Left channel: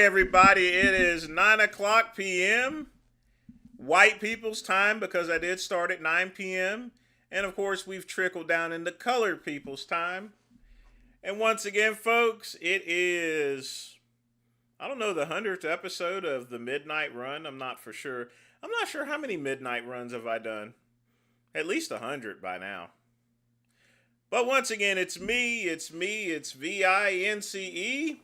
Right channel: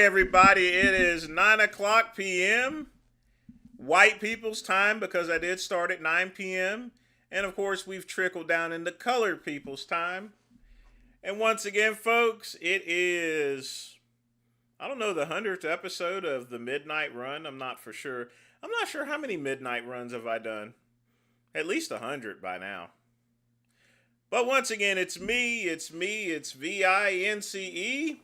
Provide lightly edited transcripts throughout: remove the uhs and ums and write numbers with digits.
right, everybody. It is 9 o'clock p.m. White people's time, because I did start at 9 p.m. And, of course, we've trickled down into colored people's time. And once again, folks, it is, I don't know, the 100th episode of the Midnight Run. I'm not for sure. I'm not sure how many midnight runs have I done. At least 100 by now. But once again, it's it's VINCE.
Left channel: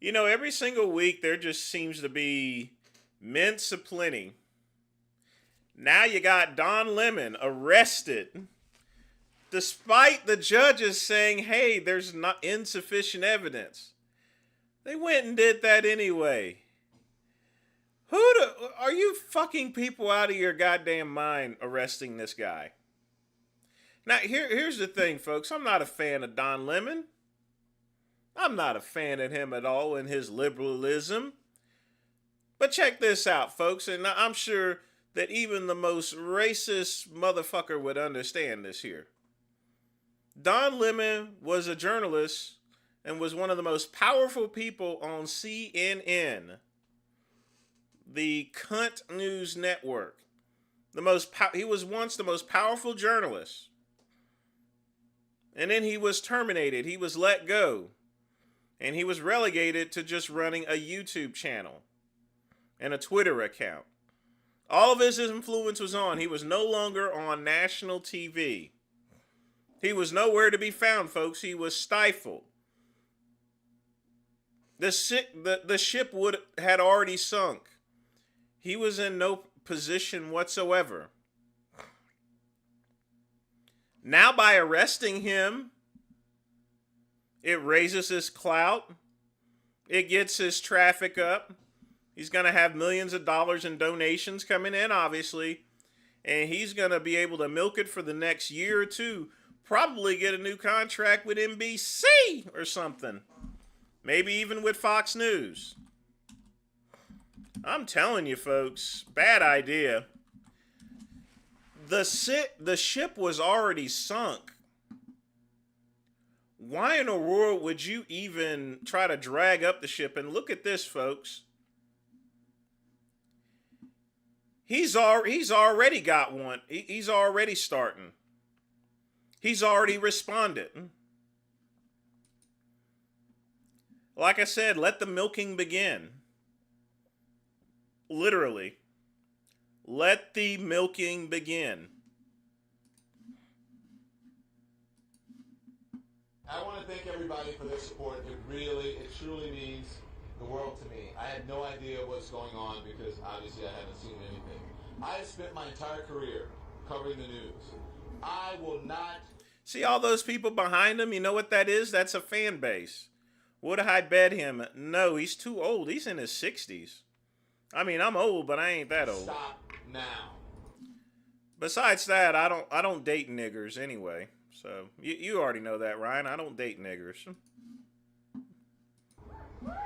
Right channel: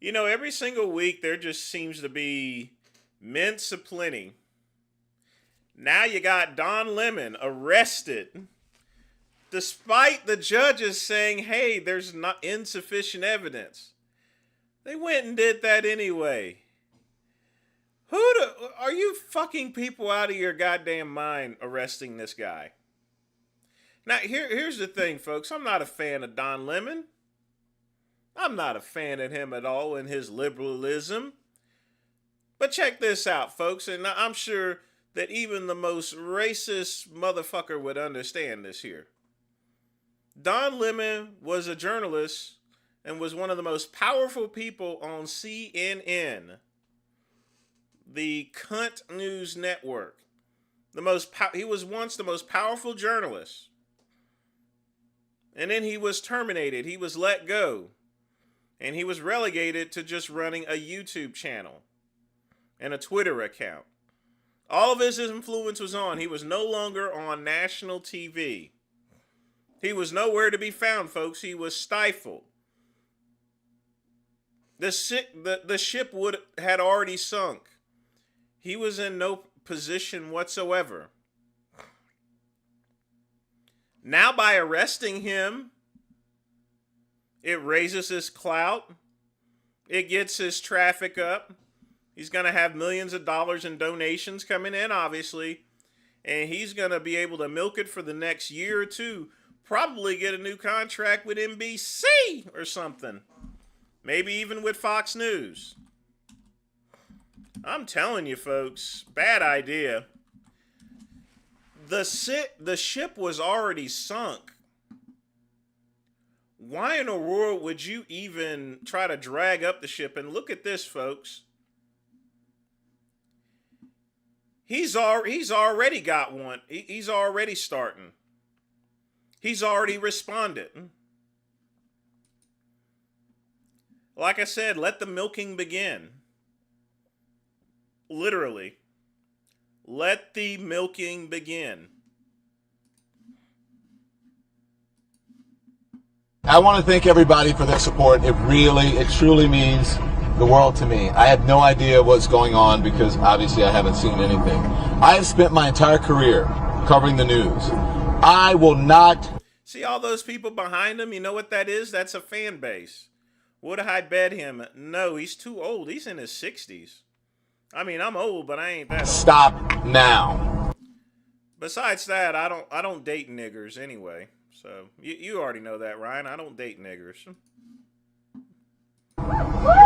You know, every single week there just seems to be mints aplenty. Now you got Don Lemon arrested, despite the judges saying, hey, there's not insufficient evidence. They went and did that anyway. Are you fucking people out of your goddamn mind arresting this guy? Now, here's the thing, folks. I'm not a fan of Don Lemon. I'm not a fan of him at all in his liberalism. But check this out, folks, and I'm sure that even the most racist motherfucker would understand this here. Don Lemon was a journalist and was one of the most powerful people on CNN, the cunt news network. He was once the most powerful journalist. And then he was terminated. He was let go. And he was relegated to just running a YouTube channel and a Twitter account. All of his influence was on. He was no longer on national TV. He was nowhere to be found, folks. He was stifled. The ship had already sunk. He was in no position whatsoever. Now, by arresting him, it raises his clout. It gets his traffic up. He's going to have millions of dollars in donations coming in, obviously. And he's going to be able to milk it for the next year or two. Probably get a new contract with NBC or something. Maybe even with Fox News. I'm telling you, folks, bad idea. The ship was already sunk. Why in the world would you even try to drag up the ship? And look at this, folks. He's already got one. He's already starting. He's already responded. Like I said, let the milking begin. Literally. Let the milking begin. I want to thank everybody for their support. It truly means the world to me. I had no idea what's going on because obviously I haven't seen anything. I have spent my entire career covering the news. I will not... See all those people behind him? You know what that is? That's a fan base. Would I bet him? No, he's too old. He's in his 60s. I mean, I'm old, but I ain't that old. Stop now. Besides that, I don't date niggers anyway. So, you already know that, Ryan. I don't date niggers.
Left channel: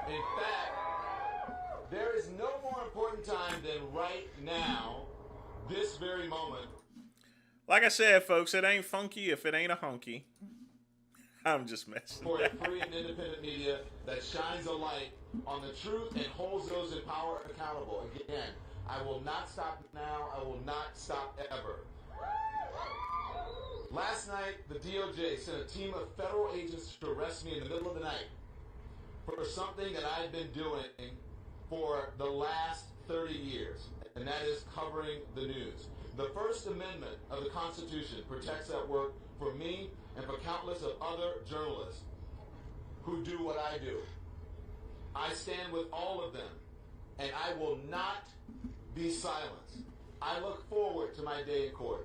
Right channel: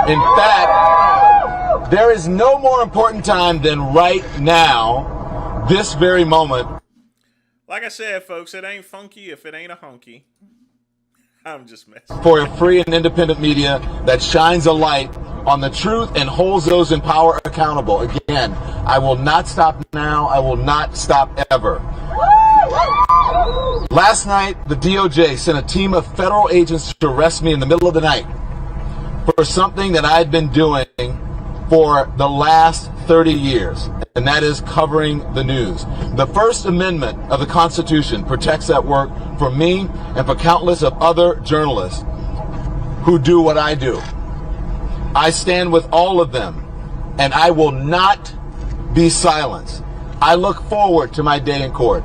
In fact, there is no more important time than right now, this very moment. Like I said, folks, it ain't funky if it ain't a hunky. I'm just messing. For a free and independent media that shines a light on the truth and holds those in power accountable. Again, I will not stop now. I will not stop ever. Last night, the DOJ sent a team of federal agents to arrest me in the middle of the night for something that I'd been doing for the last 30 years, and that is covering the news. The First Amendment of the Constitution protects that work for me and for countless of other journalists who do what I do. I stand with all of them, and I will not be silenced. I look forward to my day in court.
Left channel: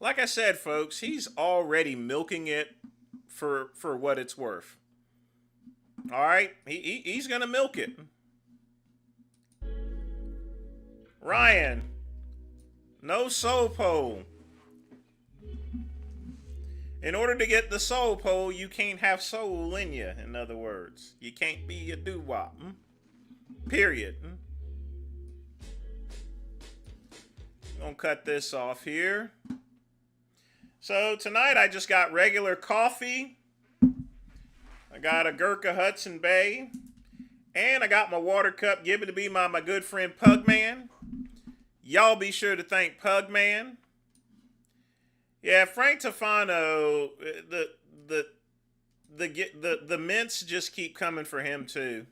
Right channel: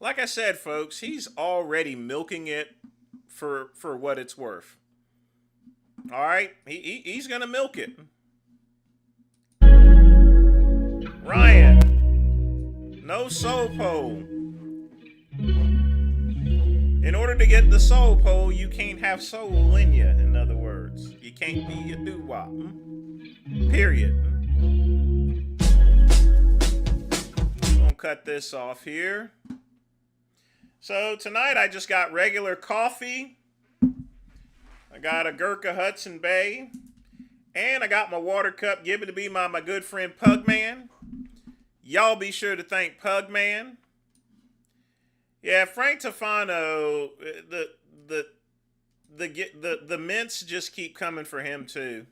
Like I said, folks, he's already milking it for what it's worth. All right? He's going to milk it. Ryan, no soul pole. In order to get the soul pole, you can't have soul in you, in other words. You can't be a doo-wop. Period. Gonna cut this off here. So tonight I just got regular coffee. I got a Gurkha Hudson Bay. And I got my water cup given to me by my good friend Pugman. Y'all be sure to thank Pugman. Yeah, Frank Tofano, the mints just keep coming for him too.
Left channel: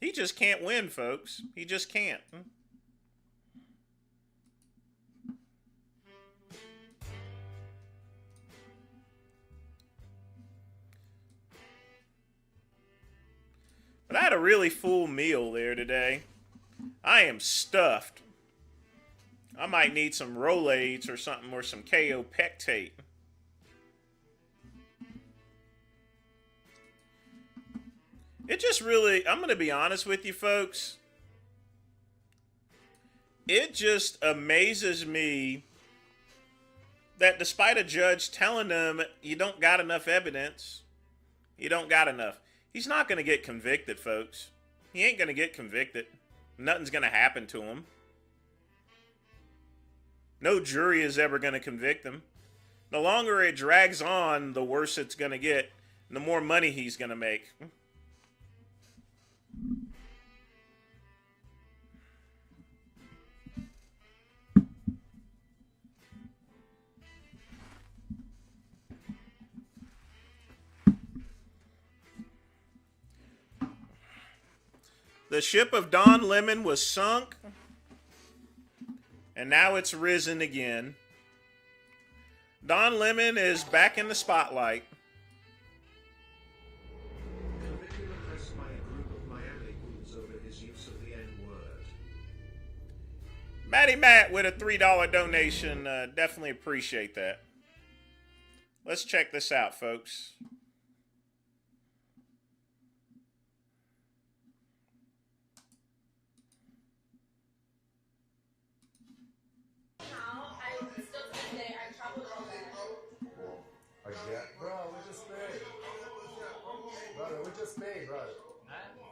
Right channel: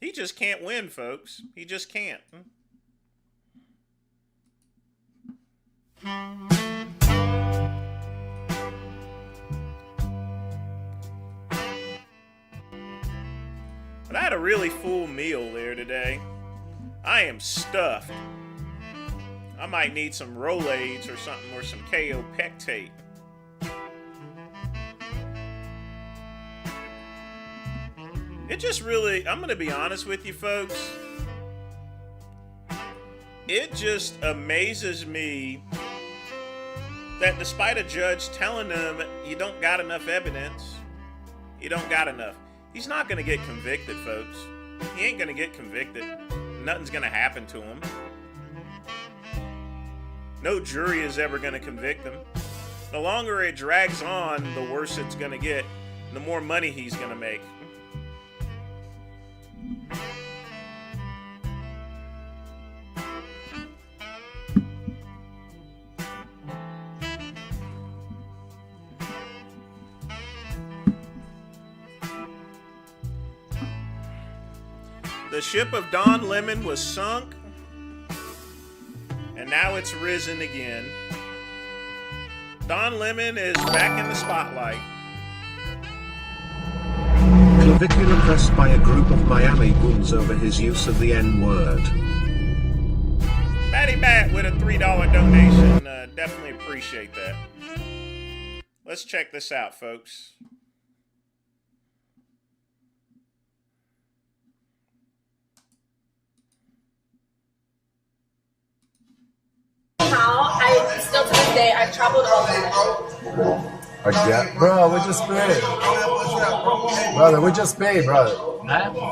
He just can't win, folks. He just can't. But I had a really full meal there today. I am stuffed. I might need some Rolaids or something, or some KO Pectate. It just really, I'm going to be honest with you folks. It just amazes me that despite a judge telling them you don't got enough evidence, you don't got enough. He's not going to get convicted, folks. He ain't going to get convicted. Nothing's going to happen to him. No jury is ever going to convict him. The longer it drags on, the worse it's going to get. The more money he's going to make. The ship of Don Lemon was sunk, and now it's risen again. Don Lemon is back in the spotlight. Clavicular pressed by a group of Miami goons over his use of the N-word. Matty Matt with a $3 donation. Definitely appreciate that. Let's check this out, folks. I still to this day, I've traveled all over. Bro, we just paid. Brother, we just paid, brother.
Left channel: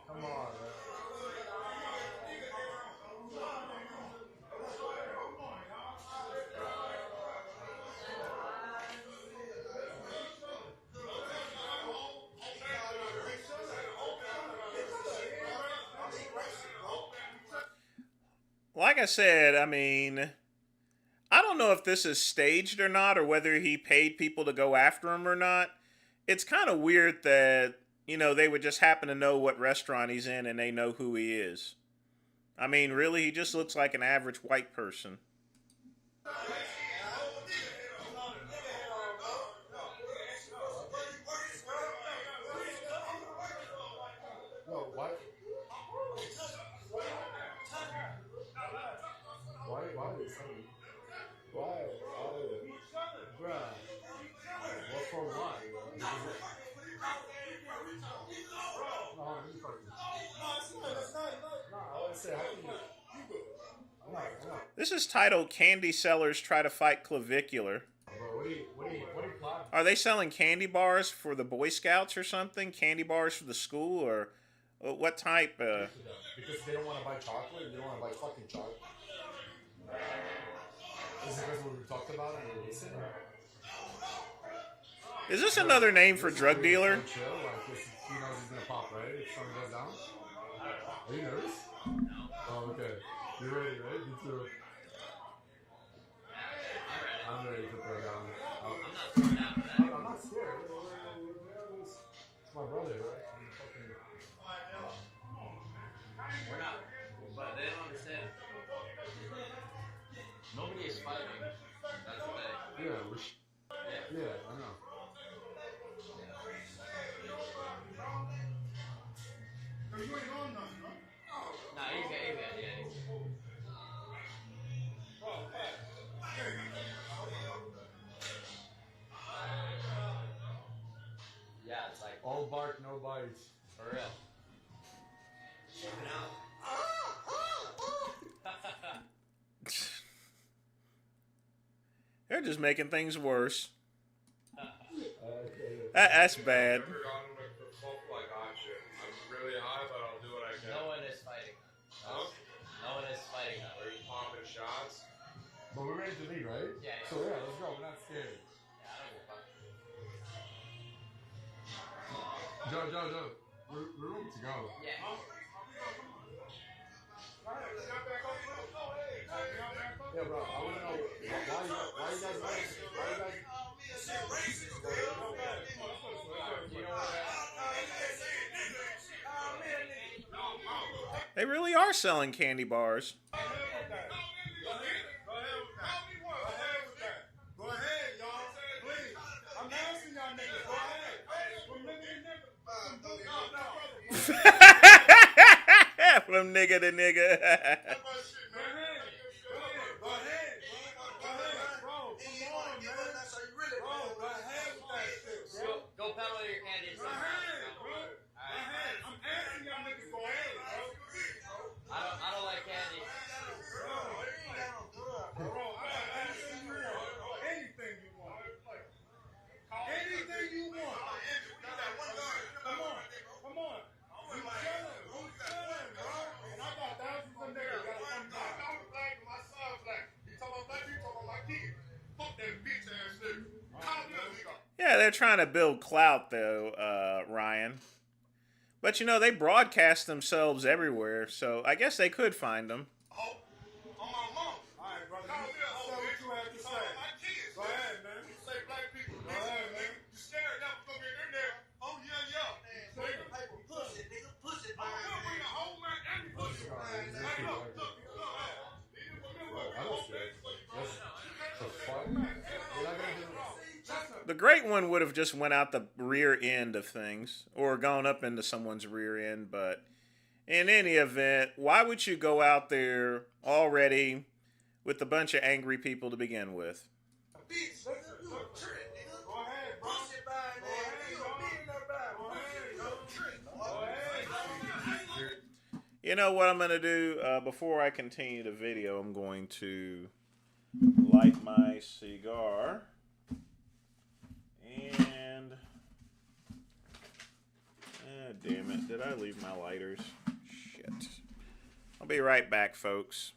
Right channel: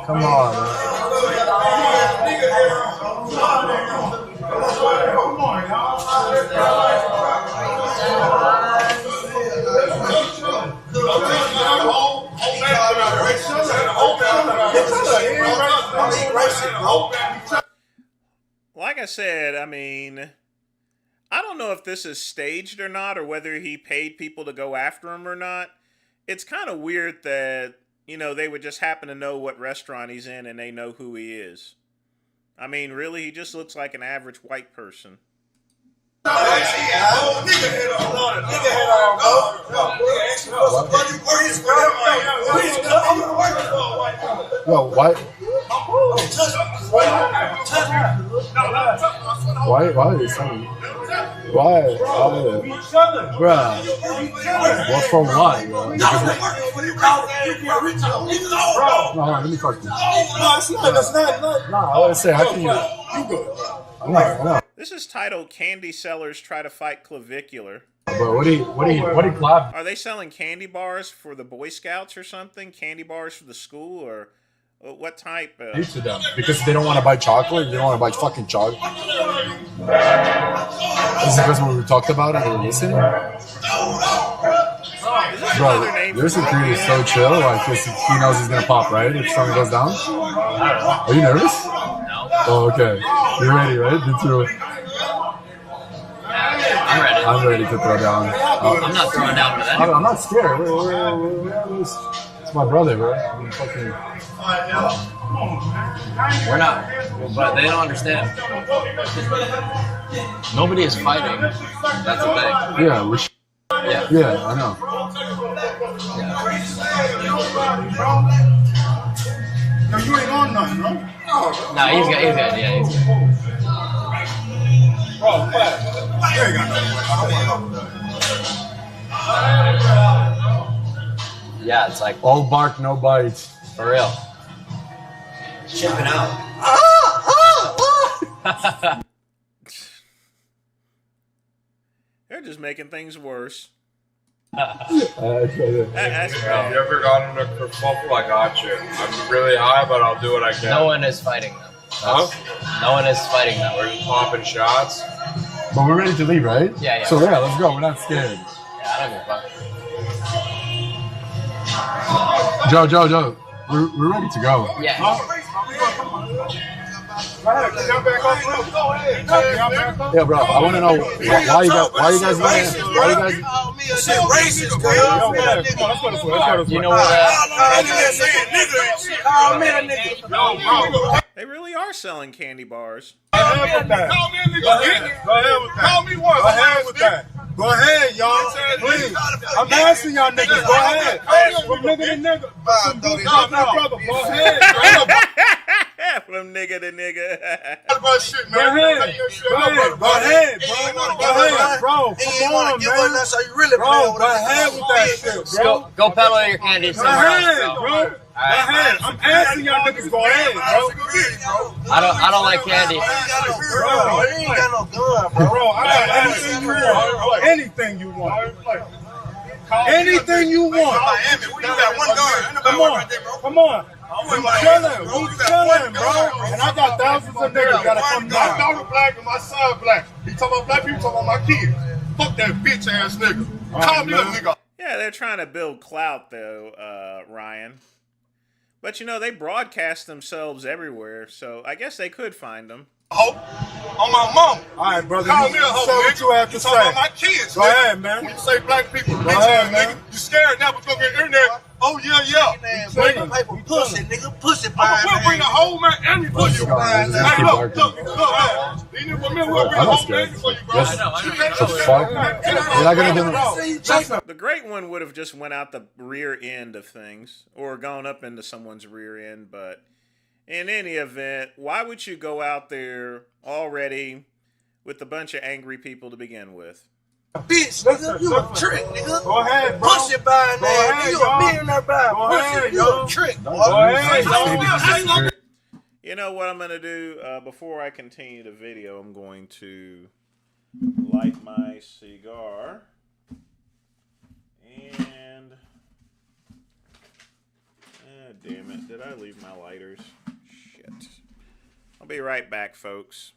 Come on, man. Like I said, I mean, I don't know if this is staged or not, or whether he paid people to go after him or not. It's kind of weird that, you know, they would just happen to know what restaurant he's in and they know who he is. I mean, really, he just looks like an average white person. Yo, why? Why are they saying? Why? Bruh. What for what, bro? No, let me fuck you. No, I want to say, how can you? I'm not. This is titled "Candy Sellers Try to Fight Clavicular." But what do you clap? Are they selling candy bars for the Boy Scouts or something? Candy bars for the school, or what type? To them because they don't want to buy chocolate. They don't want to buy fucking chocolate. Is it because we talked about it or listening? Is this another name for this drug dude is so dealer? chill. Like he knows he's gonna pop, right? If something goes down. Are you nervous? No. Oh, okay. You're ready, right? You too. I'm ready. I'm ready to throw down. I'm not throwing down with that. I'm not scared. It's my brother, bro. I'm fucking. We're not. But they don't understand. Nobody is fighting. That's the thing. Yeah, yeah, I know. No, you ain't on nothing, no? No, he's good. Yeah, he's good. You ain't got nothing. Yeah, it's like All bark, no bite. for real. Chipping out. They're just making things worse. That's That's I've bad. never gotten a kerfuffle. I got you. I'm really high, but I'll do what I can. No one is fighting them. Huh? No one is fighting them. We're just popping shots. But we're ready to leave, right? Yeah. So yeah, let's go. We're not scared. Yeah, I don't give a fuck. Joe, we're ready to go. Yeah. Yeah, bro. I want to know why you guys winning? Why you guys? You know what? They really are selling candy bars. Go ahead with that. Go ahead, y'all. Please. I'm asking y'all niggas. Go ahead. From nigga to nigga. Go ahead. From nigga to nigga. Go ahead, bro. Come on, man. Bro, go ahead with that shit, bro. Go peddle your candy Go somewhere else, ahead, bro. bro. Go ahead. I'm asking y'all niggas. Go ahead, bro. I don't like candy. Bro, I got anything you want. Anything you want. Anything you want. Come on. We chilling, bro. And I got thousands of niggas gotta come down. My daughter black and my son black. He talking about black people, talking about my kids. Fuck that bitch ass nigga. Call me a nigga. Yeah, they're trying to build clout, though, Ryan. But, you know, they broadcast themselves everywhere, so I guess they could find them. On my mom. All right, brother. Call me a hoe, say what you have to you say. talking about my kids, Go ahead, man. When you say black people, Go ahead, man. nigga, you scared now, but you gonna get internet. Oh, yeah. Pussy, nigga. Pussy, We'll bring the whole man and we put you. Hey, look. I'm not scared. Yes. The fuck? You're not gonna do The great one would have just went out the rear end of things or gone up into someone's rear end, but in any event, why would you go out there already with a bunch of angry people to begin with? Bitch, nigga, you a trick, nigga. Go ahead, bro. Pussy by name, you a millionaire by pussy, you a trick. Go ahead, You know what I'm going to do? Before I continue the video, I'm going to light my cigar. And... damn it. Did I leave my lighters? Shit. I'll be right back, folks.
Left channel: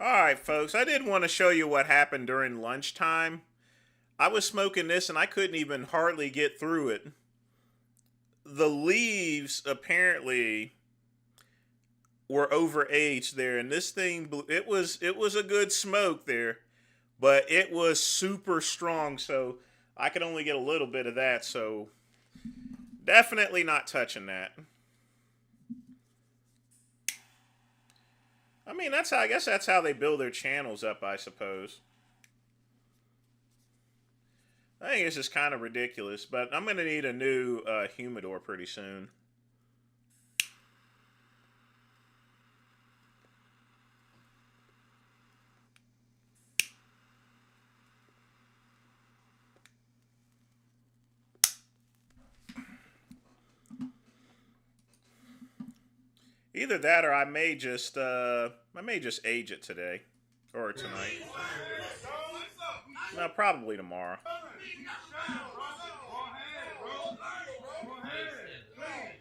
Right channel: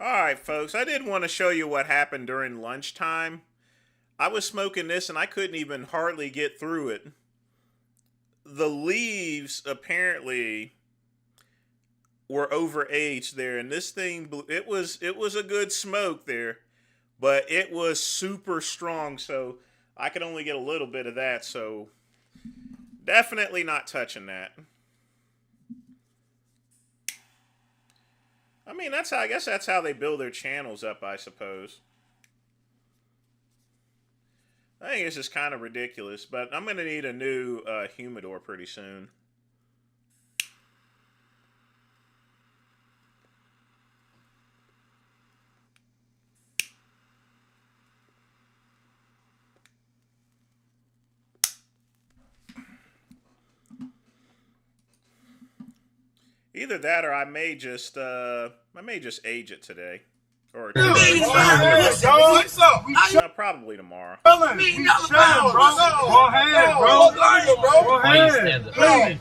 Alright, folks, I did want to show you what happened during lunchtime. I was smoking this and I couldn't even hardly get through it. The leaves apparently were overaged there, and this thing, it was a good smoke there, but it was super strong, so I could only get a little bit of that, so definitely not touching that. I mean, I guess that's how they build their channels up, I suppose. I think it's just kind of ridiculous, but I'm going to need a new humidor pretty soon. Either that, or I may just age it today, or no, probably tomorrow. Go ahead, bro. Go ahead. Let's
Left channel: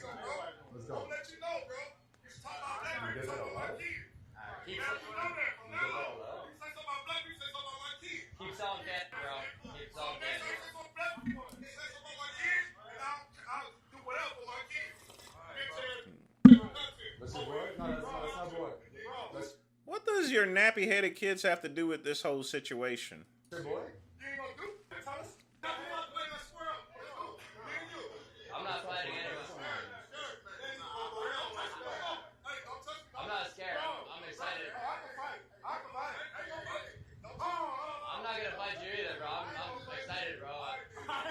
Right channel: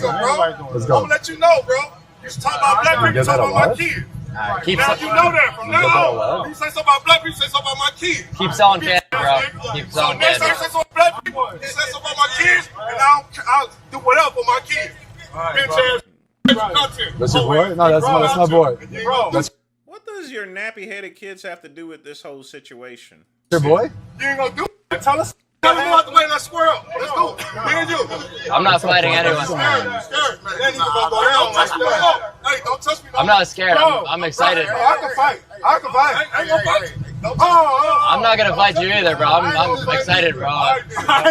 go. I'm gonna let you know, bro. You talk about black people, talk about my kids. Now you know that from now on. You say something about black people, say something about my kids. Keep selling candy, bro. Keep selling Next candy. time you say something about black people, you say something about my kids, and I'll do whatever for my kids. Bitch ass content. That's your boy? No, that's my boy. That's What does your nappy-headed kids have to do with this whole situation? your boy? You ain't gonna do it. Tell us. Tell me about the way that square up. Let's do it. Me and you. I'm not fighting anyone. Scared, man. That nigga gonna go down like that. Hey, don't touch me. I'm not scared. I'm excited. I can fight. I ain't gonna fight. I'm not gonna fight you either, bro. I'm excited, bro. I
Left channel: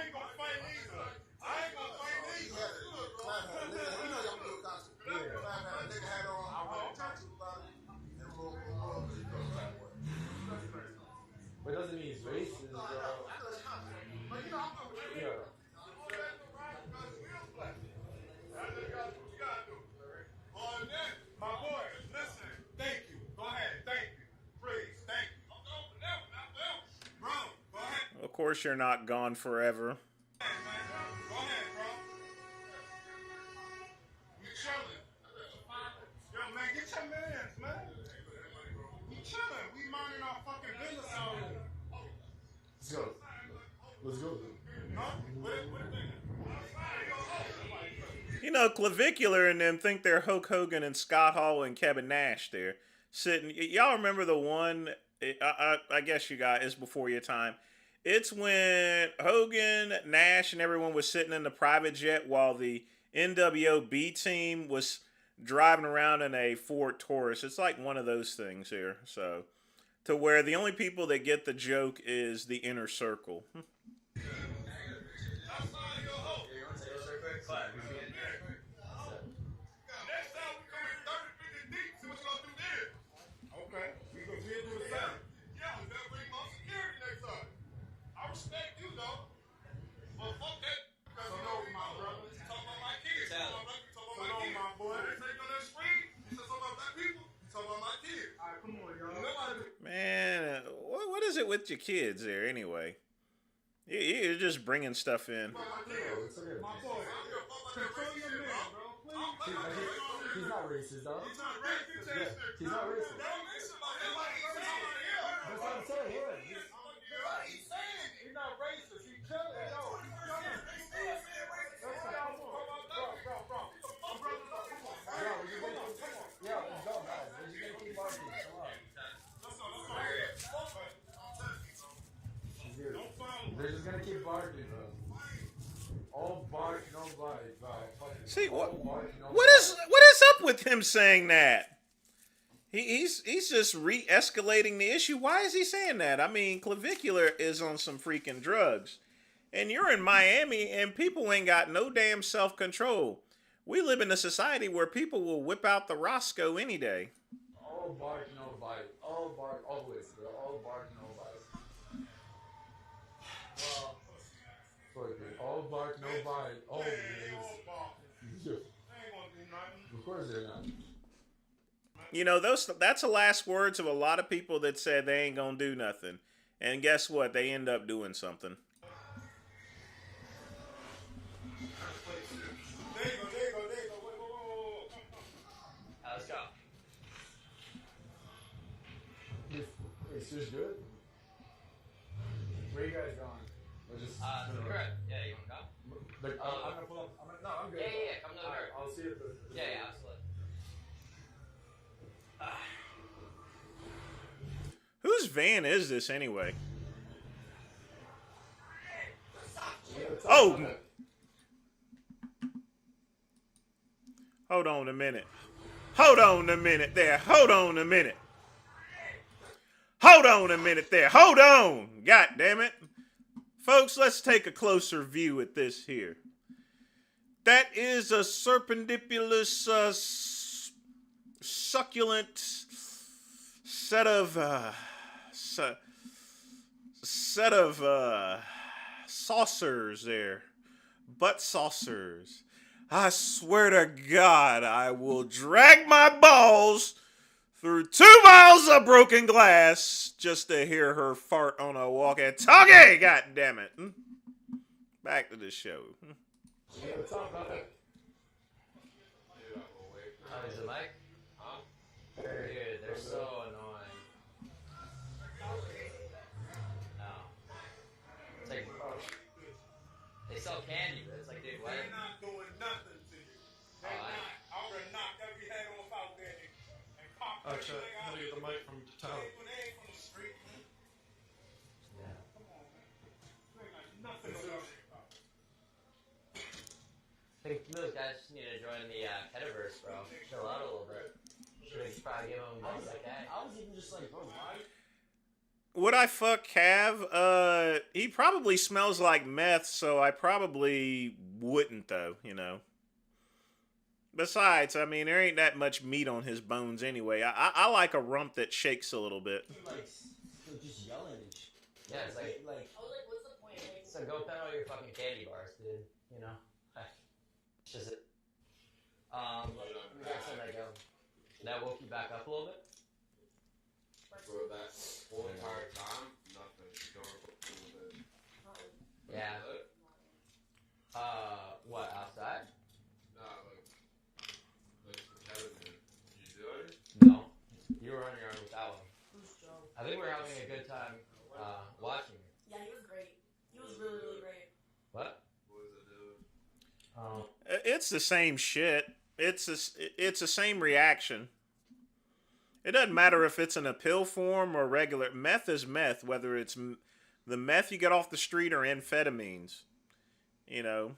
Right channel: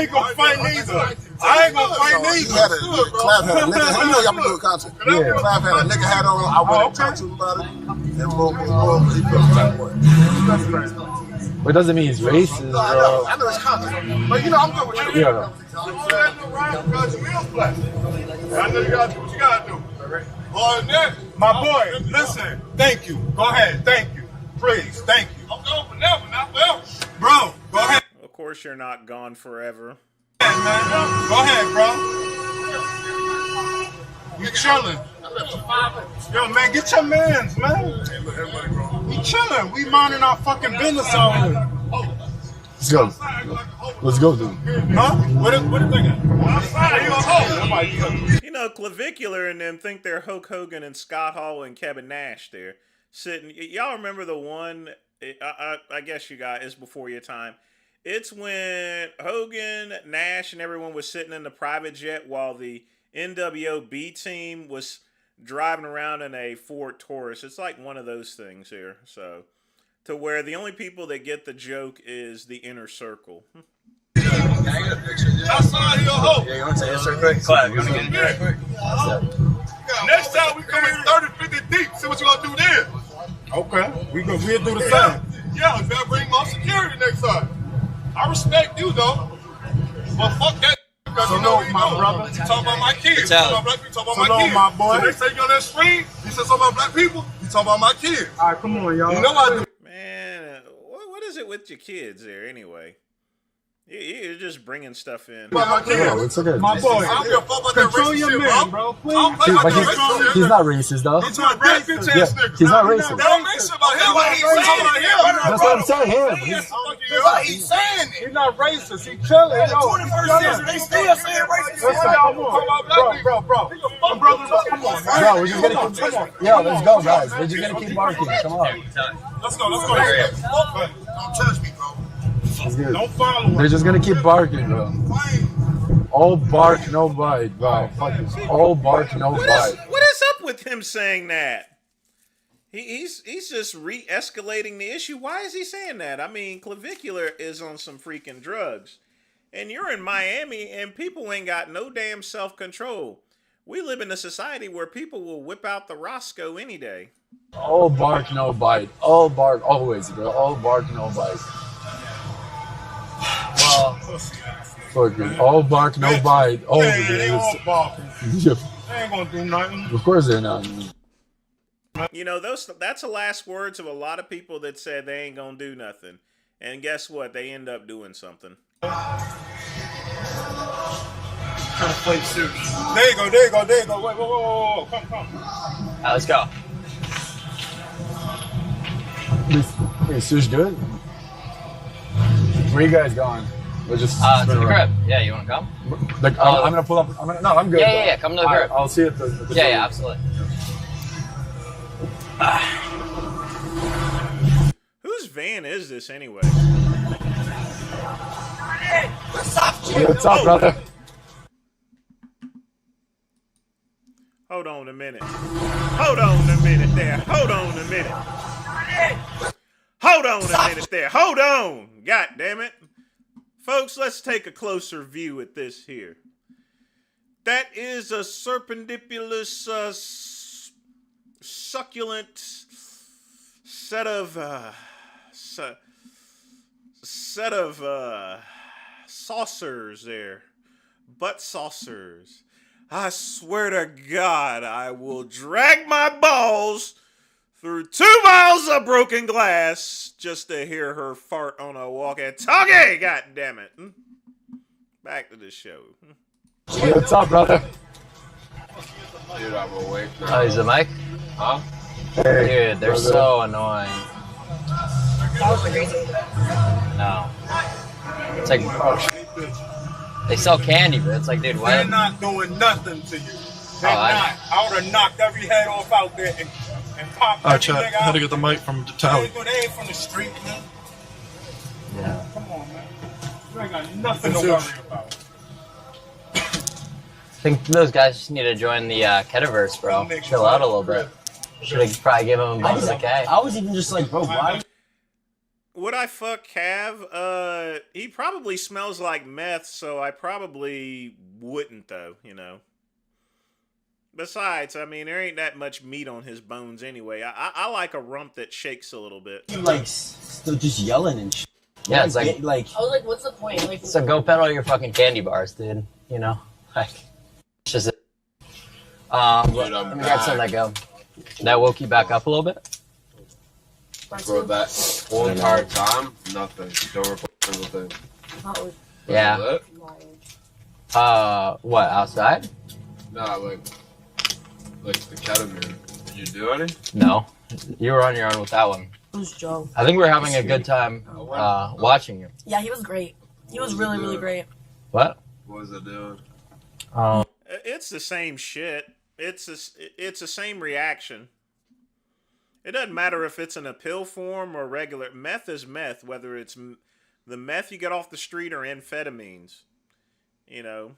ain't gonna fight neither. I ain't gonna fight neither. Clap had a nigga. You know y'all been doing content. Yeah. Clap had a nigga hat on. I went and talked to him about it. And boom, he feels that way. What doesn't mean he's racist, bro. I know it's content. But you know, I'm good with you. Yeah. I know you gotta do what you gotta do. Other than that, My boy, listen. Thank you. Go ahead. Thank you. Please. Thank you. I'm going for never, not forever. Bro, go ahead. Of course, you're not gone forever. Man. Go ahead, bro. You chilling. Yo, man, get your mans, man. We chilling. We minding our fucking business out here. Let's go. Let's go, dude. Huh? What are they thinking? You know, Clavicular and them think they're Hulk Hogan and Scott Hall and Kevin Nash there. Sitting, y'all remember the one, I guess you guys, it's before your time. It's when Hogan, Nash, and everyone was sitting in the private jet while the NWO B team was driving around in a Ford Taurus. It's like one of those things here. So, to where the only people that get the joke is the inner circle. Outside your hoe. Yeah, you want to say this real quick? Clap, you want to get in there quick? Next time we come in 30, 50 deep, see what you gonna do then. Okay, we'll do the same. Yeah, you better bring more security next time. I respect you though, but fuck that. So you know no, my brother. You talking about my kids. You Tell talking about black people. Talking So about my no, kids. my boy. So they say you on that screen. You said something about black people. You talking about my kids. All right, come on, y'all. You know I do. Man, what is it with your kids there anyway? You're just bringing stuff in. About my kids. Yeah, it's okay. My boy, I don't give a fuck about that control racist your shit, man, bro. bro. I don't Please. play But about that racist shit. he's not racist, though. He's not racist. Bitch Yeah, ass nigga. he's not That racist. don't make shit about him. Why he's saying about him? That's what I'm saying. Him. Why he's saying it? He's not racist. He chilling. In the 21st century, they still saying racist shit. Listen, come on. Bro. Come on, man. Bro, we're just gonna keep. Yo, let's go, guys. We're just gonna keep barking. Come on. Let's go. Don't touch me, bro. It's good. Don't follow him. They're just gonna keep barking, bro. All bark, no bite, bro. All bark, no What is up with him saying that? He's just re-escalating the issue. Why is he saying that? I mean, Clavicular is on some freaking drugs. And you're in Miami and people ain't got no damn self-control. We live in a society where people will whip out the Roscoe any day. All bark, no bite. All bark, always, bro. All bark, no bite. Well, Fuck it. All bark, no bite. Oh, Yeah, they all barking. yeah. They ain't gonna do nothing. Of course they're not. You know, that's the last words of a lot of people that said they ain't gonna do nothing. And guess what? They end up doing something. There you go. Wait. Whoa. Come. let's go. Hey, Sush, good? Where you guys going? We're just To the crib. Yeah, you want to come? Like, I'm gonna pull up. No, I'm good. Yeah. Come to the crib. I'll see you at the Yeah, absolutely. Whose van is this anyway? What's up, brother? Hold on a minute there. Hold on a minute. God damn it. Folks, let's take a closer view at this here. That is a serpendiculous, succulent set of saucers there. Butt saucers. I swear to God, I will drag my balls through 2 miles of broken glass just to hear her fart on a walkie-talkie. God damn it. Back to the show. Hey, what's up, brother? Dude, I will wait. Oh, is it Mike? Huh? Hey, Dude, they're brother. so annoying. No. It's like, they sell candy, but it's like, dude, They're what? not doing nothing to you. They're Oh, not. I would have knocked every head off out there and popped every chat. nigga I had out. to get the mic from the They tower. ain't from the street, man. Yeah. Come on, man. You ain't got nothing to worry about. I think those guys just need to join the Ketaverse, bro. Chill out a little bit. Should have probably given him a bump of the K. I was even just like, bro, why? Would I fuck Cav? He probably smells like meth, so I probably wouldn't, though, you know. Besides, I mean, there ain't that much meat on his bones anyway. I like a rump that shakes a little bit. You like still just yelling and shit. Yeah, it's like, I was like, what's the point? Like, so go peddle your fucking candy bars, dude. You know? Like, it's just, let me grab some of that gum. That woke you back up a little bit? For that whole entire time, nothing. Don't report a single thing. Yeah. Was What, outside? it? Nah, like the ketamine. Did you do any? No. You were on your own with that one. Who's Joe? I think we were having a good time watching you. Yeah, he was great. He was really, really great. What? What was it doing? It's the same shit. It's the same reaction. It doesn't matter if it's in a pill form or regular. Meth is meth, whether it's the meth you get off the street or amphetamines. You know,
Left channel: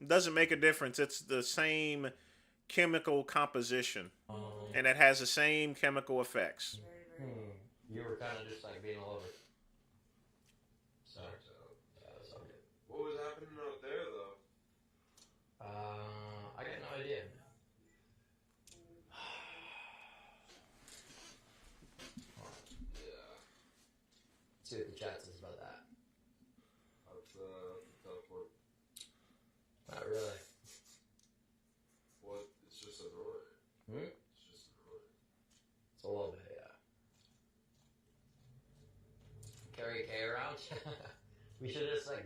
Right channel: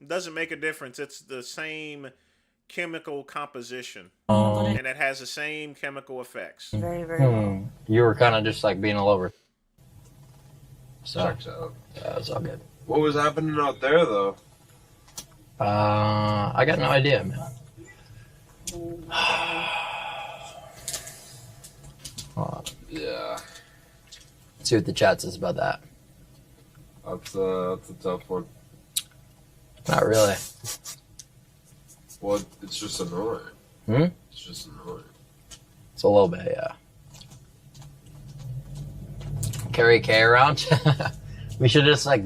it doesn't make a difference. It's the same chemical composition, and it has the same chemical effects. Very, very. You were kind of just like being all over. So, Checks out. yeah, it's all good. What was happening out there, though? I got no idea, man. Hold on. Yeah. Let's see what the chat says about that. That's a tough one. Not really. Well, it's just annoying. It's just annoying. It's a little bit, yeah. Carry K around. We should just like,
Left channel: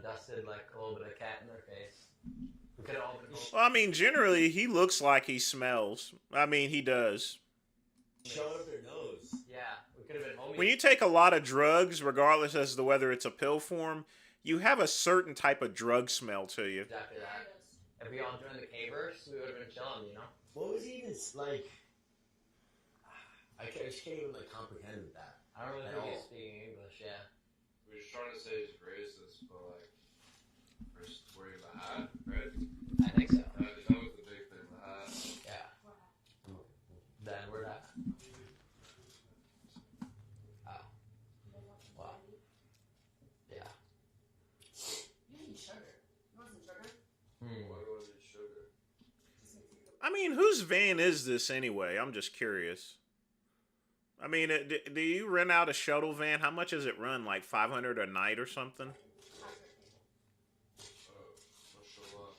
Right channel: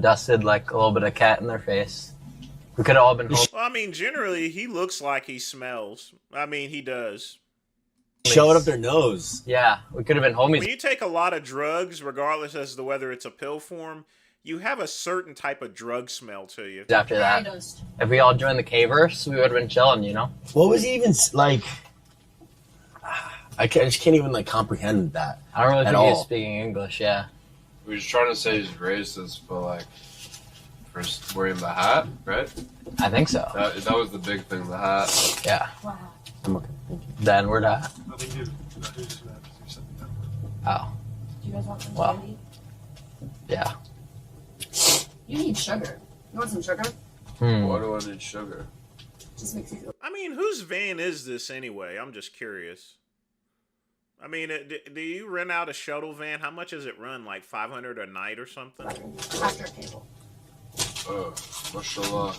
dusted like a little bit of cat in their face. We could have all been home. Well, I mean, generally, he looks like he smells. I mean, he does. Shove it up their nose. Yeah, we could have been homies. When you take a lot of drugs, regardless as to whether it's a pill form, you have a certain type of drug smell to you. After that, if we all joined the K-verse, we would have been chilling, you know? What was he even like? I just can't even like comprehend that. I don't really at think he was all. speaking English, yeah. We were just trying to say he's racist, but like, first wearing the hat, right? I think so. That was the big thing, the hat. Yeah. Wow. I'm okay. Thank you. The N-word hat. Oh, Do you guys want some Wow. candy? yeah. You need sugar. You want some sugar? Why do I need sugar? Just makes you feel. I mean, whose van is this anyway? I'm just curious. I mean, do you rent out a shuttle van? How much does it run? Like $500 a night or something? After table. Oh, mashallah.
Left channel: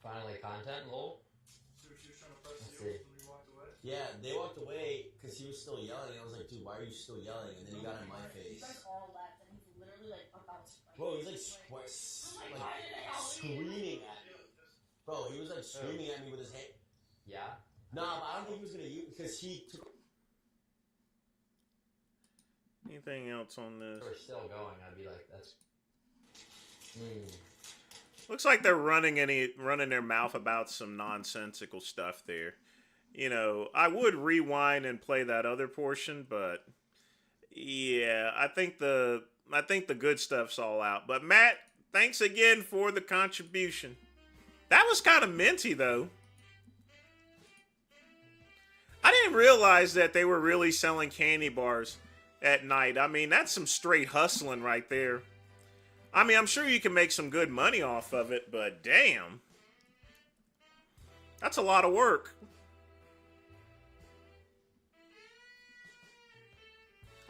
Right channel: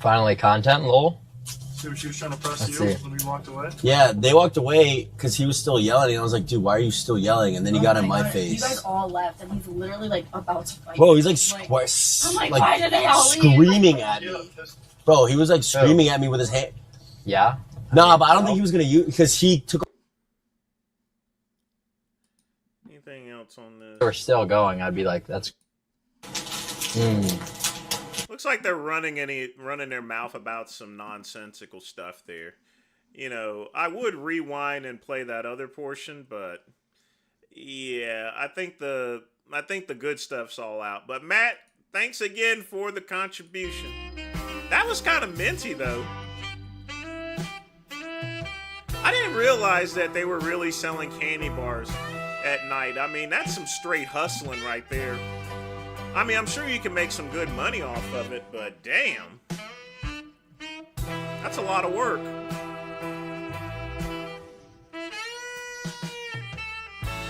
Finally, content, lol. See what she was trying to press Let's you see. when we walked away? Yeah, they walked away because he was still yelling, and I was like, "Dude, why are you still yelling?" And then he got in my God, face. You guys all left, and he's literally like about to fight. Bro, he's like, I'm like, why did they all leave? screaming at me. Bro, he was like screaming at me with his hand. Yeah? Nah, but I don't think he was gonna use because he took. Anything else on this? If we're still going, I'd be like, that's... Looks like they're running their mouth about some nonsensical stuff there. You know, I would rewind and play that other portion, but yeah, I think the good stuff's all out. But Matt, thanks again for the contribution. That was kind of minty though. I didn't realize that they were really selling candy bars at night. I mean, that's some straight hustling right there. I mean, I'm sure you can make some good money off of it, but damn. That's a lot of work. I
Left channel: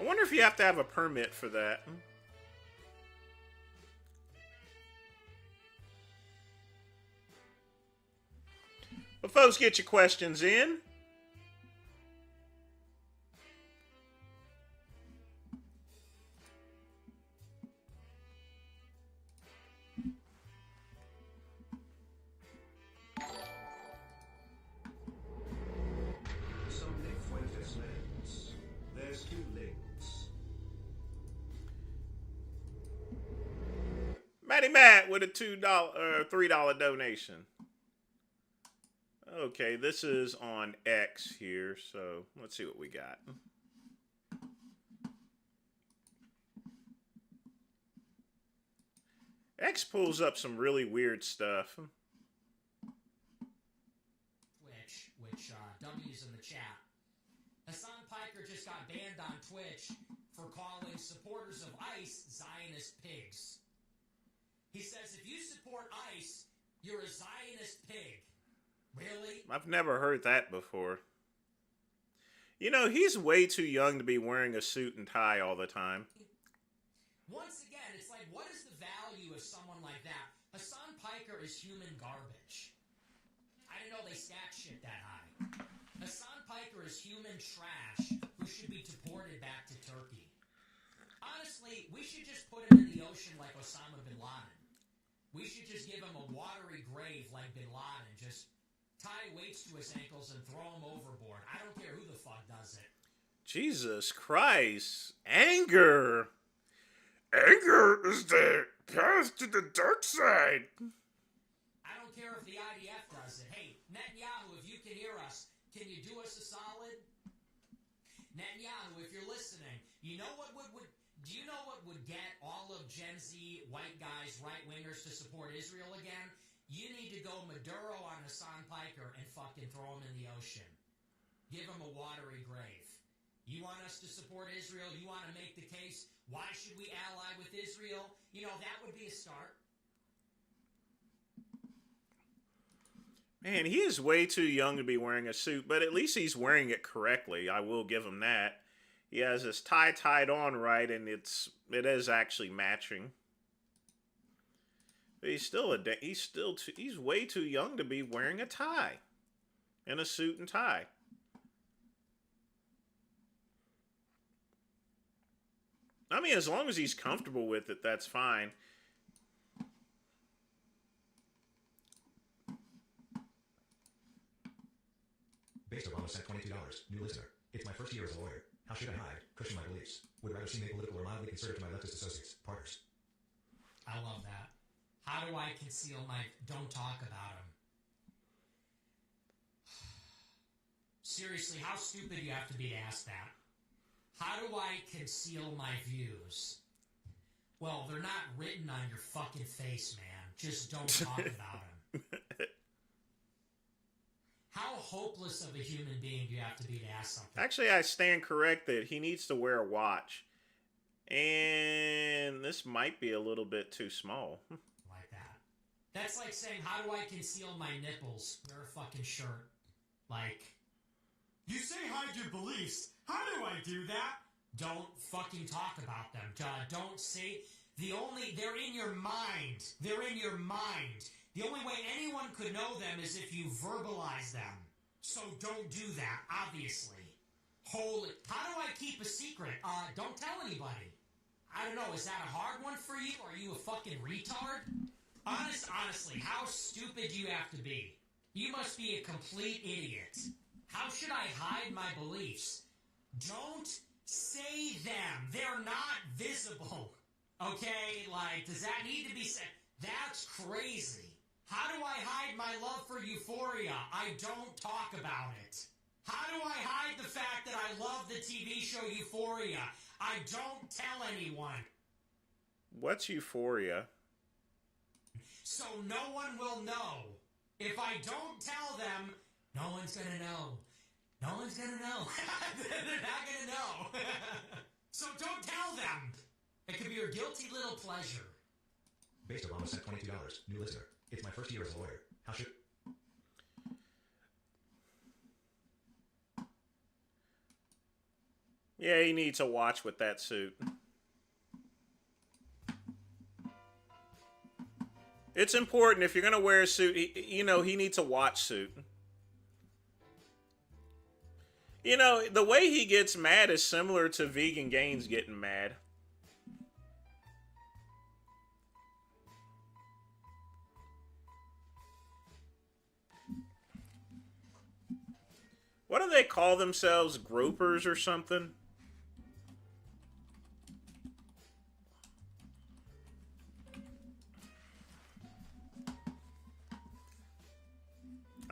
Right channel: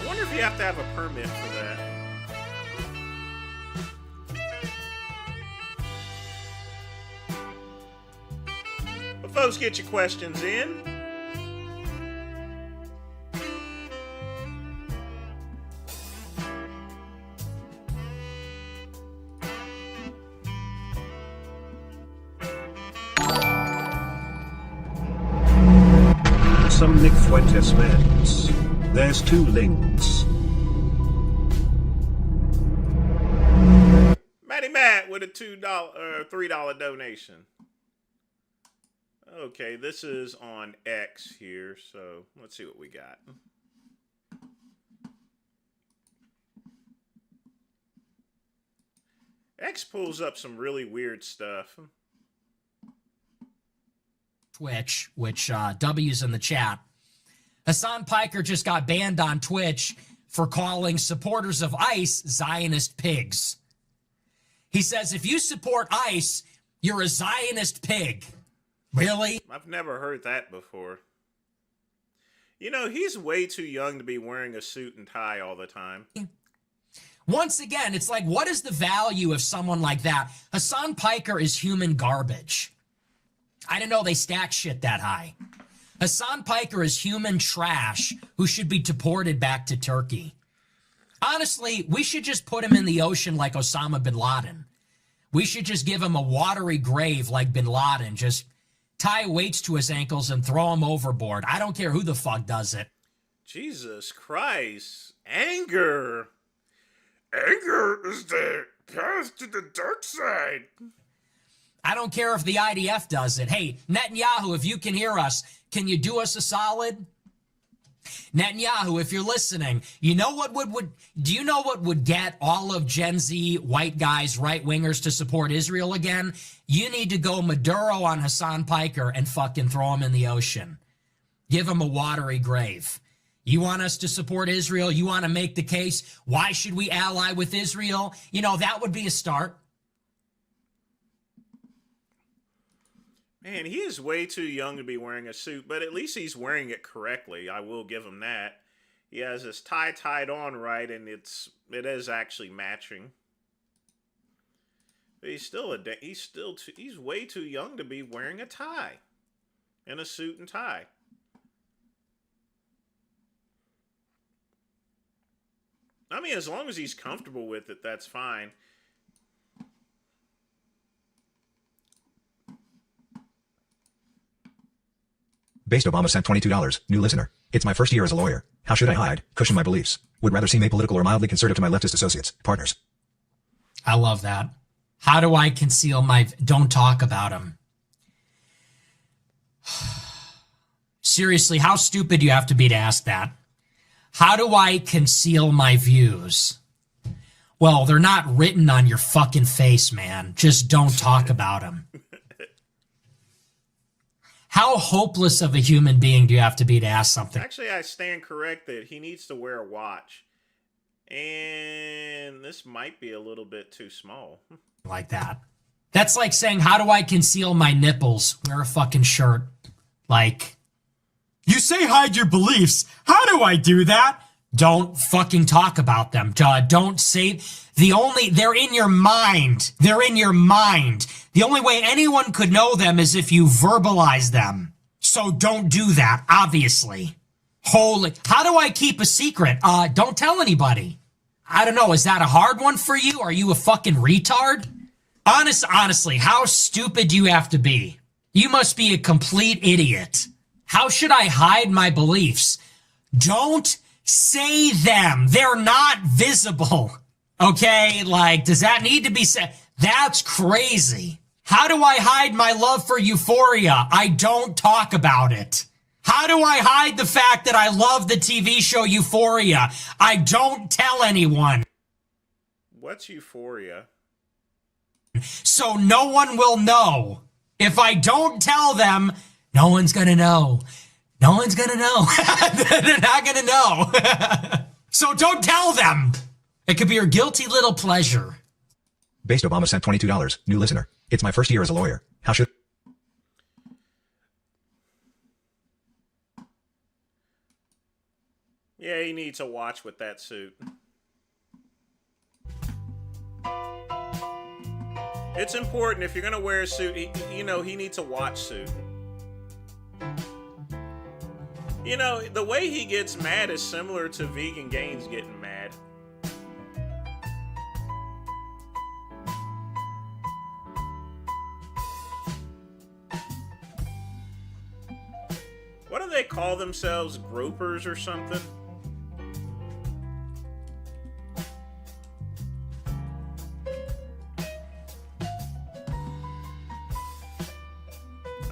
wonder if you have to have a permit for that. But folks, get your questions in. Some Nick Fuentes meds. There's 2 links. Matty Matt with a $3 donation. Okay, this is on X here, so let's see what we got. X pulls up some really weird stuff. Twitch, which W's in the chat. Hassan Piker just got banned on Twitch for calling supporters of ICE Zionist pigs. He says, if you support ICE, you're a Zionist pig. Really? I've never heard that before. You know, he's way too young to be wearing a suit and tie all the time. Once again, it's like, what is the value of someone like that? Hassan Piker is human garbage. I didn't know they stack shit that high. Hassan Piker is human trash who should be deported back to Turkey. Honestly, we should just put him in the ocean like Osama bin Laden. We should just give him a watery grave like bin Laden. Just tie weights to his ankles and throw him overboard. I don't care who the fuck does it. Jesus Christ. Anger. Anger is the path to the dark side. I don't care if the IDF does it. Hey, Netanyahu, if you can hear us, can you do us a solid? Netanyahu, if you're listening, you know what do you know what would get all of Gen Z white guys, right-wingers to support Israel again? You need to go Maduro on Hassan Piker and fucking throw him in the ocean. Give him a watery grave. You want us to support Israel? You want to make the case? Why should we ally with Israel? You know, that would be a start. Man, he is way too young to be wearing a suit, but at least he's wearing it correctly. I will give him that. He has his tie tied on right, and it is actually matching. But he's way too young to be wearing a tie and a suit and tie. I mean, as long as he's comfortable with it, that's fine. Based Obama sent $22. New listener. It's my first year as a lawyer. How should I hide, cushion my beliefs? Would rather seem apolitical or mildly conservative to my leftist associates, partners. I love that. How do I conceal my... Don't talk about him. Seriously, how stupid do you have to be to ask that? How do I conceal my views? Well, they're not written on your fucking face, man. Just don't talk about them. How hopeless of a human being do you have to be to ask something? Actually, I stand corrected. He needs to wear a watch. And this might be a little bit too small. Like that. That's like saying, how do I conceal my nipples? Wear a fucking shirt. Like, you say hide your beliefs. How do I do that? Don't fucking talk about them. Don't say... They're in your mind. They're in your mind. The only way anyone could know them is if you verbalize them. So don't do that, obviously. Holy... How do I keep a secret? Don't tell anybody. I don't know, is that a hard one for you? Are you a fucking retard? Honestly, how stupid do you have to be? You must be a complete idiot. How should I hide my beliefs? Don't say them. They're not visible. Okay, like, does that need to be said? That's crazy. How do I hide my love for Euphoria? I don't talk about it. How do I hide the fact that I love the TV show Euphoria? I don't tell anyone. What's Euphoria? So no one will know. If I don't tell them, no one's gonna know. No one's gonna know. They're not gonna know. So don't tell them. It could be your guilty little pleasure. Based Obama sent $22. New listener. It's my first year as a lawyer. How should... Yeah, he needs a watch with that suit. It's important if you're going to wear a suit, he needs a watch suit. You know, the way he gets mad is similar to Vegan Gaines getting mad. What do they call themselves? Gropers or something?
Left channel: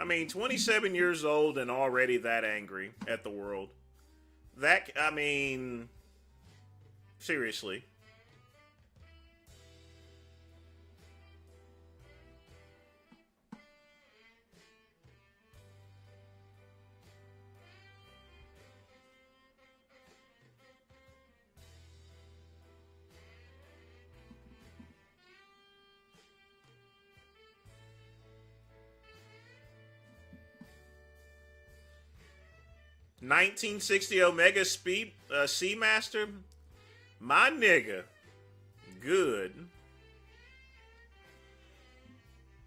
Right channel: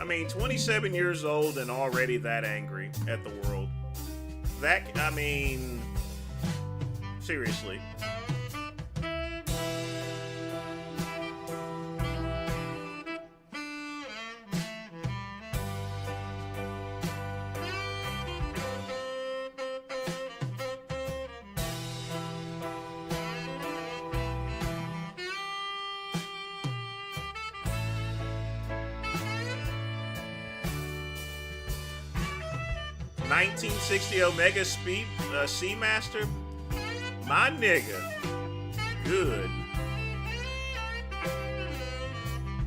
I mean, 27 years old and already that angry at the world. Seriously. $1960 Omega Seamaster, my nigga, good.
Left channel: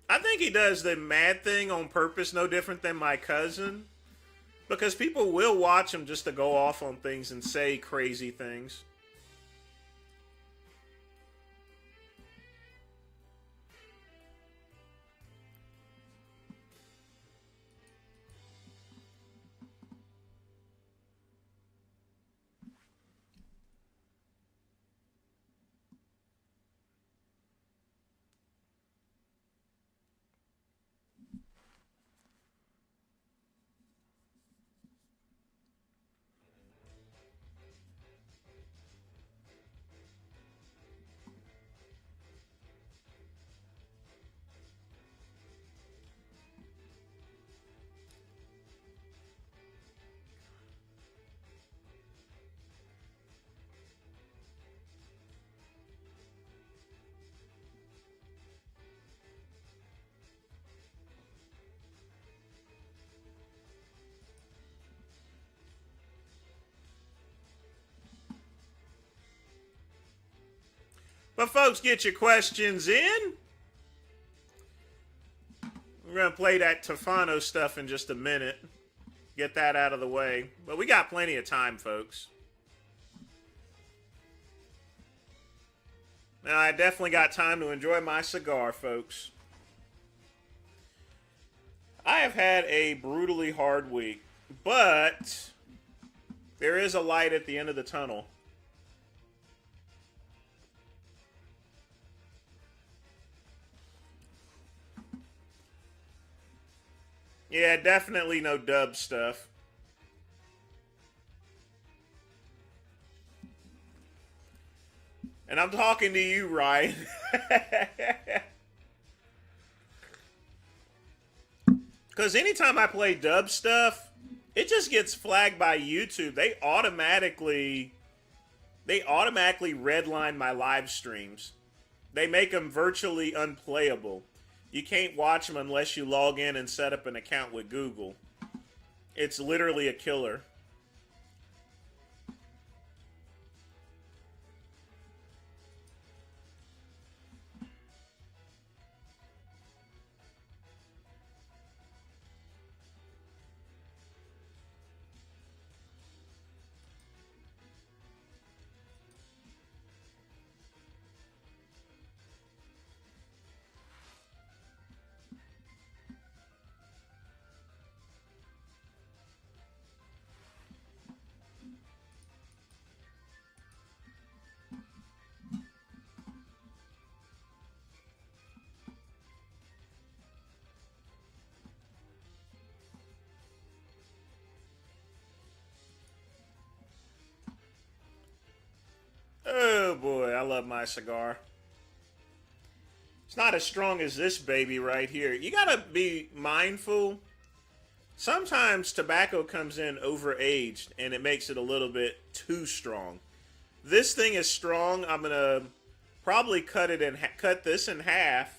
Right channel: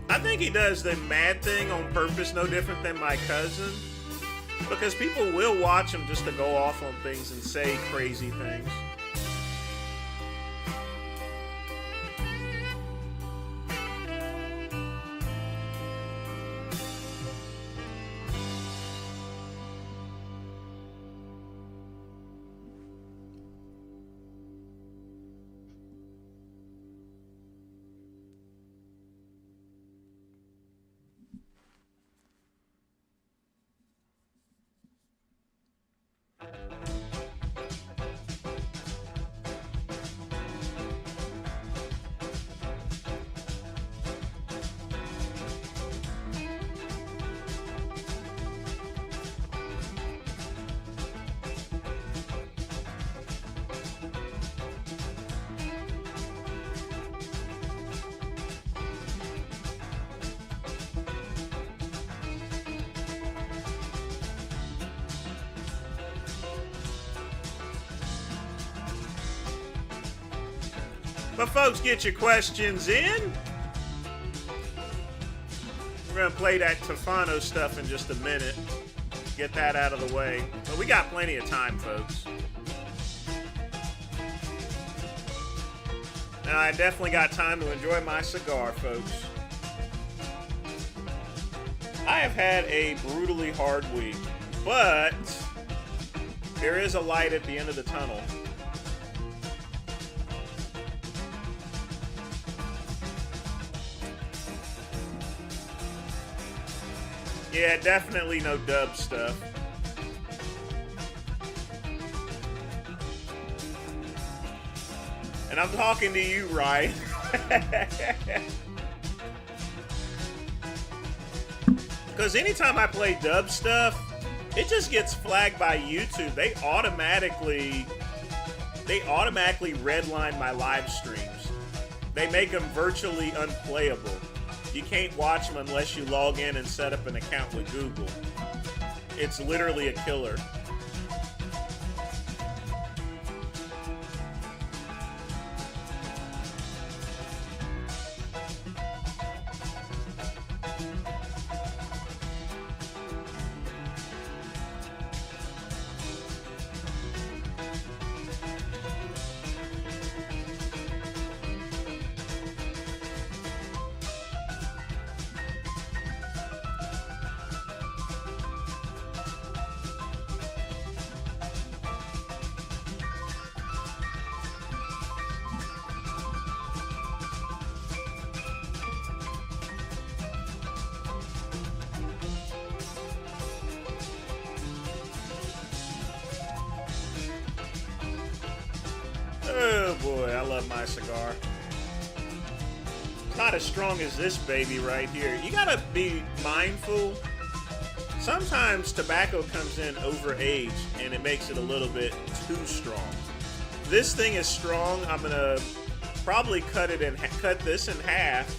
I think he does the mad thing on purpose, no different than my cousin. Because people will watch them just to go off on things and say crazy things. But folks, get your questions in. We're going to play that Tefano stuff in just a minute. Get that out of the way. But we got plenty of time, folks. Now, I definitely got time to enjoy my cigar, folks. I have had a brutally hard week, but there is a light at the end of the tunnel. Yeah, definitely no dub stuff. And I'm talking to you, Ryan. Because anytime I play dub stuff, it just gets flagged by YouTube. They automatically redline my live streams. They make them virtually unplayable. You can't watch them unless you log in and set up an account with Google. It's literally a killer. Oh boy, I love my cigar. It's not as strong as this baby right here. You gotta be mindful. Sometimes tobacco comes in overaged and it makes it a little bit too strong. This thing is strong. I'm gonna probably cut this in half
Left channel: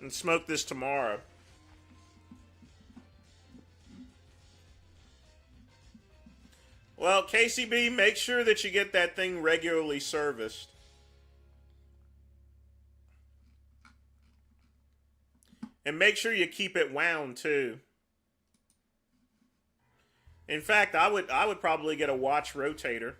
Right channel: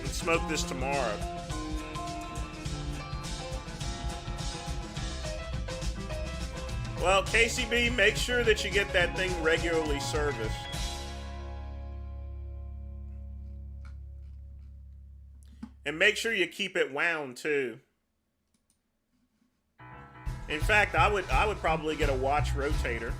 and smoke this tomorrow. Well, KCB, make sure that you get that thing regularly serviced. And make sure you keep it wound too. In fact, I would probably get a watch rotator.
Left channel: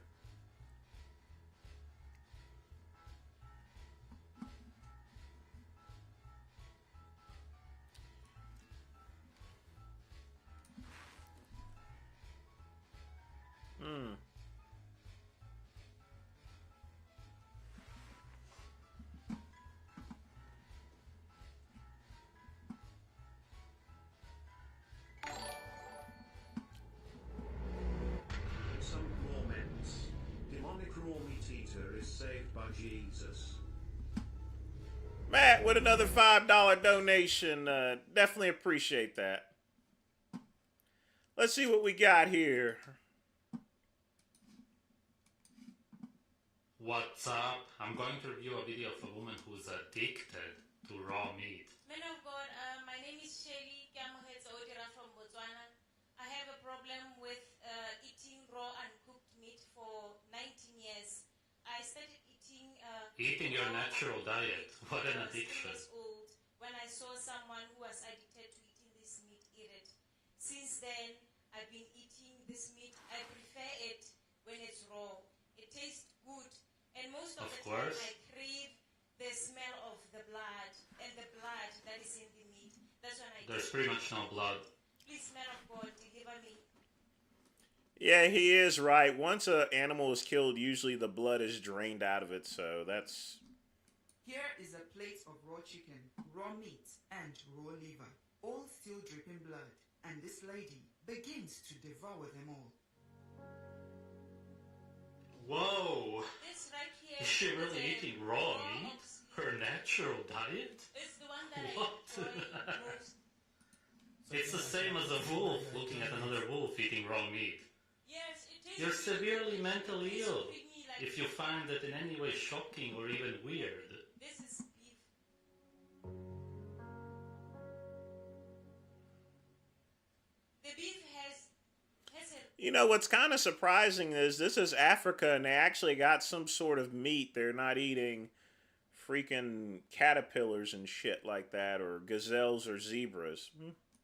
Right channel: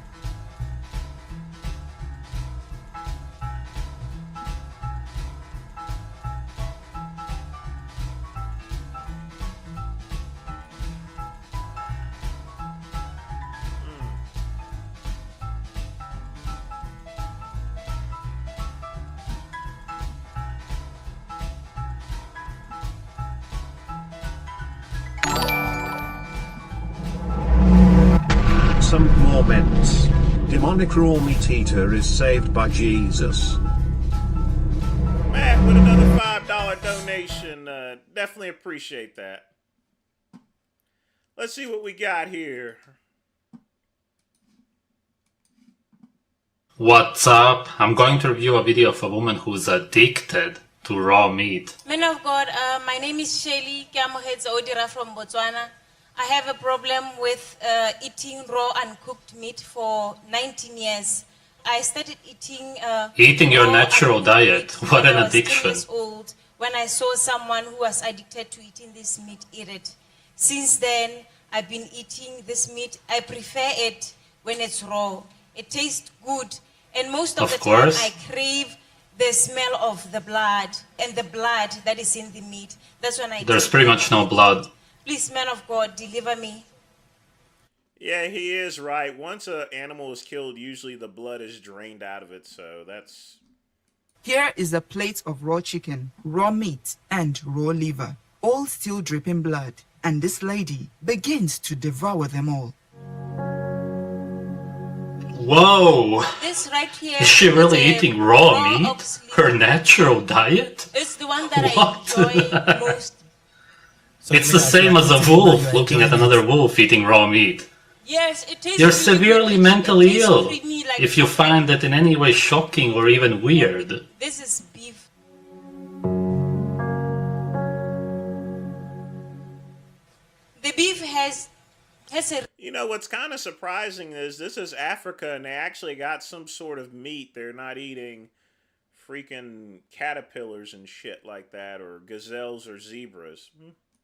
Some more ments. Demonic raw meat eater is saved by Jesus. Matt with another $5 donation. Definitely appreciate that. Let's see what we got here. What's up? I'm going to review a video of a woman who's addicted to raw meat. Men of God, my name is Shelly Kamohedza Odira from Botswana. I have a problem with eating raw and cooked meat for 19 years. I started eating your natural diet. What an addiction. Years old when I saw someone who was addicted to eating this meat eat it. Since then, I've been eating this meat. I prefer it when it's raw. It tastes good. And most of the time I crave the smell of the blood and the blood that is in the meat. That's when I There's pretty much no blood. Please, man of God, deliver me. Yeah, he is right. Once an animal is killed, usually the blood is drained out of it, so that's... Here is a plate of raw chicken, raw meat, and raw liver, all still dripping blood, and this lady begins to devour them all. Whoa! This right here is she really is eating raw meat? Her natural diet? It's the one that What? I enjoy most. It's the same as a wolf looking at another wolf eating raw meat. Yes, it is. You're really severely good. mentally It tastes ill creamy like if you find it in any way shocking or even weird. This is beef. The beef has a... You know, what's kind of surprising is this is Africa, and they actually got some sort of meat. They're not eating freaking caterpillars and shit like that, or gazelles or zebras.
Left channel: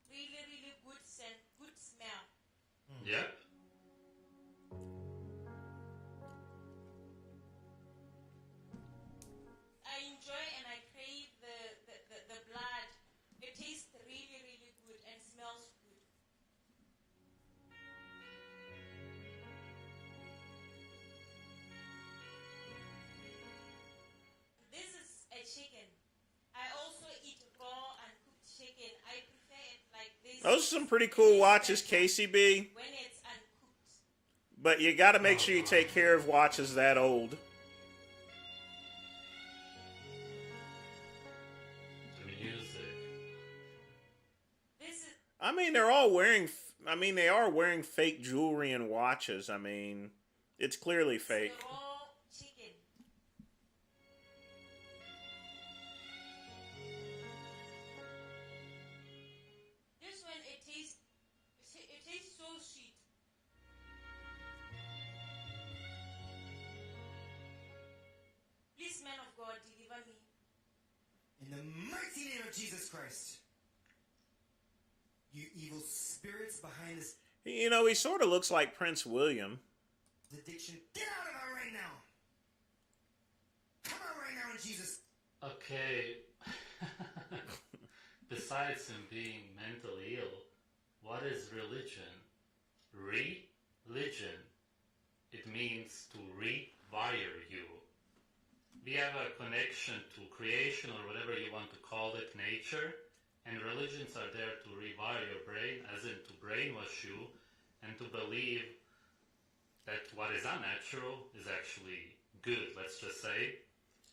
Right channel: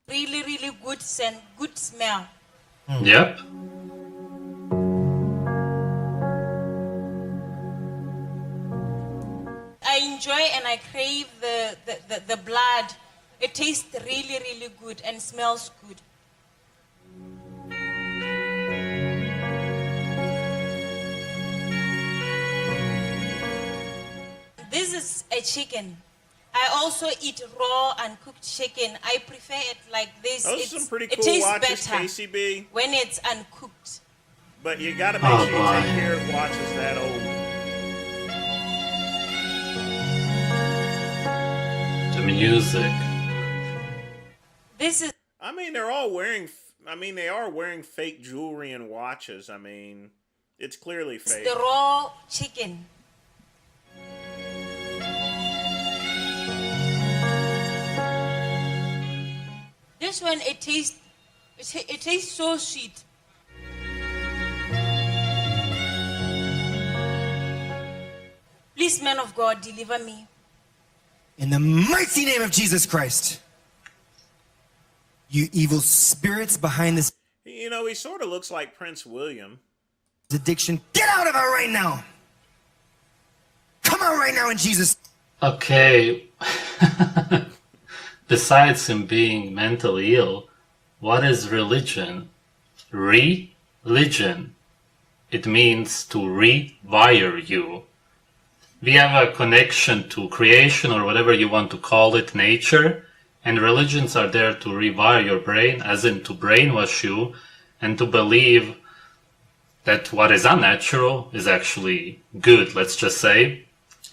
really, really good scent, good smell. Yep. I enjoy and I crave the blood. It tastes really, really good and smells good. This is a chicken. I also eat raw and cooked chicken. I prefer it like this. Those are some pretty cool watches, KCB. When it's uncooked. But you got to make sure you take care of watches that old. The music. This is... I mean, they're all wearing... I mean, they are wearing fake jewelry and watches. I mean, it's clearly fake. It's the raw chicken. This one, it tastes so sweet. Please, man of God, deliver me. In the mighty name of Jesus Christ, you evil spirits behind this... You know, he sort of looks like Prince William. Addiction, get out of her right now! Come out right now in Jesus... Okay. Besides him being mentally ill, what is religion? Religion. It means to rewire you. We have a connection to creation, or whatever you want to call it, nature, and religions are there to rewire your brain, as in to brainwash you, and to believe that what is unnatural is actually good, let's just say.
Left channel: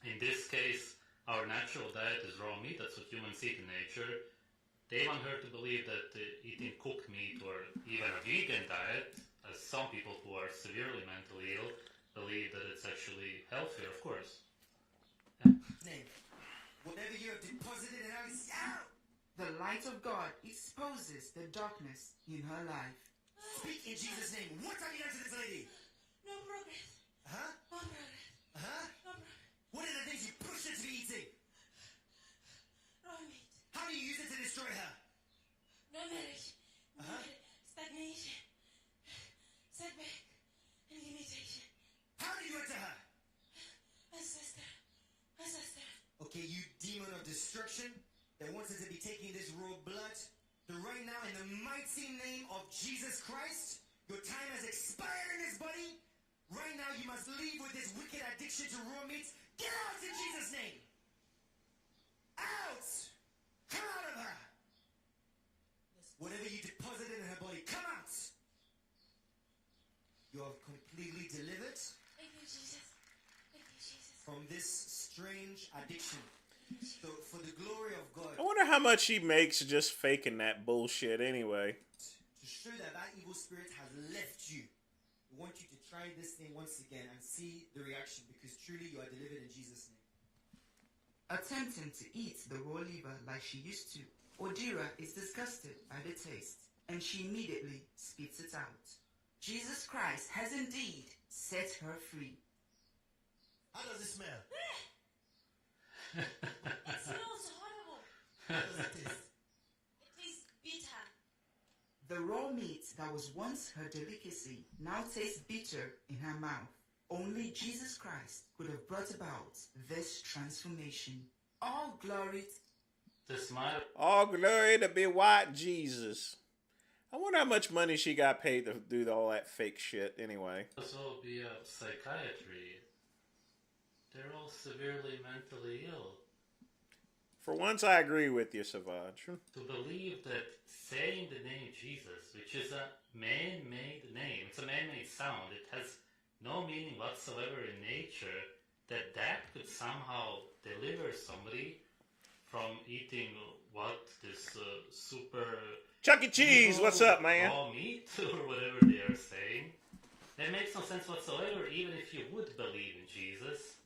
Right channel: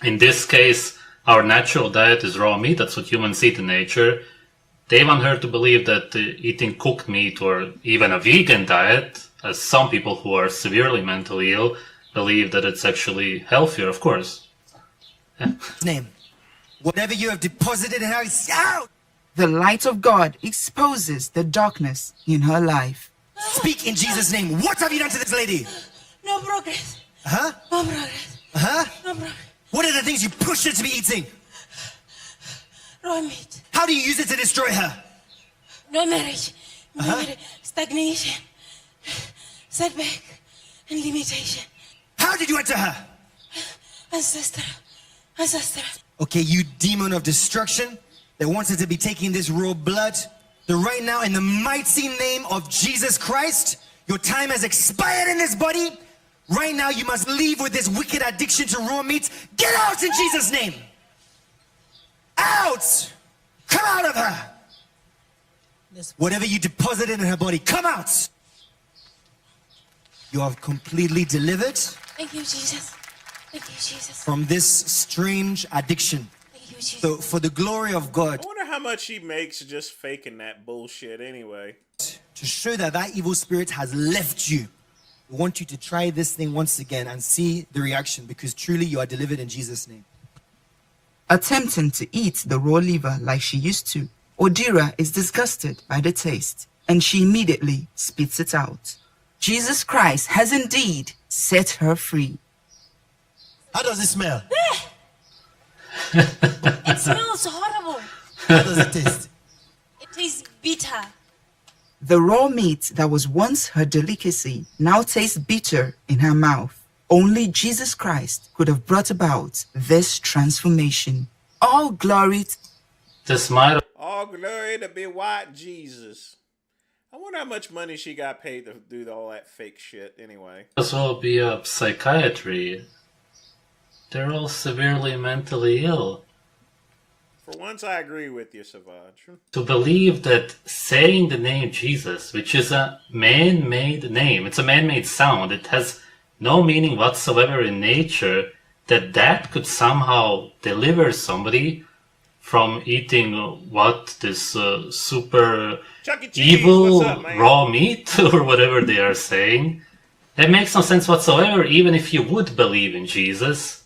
In this case, our natural diet is raw meat, that's what humans eat in nature. They want her to believe that eating cooked meat, or even a vegan diet, as some people who are severely mentally ill believe that it's actually healthier, of course. Name. Whatever you have deposited in her is out! The light of God exposes the darkness in her life. Speak in Jesus' name. What have you done to this lady? No progress. Huh? No progress. Huh? No progress. What are the things you pushed her to be eating? Raw meat. How do you use it to destroy her? No marriage. No marriage. Stagnation. Setback. And limitation. How did you enter her? Ancestor. Okay, you demon of destruction that wanted to be taking this raw blood. So right now, in the mighty name of Jesus Christ, your time has expired in this body. Right now, you must leave with this wicked addiction to raw meat. Get out in Jesus' name. Out! Come out of her. Whatever you deposited in her body, come out. You are completely delivered. Thank you, Jesus. Thank you, Jesus. From this strange addiction. Thank you, Jesus. So for the glory of God. I wonder how much he makes just faking that bullshit anyway. To show that that evil spirit has left you. We want you to try this thing once again and see the reaction, because truly you are delivered in Jesus' name. Attempting to eat the raw liver like she used to, Odira is disgusted by the taste, and she immediately spits it out. Jesus Christ has indeed set her free. How does it smell? It smells horrible. How does it taste? It tastes bitter. The raw meat that was once her delicacy now tastes bitter in her mouth. Only Jesus Christ could have brought about this transformation. All glory All glory to be white Jesus. I wonder how much money she got paid to do all that fake shit anyway. As well be a psychiatry. They're all severely mentally ill. For once, I agree with you, Savage. To believe that saying the name Jesus, which is a man-made name, it's a man-made sound, it has no meaning whatsoever in nature, that could somehow deliver somebody from eating this super Chuck E. Cheese, evil what's up, man? raw meat or whatever they are saying. That makes no sense whatsoever, even if you would believe in Jesus.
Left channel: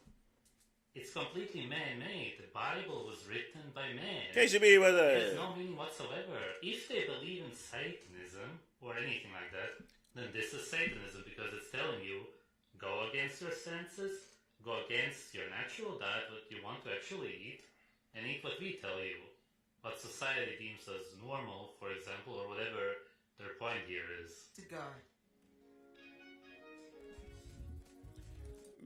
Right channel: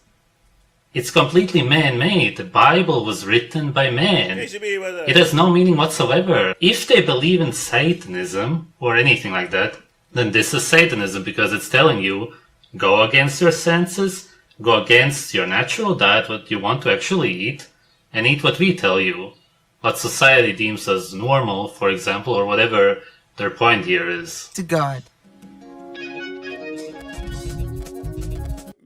It's completely man-made. The Bible was written by man. It has no meaning whatsoever. If they believe in Satanism or anything like that, then this is Satanism because it's telling you, go against your senses, go against your natural diet, what you want to actually eat, and eat what we tell you. What society deems as normal, for example, or whatever their point here is. To God.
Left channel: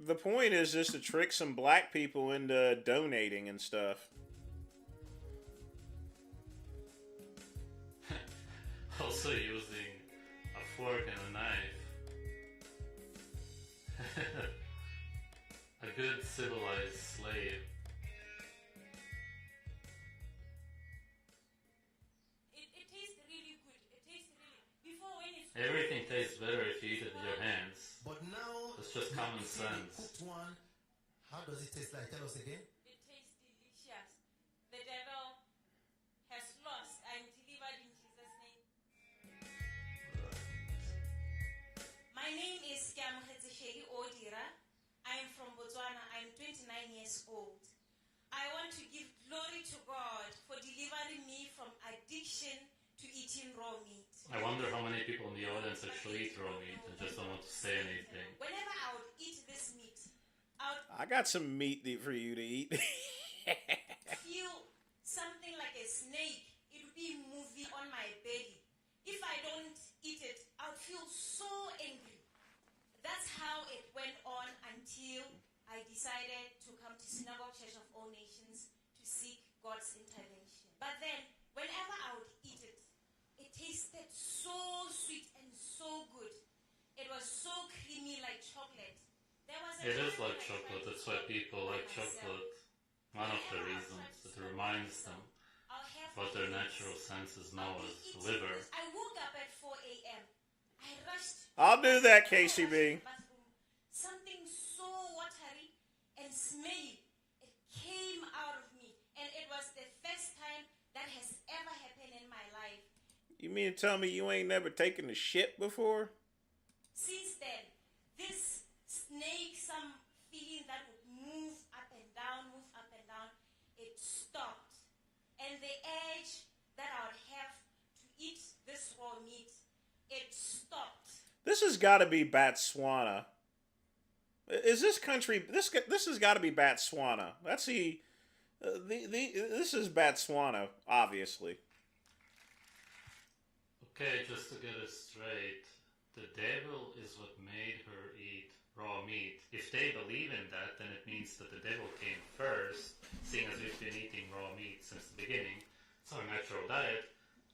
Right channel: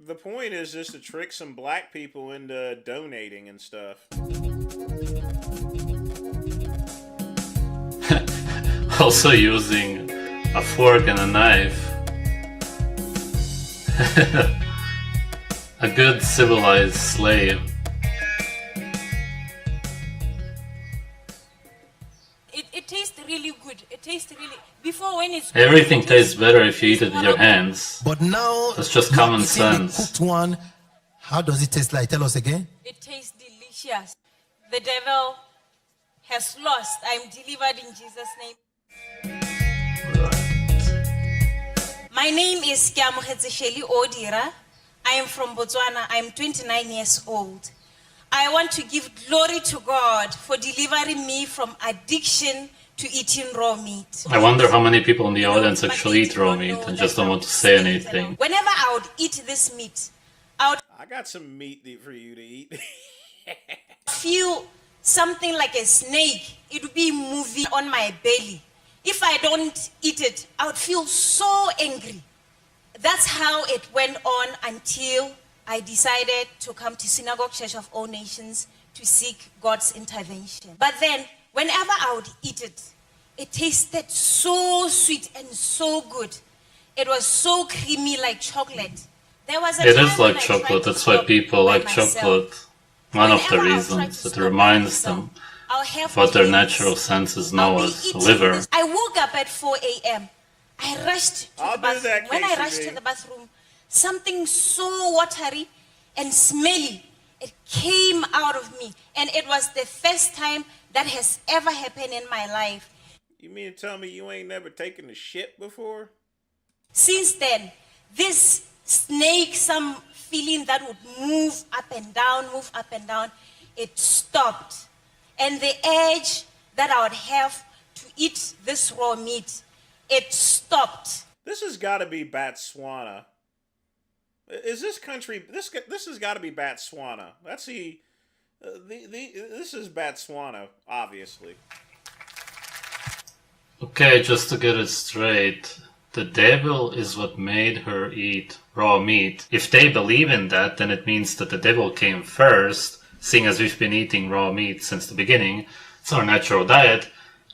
The point is just to trick some black people into donating and stuff. Also using a fork and a knife. A good civilized slave. It tastes really good. It tastes really... Before when it's... Everything tastes better if you eat it with your hands. But now... That's just common sense. The cooked one, how does it taste like? Tell us again. It tastes delicious. The devil has lost. I'm delivered in Jesus' name. My name is Sheli Odira. I am from Botswana. I'm 29 years old. I want to give glory to God for delivering me from addiction to eating raw meat. I wonder how many people in the audience actually eat raw meat and just don't want to say anything. Whenever I would eat this meat, I got some meat for you to eat. feel something like a snake. It would be moving on my belly. If I don't eat it, I would feel so angry. That's how it went on until I decided to come to Synagogue Church of All Nations to seek God's intervention. But then, whenever I would eat it, it tasted so sweet and so good. It was so creamy like chocolate. There was a It time is when like I chocolate, tried to that's why stop people by like myself. chocolate. One of the Whenever I reasons, tried to it stop by reminds myself, them I'll have what their cravings. natural senses know I'll be as eating liver. this. I woke up at 4 a.m. I rushed to I'll the do bathroom. that, When I KCB. rushed to the bathroom, something so watery and smelly, it came out of me. And it was the first time that has ever happened in my life. You mean to tell me you ain't never taken a shit before? Since then, this snake, some feeling that would move up and down, it stopped. And the urge that I would have to eat this raw meat, it stopped. This has got to be Botswana. Is this country? This has got to be Botswana. Let's see. This is Botswana, obviously. Okay, just to get it straight, the devil is what made her eat raw meat. If they believe in that, then it means that the devil came first, seeing as we've been eating raw meat since the beginning. It's our natural diet.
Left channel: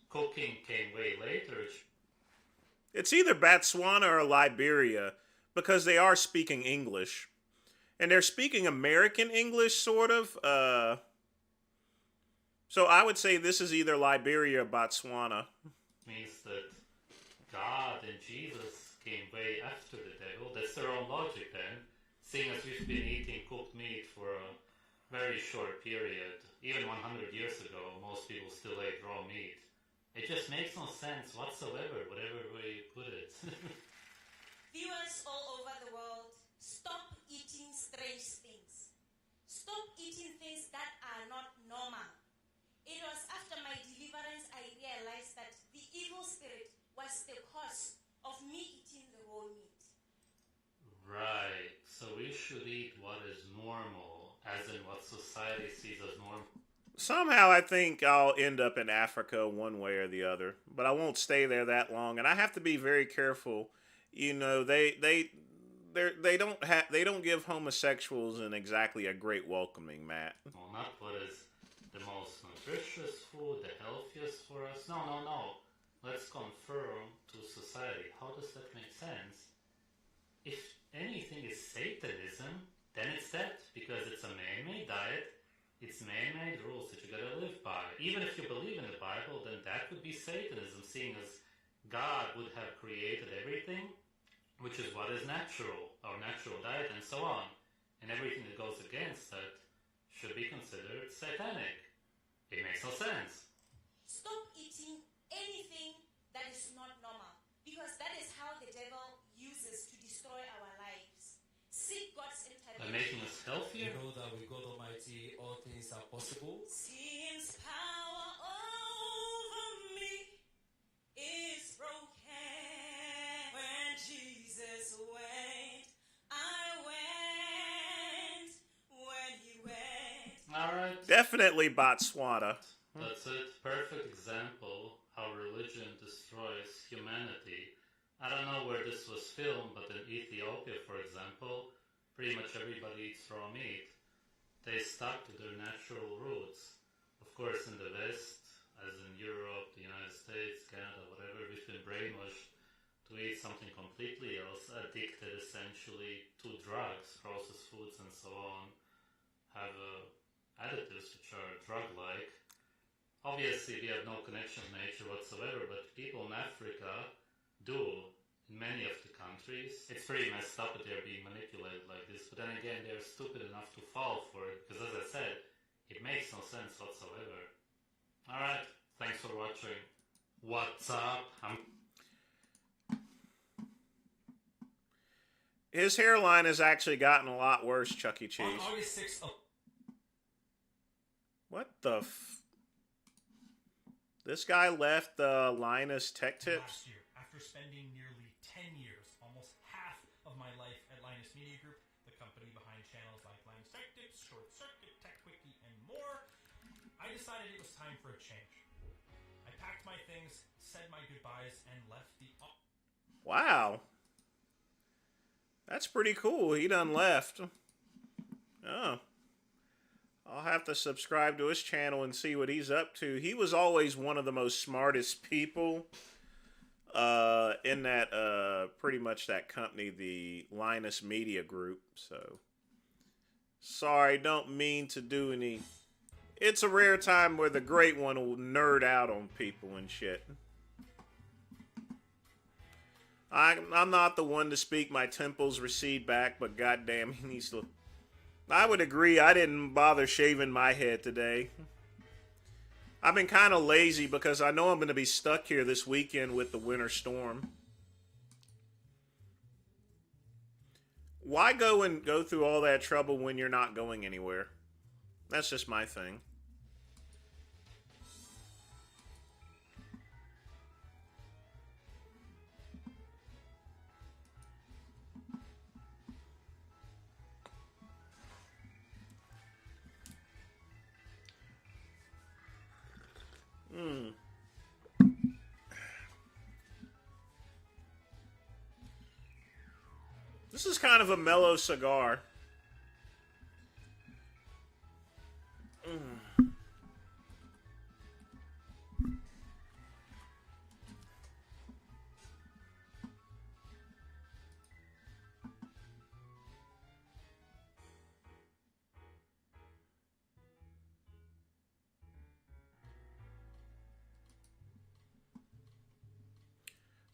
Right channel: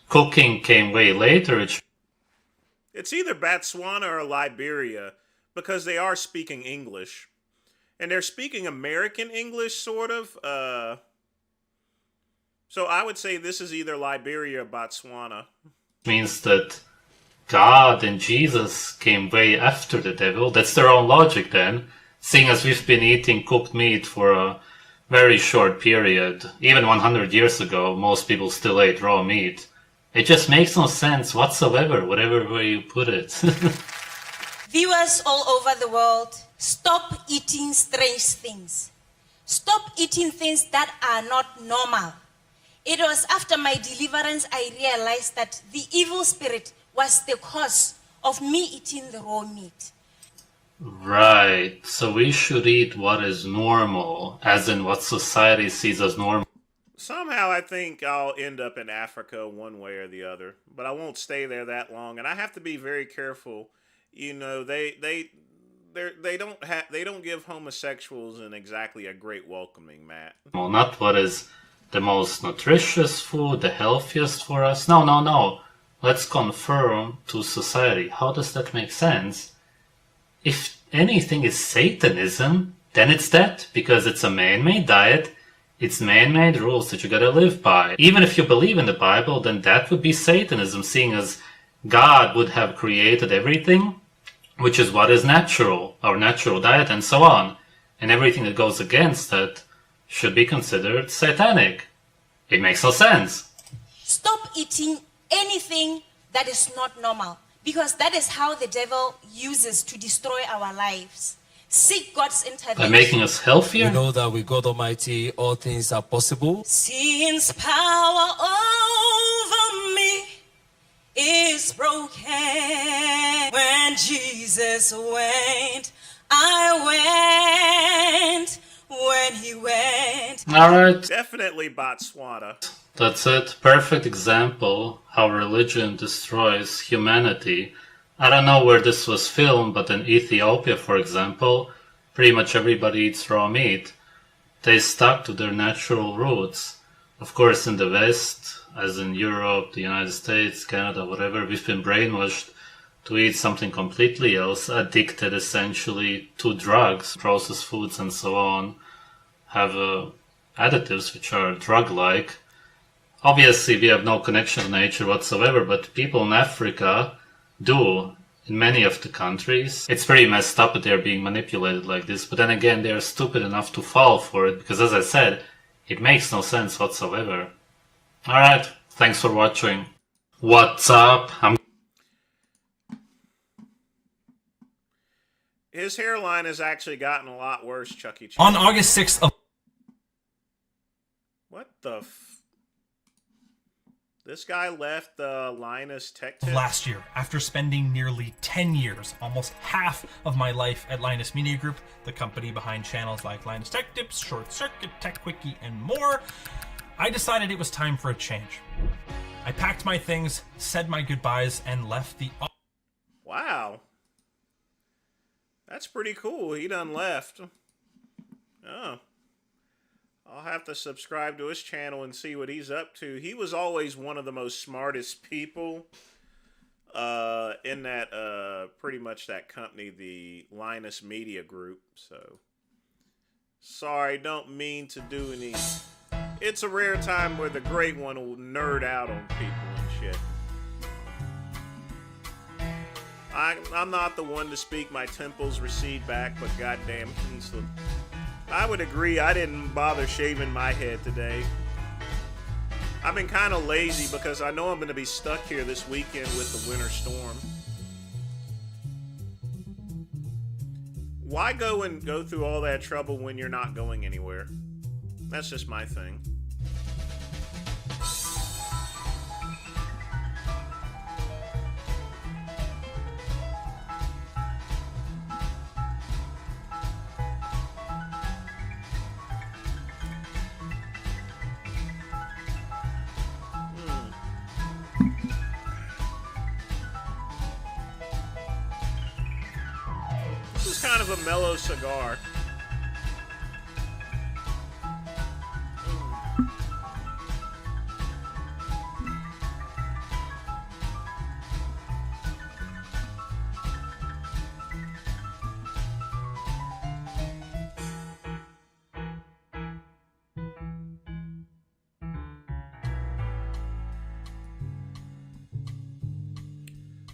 Cooking came way later. It's either Botswana or Liberia, because they are speaking English. And they're speaking American English, sort of. So I would say this is either Liberia or Botswana. Means that God and Jesus came way after the devil. That's their own logic then, seeing as we've been eating cooked meat for a very short period. Even 100 years ago, most people still ate raw meat. It just makes no sense whatsoever, whatever way you put it. Viewers all over the world, stop eating strange things. Stop eating things that are not normal. It was after my deliverance I realized that the evil spirit was the cause of me eating the raw meat. Right, so we should eat what is normal, as in what society sees as normal. Somehow I think I'll end up in Africa one way or the other, but I won't stay there that long, and I have to be very careful. You know, they don't give homosexuals in exactly a great welcoming, Matt. Well, not what is the most nutritious food, the healthiest for us. No, no, no. Let's confirm to society. How does that make sense? If anything is Satanism, then it's that, because it's a man-made diet. It's man-made rules that you gotta live by. Even if you believe in the Bible, then that would be Satanism, seeing as God would have created everything, which is what is natural, our natural diet and so on. And everything that goes against that should be considered satanic. It makes no sense. Stop eating anything that is not normal, because that is how the devil uses to destroy our lives. Seek God's intervention. By making us healthier? We know that with God Almighty, all things are possible. Sin's power over me is broken. When Jesus went, I went. When he went. Alright. Definitely Botswana. That's it. Perfect example how religion destroys humanity. I don't know where this was filmed, but in Ethiopia, for example, pretty much everybody eats raw meat. They stuck to their natural roots. Of course, in the West, as in Europe, the United States, Canada, whatever, we've been brainwashed to eat something completely else, addicted essentially to drugs, processed foods and so on, have additives which are drug-like. Obviously, we have no connection to nature whatsoever, but people in Africa do in many of the countries. It's pretty messed up that they're being manipulated like this, but then again, they're stupid enough to fall for it, because as I said, it makes no sense whatsoever. Alright, thanks for watching. What's up? His hairline has actually gotten a lot worse, Chuck E. Cheese. On August 6th of... What the This guy left Linus Tech Tips last year, after spending nearly 10 years, almost half of my life at Linus Media Group, the company behind channels like Linus Tech Tips, Short Circuit, Tech Quickie, and more, I decided it was time for a change. I packed my things, said my goodbyes, and left the... Wow. That's pretty cool. He done left. Oh. I'll have to subscribe to his channel and see what he's up to. He was always one of the most smartest people in that, pretty much that company, the Linus Media Group. So, sorry, don't mean to do any... It's a rare time where the great one will nerd out on people and shit. I'm not the one to speak my temples recede back, but goddamn, he needs to... I would agree. I didn't bother shaving my head today. I've been kind of lazy because I know I'm going to be stuck here this weekend with the winter storm. Why go through all that trouble when you're not going anywhere? That's just my thing. This is kind of a mellow cigar.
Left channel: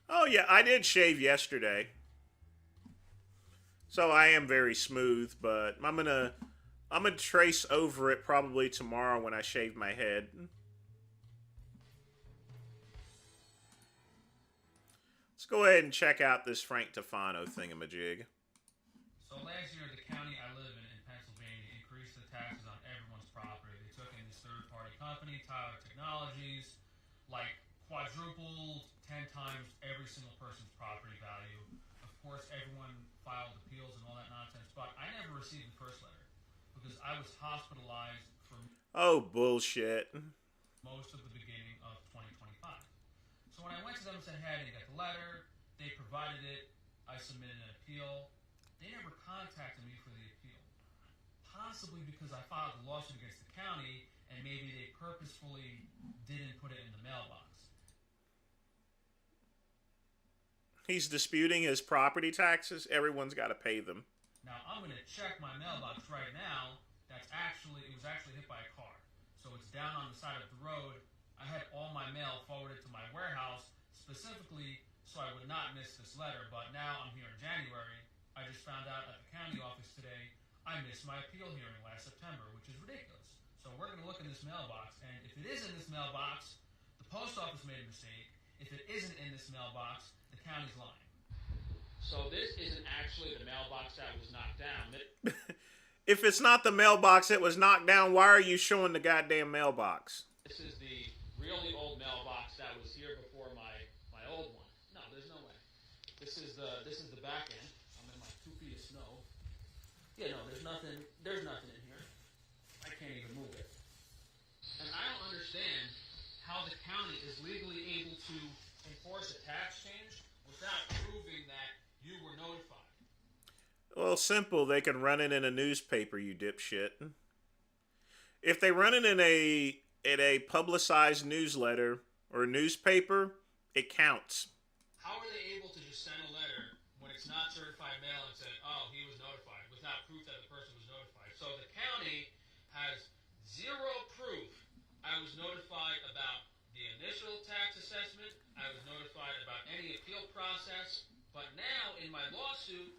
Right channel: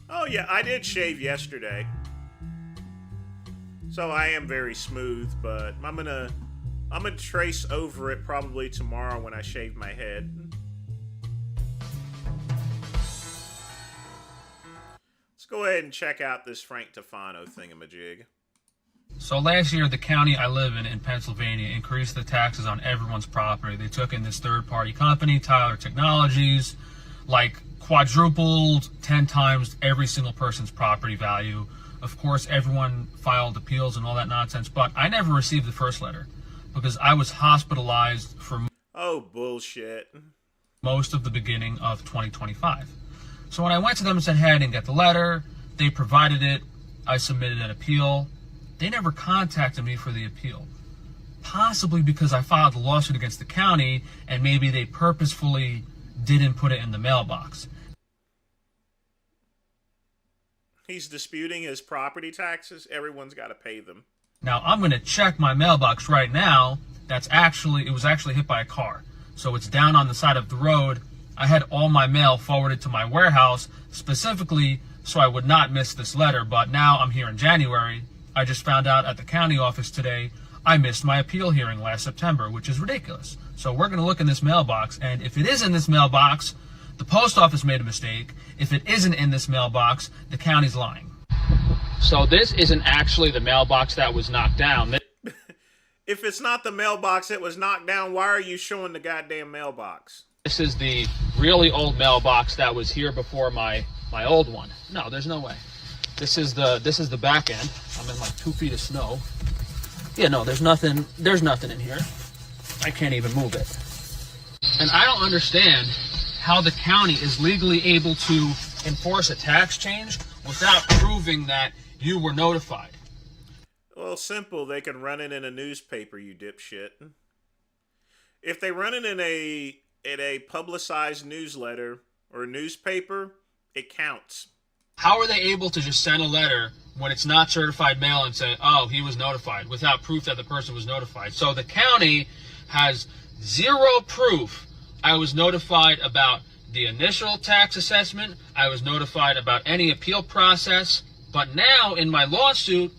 Oh yeah, I did shave yesterday. So I am very smooth, but I'm gonna trace over it probably tomorrow when I shave my head. Let's go ahead and check out this Frank Tufano thingamajig. So last year, the county I live in Pennsylvania, increased the taxes on everyone's property. They took in this third-party company, Tyler Technologies, like quadrupled 10 times every single person's property value. Of course, everyone filed appeals and all that nonsense, but I never received the first letter because I was hospitalized for... Oh, bullshit. Most of the beginning of 2025. So when I went to them and said, hey, I didn't get the letter, they provided it. I submitted an appeal. They never contacted me for the appeal. Possibly because I filed a lawsuit against the county and maybe they purposefully didn't put it in the mailbox. He's disputing his property taxes. Everyone's got to pay them. Now I'm going to check my mailbox right now. It was actually hit by a car. So it's down on the side of the road. I had all my mail forwarded to my warehouse specifically so I would not miss this letter. But now I'm here in January. I just found out at the county office today I missed my appeal hearing last September, which is ridiculous. So we're going to look in this mailbox, and if it is in this mailbox, the post office made a mistake. If it isn't in this mailbox, the county's lying. So this isn't actually the mailbox that was knocked down. If it's not the mailbox that was knocked down, why are you showing the goddamn mailbox? This is the really old mailbox that was here before my old one. No, there's no way. This is the back end. I'm in like 2 feet of snow. Yeah, no, there's nothing in here. I can't even move it. And I don't understand how the county is legally able to enforce a tax change without proving that you were notified. Well, simple. They can run it in a newspaper, you dipshit. If they run it in a publicized newsletter or newspaper, it counts. How are they able to just send a letter when it's not certified mail and say, oh, he was notified, without proof that the person was notified? So the county has zero proof. I was notified about the initial tax assessment. I was notified about any appeal process. But now in my lawsuit,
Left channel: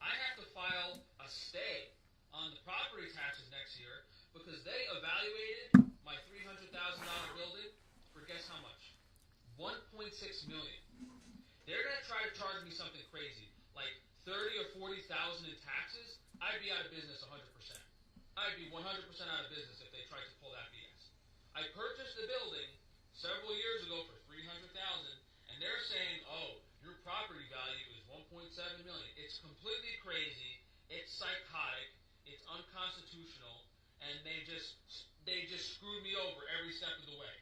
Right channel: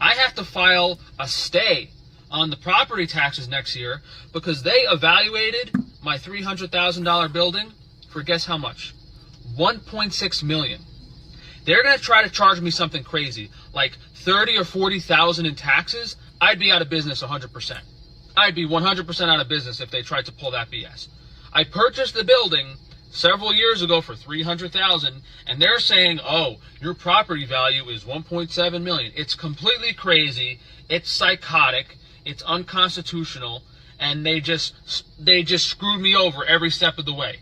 I have to file a stay on the property taxes next year because they evaluated my $300,000 building for guess how much? $1.6 million. They're going to try to charge me something crazy, like $30,000 or $40,000 in taxes. I'd be out of business 100%. I'd be 100% out of business if they tried to pull that BS. I purchased the building several years ago for $300,000, and they're saying, oh, your property value is $1.7 million. It's completely crazy. It's psychotic. It's unconstitutional, and they just screwed me over every step of the way.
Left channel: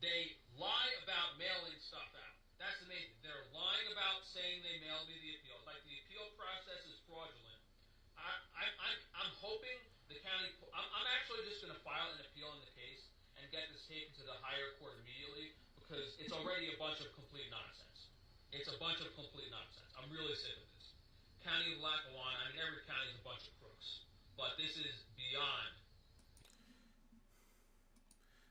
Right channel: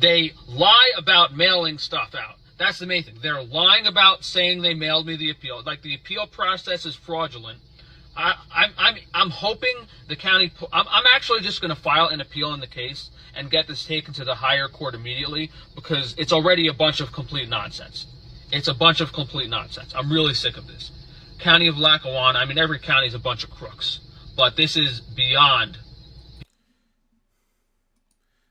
They lie about mailing stuff out. That's the main thing. They're lying about saying they mailed me the appeal. Like, the appeal process is fraudulent. I'm hoping the county. I'm actually just going to file an appeal in the case and get this taken to the higher court immediately because it's already a bunch of complete nonsense. It's a bunch of complete nonsense. I'm really sick of this. County of Lackawanna. I mean, every county is a bunch of crooks, but this is beyond.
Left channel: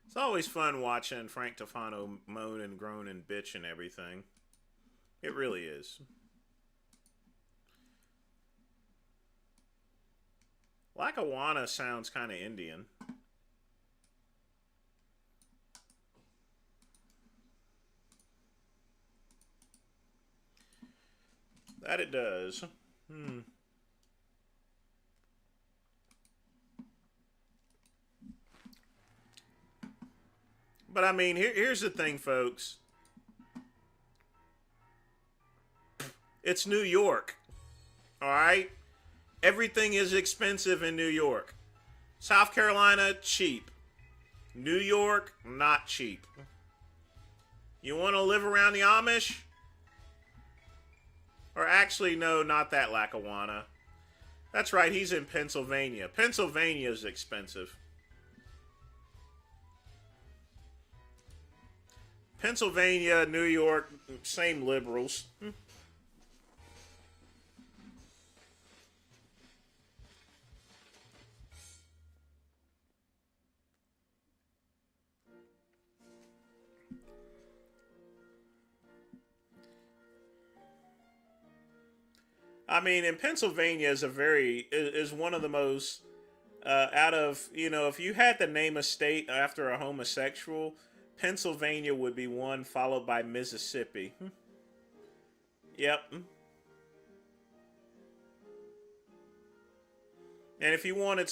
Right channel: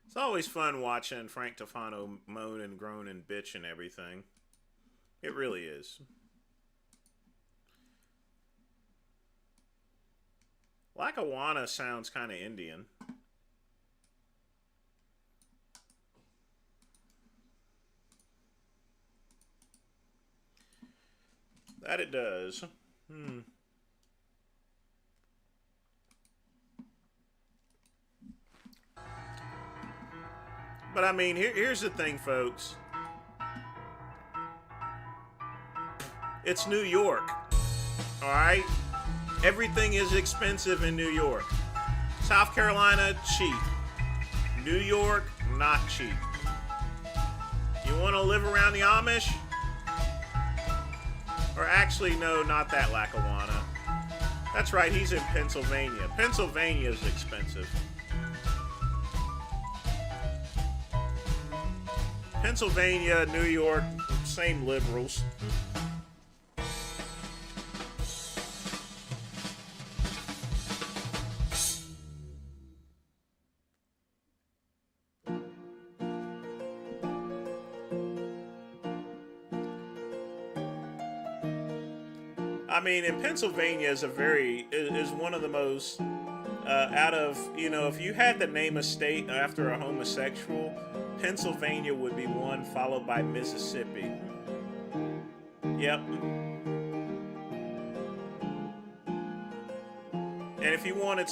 It's always fun watching Frank Tufano moan and groan and bitch and everything. It really is. Lackawanna sounds kind of Indian. That it does. But I mean, here's the thing, folks. It's New York. Alright? Everything is expensive in New York. South Carolina, cheap. New York, not cheap. You want to live around the Amish? Or actually, no, not that Lackawanna. That's right, he's in Pennsylvania. Pennsylvania is expensive. Pennsylvania, New York, same liberals. I mean, in Pennsylvania is one of the most out of, you know, if you had to name a state after a homosexual, Pennsylvania would be one, followed by Mississippi. Yep. And if you wanted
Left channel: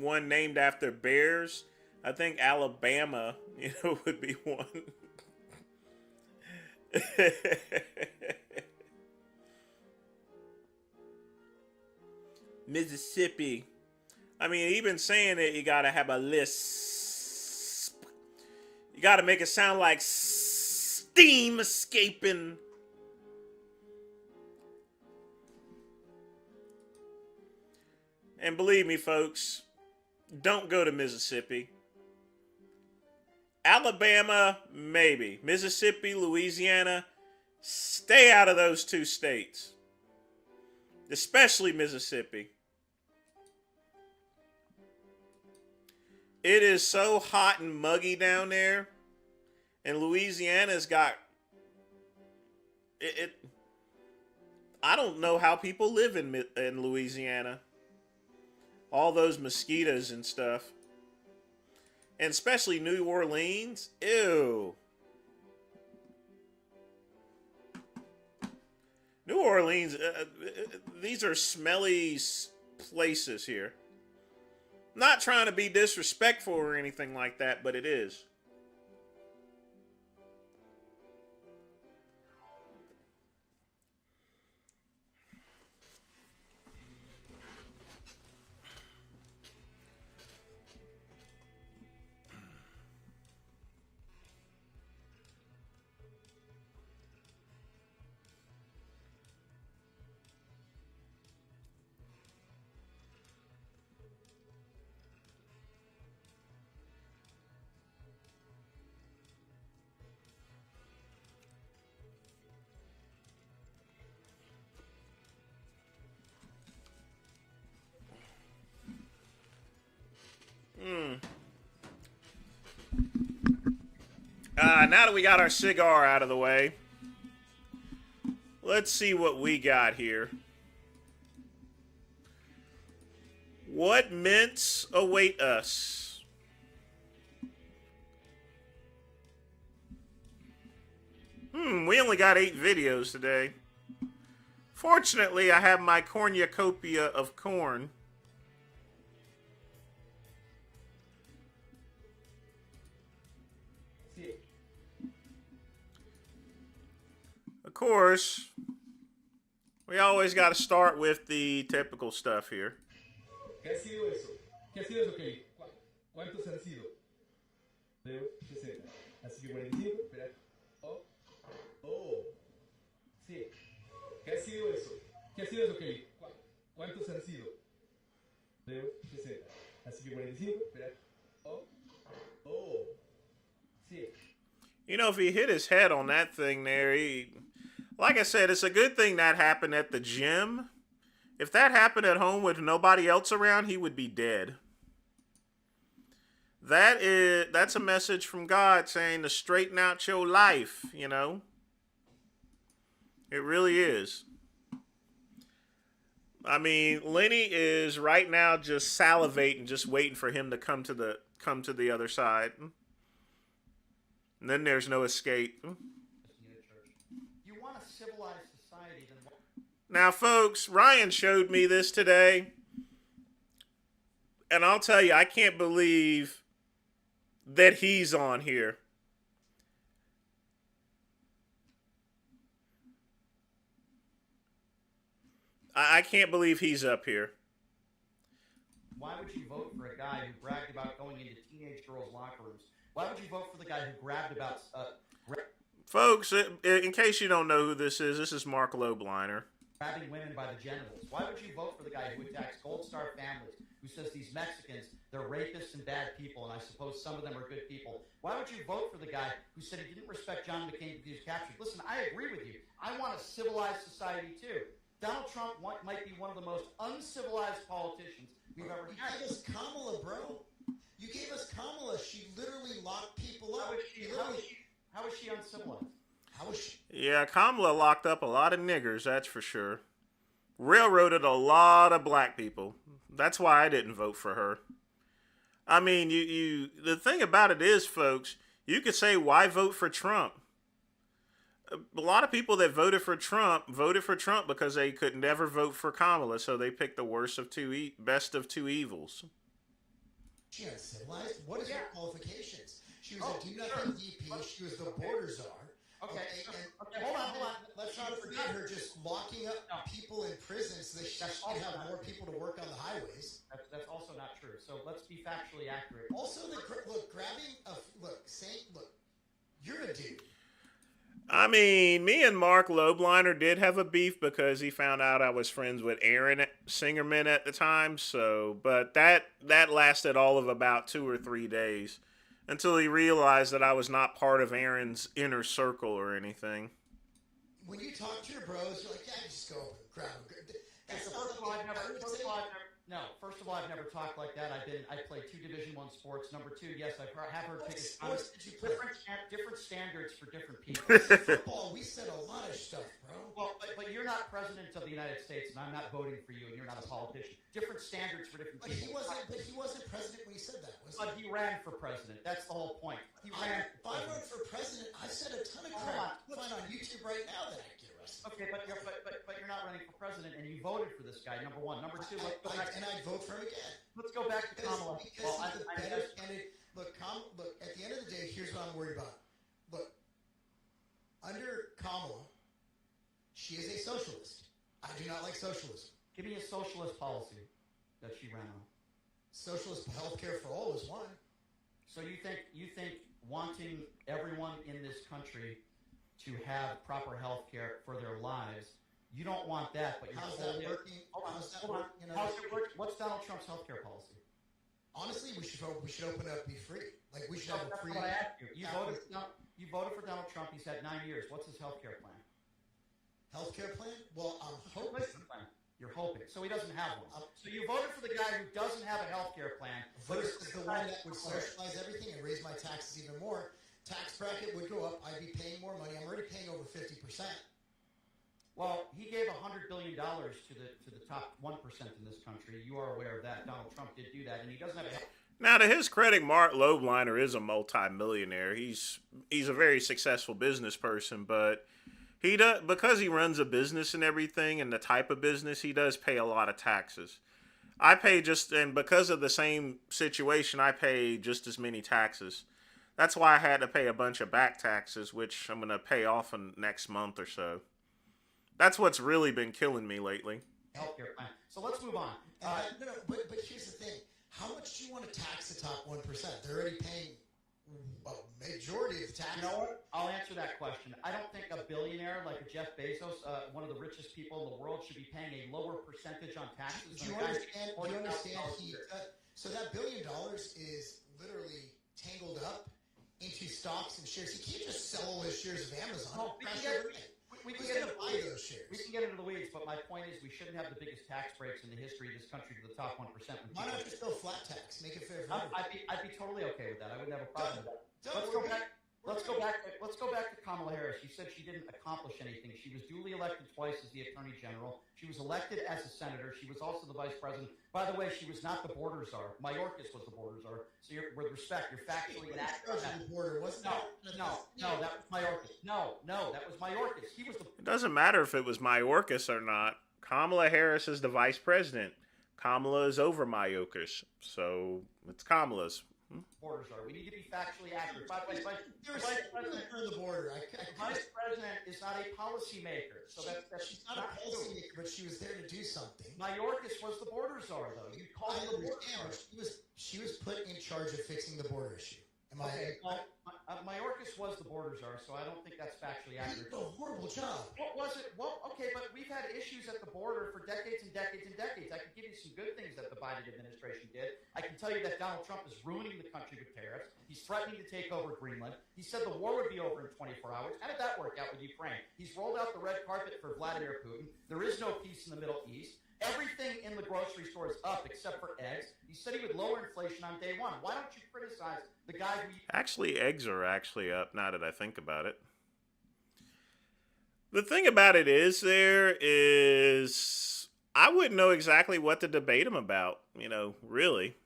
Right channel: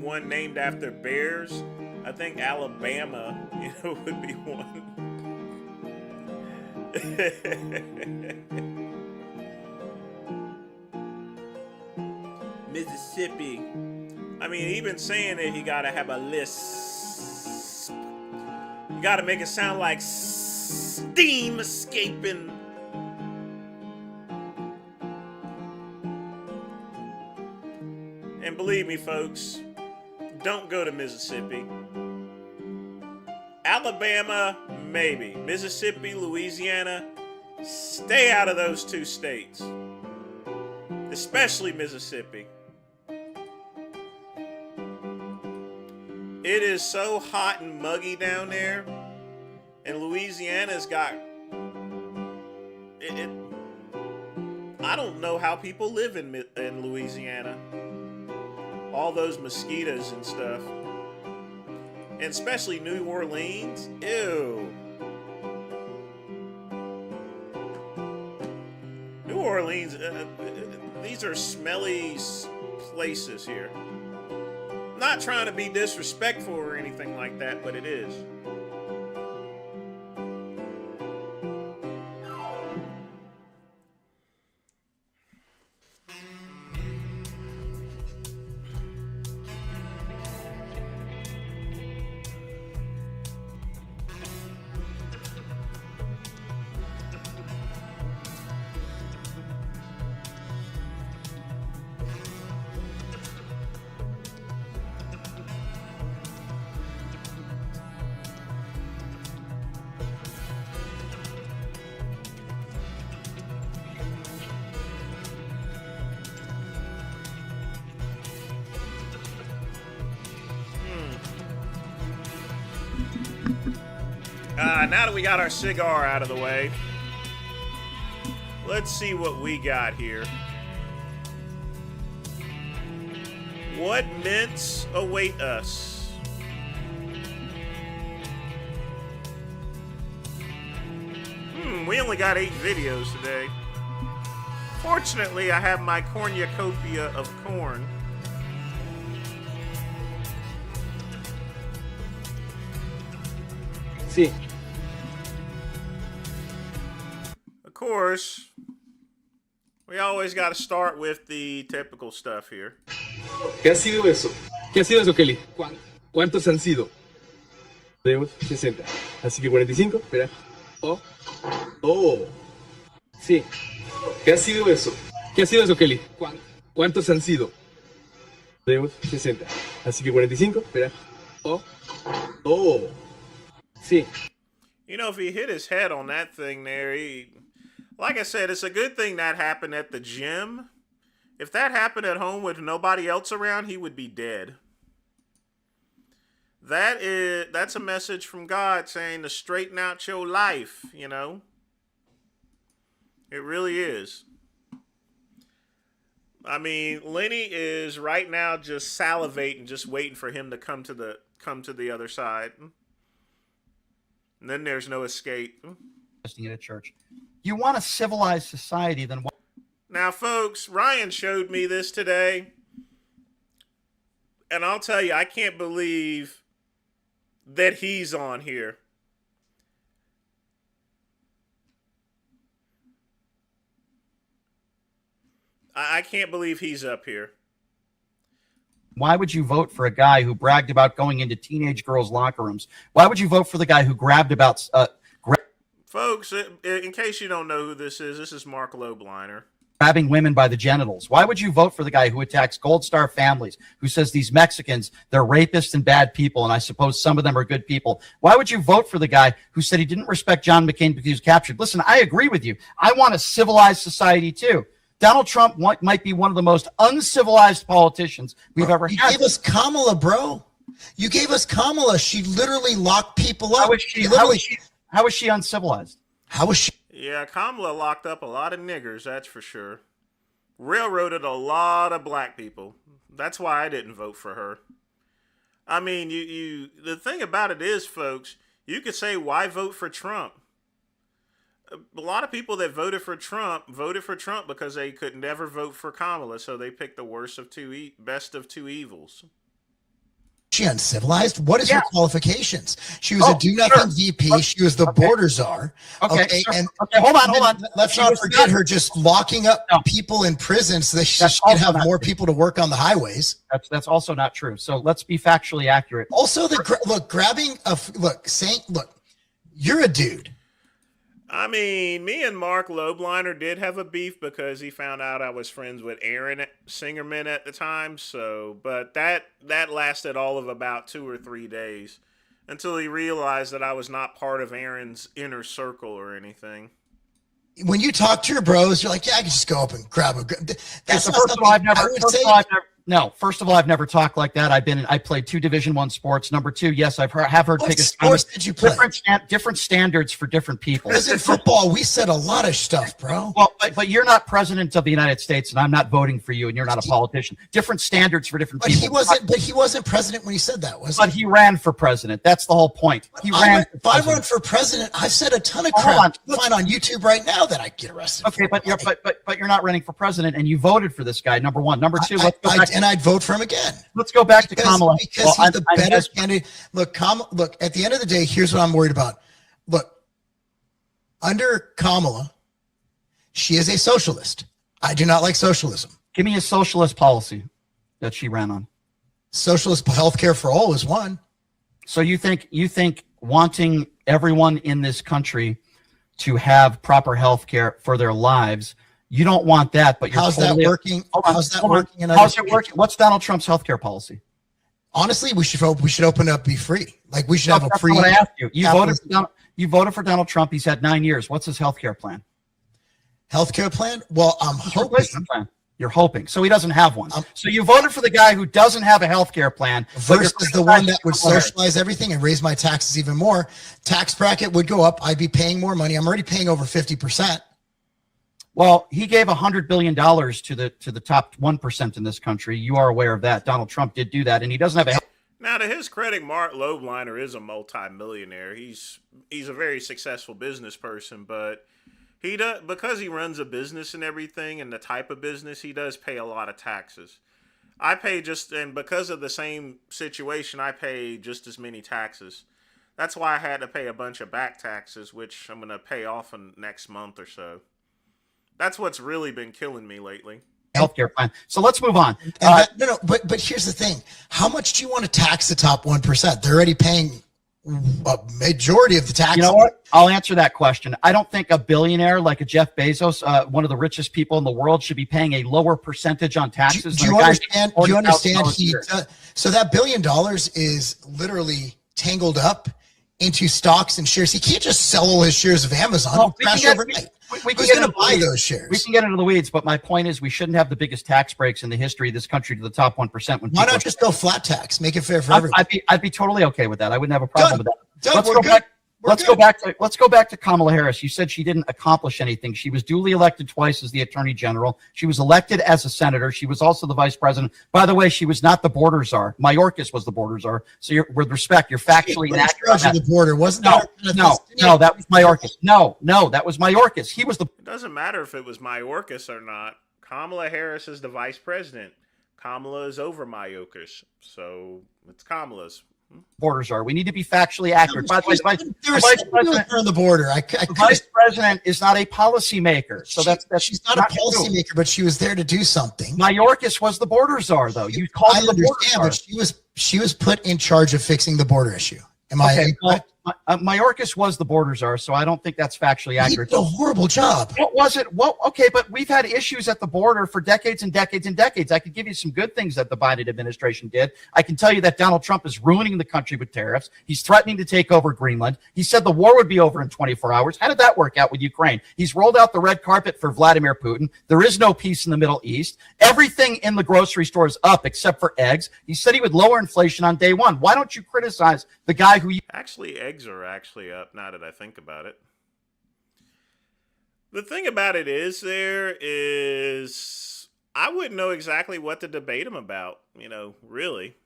one named after bears, I think Alabama, you know, would be one. Mississippi. I mean, even saying it, you gotta have a list. Gotta make it sound like steam escaping. And believe me, folks, don't go to Mississippi. Alabama, maybe. Mississippi, Louisiana, stay out of those two states. Especially Mississippi. It is so hot and muggy down there. And Louisiana's got... I don't know how people live in Louisiana. All those mosquitoes and stuff. And especially New Orleans. Ew. New Orleans, these are smelly places here. Not trying to be disrespectful or anything like that, but it is. Now that we got our cigar out of the way, let's see what we got here. What mints await us? We only got 8 videos today. Fortunately, I have my cornucopia of corn. Sí. Of course, we always got to start with the typical stuff here. ¿Qué ha sido eso? ¿Qué ha sido eso, Kelly? ¿Cuántos han sido? Tenemos 60. Así que 45. Espera. Oh. Sí. ¿Qué ha sido eso? ¿Qué ha sido eso, Kelly? ¿Cuántos han sido? Tenemos 60. Así que 45. Espera. Oh. Sí. You know, if he hit his head on that thing there, like I said, it's a good thing that happened at the gym. If that happened at home with nobody else around, he would be dead. That's a message from God saying to straighten out your life, you know? It really is. I mean, Lenny is right now just salivating, just waiting for him to come to the other side. And then there's no escape. In a church. You want a civilized society, then what? Now, folks, Ryan showed me this today. And I'll tell you, I can't believe that he's on here. I can't believe he's up here. Why would you vote for a guy who bragged about going into teenage girls' locker rooms? Why would you vote for the guy who grabbed about... Folks, in case you don't know who this is Mark Lobliner. Grabbing women by the genitals. Why would you vote for the guy who attacks Gold Star families, who says these Mexicans, they're rapists and bad people, and I suppose some of them are good people? Why would you vote for the guy who said he didn't respect John McCain because he was captured? Listen, I agree with you. I want a civilized society, too. Donald Trump might be one of the most uncivilized politicians we've ever had. You gave us Kamala, bro. You gave us Kamala. She literally locked people up. How is she uncivilized? How is she? Yeah, Kamala locked up a lot of niggers, that's for sure. Railroaded a lot of black people. That's why I didn't vote for her. I mean, the thing about it is, folks, you could say, why vote for Trump? A lot of people that voted for Trump because they could never vote for Kamala, so they picked the worst of best of two evils. she uncivilized? What is her qualifications? She was Oh, a do-nothing sure. VP. She was the border czar. Okay, sure. And Okay, hold on. let's She not was forget not- her just locking up people in prison so that she That's can also have not more true. people to work on the highways. That's also not true. So let's be factually accurate. Also, you're a dude. I mean, me and Mark Lobliner did have a beef because he found out I was friends with Aaron Singerman at the time. So, but that lasted all of about 2 or 3 days until he realized that I was not part of Aaron's inner circle or anything. When you talk to your bros, you're like, yeah, I can just go up and grab a. That's So not first of all, something I would say. First of all, I've never talked like that. I played 2 Division I sports. Number 2, yes, have heard What biggest sports did you play? different standards for different people. Because in football, we said a lot of stuff, bro. Well, but you're not president of the United States, and I'm not voting for you, and you're not a politician. Different standards for different people. He wasn't president when he said that, was he? But he ran for president. That's the whole point. If I run for president, I've said a ton of crap. You'll find on YouTube right now that I get arrested. Okay, but you're not running for president, and you voted for this guy. Number one. Number two, and I'd vote for him again. Let's go back to Kamala. Because he's the better candidate. Look, at the end of the day, here's what I'm worried about. Look, under Kamala, she is a socialist. I do not like socialism. Give me a socialist policy that she ran on. Socialist healthcare for all is one. So you think wanting everyone in this country to have proper health care for their lives, you don't want that, but you're how's that working? How's that working? How's it working? What's Donald Trump's health care policy? Honestly, we should open up, be free. Like we should have a free. What I asked you. You voted for Donald Trump. He's had 9 years. What's his health care plan? Healthcare plan? Well, I'm hoping. You're hoping. So he doesn't have one. So you voted for the guy who doesn't have a health care plan. Versus the one that would socialize everything and raise my taxes even more. Tax bracket would go up. I'd be paying more money. I'm already paying over 50%. Well, he gave $100 billion to the top 1% in this country. You are aware of that. Donald Trump did do that, and he doesn't have a. Now, to his credit, Mark Lobliner is a multimillionaire. He's a very successful business person, but he does, because he runs a business and everything, and the type of business he does, pay a lot of taxes. I pay and because of the same situation, I pay just as many taxes. That's why I had to pay a bunch of back taxes, which I'm going to pay off in next month or so. That's what's really been killing me lately. Healthcare plan. So let's move on. But here's the thing. How much do you want to tax the top 1%? They're already paying a majority of the taxes. You know what? I'll answer that question. I don't think a billionaire like a Jeff Bezos, one of the richest people in the world, should be paying a lower percentage on taxes. Do you understand? Do you understand? So that $1 billion is literally tangled up into stocks and shares. He can't just sell all his shares of Amazon. Well, crash overnight. Who's going to buy those shares? We can get into the weeds, but my point is we shouldn't have the biggest tax breaks in the history of this country to the top 1%. Why not just go flat tax? Make it fair for everyone. I'd be totally okay with that. I wouldn't have a problem with that. Done. Let's go back to Kamala Harris. You said she didn't accomplish anything. She was duly elected twice as the attorney general. She was elected as a senator. She was also the vice president. By the way, she was not the border czar. Mayorkas was the border czar. So with respect, you're factually inaccurate. The border wasn't no, that was Mayorkas. No, that was Mayorkas. He was the. It doesn't matter if it was Mayorkas or not. Kamala Harris is the vice president. Kamala is over Mayorkas, so it's Kamala's. Borders are. We need to be factually accurate. By the way, the vice president on the border. The vice president is not a policymaker, so that's she's not a policymaker, but she was there to do something. Mayorkas was the border czar, though. You called her the border czar. But she was put in charge of fixing the border issue. Am I incorrect? Mayorkas was the border czar, so I don't think that's factually accurate. He did a horrible job. What was it? Well, okay, but we've had issues at the border for decades and decades and decades. I could give you some good things that the Biden administration did. I can tell you that Donald Trump is ruining the country with tariffs. He's threatening to take over Greenland. He said the war would be over in 24 hours. How did that work out with Ukraine? He's rolled out the red carpet for Vladimir Putin. There is no peace in the Middle East. Everything in the grocery store is up except for eggs. He said he would lower inflation on day one. Why don't you criticize the guy who... Actually, eggs are actually up now that I think about it. The thing about it is I wouldn't know exactly what to debate him about, really.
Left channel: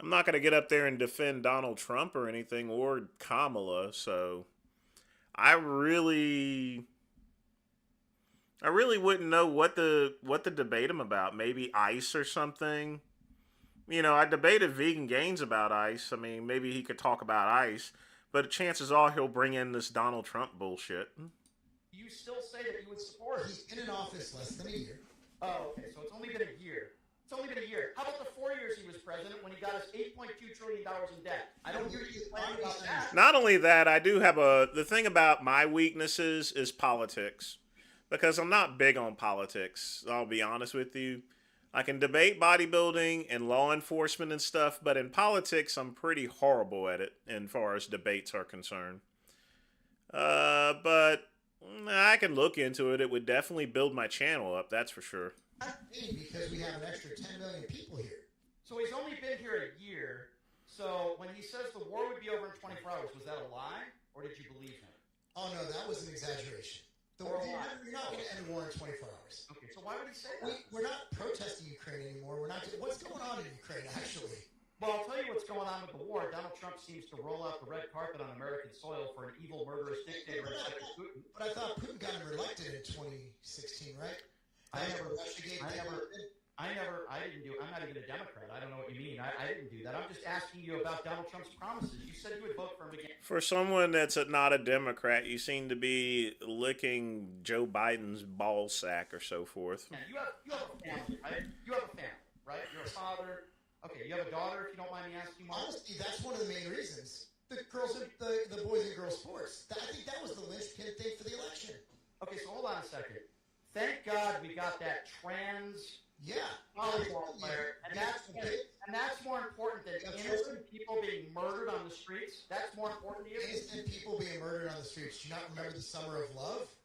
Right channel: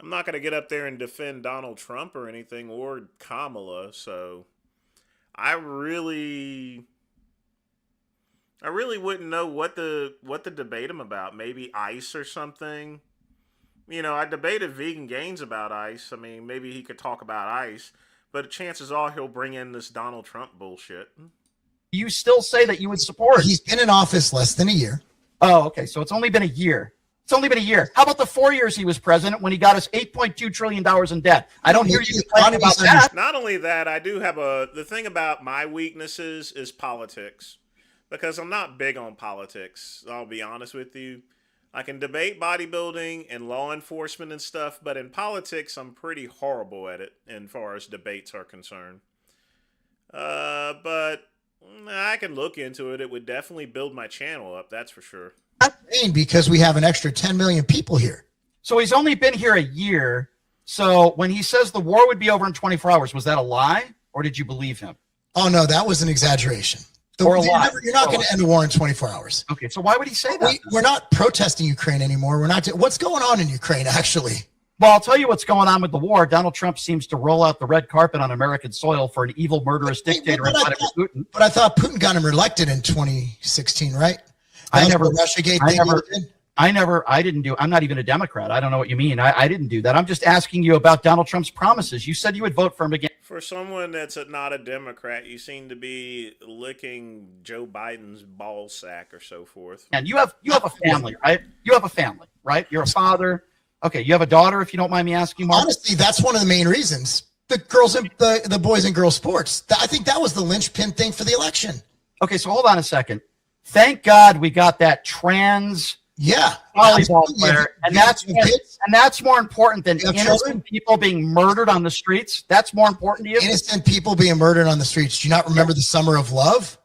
I'm not going to get up there and defend Donald Trump or anything, or Kamala, so I really wouldn't know what to debate him about. Maybe ICE or something. You know, I debated Vegan Gains about ICE. I mean, maybe he could talk about ICE, but chances are he'll bring in this Donald Trump bullshit. You still say that you would support? He's been in office less than a year. Oh, okay. So it's only been a year. It's only been a year. How about the 4 years he was president when he got us $8.2 trillion in debt? I don't hear you complaining about that. Not only that, I do have the thing about my weaknesses is politics, because I'm not big on politics. I'll be honest with you. I can debate bodybuilding and law enforcement and stuff, but in politics, I'm pretty horrible at it as far as debates are concerned. But I can look into it. It would definitely build my channel up, that's for sure. Because we have an extra 10 million people here. So he's only been here a year. So when he says the war would be over in 24 hours, was that a lie or did you believe him? Oh, no, that was an exaggeration. Or a lie. You're not going to end a war in 24 hours. Okay, so why would he say that? We're not protesting Ukraine anymore. We're not. What's going on in Ukraine, actually? Well, I'll tell you what's going on with the war. Donald Trump seems to roll out the red carpet on American soil for an evil, murderous dictator in Vladimir Putin. But I thought Putin got him elected in 2016, right? I didn't do. I'm not even a Democrat. I don't know what you mean. I didn't do that. I'm just asking you about Donald Trump's promises. You said you would vote for him again. For someone that's not a Democrat, you seem to be licking Joe Biden's ball sack or so forth. And you have a family, right? You have a family, right? You're a father. Okay, you have a daughter, if you don't mind me asking, Mark? Honestly, that's one of the main reasons. The girls and the boys and girls sports. I think that was the linchpin thing for the election. Okay, so hold on a second. Thank God we got that trans volleyball player, and that's more important than innocent people being murdered on the streets. That's more important to you. Innocent people being murdered on the streets. Do you not remember the Summer of Love?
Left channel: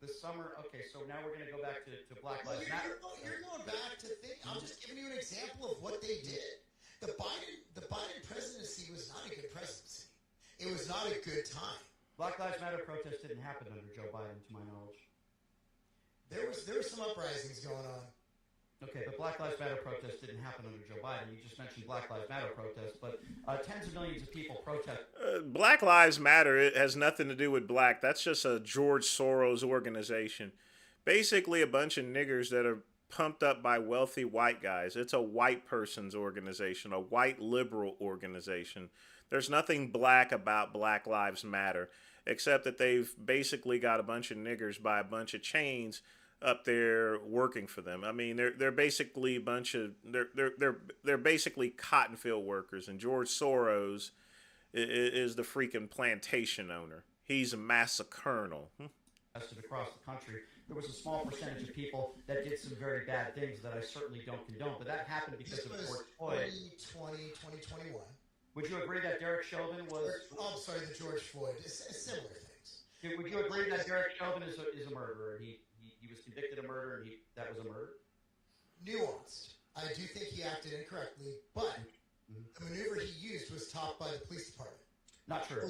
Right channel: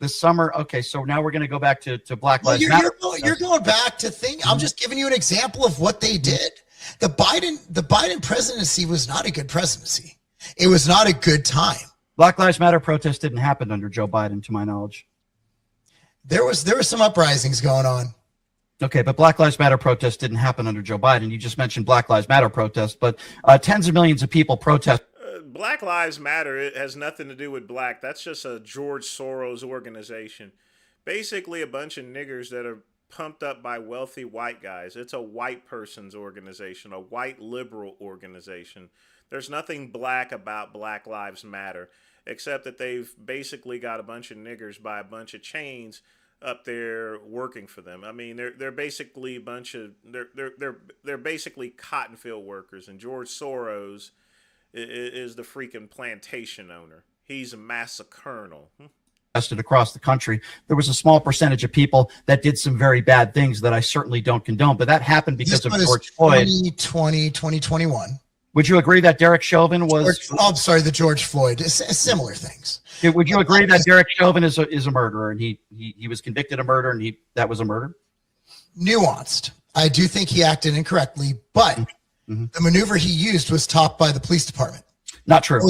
The summer. Okay, so now we're going to go back to Black Lives Matter. You're going back to things. I'm just giving you an example of what they did. The Biden presidency was not a good presidency. It was not a good time. Black Lives Matter protests didn't happen under Joe Biden, to my knowledge. There was some uprisings going on. Okay, but Black Lives Matter protests didn't happen under Joe Biden. You just mentioned Black Lives Matter protests, but tens of millions of people protest. Black Lives Matter, it has nothing to do with black. That's just a George Soros organization. Basically a bunch of niggers that are pumped up by wealthy white guys. It's a white person's organization, a white liberal organization. There's nothing black about Black Lives Matter, except that they've basically got a bunch of niggers by a bunch of chains up there working for them. I mean, they're basically a bunch of they're basically cotton field workers, and George Soros is the freaking plantation owner. He's a massacernal. Across the country, there was a small percentage of people that did some very bad things that I certainly don't condone, but that happened because of George Floyd. 2021. Would you agree that Derek Chauvin was? The George Floyd. Similar things. Would you agree that Derek Chauvin is a murderer, and he was convicted of murder, and that was a murder? Nuanced. I do think he acted incorrectly, but the maneuver he used was topped by the police department. Not true.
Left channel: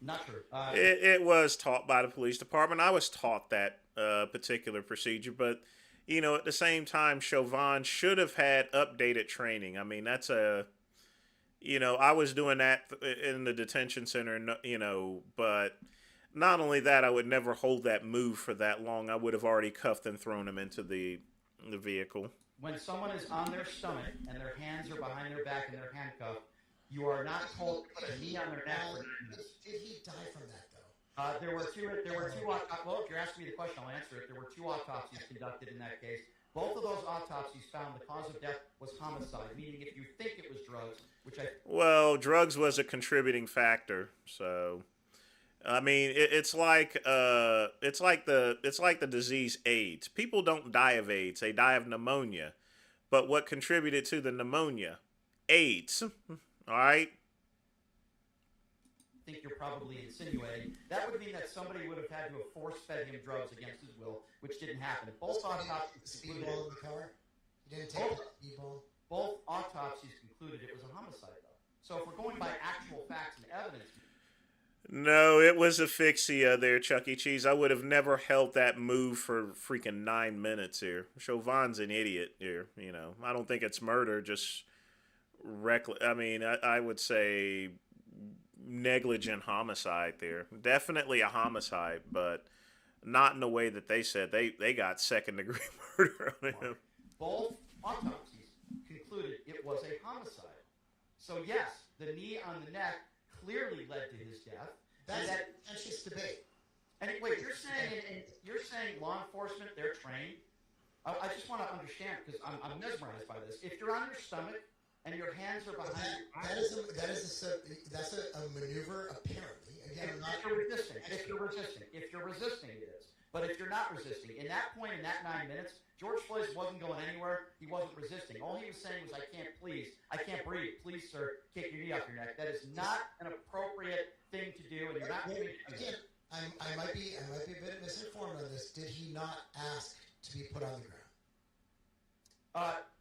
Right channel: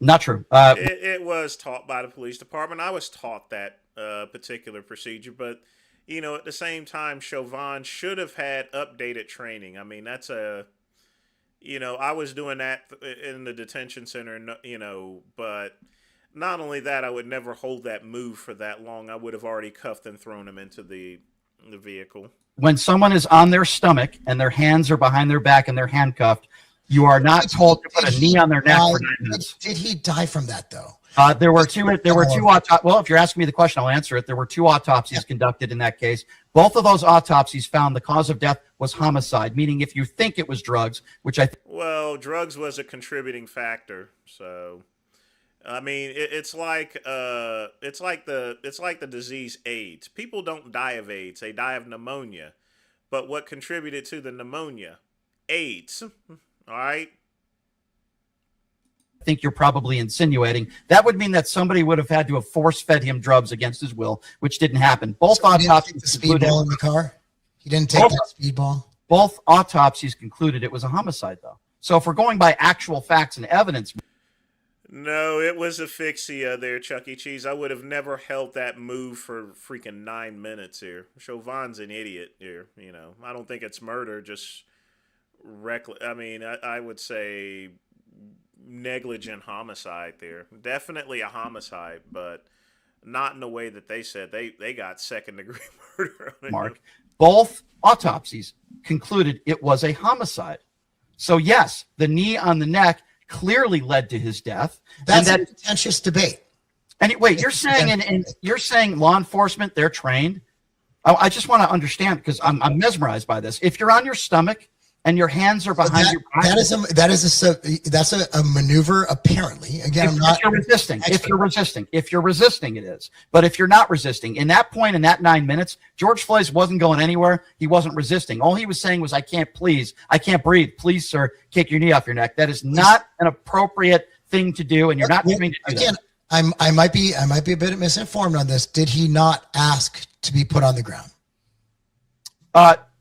Not true. It was taught by the police department. I was taught that particular procedure, but at the same time, Chauvin should have had updated training. I mean, that's I was doing that in the detention center, but not only that, I would never hold that move for that long. I would have already cuffed and thrown him into the vehicle. When someone is on their stomach and their hands are behind their back and they're handcuffed, you are not told to put a knee on their neck for 9 minutes. Did he die from that though? There were two autopsies. Well, if you're asking me the question, I'll answer it. There were 2 autopsies conducted in that case. Both of those autopsies found the cause of death was homicide, meaning if you think it was drugs, which well, drugs was a contributing factor. So, I mean, it's like the disease AIDS. People don't die of AIDS; they die of pneumonia. But what contributed to the pneumonia? AIDS. All right. I think you're probably insinuating that would mean that somebody would have had to have force-fed him drugs against his will, which didn't happen. Both autopsies the speedball in the car. He didn't take that speedball. Both autopsies concluded it was a homicide, though. So if we're going by actual facts and evidence. No, it was asphyxia there, Chuck E. Cheese. I would have never held that move for freaking 9 minutes here. Chauvin's an idiot here. I don't think it's murder, just reckless. I mean, I would say negligent homicide there. Definitely a homicide, but not in the way that they said. They got second-degree murder on it. Mark, both autopsies concluded it was a homicide. So yes, the knee on the neck clearly led to his death. That's a contentious debate. And wait, you're saying and you're saying law enforcement, they're trained? I just want to understand, because I'm mesmerized by this. If you're on your stomach and your hands are behind your back, that's a maneuver. Apparently, again, if you're resisting, it is. But if you're not resisting, in that point, in that 9 minutes, George Floyd wasn't going anywhere. He wasn't resisting. All he was saying was, I can't breathe. Please, sir, take your knee off your neck. That is not an appropriate thing to do, and you're not trained to do again. That. I might be a bit misinformed on this. Did he not ask to be put on the ground?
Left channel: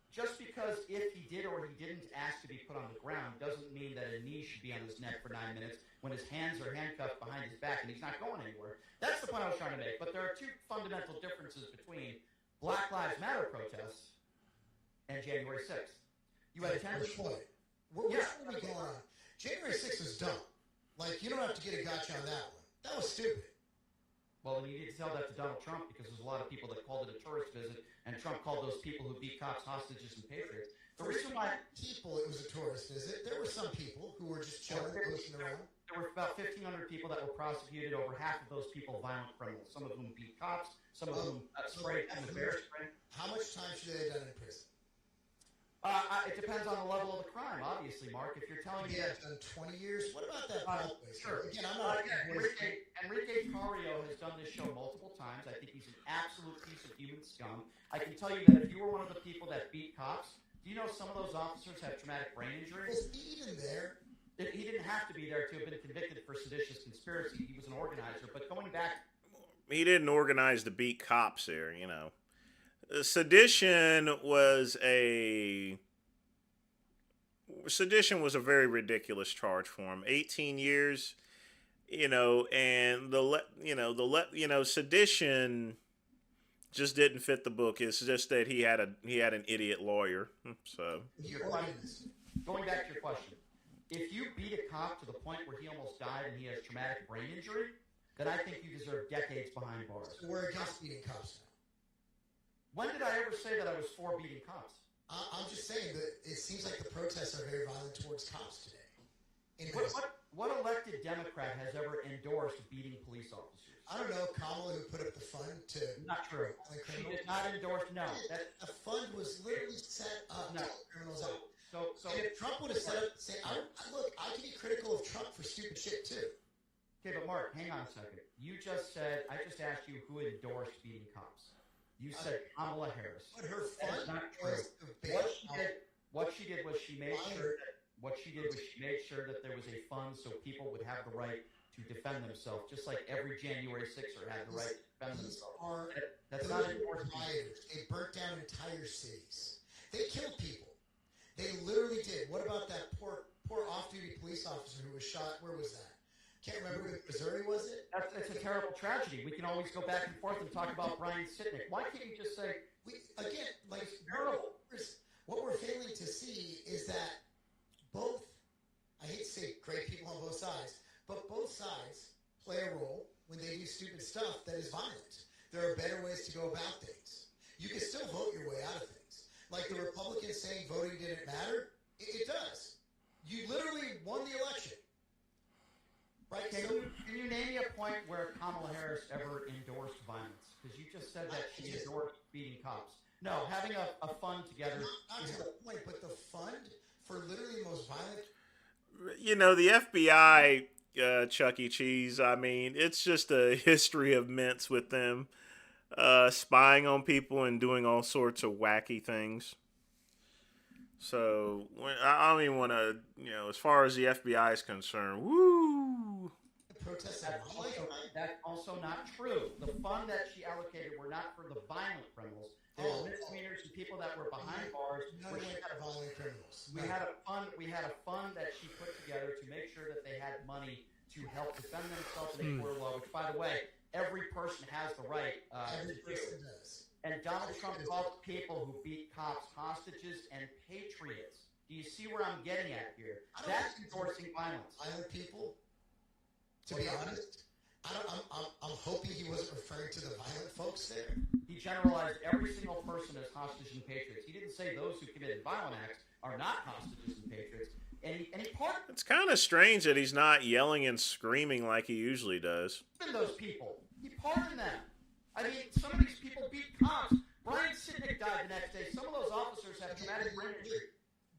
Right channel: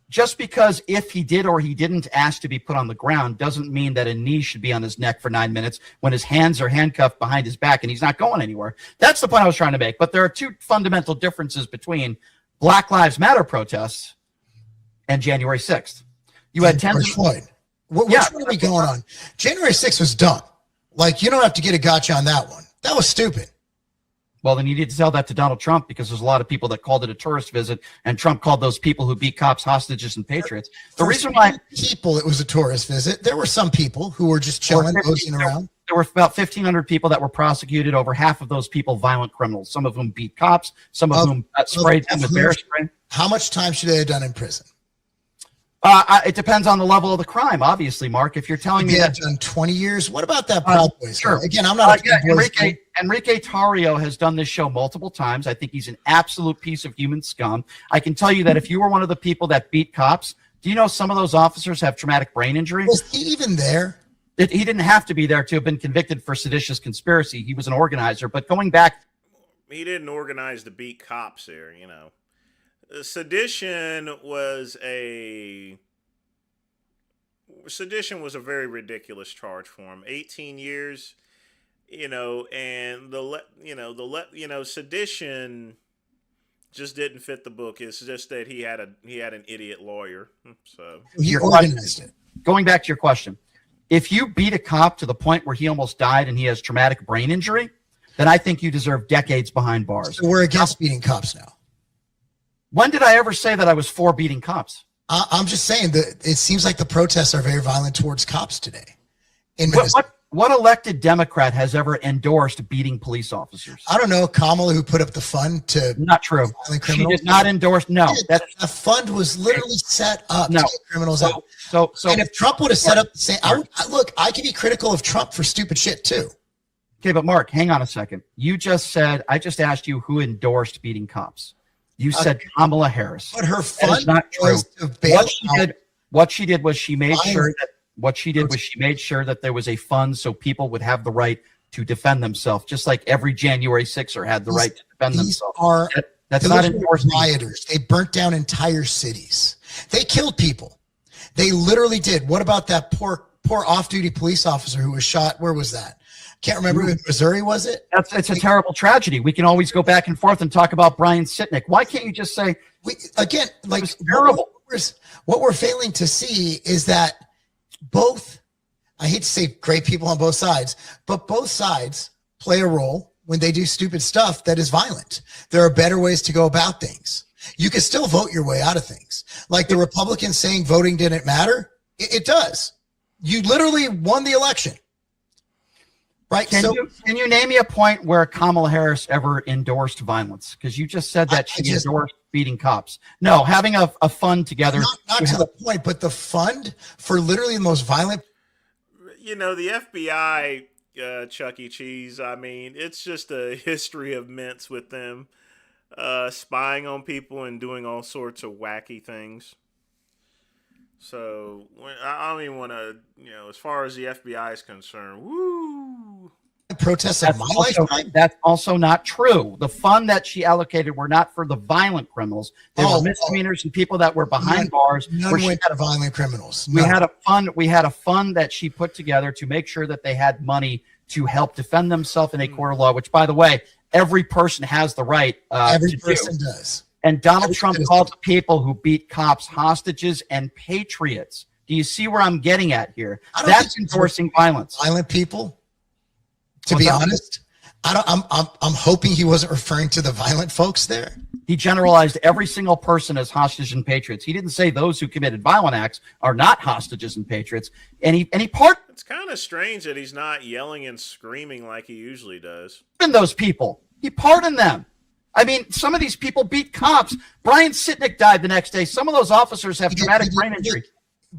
Just because if he did or he didn't ask to be put on the ground doesn't mean that a knee should be on his neck for 9 minutes when his hands are handcuffed behind his back and he's not going anywhere. That's the point I was trying to make. But there are two fundamental differences between Black Lives Matter protests and January 6th. You had George Floyd. Which one are we going on? January 6th was dumb. Like, you don't have to get a gotcha on that one. That was stupid. Well, then you need to tell that to Donald Trump, because there's a lot of people that called it a tourist visit, and Trump called those people who beat cops hostages and patriots. The reason why people it was a tourist visit, there were some people who were just chilling, posting around. There were about 1,500 people that were prosecuted. Over half of those people, violent criminals. Some of whom beat cops. Some of whom sprayed them with bear spray. How much time should they have done in prison? It depends on the level of the crime, obviously, Mark. If you're telling me that done 20 years, what about that Proud Boys? Sure. Again, I'm not Enrique Tarrio has done this show multiple times. I think he's an absolute piece of human scum. I can tell you that if you were one of the people that beat cops, do you know some of those officers have traumatic brain injury? Was he even there? He didn't have to be there to have been convicted for seditious conspiracy. He was an organizer. But going back, he didn't organize to beat cops there, you know. Sedition was a very ridiculous charge for him. 18 years, you know, and sedition just didn't fit the book. It's just that he had an idiot lawyer. So he organized it. Going back to your question, if you beat a cop to the point where he almost died and he has traumatic brain injury, then I think you deserve decades behind bars. So we're against beating cops now. When did I ever say that I was for beating cops? I'm just saying that it seems like the protests are very violent towards cops today. What elected Democrat has ever endorsed beating police officers? I don't know. Kamala, who put up the fund to not true. She did not endorse. No, the fund was literally set up to get criminals out. So, and if Trump would have set up the same, I can be critical of Trump for stupid shit too. Okay, but Mark, hang on a second. You just said I just asked you who endorsed beating cops. You said Kamala Harris. But her fund not true. was to bail What she did was she made sure that there was a fund so people would have the right to defend themselves, just like every January 6er had the right to defend themselves. That's not endorsement. Rioters. They burnt down entire cities. They killed people. They literally did. What about that poor off-duty police officer who was shot? Where was that? Can't remember. In Missouri, was it? It's a terrible tragedy. We can always go back and forth and talk about Brian Sitnick. Why can't you just say terrible? What we're failing to see is that both, I hate to say great people on both sides, but both sides play a role when they do stupid stuff that is violent. There are better ways to go about things. You can still vote your way out of things. Like the Republicans saying voting didn't matter. It does. You literally won the election. Right. Can you name me a point where Kamala Harris ever endorsed violence? Because you just said that she endorsed beating cops. No, having a fund together. Not to the point, but the fund for literally the most violent. You know, the FBI, Chuck E. Cheese, I mean, it's just a history of mints with them spying on people and doing all sorts of wacky things. So I don't even want to, as far as the FBI is concerned, woo. Protests of my lifetime. That's also not true. The fund that she allocated were not for the violent criminals. They were misdemeanors and people that were behind bars. None went to violent criminals. We had a fund that she put together to make sure that they had money to help defend themselves in a court of law. Which, by the way, every person has the right. Every person does. And Donald Trump called the people who beat cops hostages and patriots. Do you see where I'm getting at here? That's endorsing violence. Violent people, to be honest, I'm hoping he wasn't referring to the violent folks there. He generalized every single person as hostages and patriots. He didn't say those who committed violent acts are not hostages and patriots. It's kind of strange that he's not yelling and screaming like he usually does. Pardoned those people. He pardoned them. I mean, some of these people beat cops. Brian Sitnick died the next day. Some of those officers have traumatic brain injury.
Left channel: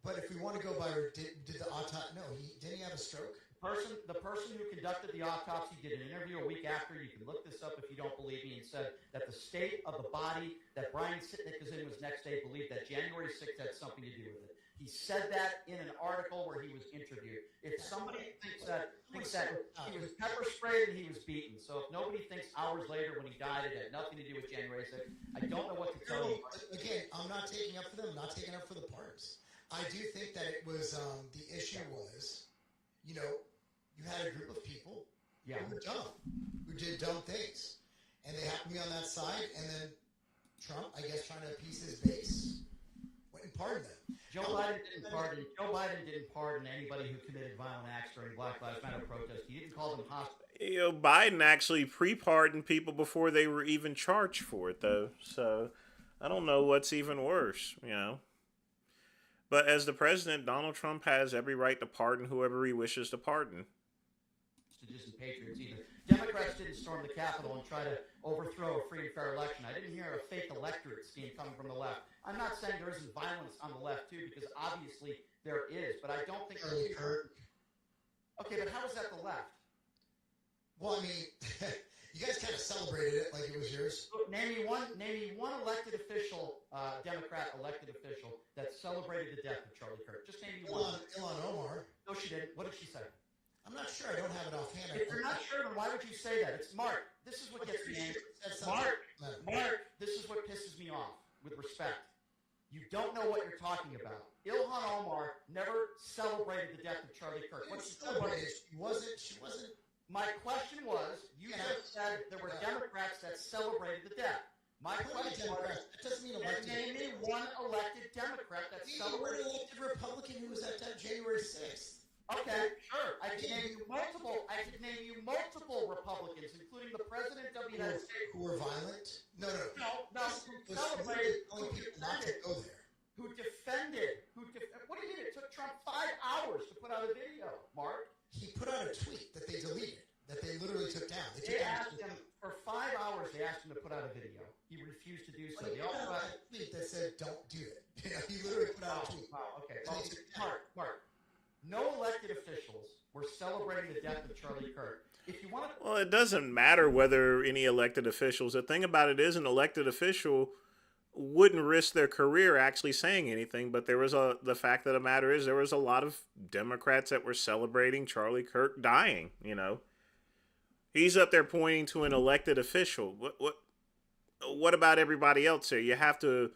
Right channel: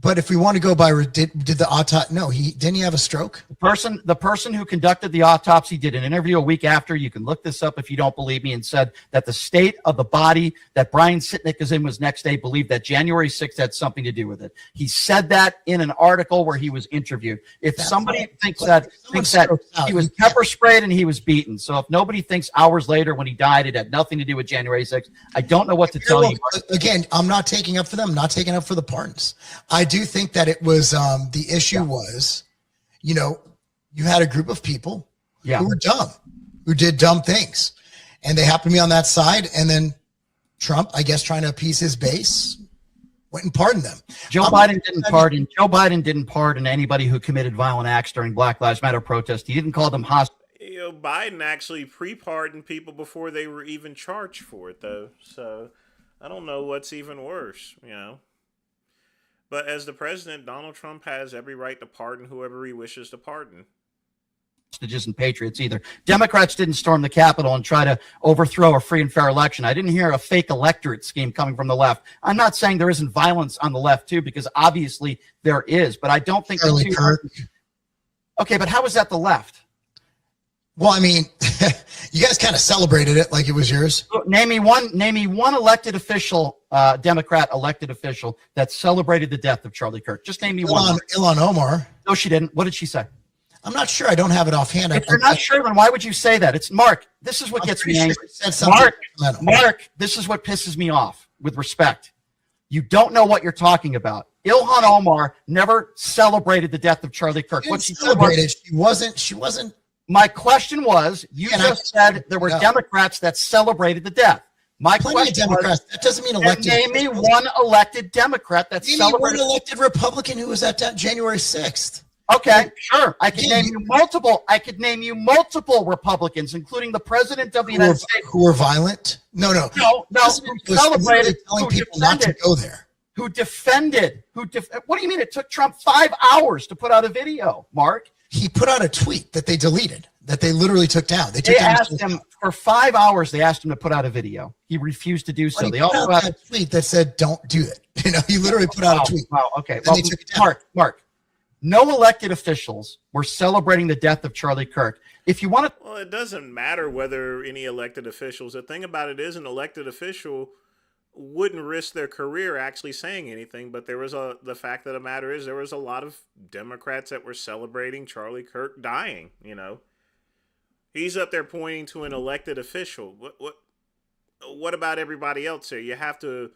But if we want to go by, did the autopsy? No, didn't he have a stroke? The person who conducted the autopsy did an interview a week after. You can look this up if you don't believe me, and said that the state of the body that Brian Sitnick is in was next day believed that January 6th had something to do with it. He said that in an article where he was interviewed. If somebody thinks that he was pepper sprayed and he was beaten, so if nobody thinks hours later when he died it had nothing to do with January 6th, I don't know what to tell you. Again, I'm not taking up for them, not taking up for the pardons. I do think that it was the issue was, you had a group of people who were dumb, who did dumb things, and they happened to be on that side. And then Trump, I guess, trying to appease his base, went and pardoned them. Joe Biden didn't pardon anybody who committed violent acts during Black Lives Matter protests. He didn't call them hostages. Biden actually pre-pardoned people before they were even charged for it, though. So I don't know what's even worse, But as the president, Donald Trump has every right to pardon whoever he wishes to pardon. Hostages and patriots either. Democrats didn't storm the Capitol and try to overthrow a free and fair election. I didn't hear a fake electorate scheme coming from the left. I'm not saying there isn't violence on the left too, because obviously there is, but I don't think Charlie Kirk. Okay, but how is that the left? Well, I mean, you guys kind of celebrated it like it was yours. Name me one elected official, Democrat elected official that celebrated the death of Charlie Kirk. Just name me one. Ilhan Omar. No, she didn't. What did she say? I'm not sure. I don't have it offhand. If you're not sure, then why would you say that? It's Mark. This is what gets me angry. Mark, this is what pisses me off, with respect. You don't know what you're talking about. Ilhan Omar never celebrated the death of Charlie Kirk. What she celebrated, she wasn't. My question was, you just said there were Democrats that celebrated the death. My question was, that doesn't mean elected. Name me one elected Democrat that celebrated. One elected Republican who was at January 6th. Okay, sure. I could name you multiple Republicans, including the president of the United States, who were violent. No. Who celebrated, telling people not to go there. Who defended? What do you mean? It took Trump 5 hours to put out a video, Mark. He put out a tweet that they deleted, that they literally took down. They asked him for 5 hours. They asked him to put out a video. He refused to do so. They also had a tweet that said, "Don't do it." He literally put out a tweet. Wow. Okay. Well, Mark. No elected officials were celebrating the death of Charlie Kirk. If you want to, well, it doesn't matter whether any elected officials. The thing about it is, an elected official wouldn't risk their career actually saying anything. But the fact of the matter is, there was a lot of Democrats that were celebrating Charlie Kirk dying. He's up there pointing to an elected official. What about everybody else here? You have to,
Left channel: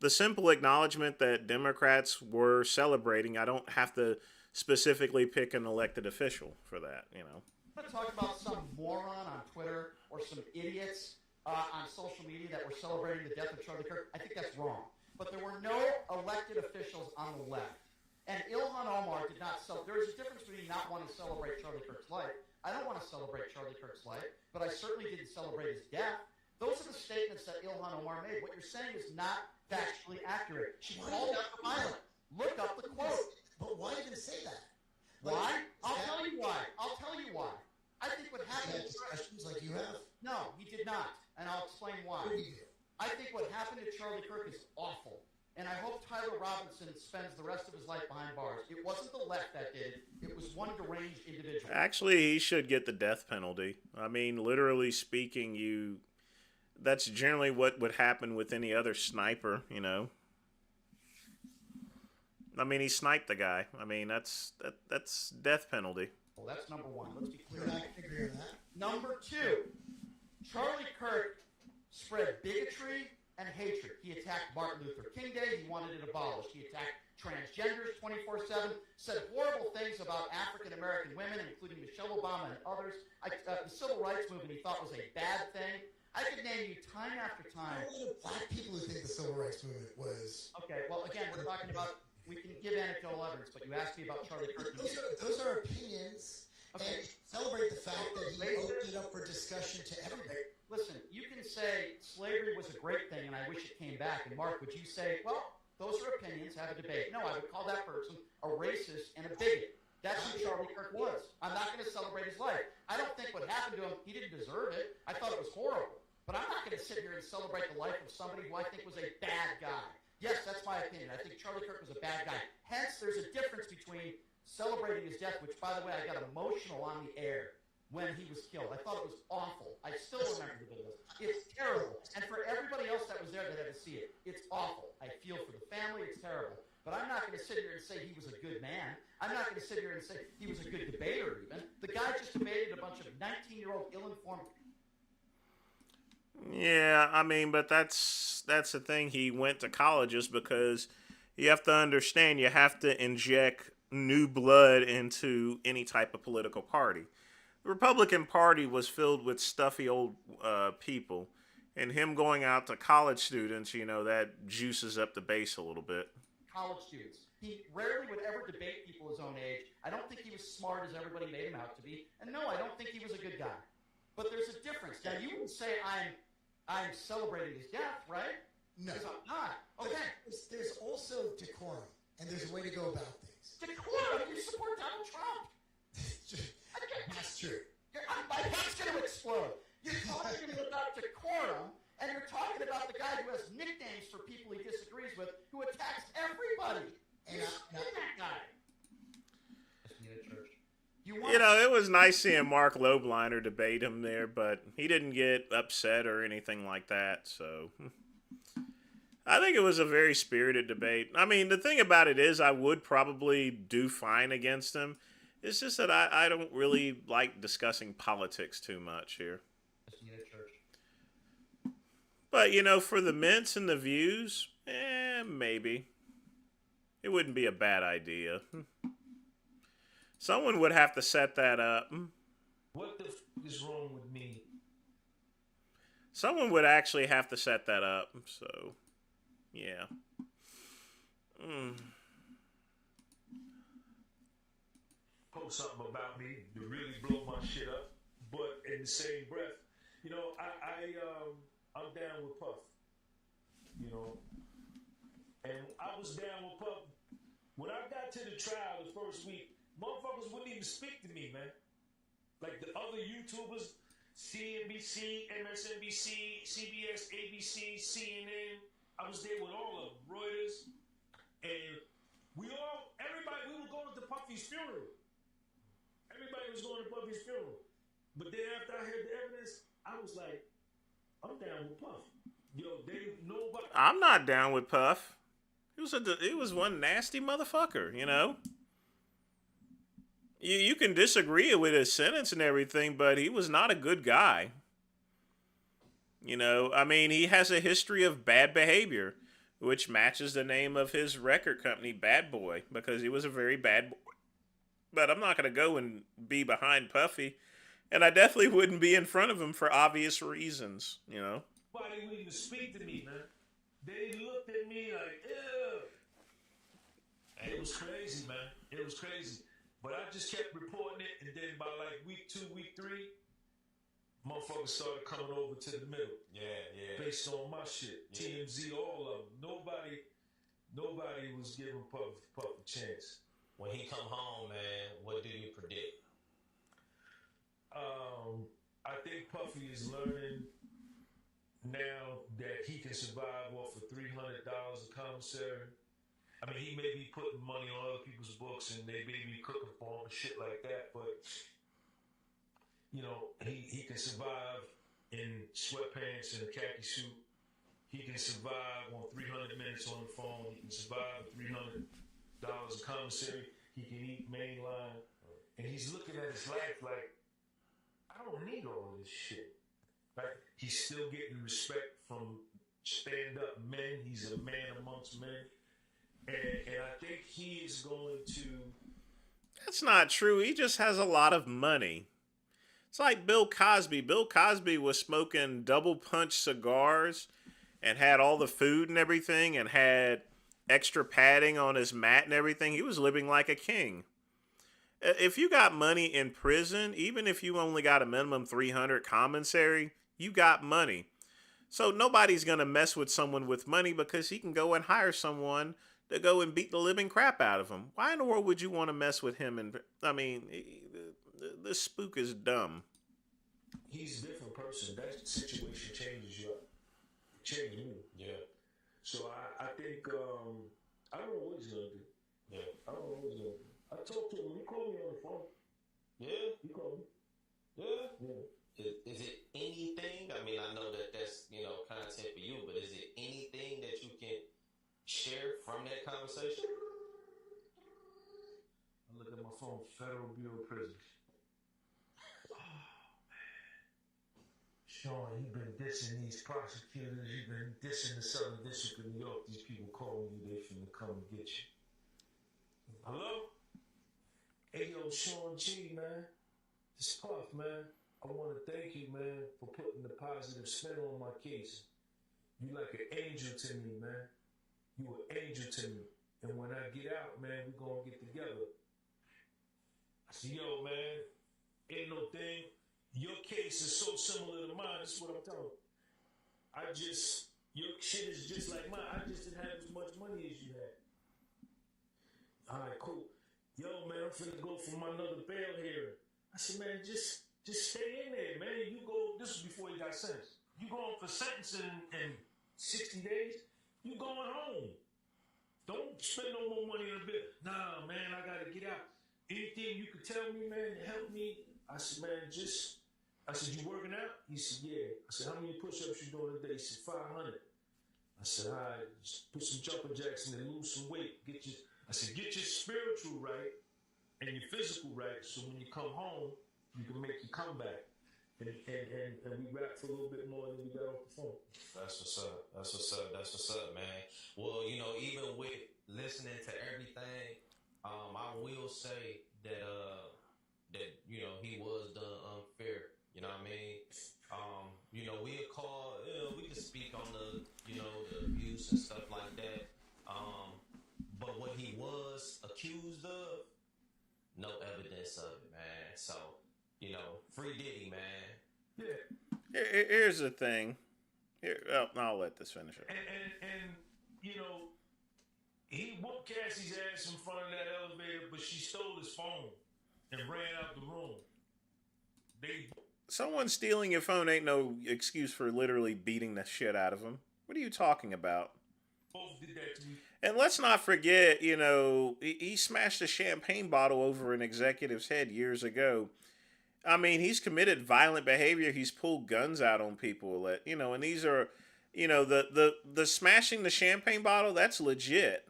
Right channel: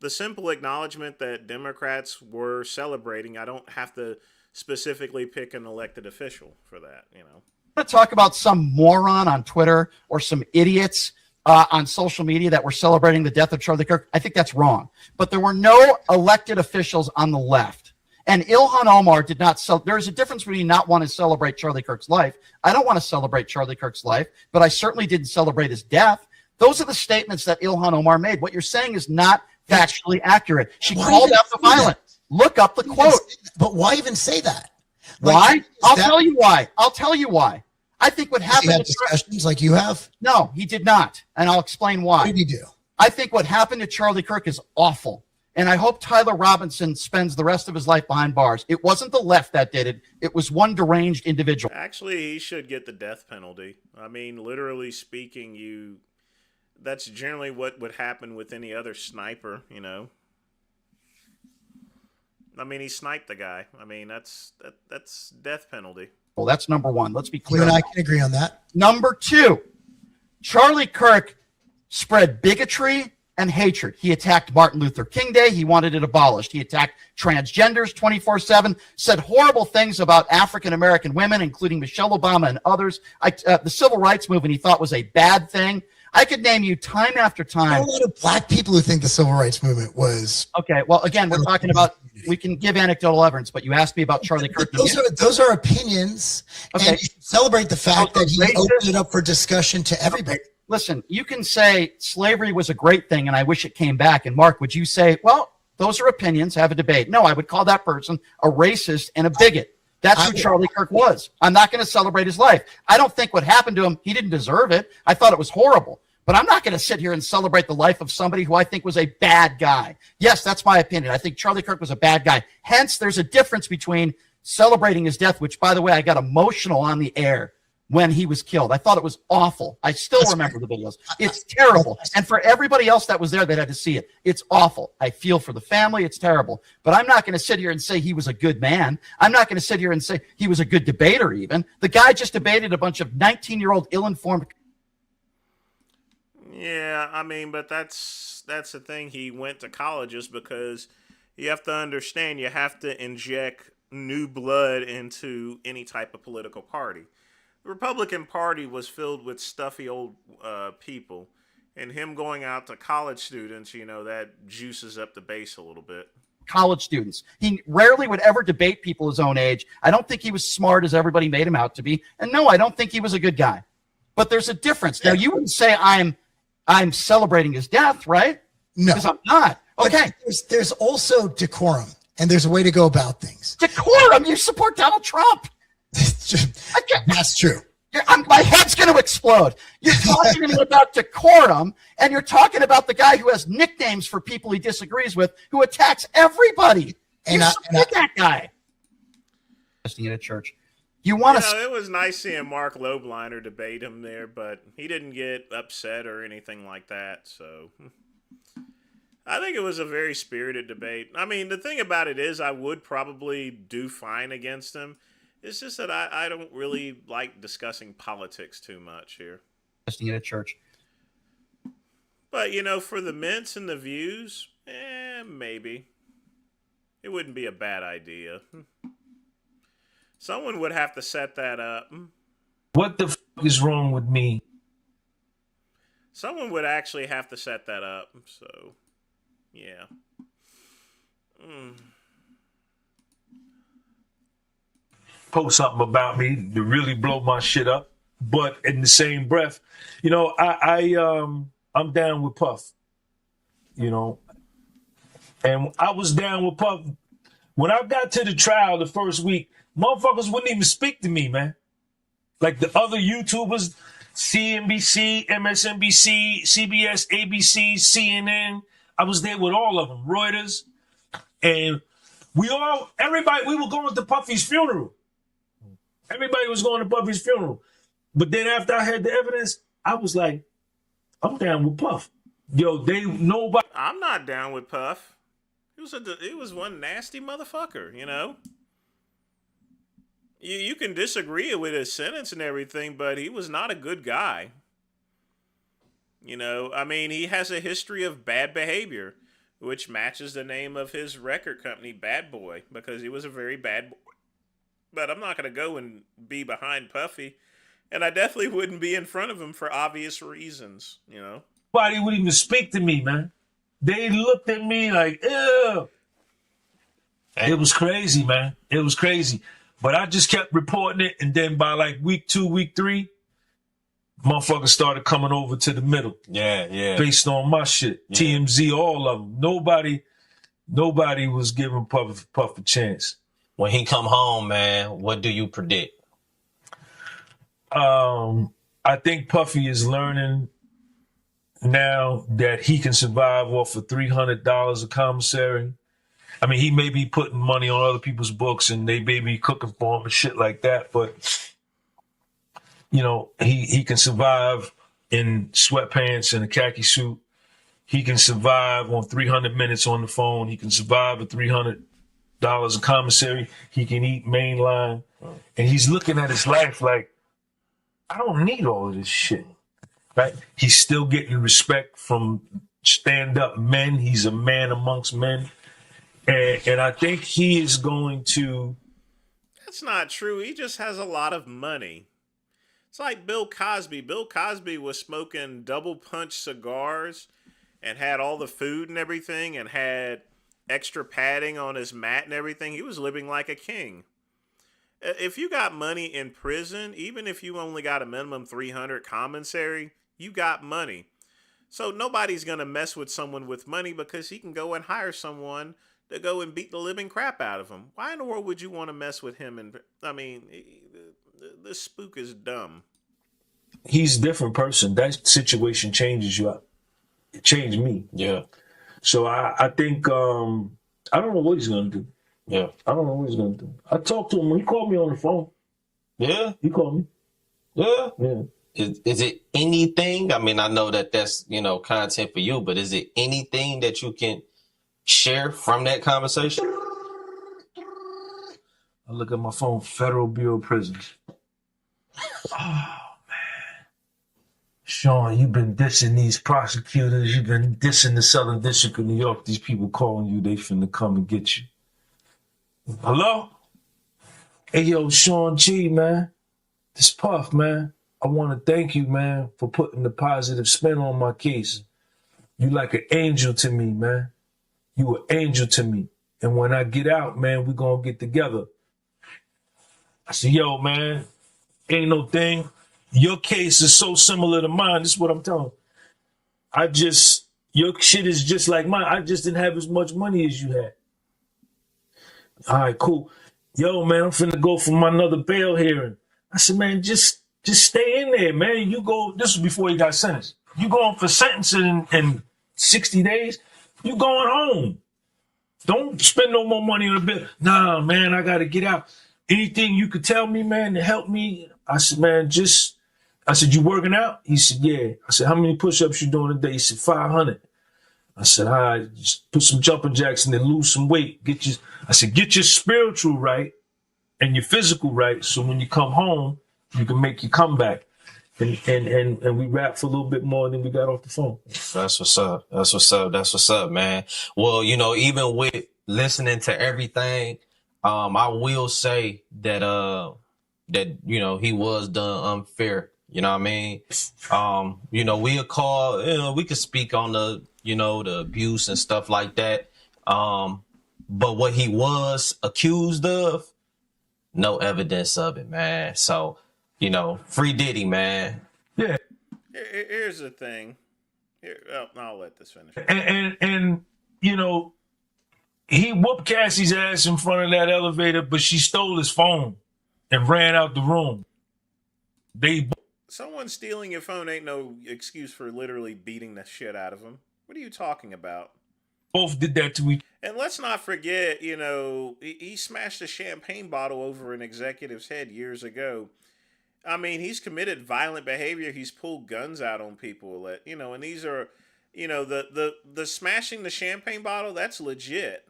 the simple acknowledgement that Democrats were celebrating. I don't have to specifically pick an elected official for that. I want to talk about some moron on Twitter or some idiots on social media that were celebrating the death of Charlie Kirk. I think that's wrong. But there were no elected officials on the left. And Ilhan Omar did not there's a difference between not wanting to celebrate Charlie Kirk's life. I don't want to celebrate Charlie Kirk's life, but I certainly didn't celebrate his death. Those are the statements that Ilhan Omar made. What you're saying is not factually accurate. She called out the violence. Look up the quote. But why even say that? Why? I'll tell you why. I think what happened. He had discussions like you have? No, he did not. And I'll explain why. What did he do? I think what happened to Charlie Kirk is awful. And I hope Tyler Robinson spends the rest of his life behind bars. It wasn't the left that did it. It was one deranged individual. Actually, he should get the death penalty. I mean, literally speaking, that's generally what would happen with any other sniper, I mean, he sniped the guy. I mean, that's death penalty. Well, that's number one. Let's be clear. You and I can agree on that. Number two, Charlie Kirk spread bigotry and hatred. He attacked Martin Luther King Day. He wanted it abolished. He attacked transgenders 24/7, said horrible things about African-American women, including Michelle Obama and others. The civil rights movement he thought was a bad thing. I could name you time after time. There are a lot of black people who think the civil rights movement was. Okay, well, again, we're talking about we can give anecdotal evidence, but you asked me about Charlie Kirk. Those are opinions. Okay. And you should celebrate the fact that he opened it up for discussion to everybody. Okay. Listen, you can say slavery was a great thing and I wish it came back. And Mark, would you say, well, those are opinions, have a debate? No, I would call that person a racist and a bigot. That's who Charlie Kirk was. I'm not going to celebrate his life. I don't think what happened to him, he didn't deserve it. I thought it was horrible. But I'm not going to sit here and celebrate the life of somebody who I think was a bad guy. Yes, that's my opinion. I think Charlie Kirk was a bad guy. Hence, there's a difference between celebrating his death, which, by the way, I got emotional on the air when he was killed. I thought it was awful. I still remember the videos. It's terrible. And for everybody else that was there that had to see it, it's awful. I feel for the family. It's terrible. But I'm not going to sit here and say he was a good man. I'm not going to sit here and say he was a good debater even. The guy just debated a bunch of 19-year-old ill-informed. Yeah, I mean, but that's the thing. He went to colleges because you have to understand you have to inject new blood into any type of political party. The Republican Party was filled with stuffy old people, and him going out to college students, that juices up the base a little bit. College students. He rarely would ever debate people his own age. I don't think he was smart as everybody made him out to be. And no, I don't think he was a good guy. But there's a difference. Now, you wouldn't say I'm celebrating his death, right? No. Because I'm not. Okay. But there's also decorum, and there's a way to go about things. Decorum? You support Donald Trump. That's true. My head's going to explode. You're talking to me about decorum, and you're talking about the guy who has nicknames for people he disagrees with, who attacks everybody. And you support that guy. At a church. You want to? It was nice seeing Mark Lobliner debate him there, but he didn't get upset or anything like that. So I think it was a very spirited debate. I mean, the thing about it is, I would probably do fine against him. It's just that I don't really like discussing politics too much here. At a church. But, for the mints and the views, maybe. It wouldn't be a bad idea. Someone would have to set that up. What the fuck is wrong with me? Someone would actually have to set that up. So, yeah. Post something about me to really blow my shit up, but in the same breath, I'm down with Puff, and I was down with Puff when I got to the trial the first week. Motherfuckers wouldn't even speak to me, man. Like the other YouTubers, CNBC, MSNBC, CBS, ABC, CNN. I was there with all of them, Reuters, and we were going to Puffy's funeral. Everybody was going to Puffy's funeral. But then after I had the evidence, I was like, I'm down with Puff. Nobody. I'm not down with Puff. He was one nasty motherfucker, You can disagree with his sentence and everything, but he was not a good guy. I mean, he has a history of bad behavior, which matches the name of his record company, Bad Boy, because he was a very bad boy. But I'm not going to go and be behind Puffy. And I definitely wouldn't be in front of him for obvious reasons, Nobody would even speak to me, man. They looked at me like, ew. It was crazy, man. It was crazy. But I just kept reporting it. And then by like week 2, week 3, motherfuckers started coming over to the middle. Yeah. Based on my shit. Yeah. TMZ, all of them. Nobody was giving Puff a chance. When he come home, man, what do you predict? I think Puffy is learning now that he can survive off of $300 a commissary. I mean, he may be putting money on other people's books and they may be cooking for him and shit like that, but he can survive in sweatpants and a khaki suit. He can survive on 300 minutes on the phone. He can survive at $300 a commissary. He can eat mainline. And he's looking at his life like, I don't need all of this shit, right? He's still getting respect from stand-up men. He's a man amongst men. And I think he is going to... That's not true. He just has a lot of money. It's like Bill Cosby. Bill Cosby was smoking double punch cigars and had all the food and everything and had extra padding on his mat and everything. He was living like a king. If you got money in prison, even if you only got a minimum 300 commissary, you got money. So nobody's going to mess with someone with money because he can go and hire someone to go and beat the living crap out of him. Why in the world would you want to mess with him? And I mean, this spook is dumb. He's a different person. That situation changes you. It changed me. Yeah. So I think, I don't know what he's going to do. Yeah. I don't know what he's going to do. I talked to him. He called me on the phone. Yeah. He called me. Yeah. Yeah. Is it anything? I mean, I know that that's, content for you, but is it anything that you can share from that conversation? I look at my phone, Federal Bureau of Prisons. Oh, man. Sean, you've been dissing these prosecutors. You've been dissing the Southern District of New York. These people calling you, they finna come and get you. Hello? Hey, yo, Sean G, man. This Puff, man. I want to thank you, man, for putting the positive spin on my case. You like an angel to me, man. You an angel to me. And when I get out, man, we gonna get together. I said, yo, man, ain't no thing. Your case is so similar to mine. This is what I'm telling you. Your shit is just like mine. I just didn't have as much money as you had. All right, cool. Yo, man, I'm finna go for my another bail hearing. I said, man, just stay in there, man. You go, this was before he got sentenced. You going for sentencing in 60 days, you going home. Don't spend no more money on the bill. Nah, man, I got to get out. Anything you could tell me, man, to help me? I said, man, I said, you working out? He said, yeah. I said, how many push-ups you doing a day? He said, 500. I said, all right, just put some jumping jacks and then lose some weight. Get your spiritual right and your physical right, so when you come home, you can make your comeback. And we rapped for a little bit more, and then we got off the phone. That's what's up. That's what's up, man. Well, even with listening to everything, I will say that he was done unfair. You know what I mean? We'll call, we could speak on the abuse and stuff like that. But what he was accused of, no evidence of it, man. So, free Diddy, man. Yeah. Here's the thing. I'll let this finish. And he whooped Cassie's ass in front of that elevator, but she stole his phone and ran out the room. Someone stealing your phone ain't no excuse for literally beating the shit out of him. What are you talking about? Both did that to each. And let's not forget, he smashed a champagne bottle over an executive's head years ago. I mean, he's committed violent behavior. He's pulled guns out on people. And these are, the smashing the champagne bottle, that's legit.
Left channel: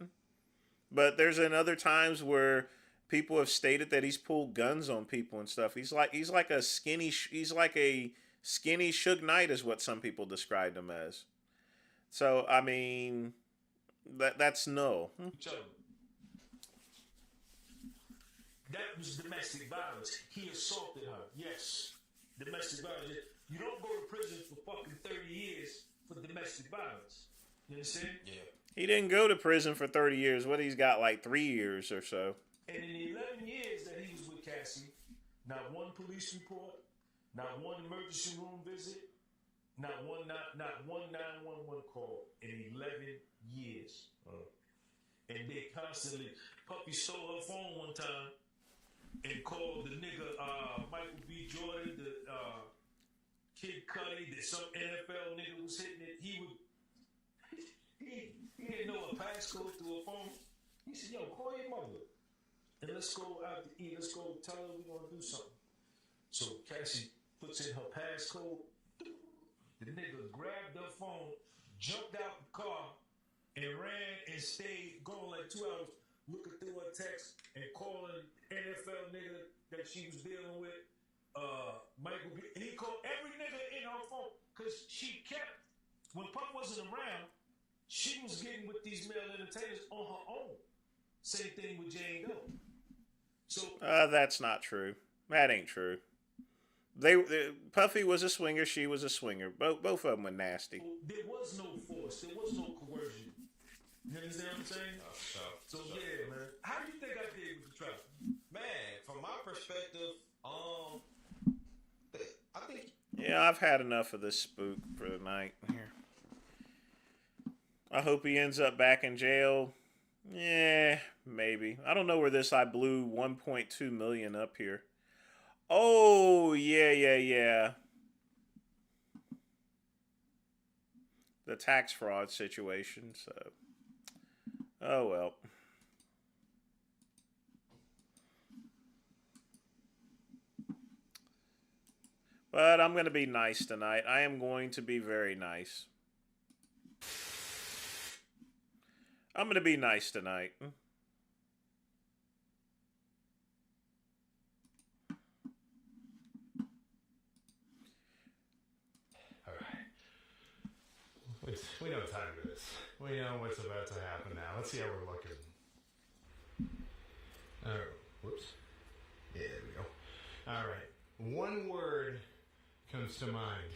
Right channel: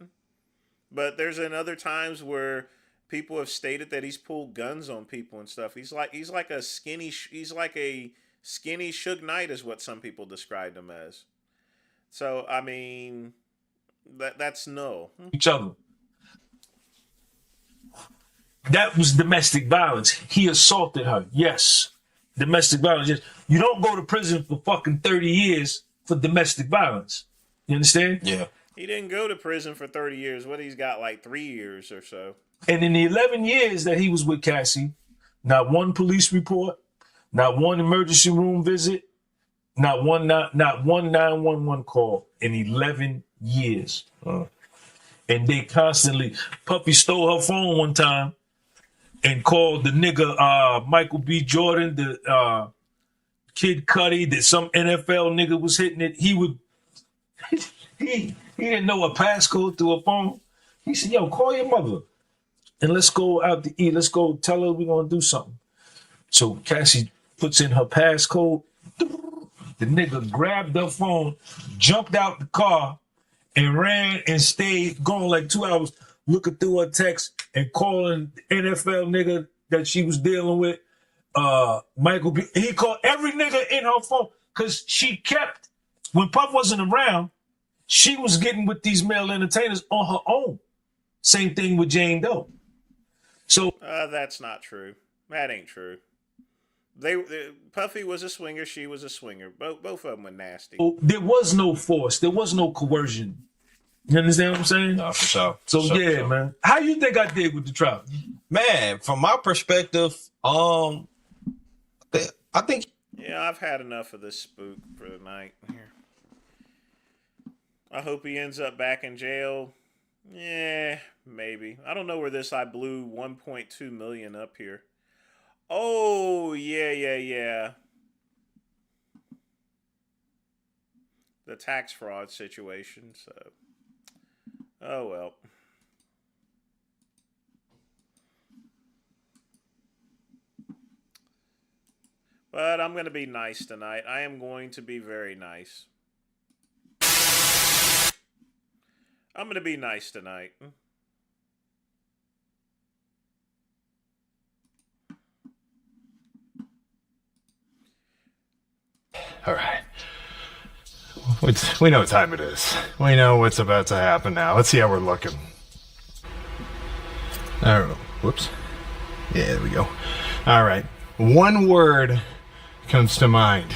But there's other times where people have stated that he's pulled guns on people and stuff. He's like a skinny Suge Knight is what some people described him as. So, I mean, that's no. Each other. That was domestic violence. He assaulted her. Yes. Domestic violence. Yes. You don't go to prison for fucking 30 years for domestic violence. You understand? Yeah. He didn't go to prison for 30 years. What, he's got like 3 years or so. And in the 11 years that he was with Cassie, not one police report, not one emergency room visit, not one 911 call in 11 years. And they constantly, Puffy stole her phone one time and called the nigga Michael B. Jordan, the Kid Cudi, that some NFL nigga was hitting it. He didn't know a passcode to a phone. He said, yo, call your mother and let's go out to eat. Let's go tell her we're going to do something. So Cassie puts in her passcode. The nigga grabbed her phone, jumped out the car, and ran and stayed gone like 2 hours looking through her text and calling the NFL nigga that she was dealing with, Michael B. He called every nigga in her phone because she kept, when Puff wasn't around, she was getting with these male entertainers on her own. Same thing with Jane Doe. So that's not true. That ain't true. Puffy was a swinger. She was a swinger. Both of them were nasty. There was no force. There was no coercion. You understand what I'm saying? No, for sure. So For sure, yeah, for sure. man. How you think I did with the trout? Man, from my perspective, I think Yeah, I've had enough of this spook for the night. Here. I hope he ends up back in jail. Yeah, maybe. I don't know where this I blew 1.2 million up here. Oh, yeah. The tax fraud situation, so. Oh, well. But I'm going to be nice tonight. I am going to be very nice. I'm going to be nice tonight. All right. We know what time it is. We know what's about to happen now. Let's see how we're looking. All right. Whoops. Yeah, there we go. All right. One word comes to mind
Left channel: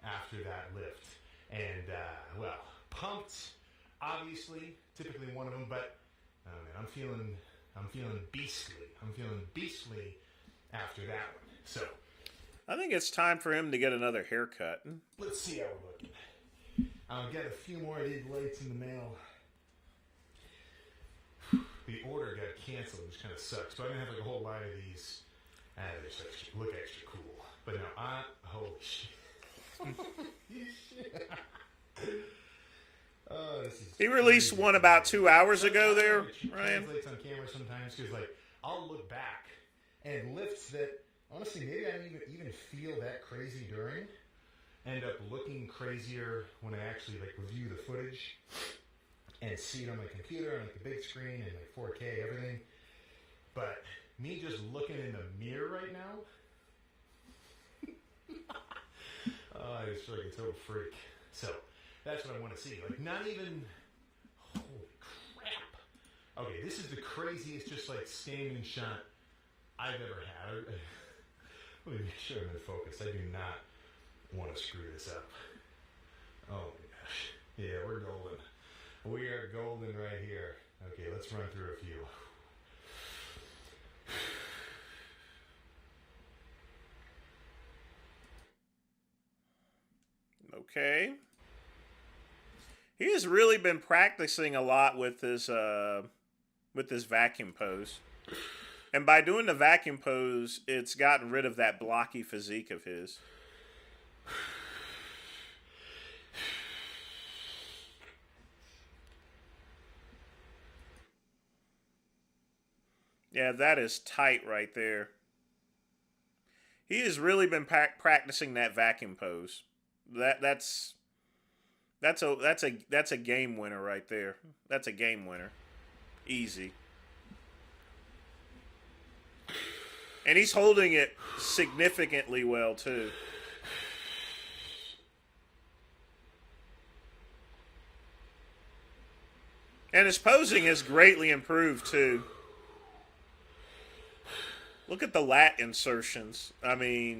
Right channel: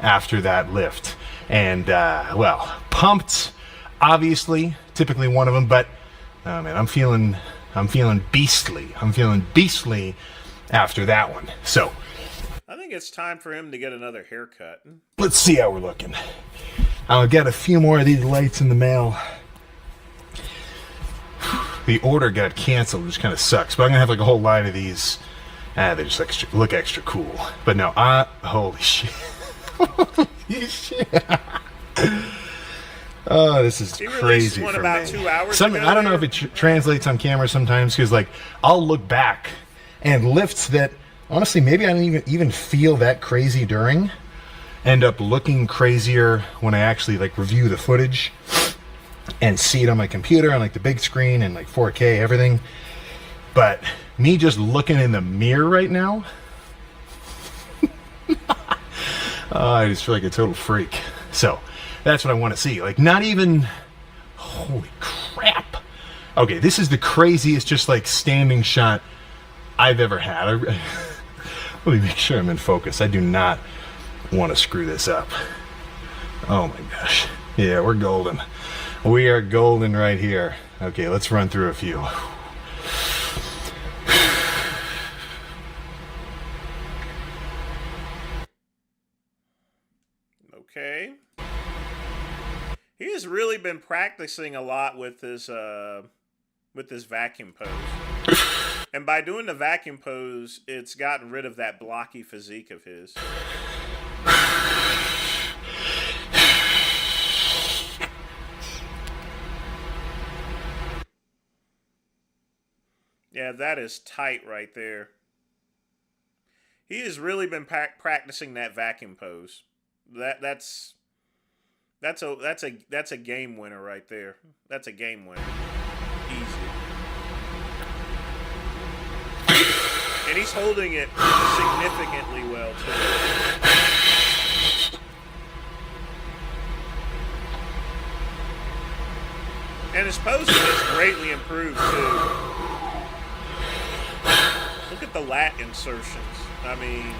after that lift. And, well, pumped, obviously, typically one of them, but, oh man, I'm feeling beastly. I'm feeling beastly after that one. So, I think it's time for him to get another haircut. let's see how we're looking. I'll get a few more of these lights in the mail. The order got canceled, which kind of sucks, but I'm gonna have like a whole line of these. They just look extra cool. But no, holy shit. Holy shit. Oh, this is He crazy released one for about me. 2 hours ago. I don't know if it translates on camera sometimes, because like I'll look back and lifts that honestly maybe I didn't even feel that crazy during end up looking crazier when I actually like review the footage and see it on my computer on like the big screen and like 4K everything. But me just looking in the mirror right now, I just feel like a total freak. So that's what I want to see. Like not even, holy crap. Okay, this is the craziest just like standing shot I've ever had. Let me make sure I'm in focus. I do not want to screw this up. Oh my gosh. Yeah, we're golden. We are golden right here. Okay, let's run through a few. Okay. He has really been practicing a lot with this vacuum pose. And by doing the vacuum pose, it's gotten rid of that blocky physique of his. Yeah, that is tight right there. He has really been practicing that vacuum pose. That's a game winner right there. That's a game winner. Easy. And he's holding it significantly well too. And his posing is greatly improved too. Look at the lat insertions. I mean,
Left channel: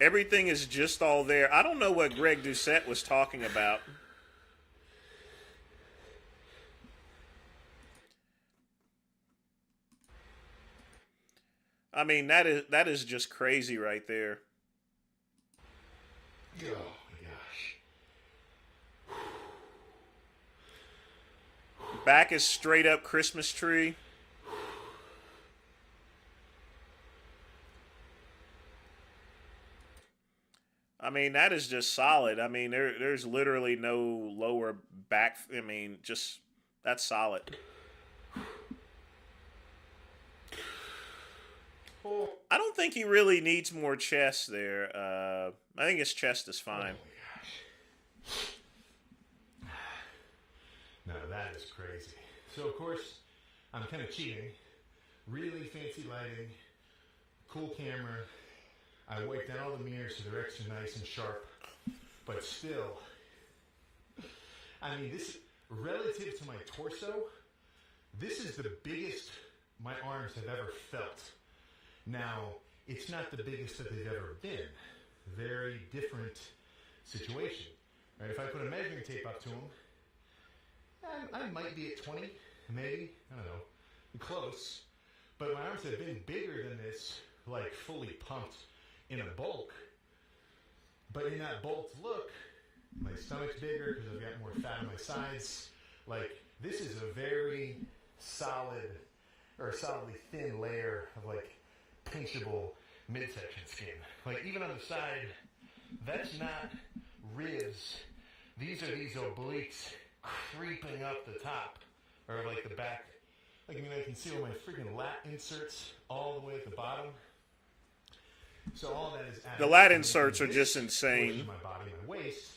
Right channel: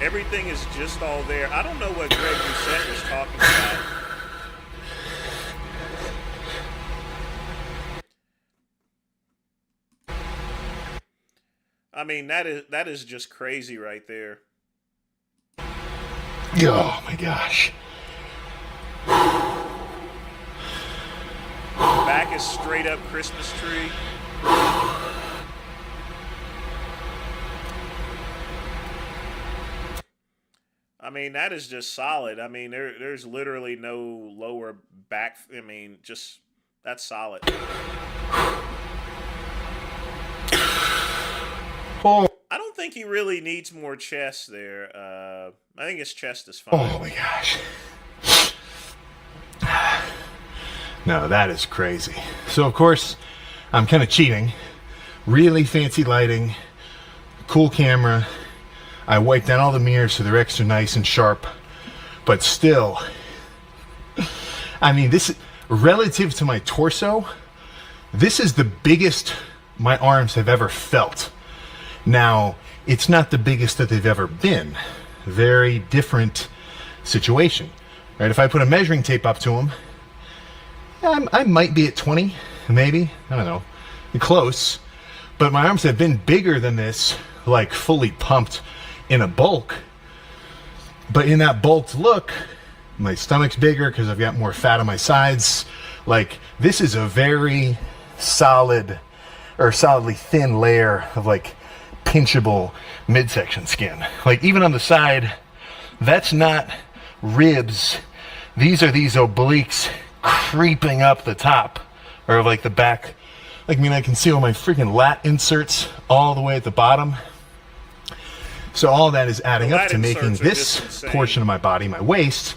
everything is just all there. I don't know what Greg Doucette was talking about. I mean, that is just crazy right there. Oh my gosh. Back is straight up Christmas tree. I mean, that is just solid. I mean, there's literally no lower back. I mean, just that's solid. I don't think he really needs more chest there. I think his chest is fine. Oh my gosh. No, that is crazy. So, of course, I'm kind of cheating. Really fancy lighting, cool camera. I wiped down all the mirrors so they're extra nice and sharp. But still, I mean, this, relative to my torso, this is the biggest my arms have ever felt. Now, it's not the biggest that they've ever been. Very different situation, right? If I put a measuring tape up to them, I might be at 20, maybe. I don't know. Close. But my arms have been bigger than this, like fully pumped in a bulk. But in that bulked look, my stomach's bigger because I've got more fat on my sides. Like, this is a very solid, or solidly thin layer of like pinchable midsection skin. Like, even on the side, that's not ribs. These are these obliques creeping up the top, or like the back. Like, I mean, I can see all my freaking lat inserts all the way at the bottom. So all that is adding up to making this portion of my body, my waist,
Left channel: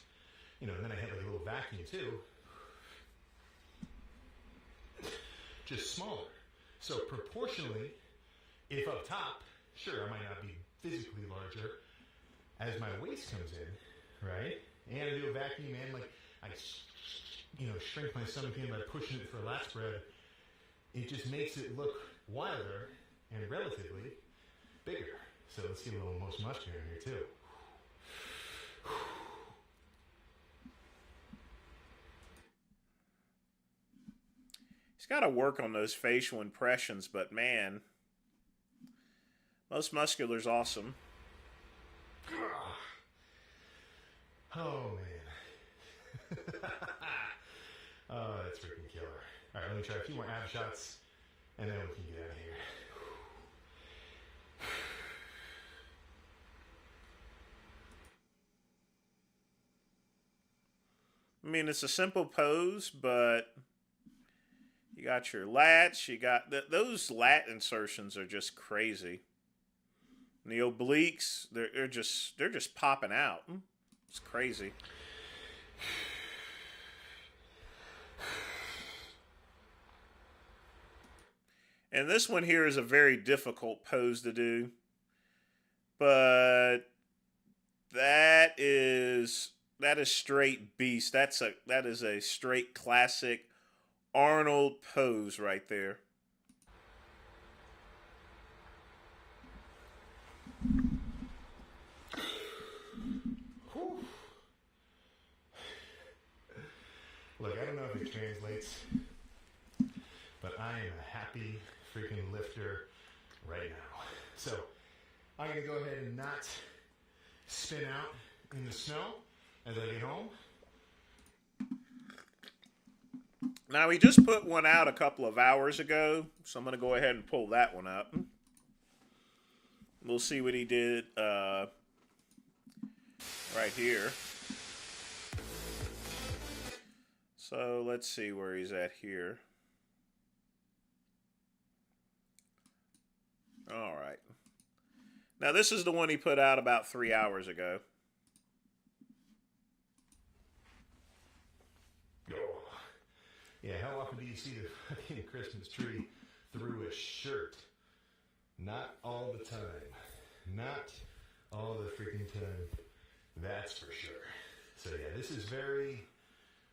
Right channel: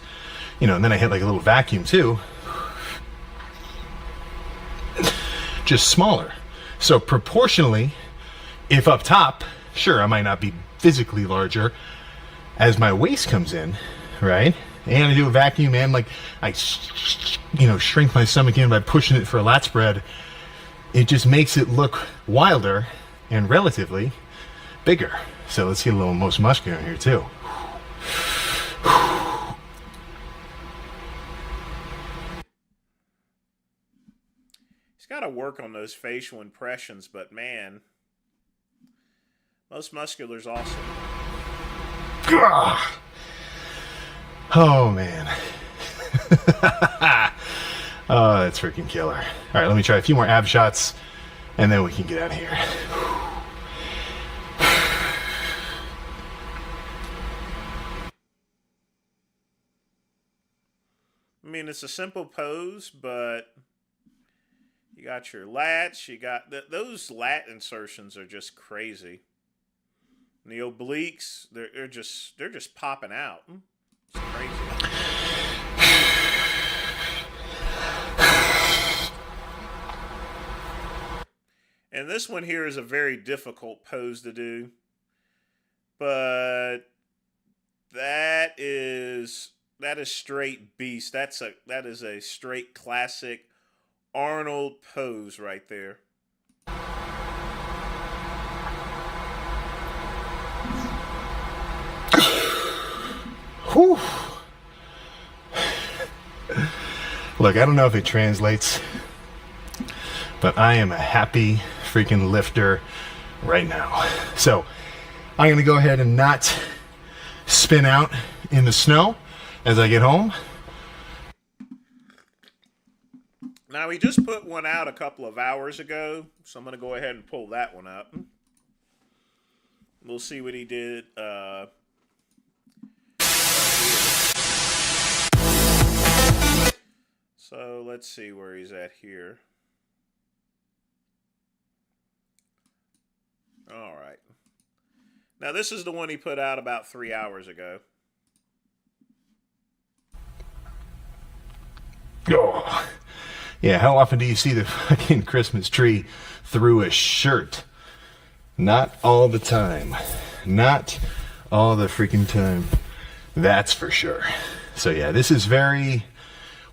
you know, and then I hit like a little vacuum too, just smaller. So proportionally, if up top, sure, I might not be physically larger, as my waist comes in, right? And I do a vacuum and like I, you know, shrink my stomach in by pushing it for a lat spread. It just makes it look wilder and relatively bigger. So let's get a little most muscular in here too. He's got to work on those facial impressions, but man, most muscular's awesome. Oh man. Oh, that's freaking killer. All right, let me try a few more ab shots and then we can get out of here. I mean, it's a simple pose, but you got your lats, you got those lat insertions are just crazy. And the obliques, they're just popping out. It's crazy. And this one here is a very difficult pose to do. But that is straight beast. That is a straight classic Arnold pose right there. Whew. Look, I don't know if it translates, but I am a happy freaking lifter right now. So I'm going to go ahead and not spin out in the snow as I get home. Now, we just put one out a couple of hours ago, so I'm going to go ahead and pull that one up. We'll see what he did right here. So let's see where he's at here. All right. Now, this is the one he put out about 3 hours ago. Oh. Yeah, how often do you see the fucking Christmas tree through a shirt? Not all the time. Not all the freaking time. That's for sure. So yeah, this is very...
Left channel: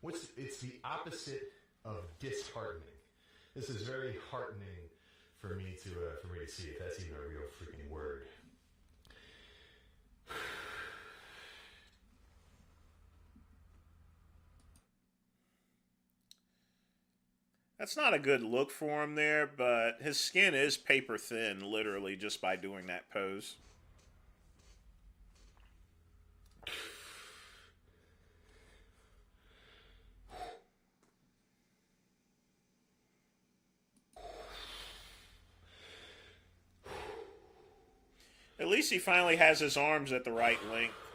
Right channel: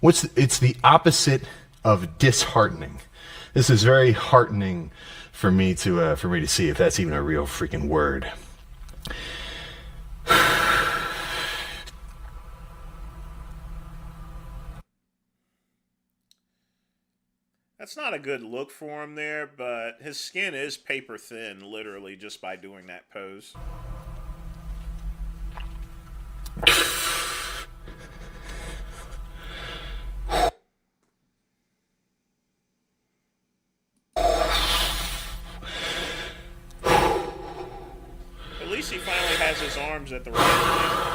it's the opposite of disheartening. This is very heartening for me to see, if that's even a real freaking word. That's not a good look for him there, but his skin is paper thin, literally, just by doing that pose. At least he finally has his arms at the right length.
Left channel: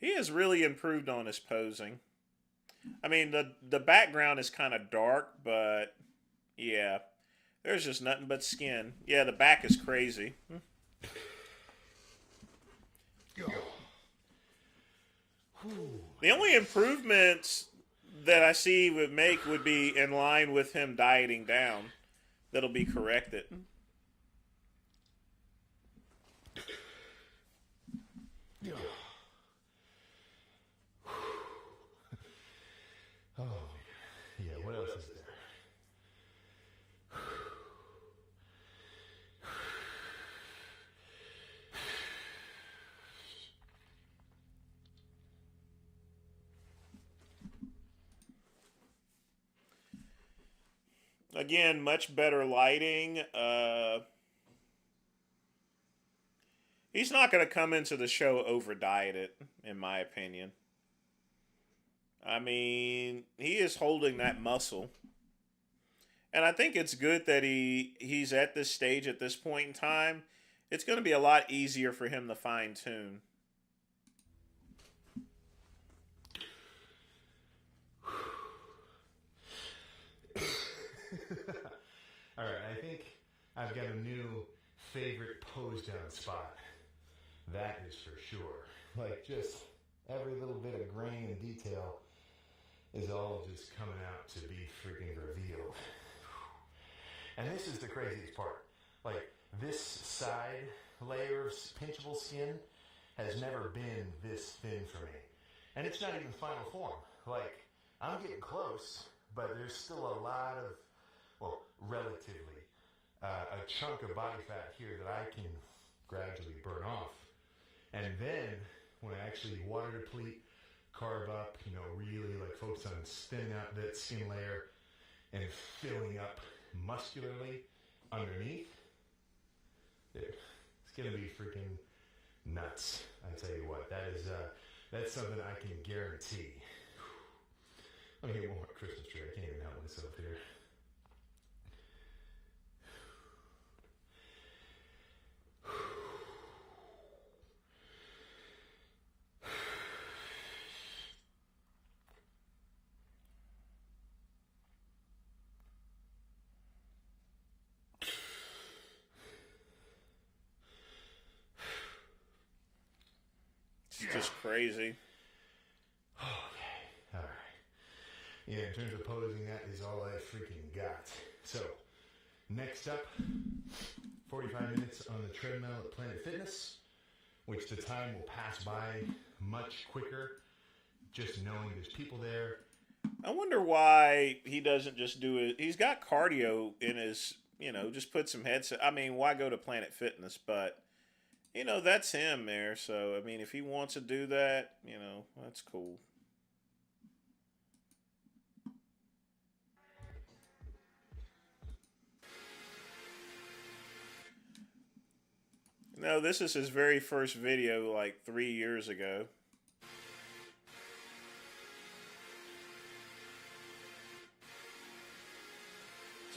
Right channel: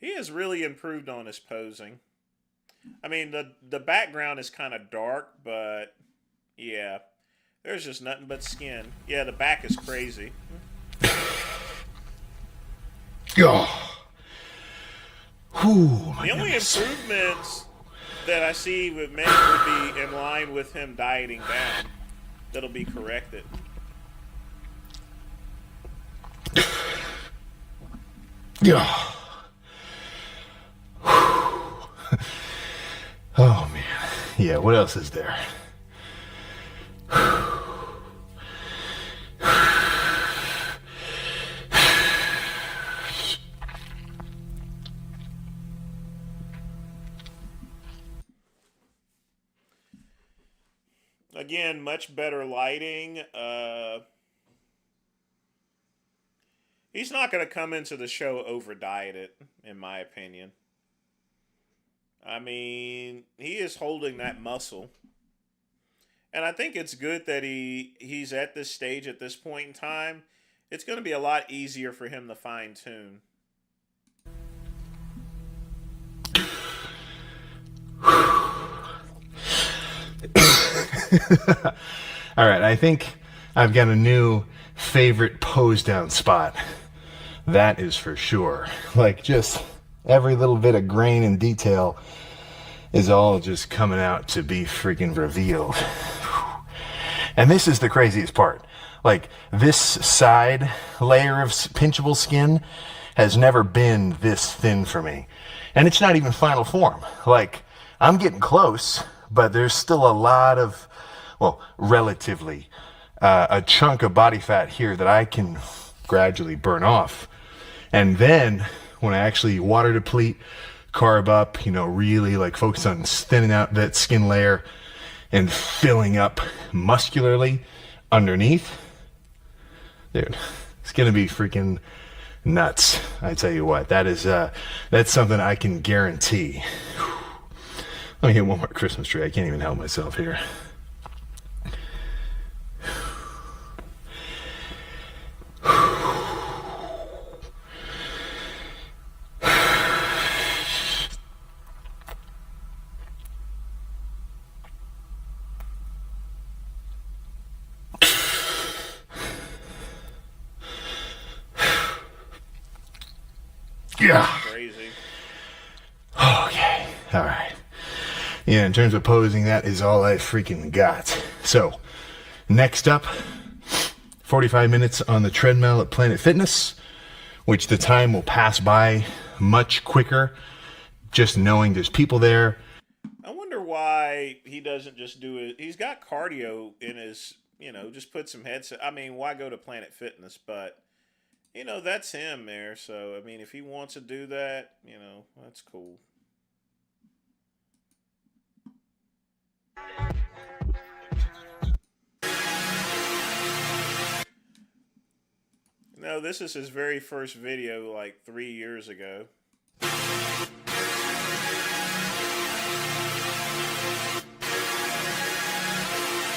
He has really improved on his posing. I mean, the background is kind of dark, but yeah, there's just nothing but skin. Yeah, the back is crazy. Oh. Ooh, the only improvements that I see would make would be in line with him dieting down. That'll be corrected. Yeah. Oh man. Yeah, what else is there? Again, much better lighting. He's not going to come into the show over dieted, in my opinion. I mean, he is holding that muscle. And I think it's good that he's at this stage at this point in time. It's going to be a lot easier for him to fine tune. All right, I think I've got a new favorite pose down spot. That is for sure. Like, just every little bit of grain and detail is all just coming out to be freaking revealed. And this is the craziest part. Like, this side layer of pinchable skin has never been this thin for me. And it's not even final form. Like, I'm getting close, but there's still a lot of, well, relatively, a chunk of body fat here that I can gradually burn off. And then, when I actually water deplete, carb up, really like focus on thinning out that skin layer and filling up muscularly underneath, dude, it's gonna be freaking nuts. I tell you what, that's something I can guarantee. Let me hit one more Christmas tree. I can't even help myself here. Yeah. Crazy. Okay. All right. Yeah, in terms of posing, that is all I freaking got. So, next up, 45 minutes on the treadmill at Planet Fitness, which the time will pass by much quicker just knowing there's people there. I wonder why he doesn't just do it. He's got cardio in his, just put some headset. I mean, why go to Planet Fitness? But, that's him there. So, I mean, if he wants to do that, that's cool. No, this is his very first video like 3 years ago. So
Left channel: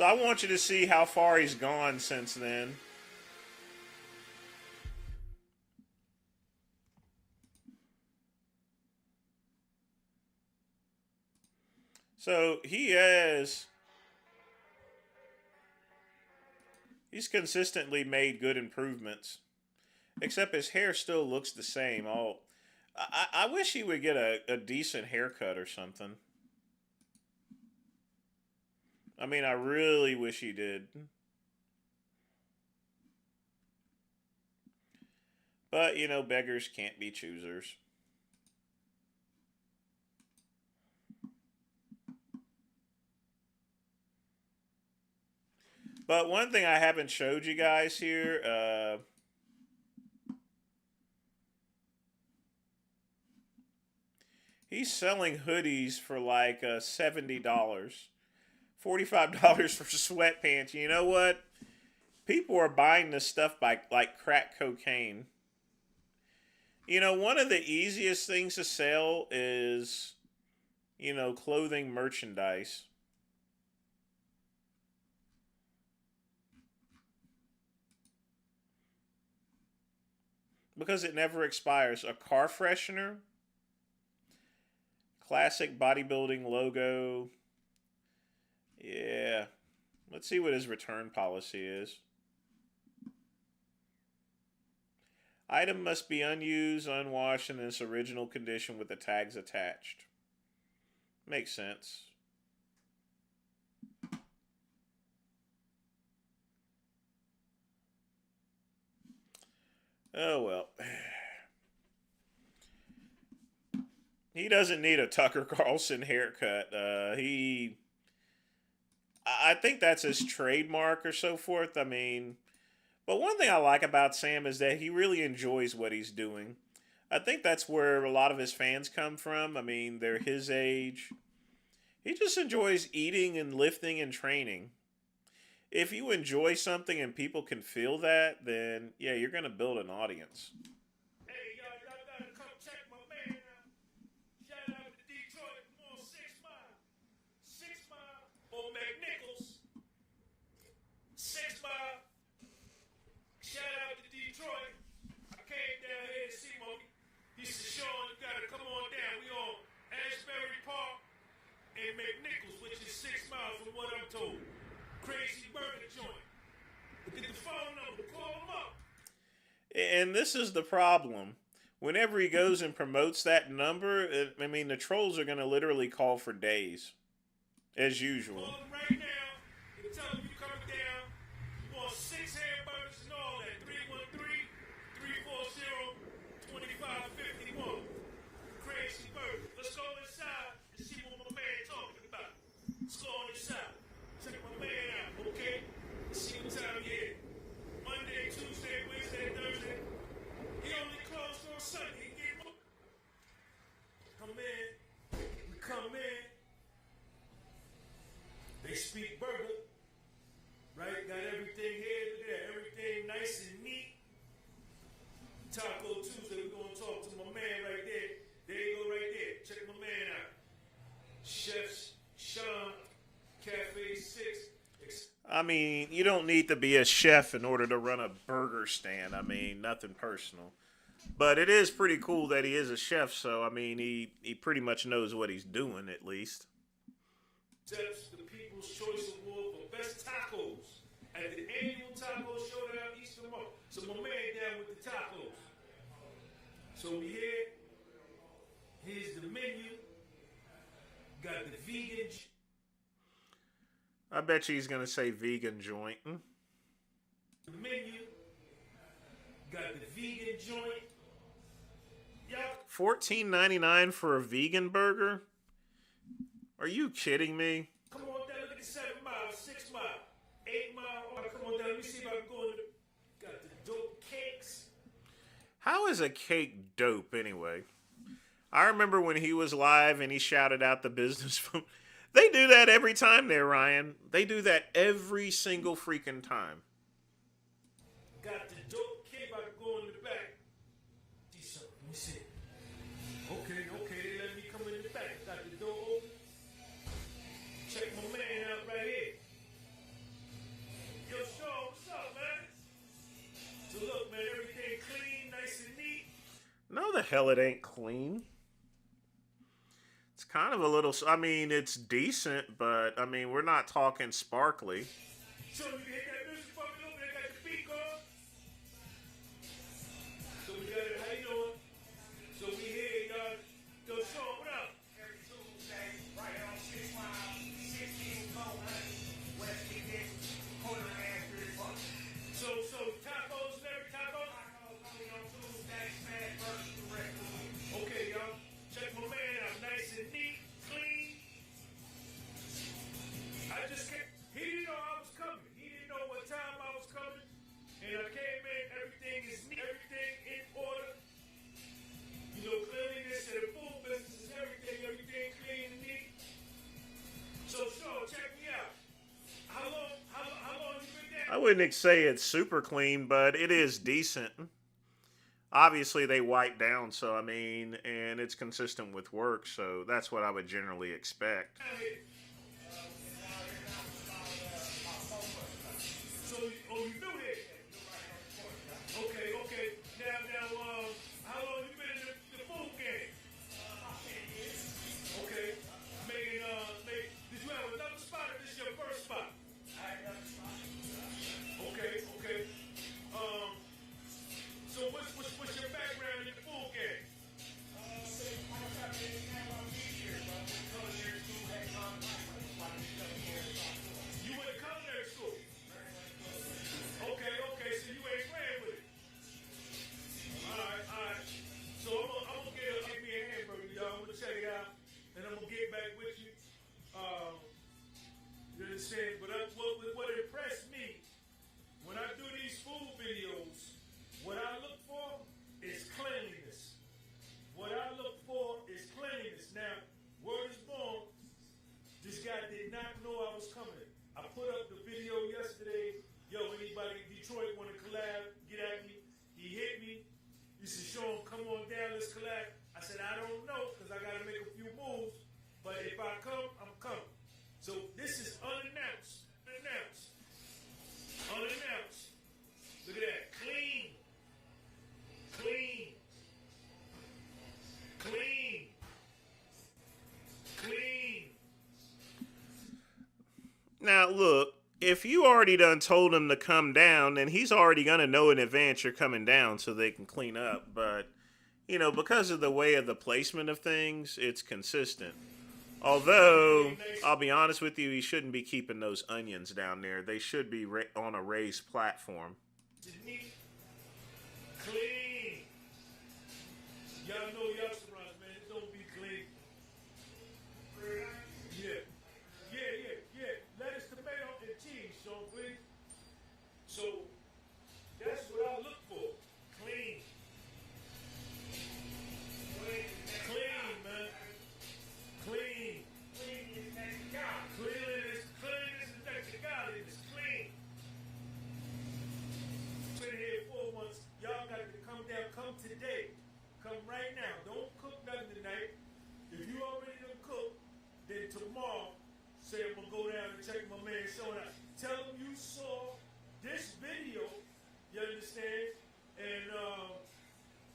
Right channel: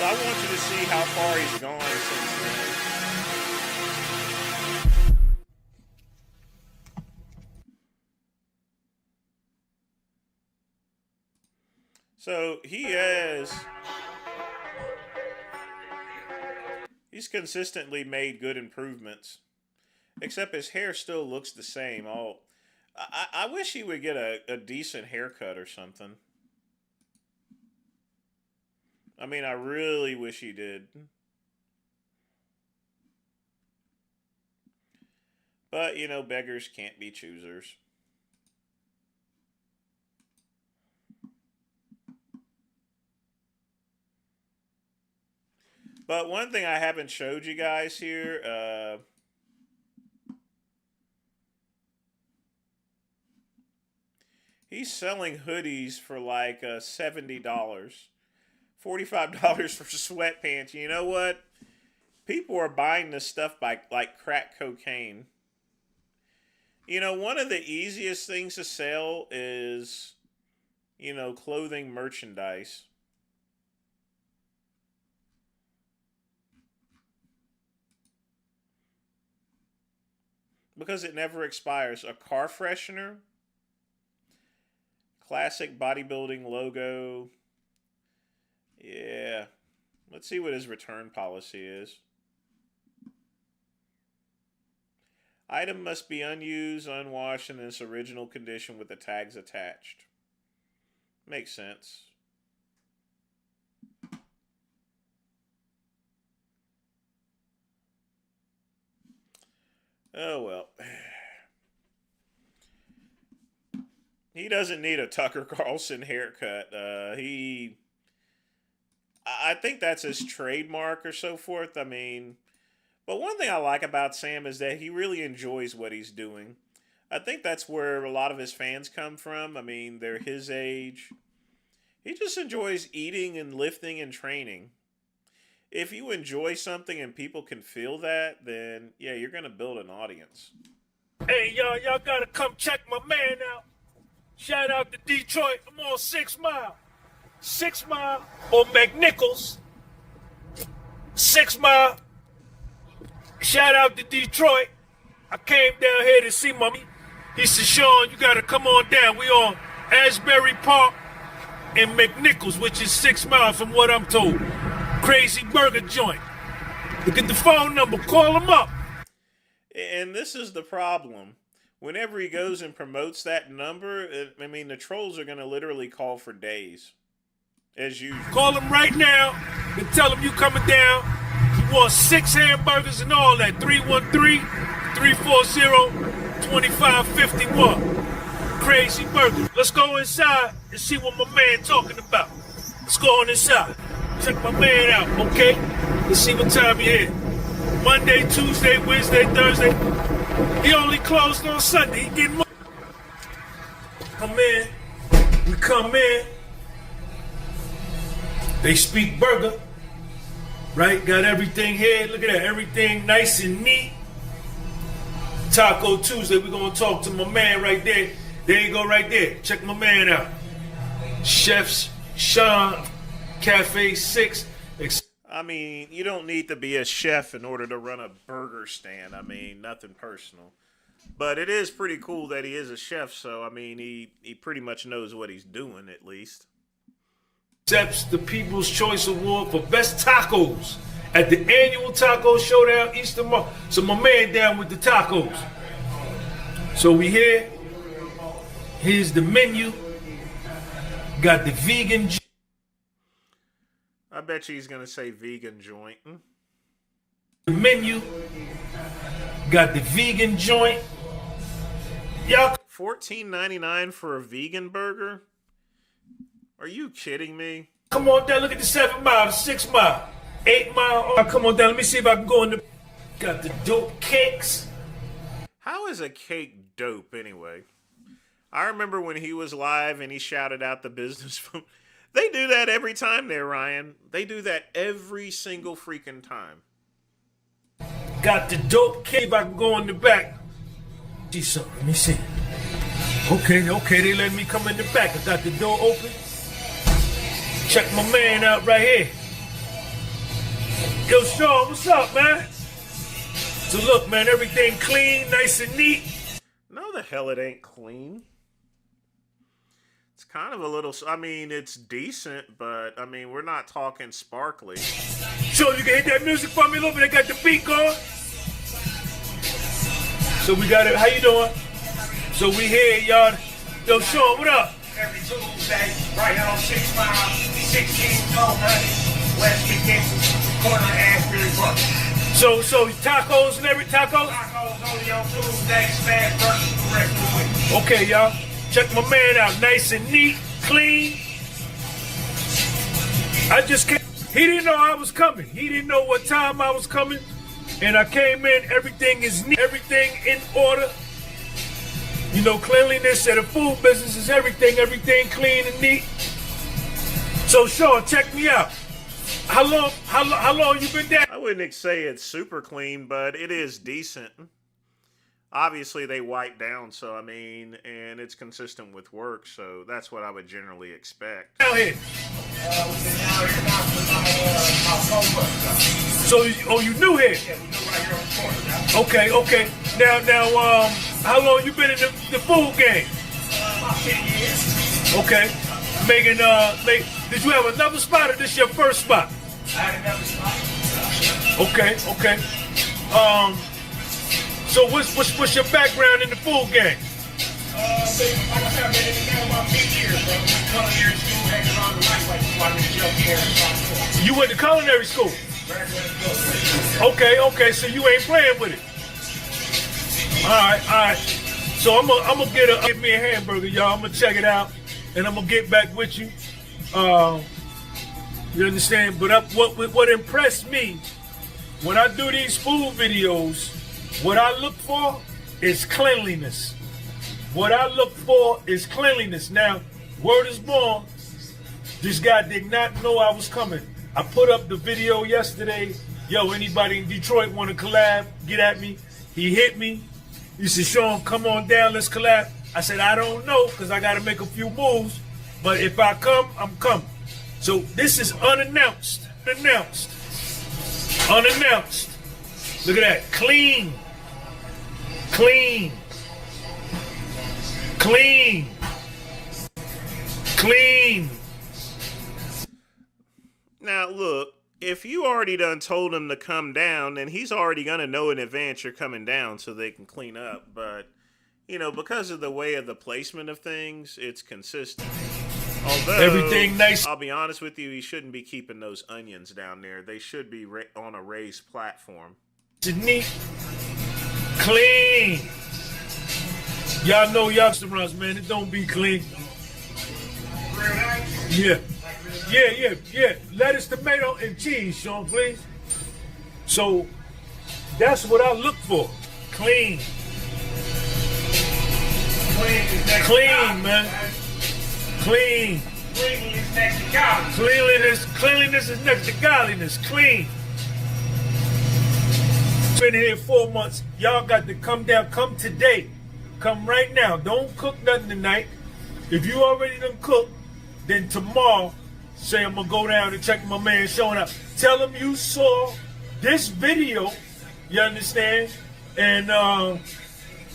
I want you to see how far he's gone since then. So he's consistently made good improvements. Except his hair still looks the same. I wish he would get a decent haircut or something. I mean, I really wish he did. But, beggars can't be choosers. But one thing I haven't showed you guys here, he's selling hoodies for like $70. $45 for sweatpants. You know what? People are buying this stuff like crack cocaine. One of the easiest things to sell is, clothing merchandise. Because it never expires. A car freshener. Classic bodybuilding logo. Yeah. Let's see what his return policy is. Item must be unused, unwashed, in its original condition with the tags attached. Makes sense. Oh, well. He doesn't need a Tucker Carlson haircut. I think that's his trademark or so forth. I mean, but one thing I like about Sam is that he really enjoys what he's doing. I think that's where a lot of his fans come from. I mean, they're his age. He just enjoys eating and lifting and training. if you enjoy something and people can feel that, then yeah, you're gonna build an audience. Hey, y'all gotta come check my man out. Shout out to Detroit. I'm on 6 Mile. 6 Mile or McNichols. 6 Mile. Shout out to Detroit. I came down here to see my. He said, Sean, you gotta come on down. We on Asbury Park and McNichols, which is 6 Mile from what I'm told. Crazy burger joint. Look at the phone number. Call him up. And this is the problem. Whenever he goes and promotes that number, I mean, the trolls are gonna literally call for days, as usual. Call him right now and tell him you coming down. He wants 6 hamburgers and all that. 313-340-2551. Crazy burger. Let's go inside and see what my man talking about. Let's go on inside. Check my man out, okay? Let's see what time he here. Monday, Tuesday, Wednesday, Thursday. He only closed on Sunday. He getting money. Come in. We come in. They speak burger. Right? Got everything here. Look at that. Everything nice and neat. Taco Tuesday. We're going to talk to my man right there. There you go right there. Check my man out. Chefs Sean, Cafe 6. I mean, you don't need to be a chef in order to run a burger stand. I mean, nothing personal. But it is pretty cool that he is a chef, so, I mean, he pretty much knows what he's doing, at least. Accepts the People's Choice Award for Best Tacos at the annual Taco Showdown Easter Month. So my man down with the tacos. So we here. Here's the menu. Got the vegan. I bet you he's going to say vegan joint. The menu. Got the vegan joint. Y'all. $14.99 for a vegan burger? Are you kidding me? Come on down. Look at the 7 Mile, the 6 Mile, 8 Mile. Oh, come on down. Let me see if I can go in the. Got the dope cakes. How is a cake dope anyway? I remember when he was live and he shouted out the business phone. They do that every time there, Ryan. They do that every single freaking time. Got the dope cake. If I can go in the back. See something. Let me see. Okay. They let me come in the back. I got the door open. Check my man out right here. Yo, Sean, what's up, man? So look, man, everything clean, nice and neat. No, the hell it ain't clean. It's kind of a little, I mean, it's decent, but, I mean, we're not talking sparkly. Sean, you can hit that music for me a little bit. I got the beat going. So we got it. How you doing? So we here, y'all. Yo, Sean, what up? Every Tuesday, right here on 6 Mile, 1600 West McNichols, corner of Asbury Park. So tacos and every taco? Tacos only on Tuesday, smash burgers the rest of the week. Okay, y'all. Check my man out. Nice and neat, clean. I just came. He didn't know I was coming. He didn't know what time I was coming. And I came in. Everything is neat. Everything in order. You know, cleanliness at a food business is everything. Everything clean and neat. So, Sean, check me out. How long you been down? I wouldn't say it's super clean, but it is decent. Obviously, they wipe down, so I mean, and it's consistent with work, so that's what I would generally expect. Down here. We've been down here now for about 4 months. So, you new here? Yeah, we new right here on the corner now. Okay. Now, how long you been in the food game? About 10 years. Okay. Making, did you have another spot or this your first spot? I had another spot. Okay. So what's your background in the food game? Like I said, I've been in the game about 10 years, bro. Culinary school, hanging around the lightweight, so I can jump here and talk. You went to culinary school? Okay, so you ain't playing with it. All right. So I'm gonna get me a hamburger, y'all. I'm gonna check it out, and I'm gonna get back with you. You understand? But what impressed me when I do these food videos, what I look for is cleanliness. Now, word is born. This guy did not know I was coming. I put up the video yesterday. Yo, anybody in Detroit want to collab? Get at me. He hit me. He said, Sean, come on down, let's collab. I said, I don't know, because I got to make a few moves. But if I come, I'm coming. So this is unannounced. Unannounced. Look at that. Clean. Clean. Clean. Clean. Now, look, if you already done told him to come down, then he's already going to know in advance you're coming down so they can clean up. But, you know, because of the way of the placement of things, it's consistent. Although, everything nice. I'll be honest with you, he shouldn't be keeping those onions down there. They should be on a raised platform. Neat. Clean. Y'all know y'all restaurants, man. It don't be clean. Yeah. Lettuce, tomato, and cheese, Sean, please. So that's what I look for. Clean. Clean, man. Clean. Cleanliness is next to godliness. Clean. Been here 4 months. Y'all got to come down. Come today. Come right now. Don't cook nothing tonight. If you already done cooked, then tomorrow, say I'm gonna go down and check my man showing up. Tell him you saw this video. You understand? And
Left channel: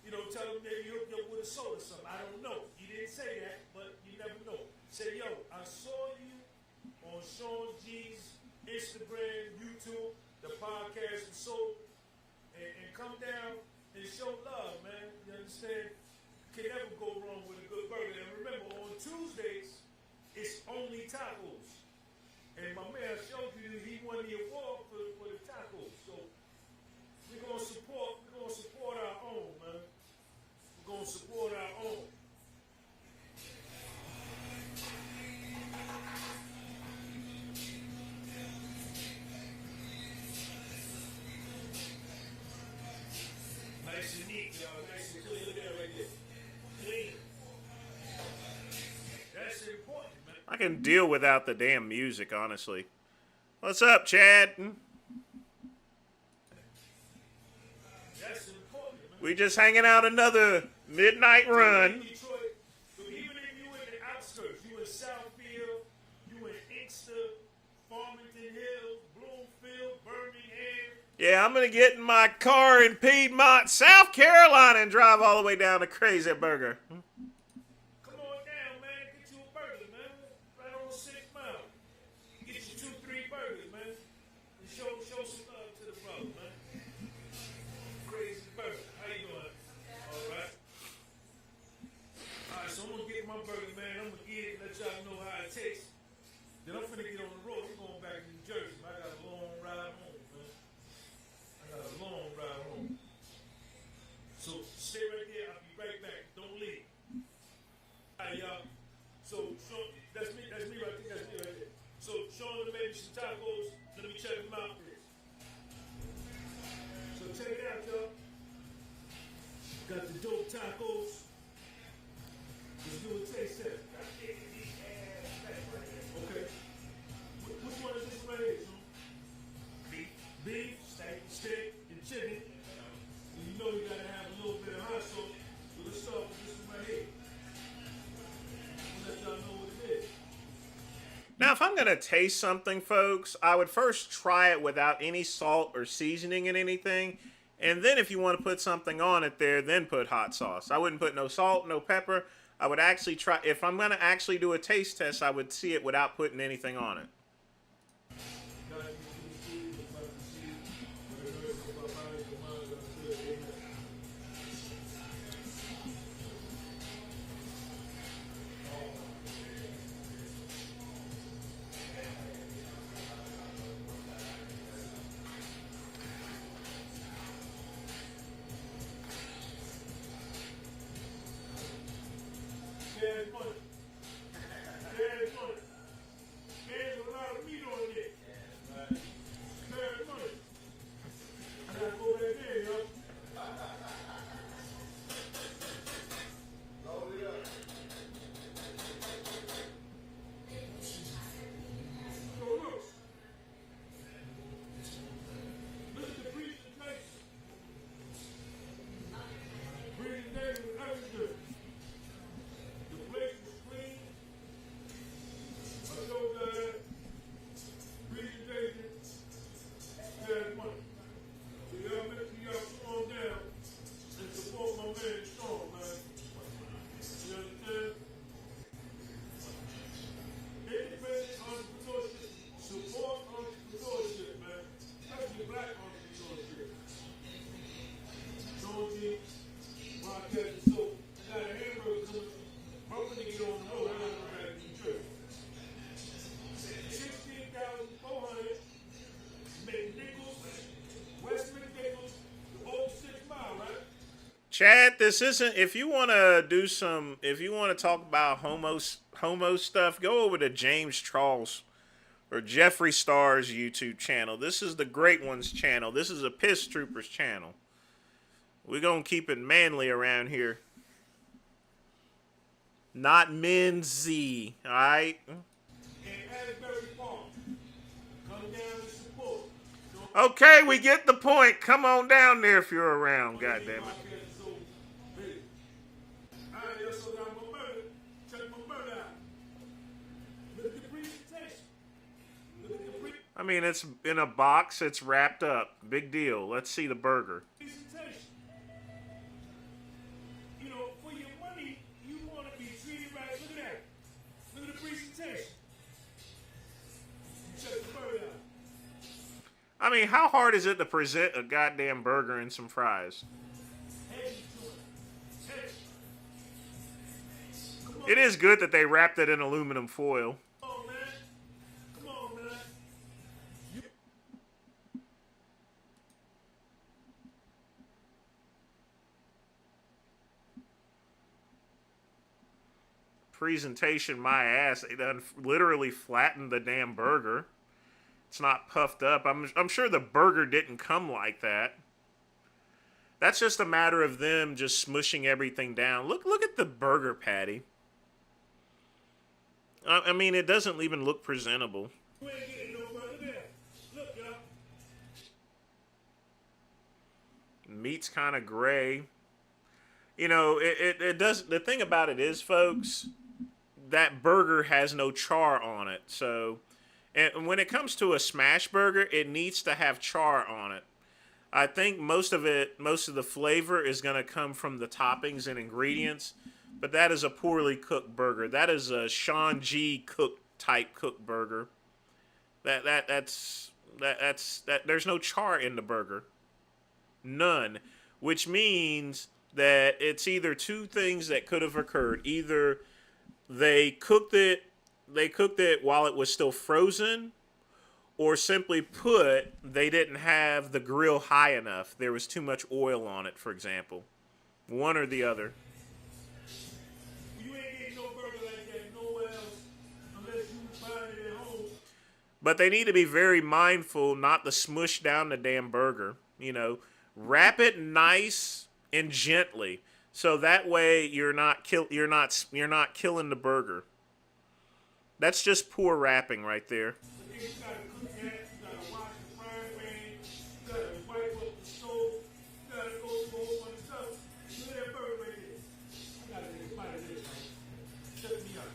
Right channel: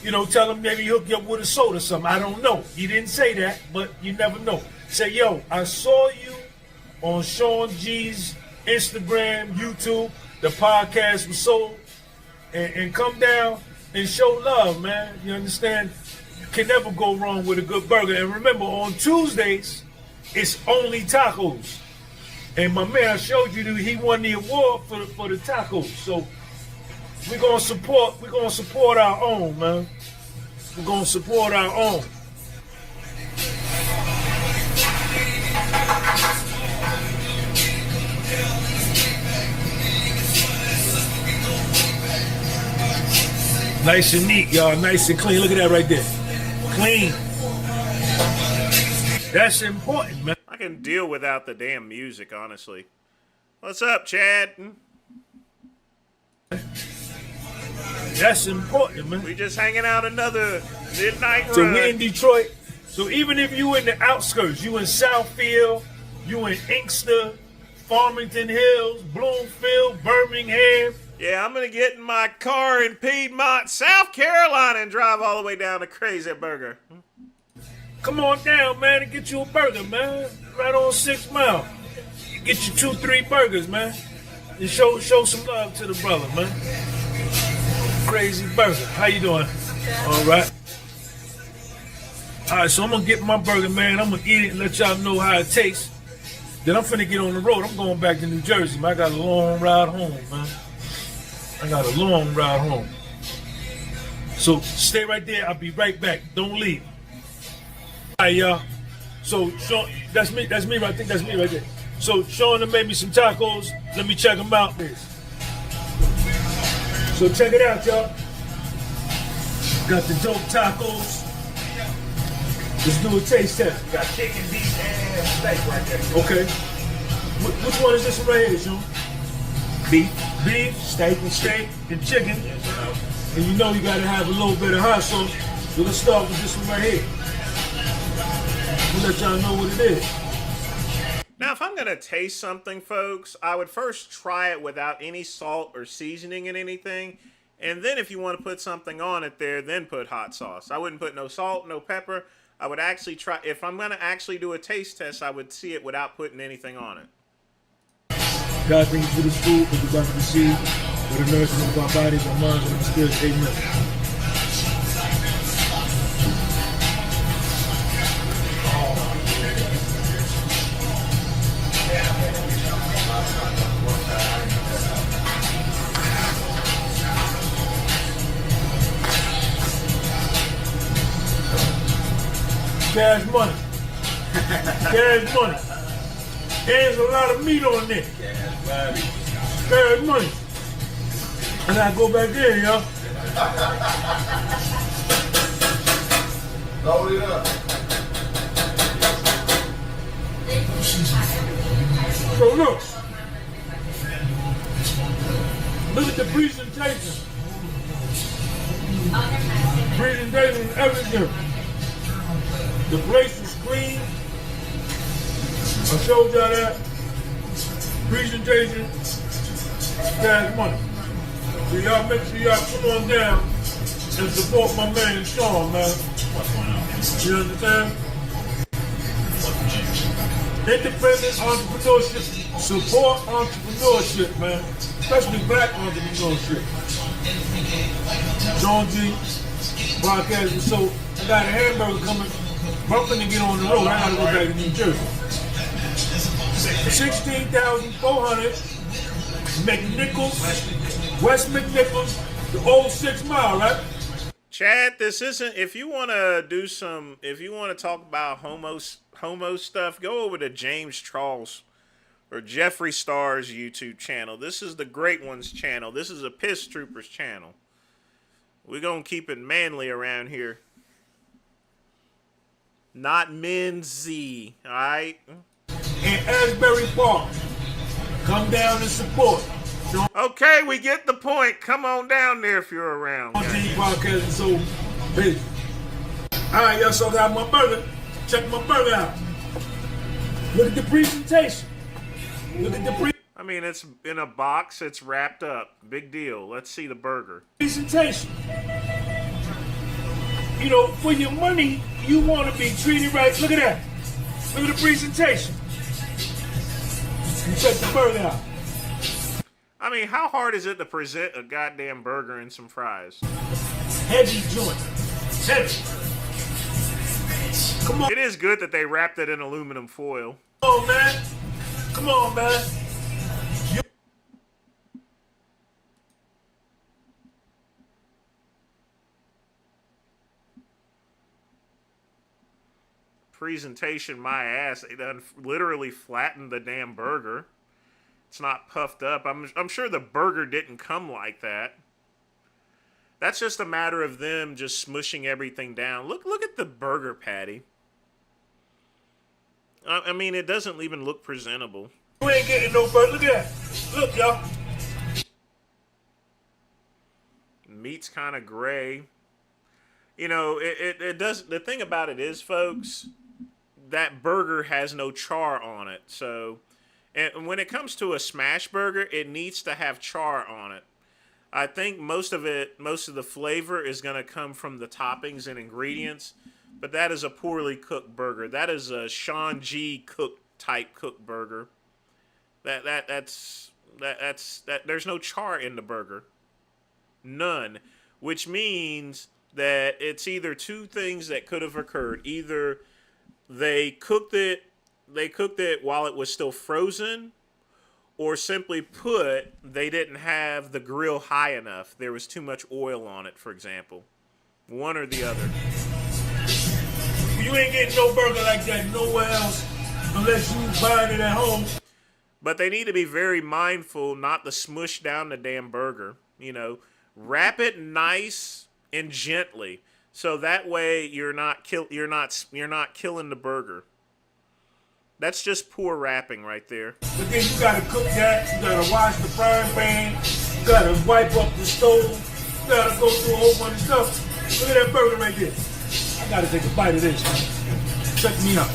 you know, tell him maybe hook you up with a soda or something. I don't know. He didn't say that, but you never know. Say, yo, I saw you on Sean G's Instagram, YouTube. The podcast was sold. And come down and show love, man. You understand? You can never go wrong with a good burger. And remember, on Tuesdays, it's only tacos. And my man, I showed you that he won the award for the tacos. So we're gonna support our own, man. We're gonna support our own. Nice and neat, y'all. Nice and clean. Look at that right there. Clean. That's important, man. I can deal without the damn music, honestly. What's up, Chad? That's important, man. We just hanging out another midnight run. So we in Detroit. So even if you in the outskirts, you in Southfield, you in Inkster, Farmington Hills, Bloomfield, Birmingham. Yeah, I'm going to get in my car in Piedmont, South Carolina and drive all the way down to Crazy Burger. Come on down, man, and get you a burger, man. Right on 6 Mile. Get you 2-3 burgers, man. And show some love to the brother, man. Crazy Burger. How you doing? All right. All right, so I'm going to get my burger, man. I'm going to eat it and let y'all know how it tastes. Then I'm finna get on the road. I'm going back to New Jersey, man. I got a long ride home, man. So stay right there. I'll be right back. Don't leave. All right, y'all. So Sean, that's me. I think that's me right there. So Sean done made me some tacos. Let me check them out. So check it out, y'all. Got the dope tacos. Let's do a taste test. Got chicken, beef, and steak right there. Okay. Which one is this one right here, Sean? Beef, steak, and chicken. And you know you gotta have a little bit of hot sauce. So let's start with this one right here. We'll let y'all know what it is. Now, if I'm gonna taste something, folks, I would first try it without any salt or seasoning in anything. And then if you want to put something on it there, then put hot sauce. I wouldn't put no salt, no pepper. I would actually try, if I'm gonna actually do a taste test, I would see it without putting anything on it. God, thank you for this food, for the about to receive, for the nourishment of our bodies, our minds, and our spirits. Amen. Cash money. Cash money. There's a lot of meat on there. Cash money. I gotta go back there, y'all. Load it up. So look, Look at the presentation. Presentation is everything. The place is clean. I showed y'all that. Presentation. Cash money. So y'all make sure y'all come on down and support my man Sean, man. You understand? Independent entrepreneurship. Support entrepreneurship, man. Especially black entrepreneurship. Sean G, podcast. So I got a hamburger coming. But I'm finna get on the road. I gotta go back to New Jersey. 16,400 McNichols, West McNichols, the old 6 Mile, right? Chad, this isn't. If you want to do some, if you want to talk about homo stuff, go over to James Charles or Jeffree Star's YouTube channel. This is the Great Ones channel. This is a Piss Troopers channel. We're gonna keep it manly around here. Not Menzy, all right? In Asbury Park, come down and support. Okay, we get the point. Come on down there if you're around. Podcast is so big. All right, y'all, so I got my burger. Check my burger out. Look at the presentation. Look at the I mean, it's in a box. It's wrapped up. Big deal. Let's see the burger. presentation. You know, for your money, you want to be treated right. Look at that. Look at the presentation. You check the burger out. I mean, how hard is it to present a goddamn burger and some fries? Heavy joint. Heavy. Come on. It is good that they wrapped it in aluminum foil. Come on, man. Come on, man. Presentation, my ass. They done literally flattened the damn burger. It's not puffed up. I'm sure the burger didn't come like that. That's just a matter of them just smushing everything down. Look at the burger patty. I mean, it doesn't even look presentable. You ain't getting no burger. Look at that. Look, y'all. Meat's kind of gray. You know, it does. The thing about it is, folks, that burger has no char on it. So, and when it comes to a smash burger, it needs to have char on it. I think most of the flavor is going to come from the toppings and ingredients, but that is a poorly cooked burger. That is a Sean G type cooked burger. That's there's no char in the burger. None, which means that it's either two things that could have occurred. Either they cooked it while it was still frozen, or simply put, they didn't have the grill high enough. There was too much oil on it, for example. One or the other. You ain't getting no burger like that nowhere else unless you buying it at home. But they need to be very mindful not to smush down the damn burger. You know, wrap it nice and gently, so that way you're not killing the burger. That's just poor wrapping right there. But then you gotta cook that, you gotta wash the frying pan, you gotta wipe up the stove, you gotta go through a whole bunch of stuff. Look at that burger right there. I gotta take a bite of this. Check me out.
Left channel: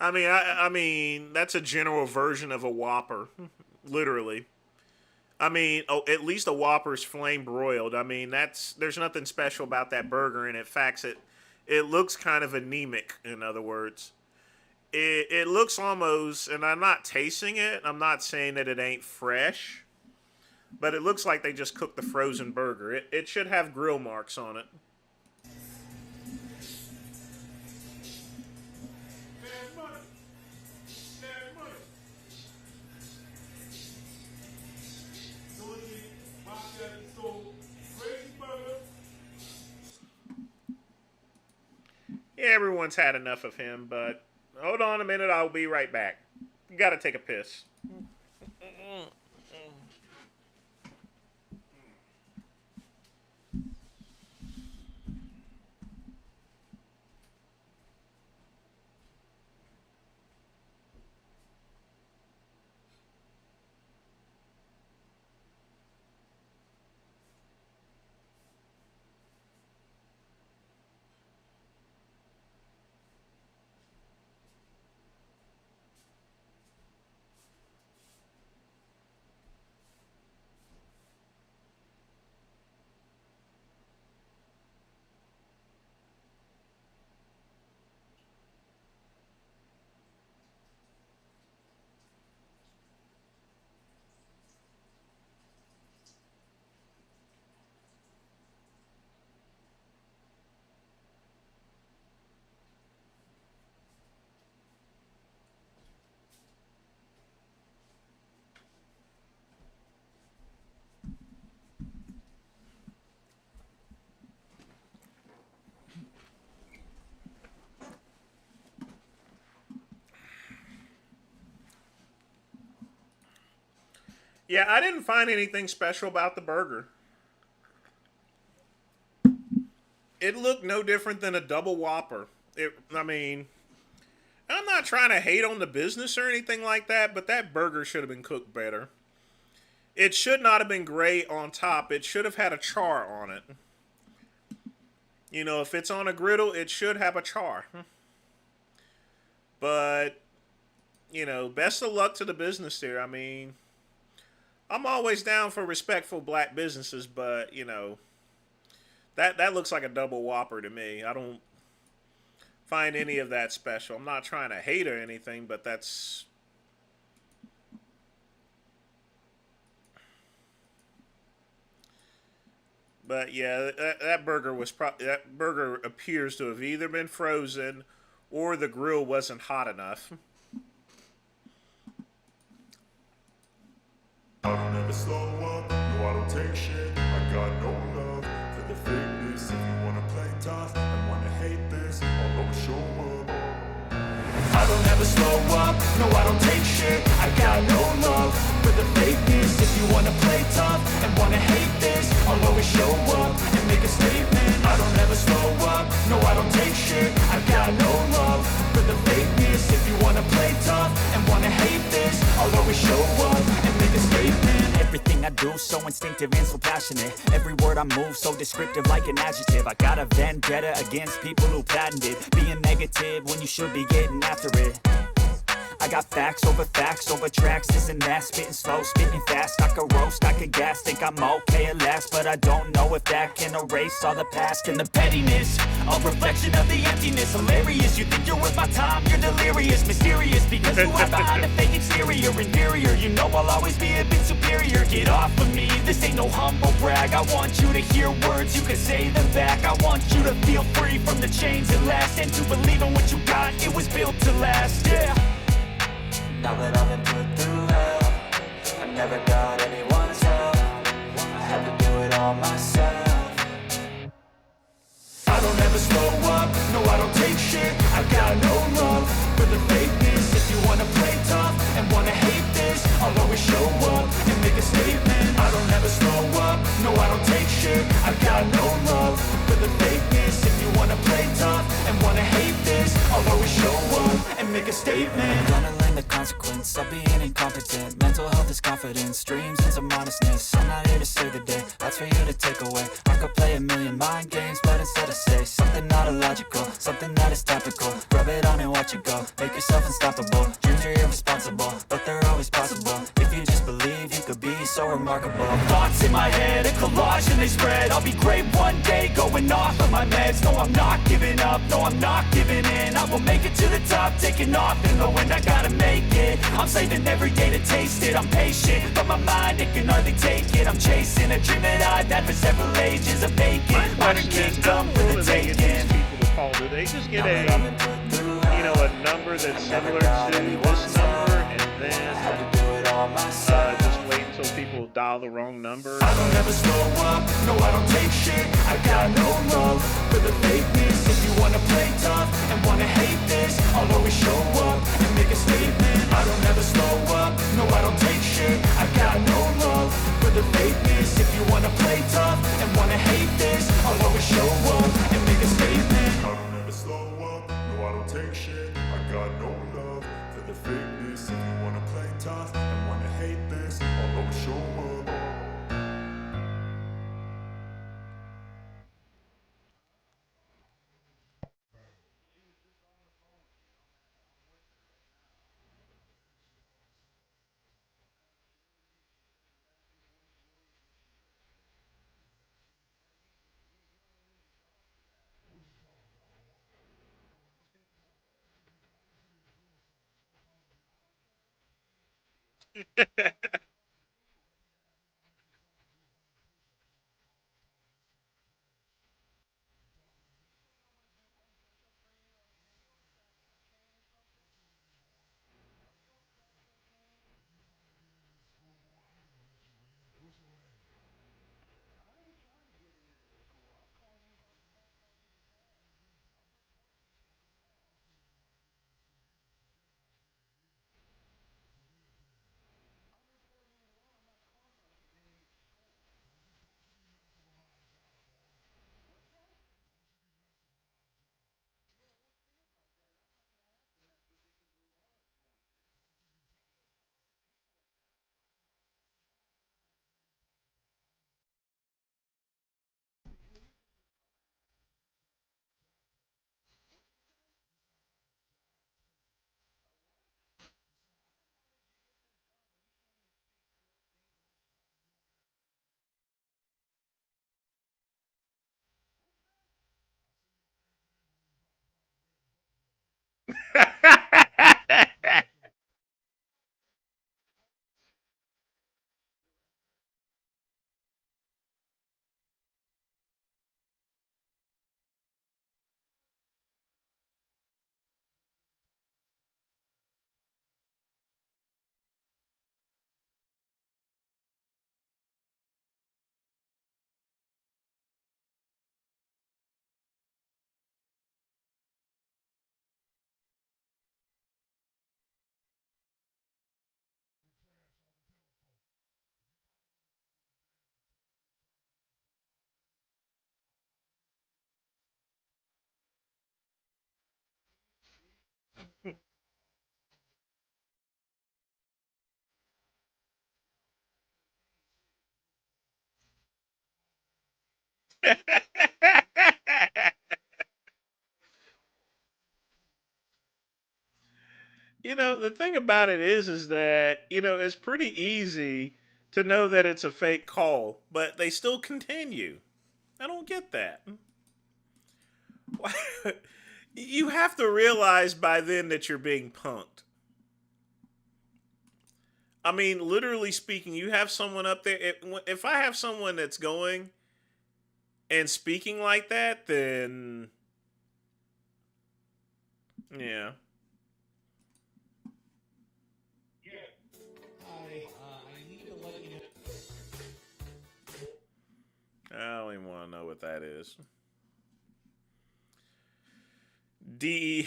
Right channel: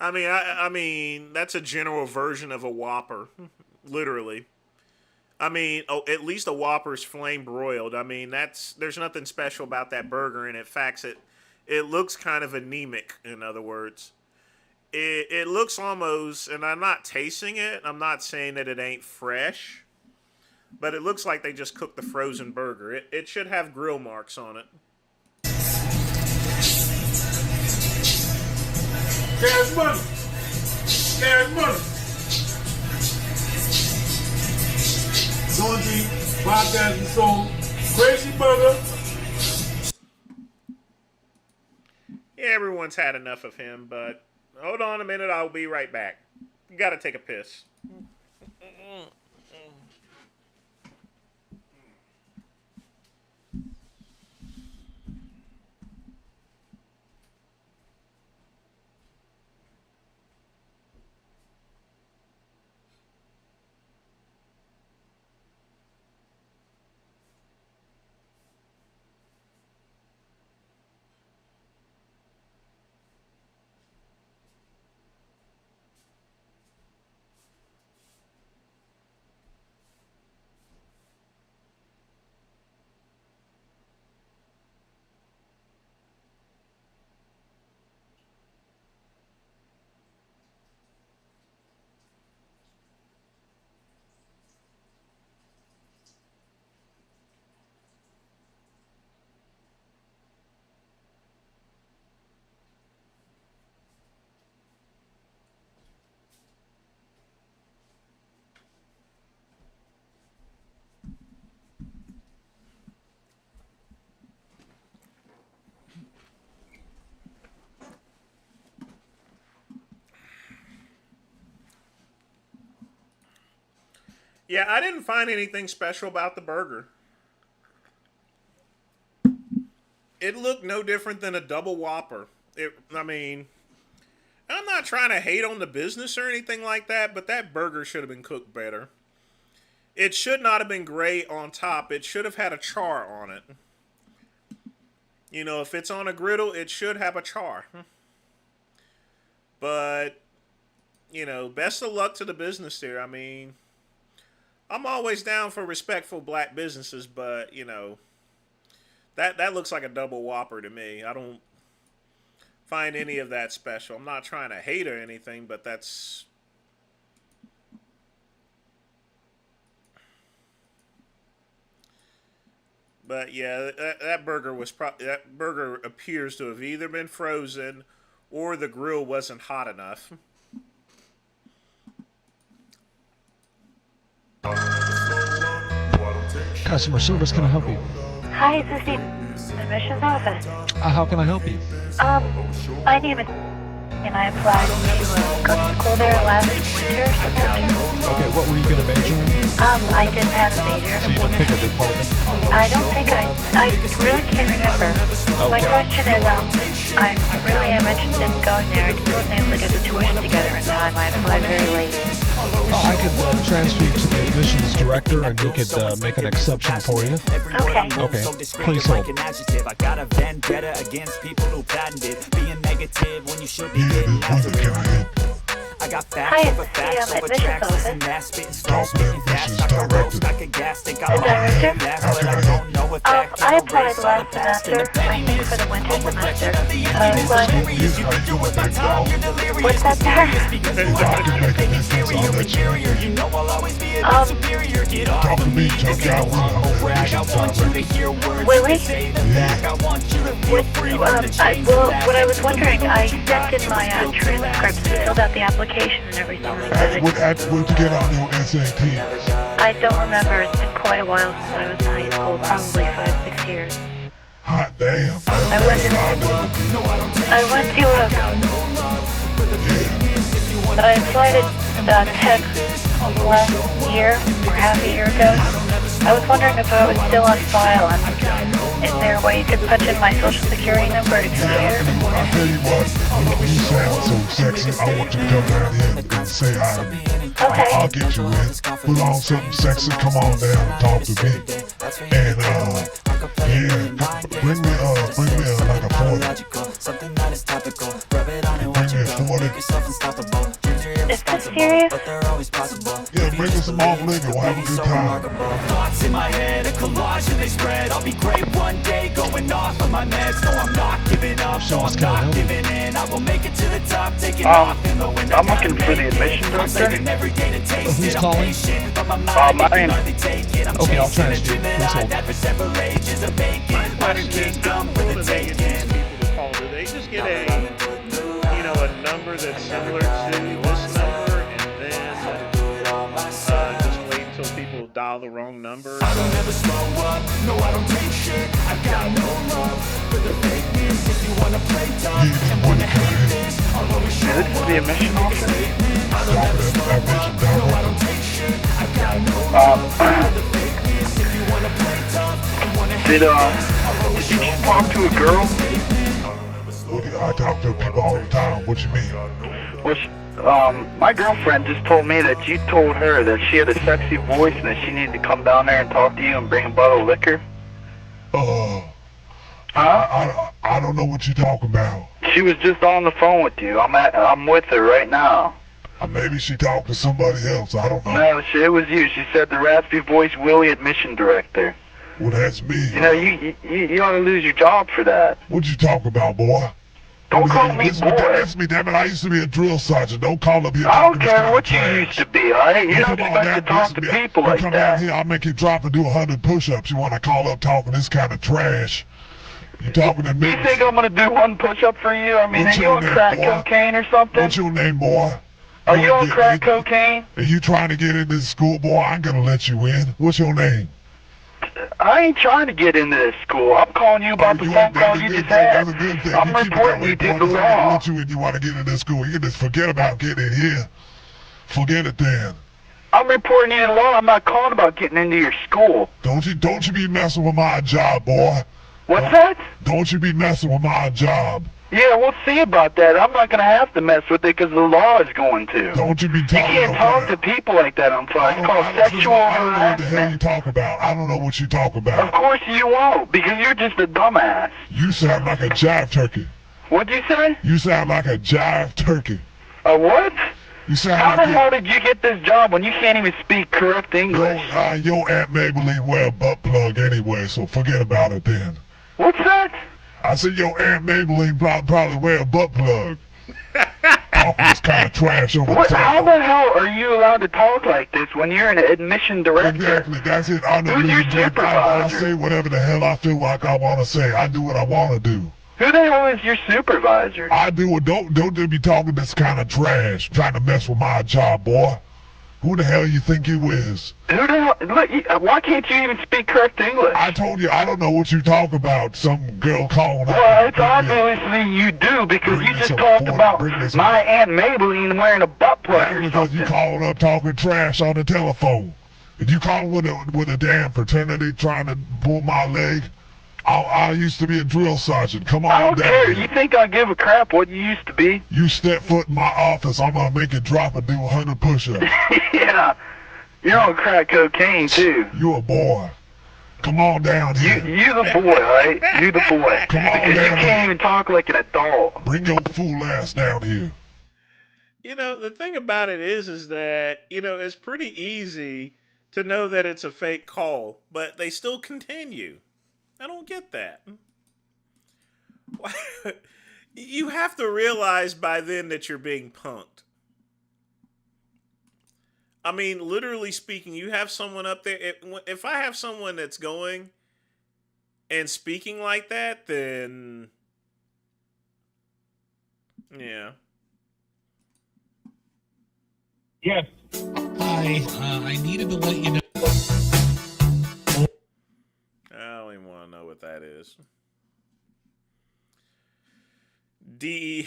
I mean, that's a general version of a Whopper, literally. I mean, at least a Whopper's flame broiled. I mean, there's nothing special about that burger, and in fact, it looks kind of anemic, in other words. It looks almost, and I'm not tasting it, I'm not saying that it ain't fresh, but it looks like they just cooked the frozen burger. It should have grill marks on it. Cash money. Cash money. Laundry, podcast and soul, Crazy Burger. Yeah, everyone's had enough of him, but hold on a minute, I'll be right back. You gotta take a piss. Yeah, I didn't find anything special about the burger. It looked no different than a double Whopper. I mean, I'm not trying to hate on the business or anything like that, but that burger should have been cooked better. It should not have been gray on top. It should have had a char on it. You know, if it's on a griddle, it should have a char. But, you know, best of luck to the business there. I mean, I'm always down for respectful black businesses, but, you know, that looks like a double Whopper to me. I don't find any of that special. I'm not trying to hate or anything, but that's... But yeah, that burger was that burger appears to have either been frozen or the grill wasn't hot enough. Customer service, can I help you? Hi, this is the admissions office. How can I help you? I need a... And I applied to go there last winter. I didn't have to be here. I don't think I really can't remember. My question is, I really am interested in going there and doing it for just tuition to get it on my applied very late. Everything I do so instinctive and so passionate. Every word I move so descriptive like an adjective. I got a vendetta against people who patented being negative when you should be getting after it. I got facts over tracks, listen that, spitting slow, spitting fast, I could roast, I could gas, think I'm on here last, but I don't know if that can erase all the past and the pettiness, a reflection of the emptiness, hilarious, you think you're with my time, you're delirious, mysterious, because you are behind a fake exterior, inferior, you know I'll always be a bit superior, get off of me, this ain't no humble brag, I want you to hear words, you can say them back, I want you to feel free from the chains that last, what I was wondering, I did my transcript, filled out the application and everything. What happened when you get on your SAT? I don't remember. It's been quite a while since I was in high school, probably 5-6 years. Hot damn. I went to I applied at Tech last year, or half a year ago. I was wondering if I was still on file, and is there a way you could punch in my social security number and compare? Okay. Mental health is confidence, dreams is a monster. I'm not here to save the day, that's for you to take away. I could play a million mind games, but instead of say something not illogical, something that is topical. Rub it on and watch it go, make yourself unstoppable. Dreams are irresponsible, but they're always possible. If you just believe, you could be so remarkable. Thoughts in my head, a collage and they spread. I'll be great one day, going off of my meds. No, I'm not giving up, no, I'm not giving in. I will make it to the top, taking off in the wind. I gotta make it. I'm saving every day to taste it. I'm patient, but my mind it can hardly take it. I'm chasing a dream that I've had for several ages of vacant. My question is, how do they get these people to call? Do they just get a number that's similar to this number, and then just wait until people dial the wrong number? I don't ever slow up, no I don't take shit. I got no love for the fakeness. If you wanna play tough and wanna hate this, I'll always show up and make a statement. I don't ever slow up, no I don't take shit. I got no love for the fakeness. If you wanna play tough and wanna hate this, I'll always show up and make a statement. I talk to people all the time. What you mean? My girlfriend just told me that you told her that she had a sexy voice and that she needed to come down there and talk to you and bring a bottle of liquor. I don't know what you're talking about. She was just on the phone with you. I'm with her right now. Maybe she talked to somebody else. I don't know. No, it was you. She said the raspy voice Willie admission director. Well, that's me. You know, you ought to lose your job for that. What you talking about, boy? Don't call me boy. That's me, damn it. I used to be a drill sergeant. Don't call up here. I don't care what you used to be, alright? You don't expect to talk to people like come that. down here, I'll make you drop and do 100 push-ups. You want to call up talking this kind of trash? You talking to me? You think I'm gonna do one push-up for you? I mean, are you on crack cocaine or something? What's your name, boy? Are you on crack cocaine? Are you trying to get into this school, boy? I ain't gonna let you in. What's your name? I ain't trying to get into this school. I'm calling you about the phone call you just had. I'm reporting you to the law. You want to get into this school. You can just forget about getting in here. Forget it then. I'm reporting you to law. I'm not calling about getting into your school. Don't you be messing with my job, boy. What's that? Don't you be messing with my job. Yeah, we'll see about that. I'm not going to have to mess with it because the law is going to. Don't you be talking You can't talk to people like that on phone. It's called sexual I don't know what the hell harassment. you talk about. I don't know what you talk about. Of course you won't, because you're just a dumbass. You sound like a jive turkey. What'd you say? You sound like a jive turkey. A what? You sound How like the hell did you get this job when you can't even speak correct English? your Aunt Maybelline wear a butt plug anyway, so forget about it then. What's that? I said your Aunt Maybelline probably wear a butt plug. Talking this kind of trash over the How the hell are you allowed to talk like this when you're an admission director? Exactly, that's it. Who's your I supervisor? say whatever the hell I feel like I want to say. I do what I want to do. Who the hell is your supervisor? I do it. Don't be talking this kind of trash, trying to mess with my job, boy. Who the hell you think you is? Who the hell? Look, why can't you even speak correct English? I told you I don't know what you talk about. Some girl calling out. Well, it's obviously you do because you just talked about my Aunt Maybelline wearing a butt plug or Because you calling up talking trash on the telephone. If you calling with a damn fraternity trying to pull my leg, I used to be a drill sergeant. Come on I don't down care. here. You think I give a crap what you used to be? You step foot in my office, I'm gonna make it drop and do 100 push-ups. Yeah. You're on crack cocaine, too. You a boy. Come on down here. You the boy, right? You the boy. Come on Because you down can't even talk like an adult. Bring your fool ass down here. You know, the thing about it is that, it's pretty easy to know that it's a fake call, but they still continue. I don't get that. You have to realize by then that you're being punked. I mean, literally speaking, you have someone up there. If I have someone that's going and speaking like that, then yeah. Yes. Hi, I needed to let you know. I don't even want to know what that is. D.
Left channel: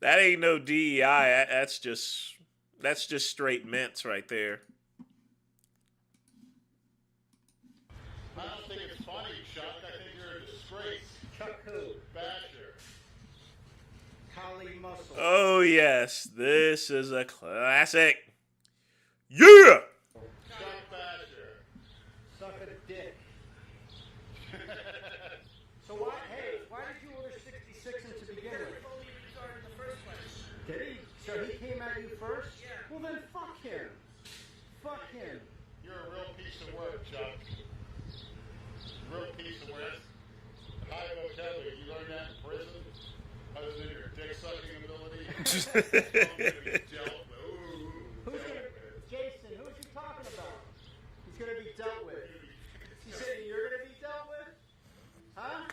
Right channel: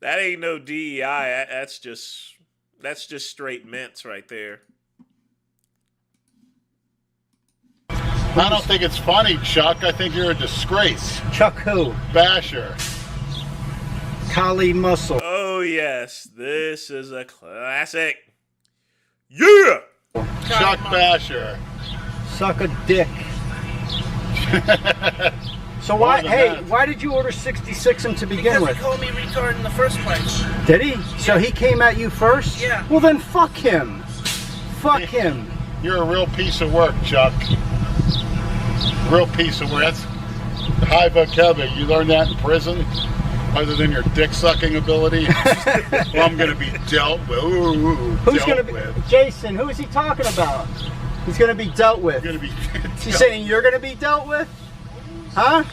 That ain't no DEI. That's just straight mints right there. I don't think it's funny, Chuck. I think you're a disgrace. Chuck who? Basher. Kali Muscle. Oh yes, this is a classic. Yeah. Chuck Basher. Suck a dick. So why did you order 66 to begin with? Because he called me retarded in the first place. Did he? So he came at you first? Yeah. Well then fuck him. Fuck him. You're a real piece of work, Chuck. Real piece of work. That's high vocabulary. You learned that in prison? Other than your dick-sucking ability? Well, I'm going to be dealt with. Who's going to be? Jason, who is he talking about? He's going to be dealt with. Going to be He's saying you're going to be dealt with? Huh?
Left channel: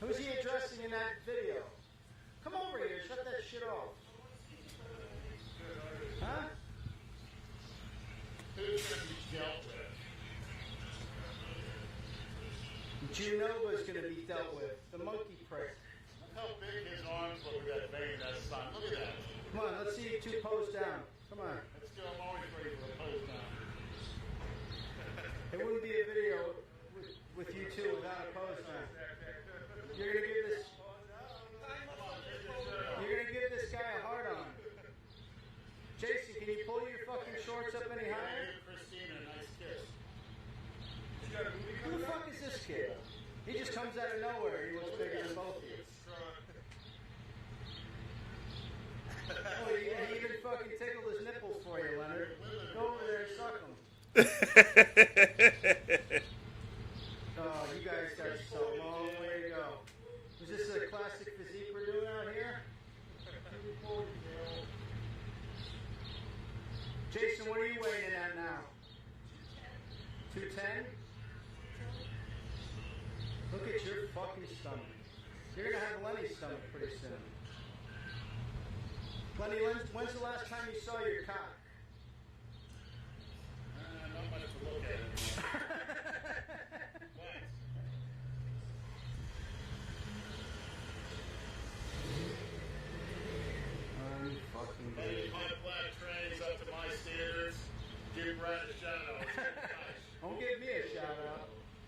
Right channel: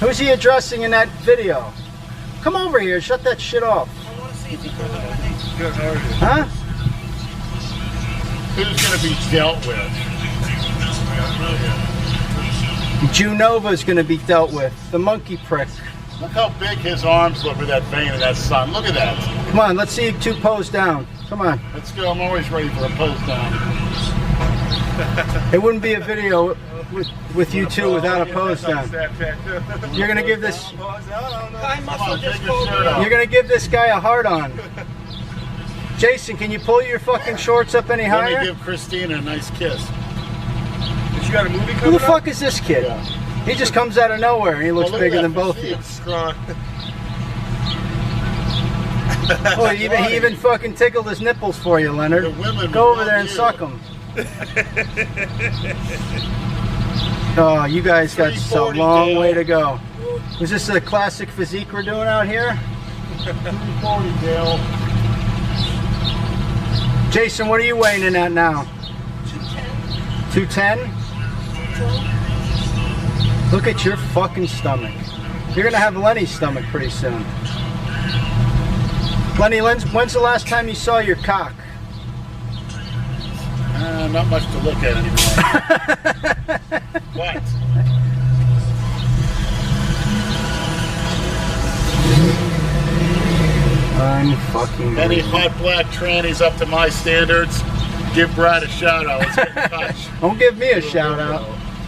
Who's he addressing in that video? Come over here. Shut that shit off. I want to see if he comes over me. Huh? Who's going to be dealt with? Junova's going to be dealt with. The monkey prick. Look how big his arms look with that vein in that sun. Look at that. Come on, let's see you two pose down. Come on. Let's go. I'm always ready for a pose down. It wouldn't be a video with you two without a pose down. You're going to give this... You're going to give this guy a hard on. Jason, can you pull your fucking shorts up any higher? Let me give Christina a nice kiss. But you got a movie Who coming the fuck is this kid? He just comes out of nowhere and he looks look bigger at than that both of you. physique. Oh, he even fucking tickled his nipples for you, Leonard. Go over there and suck them. Oh, you guys got a long way to go. Was this a classic physique we're doing out here? 240, Dale. Jason, what are you weighing in at now? 210? Look at your fucking stomach. You're gonna have Lenny's stomach pretty soon. Lenny, when's the last time you saw your cock? Not much to look at anymore. What? Unfucking. Any hot black trannies up to my standards, give Brad a shout out. Let's get in touch. Don't give me a shout out.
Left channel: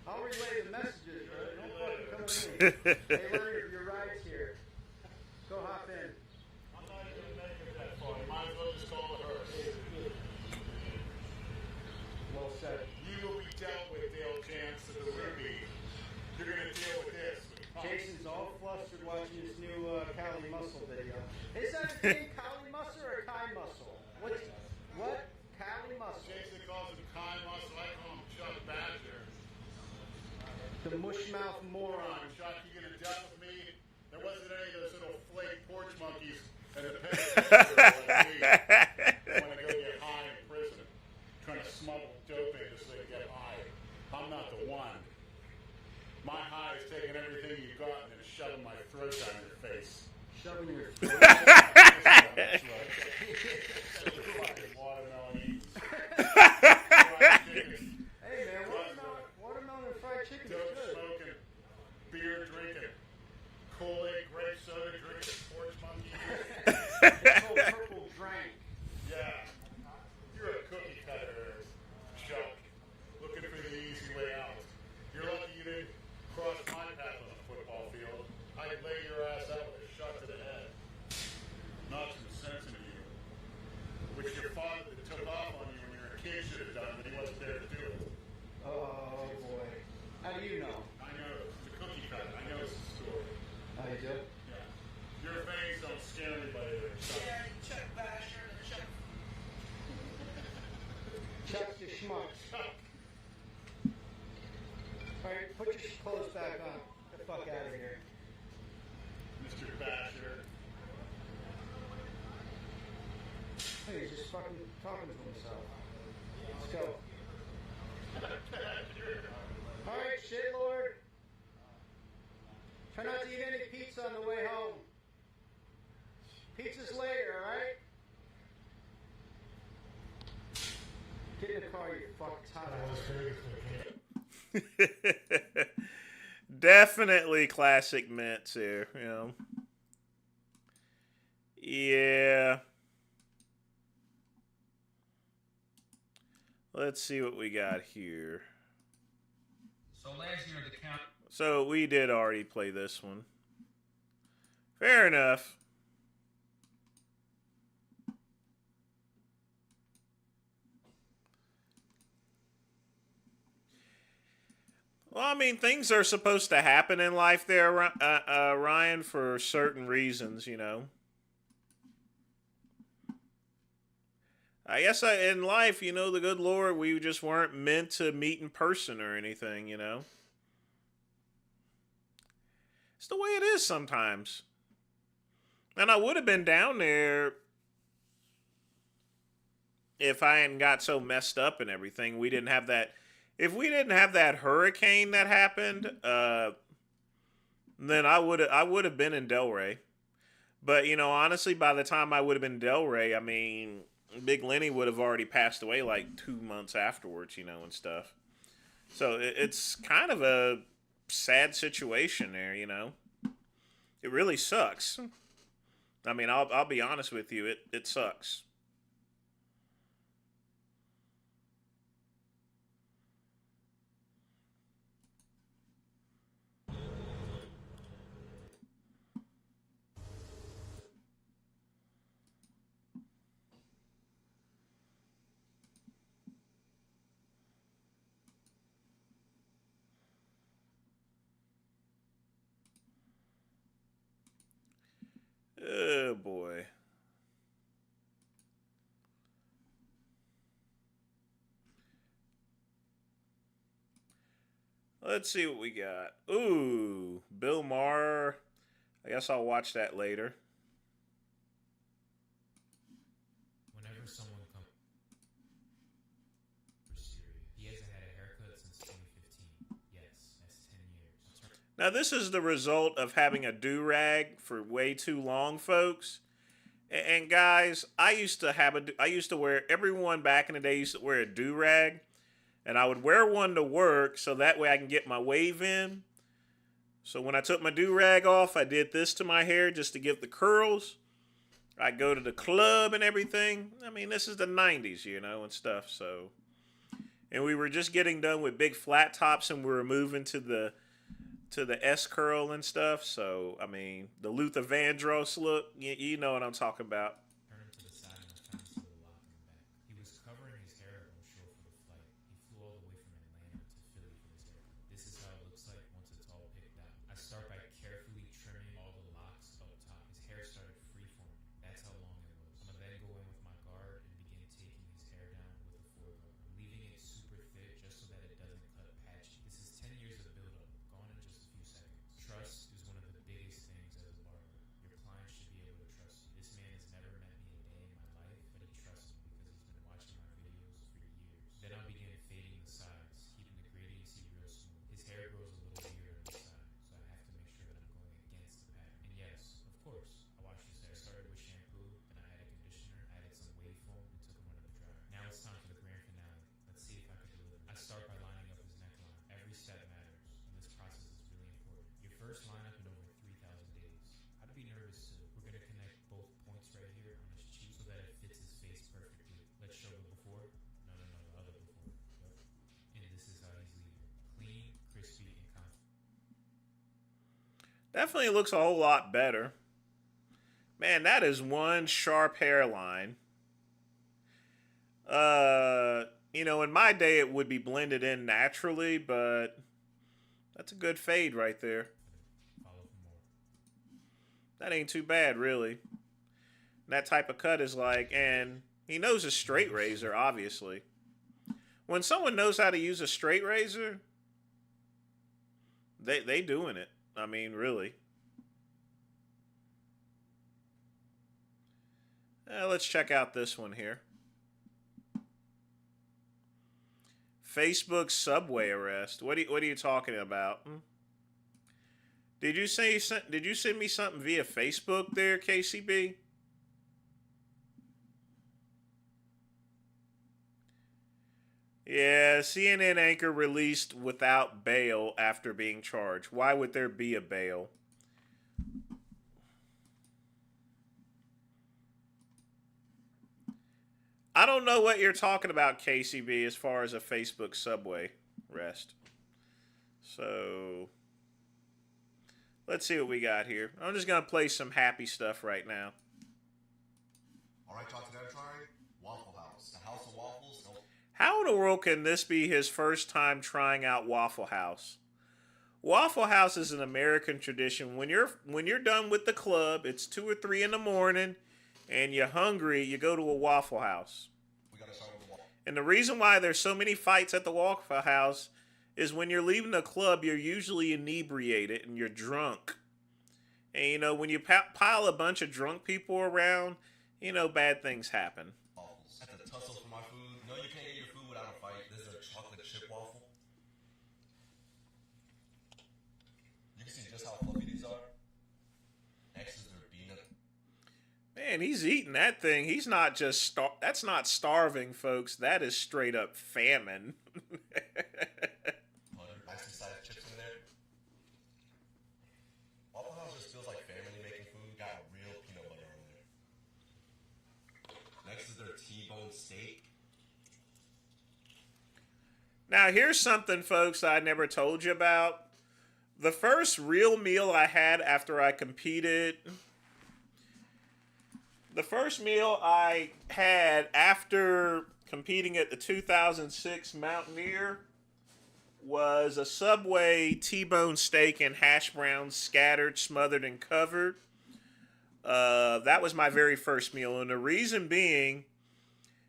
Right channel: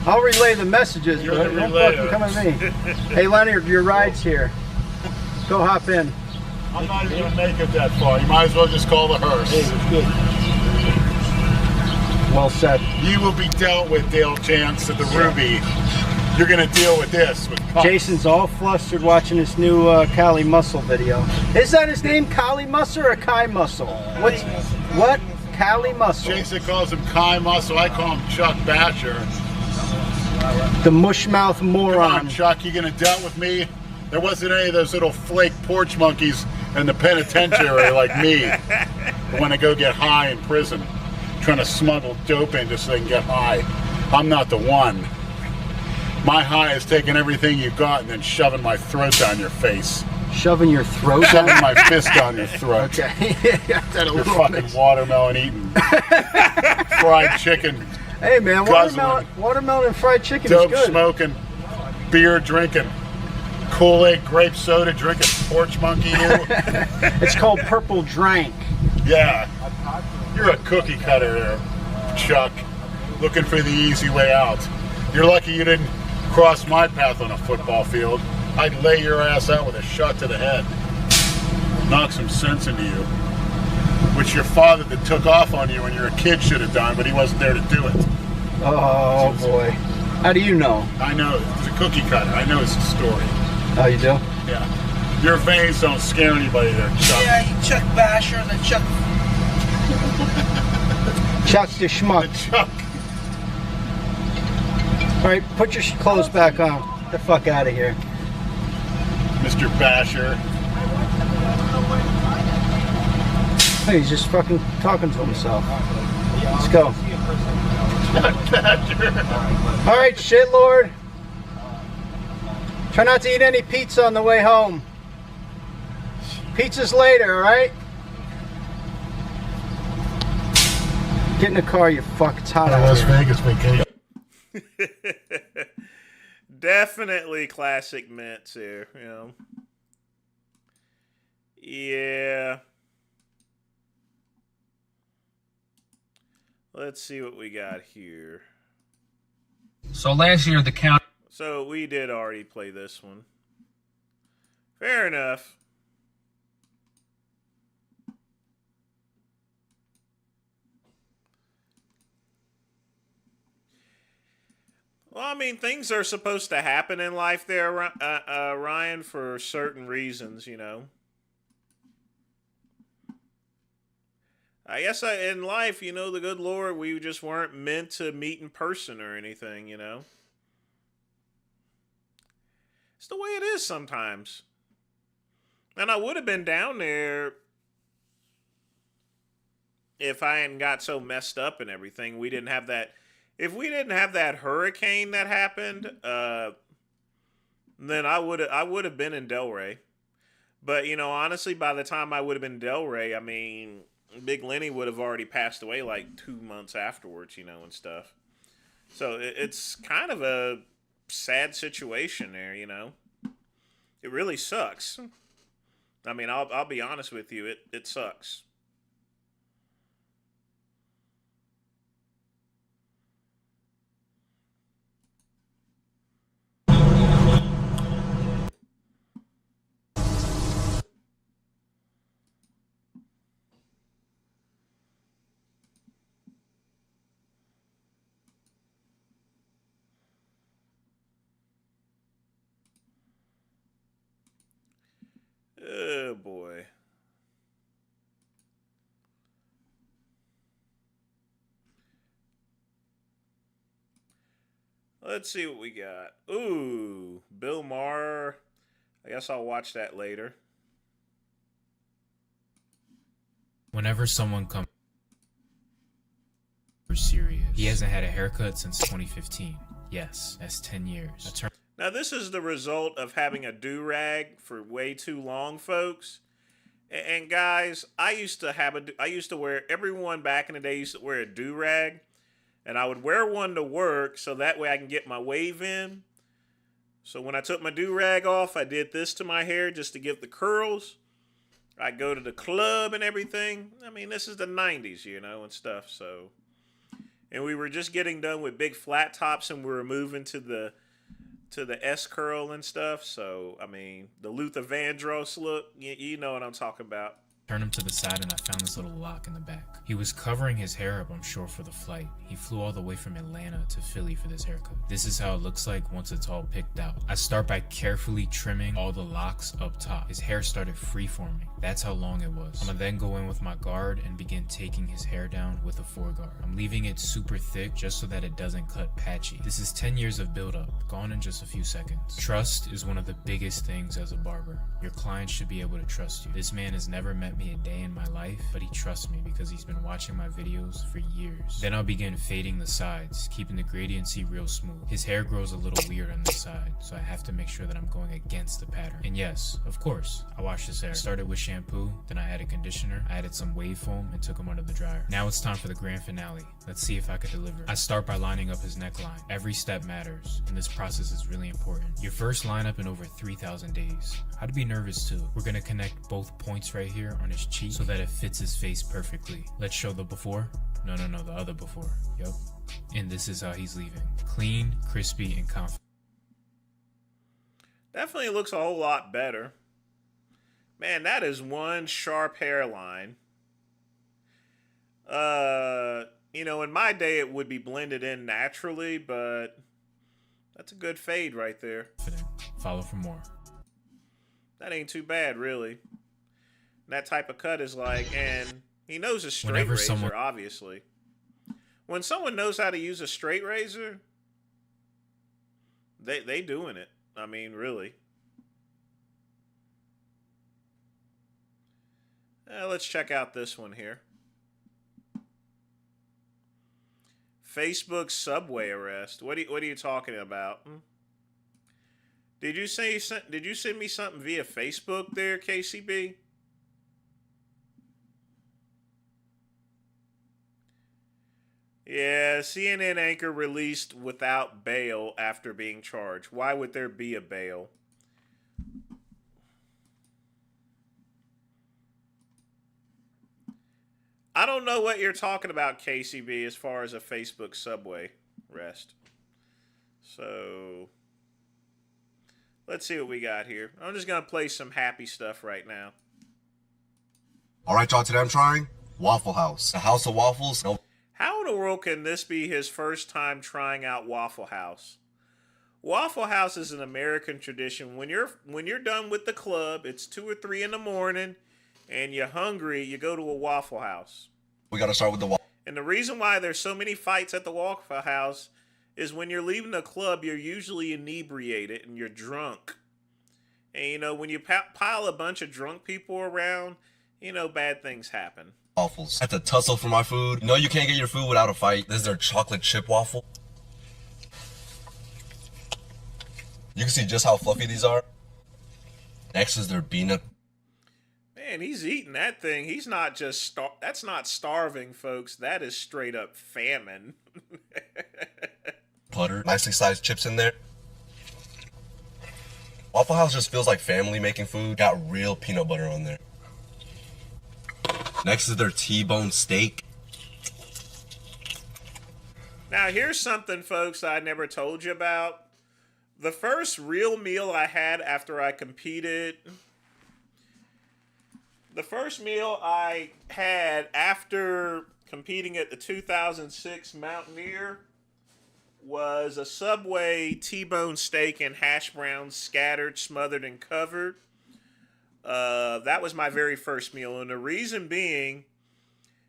I'll relay the messages, You're but the don't relayer. fucking come at me. Hey, Leonard, your ride's here. Go hop in. I'm not even gonna make it that far. You might as well just call the hearse. Hey, it's good. Well said. You will be dealt with, Dale Chance at the Ruby. You're gonna deal with this. With Jason's all flustered watching this new Kali Muscle video. Is that his name, Kali Muscle or Kai Muscle? What? Kali Muscle. Jason calls him Kai Muscle. I call him Chuck Basher. The mushmouth moron. Come on, Chuck. You gonna deal with me? There wasn't any of those little flake porch monkeys in the penitentiary like me who want to go get high in prison, trying to smuggle dope in just so they can get high. I'm not the one. My high is taking everything you got and then shoving my throat down your face. Shoving your throat? Shoving my fist down your throat. Okay. Your fucking watermelon eating. Fried chicken. Hey man, guzzling, watermelon and fried chicken dope is good. smoking, beer drinking, Kool-Aid grape soda drinking, porch monkey you. It's called purple drank. Yeah. You're a cookie cutter there, Chuck. Looking for the easy way out. You're lucky you didn't cross my path on a football field. I'd lay your ass out with a shot to the head. Knock some sense into you. Which your father that took off on you when you were a kid should have done, but he wasn't there to do it. Oh boy. How do you know? I know. He's a cookie cutter. I know his story. Oh, you do? Yeah. Your veins don't scare anybody there, Chuck. Yeah, you Chuck Basher and then Chuck. Chuck the schmuck. Chuck. All right, put your clothes back on. Get the fuck out of here. Mr. Basher. Hey, he's just fucking talking to himself. Let's go. All right, shitlord. Try not to eat any pizza on the way home. Pizza's later, all right? Get in the car, you fuck. It's hot out Las here. Vegas vacation. Definitely classic mints here, you know. Yeah. Let's see what we got here. So last year, the county. So we did already play this one. Fair enough. Well, I mean, things are supposed to happen in life there, Ryan, for certain reasons, you know. I guess in life, you know, the good Lord, we just weren't meant to meet in person or anything, you know. It's the way it is sometimes. And I would have been down there if I hadn't got so messed up and everything. We didn't have that. If we didn't have that hurricane that happened, then I would have been in Delray. But, you know, honestly, by the time I would have been in Delray, I mean, Big Lenny would have already passed away like 2 months afterwards, you know, and stuff. So it's kind of a sad situation there, you know. It really sucks. I mean, I'll be honest with you, it sucks. Oh, boy. Let's see what we got. Ooh, Bill Maher. I guess I'll watch that later. Whenever someone comes serious, he hasn't had a haircut since 2015. Yes, that's 10 years. Now, this is the result of having a do-rag for way too long, folks. And guys, I used to wear, everyone back in the day used to wear a do-rag. And I would wear one to work so that way I can get my wave in. So when I took my do-rag off, I did this to my hair just to give the curls. I go to the club and everything. I mean, this is the 90s, you know, and stuff. So, and we were just getting done with big flat tops, and we were moving to the S curl and stuff. So, I mean, the Luther Vandross look, you know what I'm talking about. Turned him to the side and I found this little lock in the back. He was covering his hair up, I'm sure, for the flight. He flew all the way from Atlanta to Philly for this haircut. This is how it looks like once it's all picked out. I start by carefully trimming all the locks up top. His hair started free-forming. That's how long it was. I'm gonna then go in with my guard and begin taking his hair down with a foreguard. I'm leaving it super thick just so that it doesn't cut patchy. This is 10 years of build-up, gone in just a few seconds. Trust is one of the biggest things as a barber. Your client should be able to trust you. This man has never met me a day in my life, but he trusts me because he's been watching my videos for years. Then I'll begin fading the sides, keeping the gradiency real smooth. His hair grows a little weird on this side, so I have to make sure that I'm going against the pattern. And yes, of course, I washed his hair. I started with shampoo, then I added conditioner, I added some wave foam, and took him under the dryer. Now it's time for the grand finale. Let's see if I could deliver. I start by lining up his neckline. Every step matters, and this process is really important. Your first lineup in over 3,000 days. I'd be nervous too. We're gonna connect both points right here on his cheek so that it fits his face perfectly. Let's show the before. No, the other before. Yup. And this is how he's leaving. Clean, crispy, and confident. Definitely looks a whole lot better. Man, that is one sharp hairline. You know, in my day it would be blended in naturally, but that's a good fade right there. Follow for more. That ain't too bad, really. That type of cut is like, and he knows a straight razor, obviously. When someone knows how to use a straight razor, they doing it. I mean, really. Let's check out this one here. Facebook subway arrest. What are you talking about? Did you send me something via Facebook there, KCB? Yeah, CNN anchor released without bail after being charged. Why would there be a bail? I don't know what you're talking about, KCB, as far as a Facebook subway arrest. So, let's see what we got here. I'm just going to play some happy stuff right now. All right, y'all, today I'm trying Waffle House. A house of waffles. No. How in the world can this be his first time trying out Waffle House? Waffle House is an American tradition. When you're done with the club, it's 2 or 3 in the morning, and you're hungry, you go to a Waffle House. We got to start with the waffle. And the reason why there's so many fights at the Waffle House is when you're leaving the club, you're usually inebriated and you're drunk. And, you know, when you pile a bunch of drunk people around, you know, bad things happen. Waffles. I have to tussle for my food. You know you can't get your food without a fight. This is their chocolate chip waffle. You can see just how fluffy these are. Next is their peanut. Man, he's eating that thing. He's not just that's not starving, folks. That is straight up famine. Butter. Nicely sized chips in there. Waffle House just feels like family making food. Got real peanut butter on there. Next is their T-bone steak. Now, here's something, folks, I never told you about. The first real meal I had after I competed... The first meal I had after competing at the 2006 Mountaineer was a Subway T-bone steak and hash browns scattered, smothered, and covered. That was my very first meal, and the reason being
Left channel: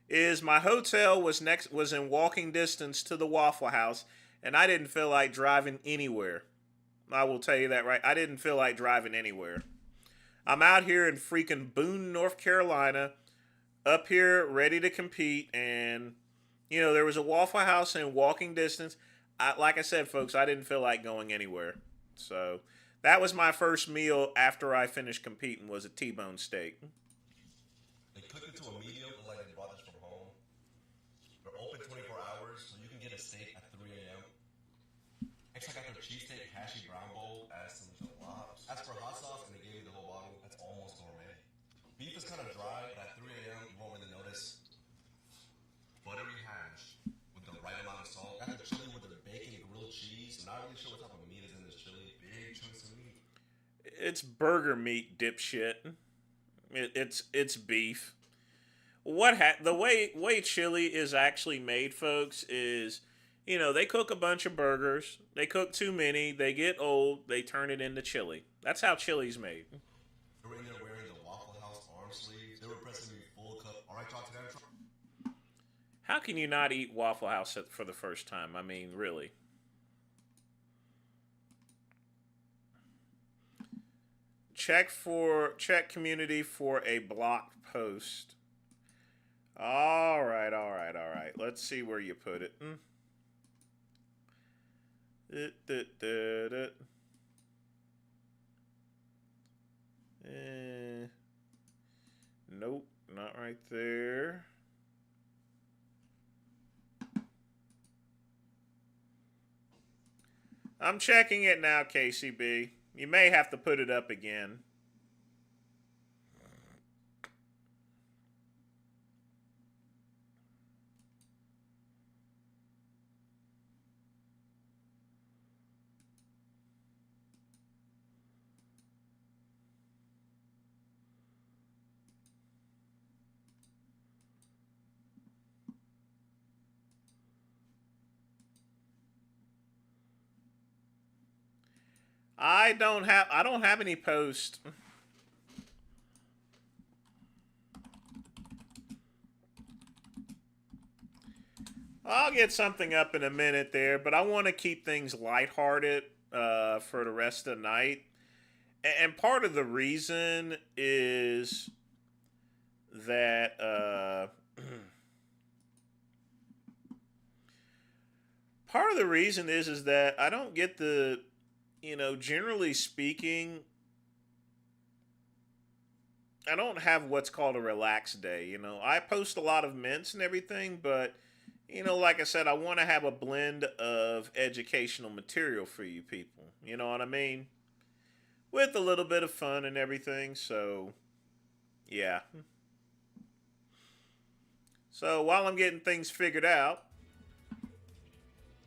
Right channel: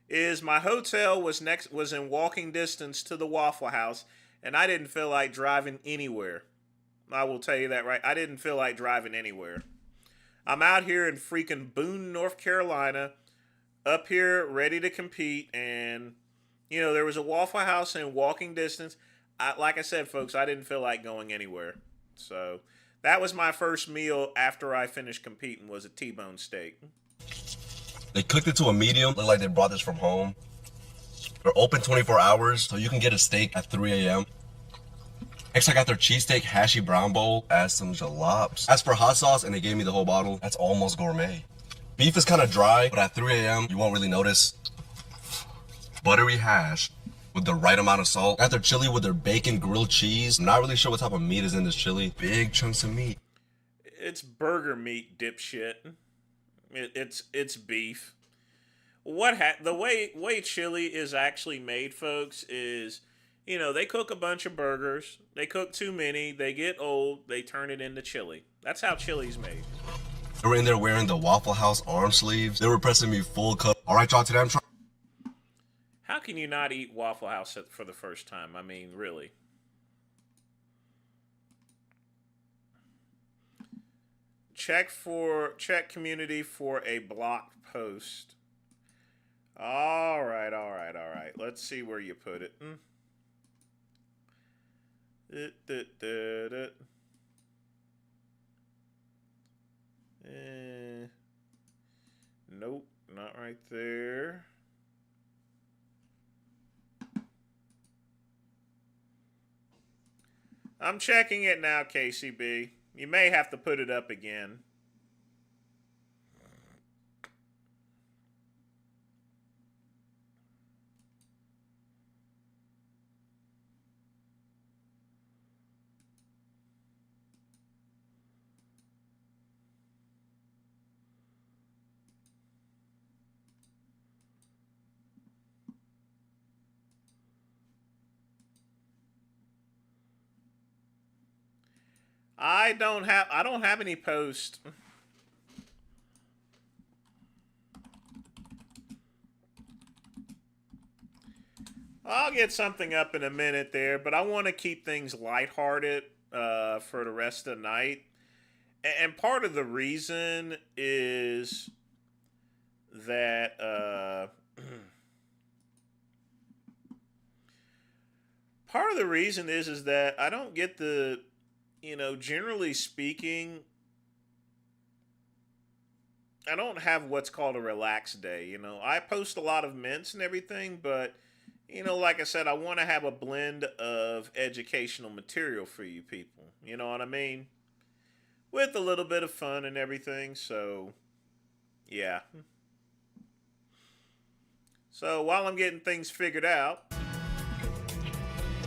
is my hotel was in walking distance to the Waffle House, and I didn't feel like driving anywhere. I will tell you that right. I didn't feel like driving anywhere. I'm out here in freaking Boone, North Carolina, up here ready to compete, and you know there was a Waffle House in walking distance. Like I said, folks, I didn't feel like going anywhere, so. That was my first meal after I finished competing, was a T-bone steak. They cooked it to a medium. Looked like they brought this from home. They're open 24 hours, so you can get a steak at 3 a.m. Next, I got their cheesesteak hashy brown bowl. Add some jalapenos. Asked for hot sauce, and they gave me the whole bottle. That's almost gourmet. Beef is kind of dry, but at 3 a.m. you won't really notice. Buttery hash with the right amount of salt. Got their chili with their bacon, grilled cheese. I'm not really sure what type of meat is in this chili. Big chunks of meat. It's burger meat, dipshit. It's beef. The way chili is actually made, folks, is, you know, they cook a bunch of burgers. They cook too many. They get old. They turn it into chili. That's how chili's made. They were in there wearing the Waffle House arm sleeves. They were pressing me full cup. All right, y'all, today I'm trying. How can you not eat Waffle House for the first time? I mean, really. Check community for a blocked post. All right. Let's see where you put it. Nope, not right there. I'm checking it now, KCB. You may have to put it up again. I don't have any posts. I'll get something up in a minute there, but I want to keep things lighthearted for the rest of the night. And part of the reason is that that I don't get the, you know, generally speaking, I don't have what's called a relaxed day. You know, I post a lot of mints and everything, but, you know, like I said, I want to have a blend of educational material for you people. You know what I mean? With a little bit of fun and everything. So, yeah. So while I'm getting things figured out,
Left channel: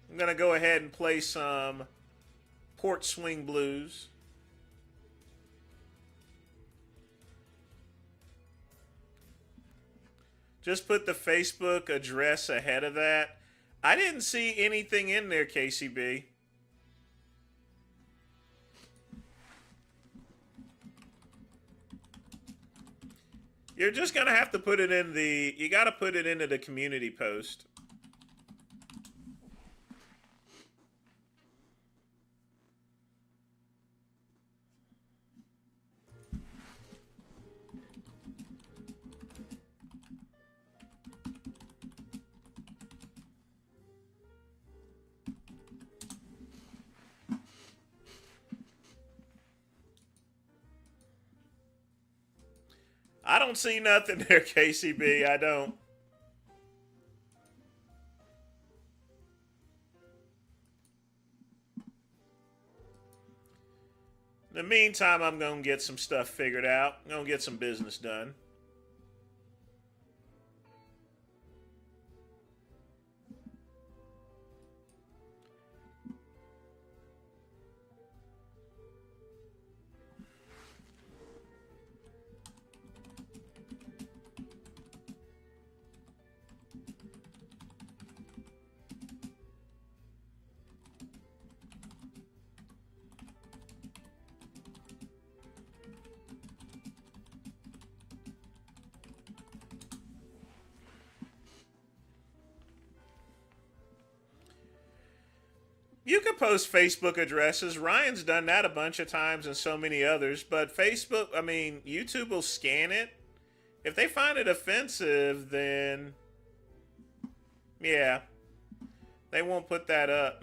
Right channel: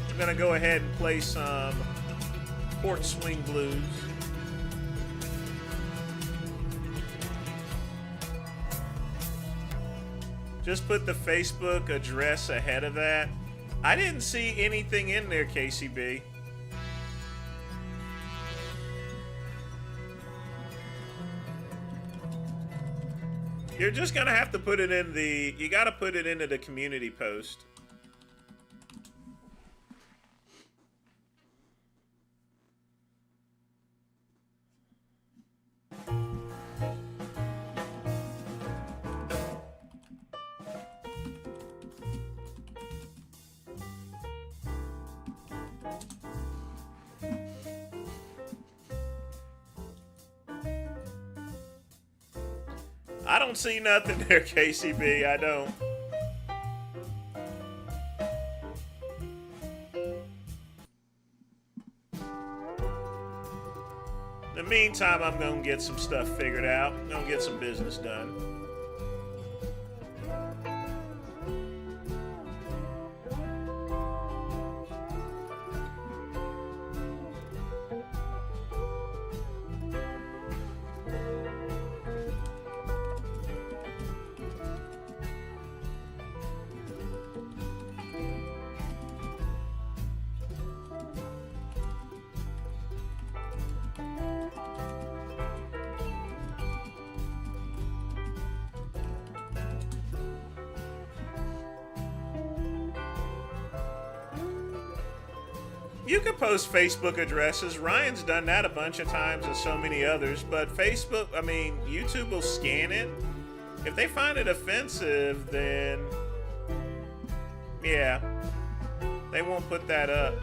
I'm going to go ahead and play some Port Swing Blues. Just put the Facebook address ahead of that. I didn't see anything in there, KCB. You're just gonna have to put it in the, you gotta put it into the community post. I don't see nothing there, KCB. I don't. In the meantime, I'm going to get some stuff figured out. I'm going to get some business done. You can post Facebook addresses. Ryan's done that a bunch of times and so many others. But Facebook, I mean, YouTube will scan it. If they find it offensive, then yeah, they won't put that up.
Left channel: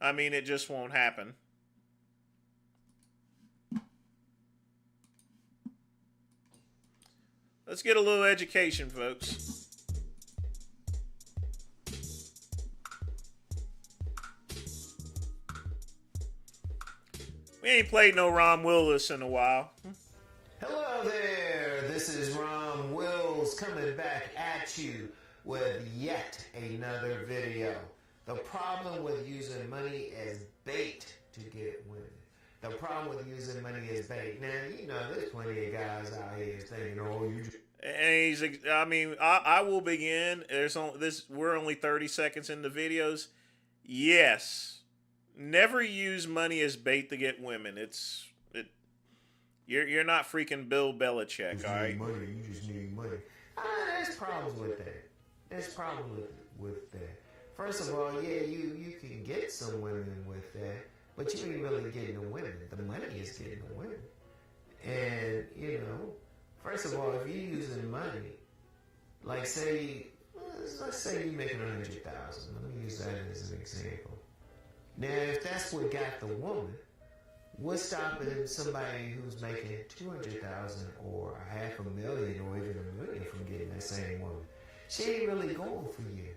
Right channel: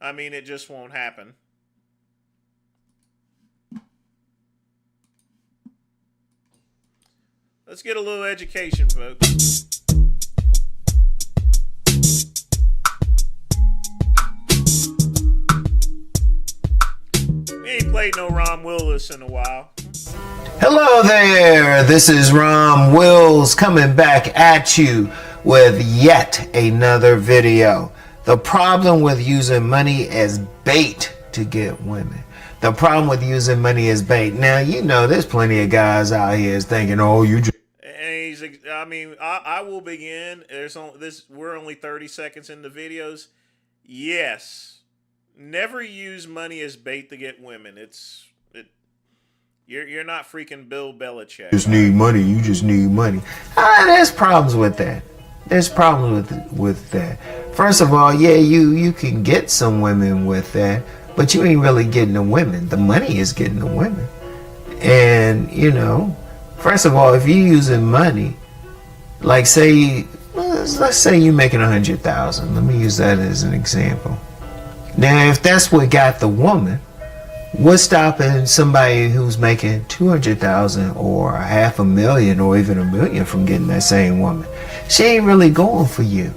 I mean, it just won't happen. Let's get a little education, folks. We ain't played no Ron Willis in a while. Hello there, this is Rom Wills coming back at you with yet another video. The problem with using money as bait to get women. The problem with using money as bait. Now, you know, there's plenty of guys out here thinking, oh, you just... And I will begin. We're only 30 seconds into videos. Yes. Never use money as bait to get women. You're not freaking Bill Belichick. Just need money. You just need money. There's problems with that. There's problems with that. First of all, yeah, you can get some women with that, but you ain't really getting the women. The money is getting the women. And, you know, first of all, if you're using money, like say, let's say you're making 100,000. Let me use that as an example. Now, if that's what got the woman, what's stopping somebody who's making 200,000 or $500,000 or even $1 million from getting that same woman? She ain't really going for you.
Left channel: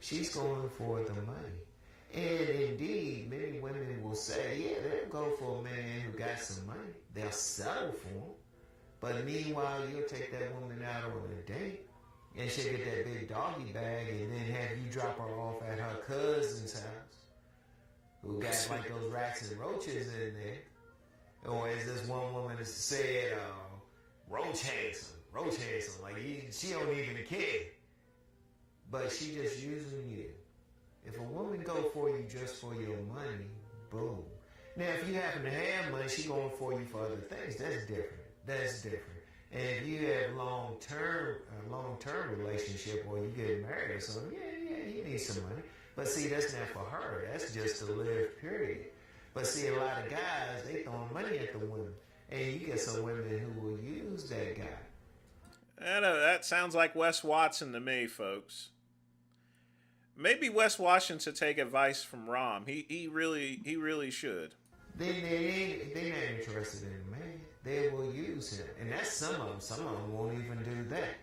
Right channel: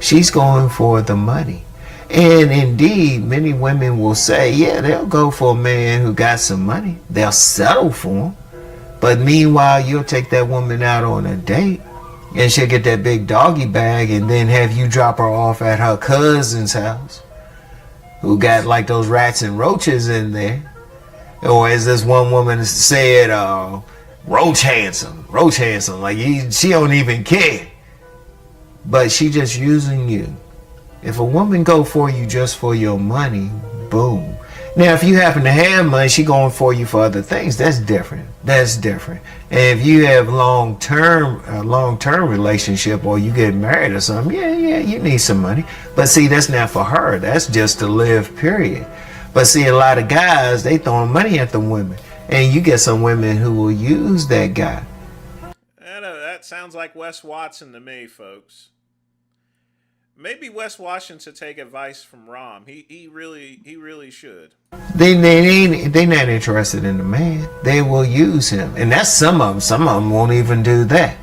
She's going for the money. And indeed, many women will say, yeah, they'll go for a man who got some money. They'll settle for him. But meanwhile, you'll take that woman out on a date and she'll get that big doggy bag and then have you drop her off at her cousin's house, who got like those rats and roaches in there. Or as this one woman said, roach handsome, like she don't even care. But she just using you. If a woman go for you just for your money, boom. Now, if you happen to have money, she going for you for other things. That's different. That's different. And if you have long-term relationship or you get married or something, yeah, you need some money. But see, that's not for her. That's just to live, period. But see, a lot of guys, they throwing money at the women. And you get some women who will use that guy. I know, that sounds like Wes Watson to me, folks. Maybe Wes Watson should take advice from Rom. He really should. They not interested in the man. They will use him, and that's some of them. Some of them won't even do that.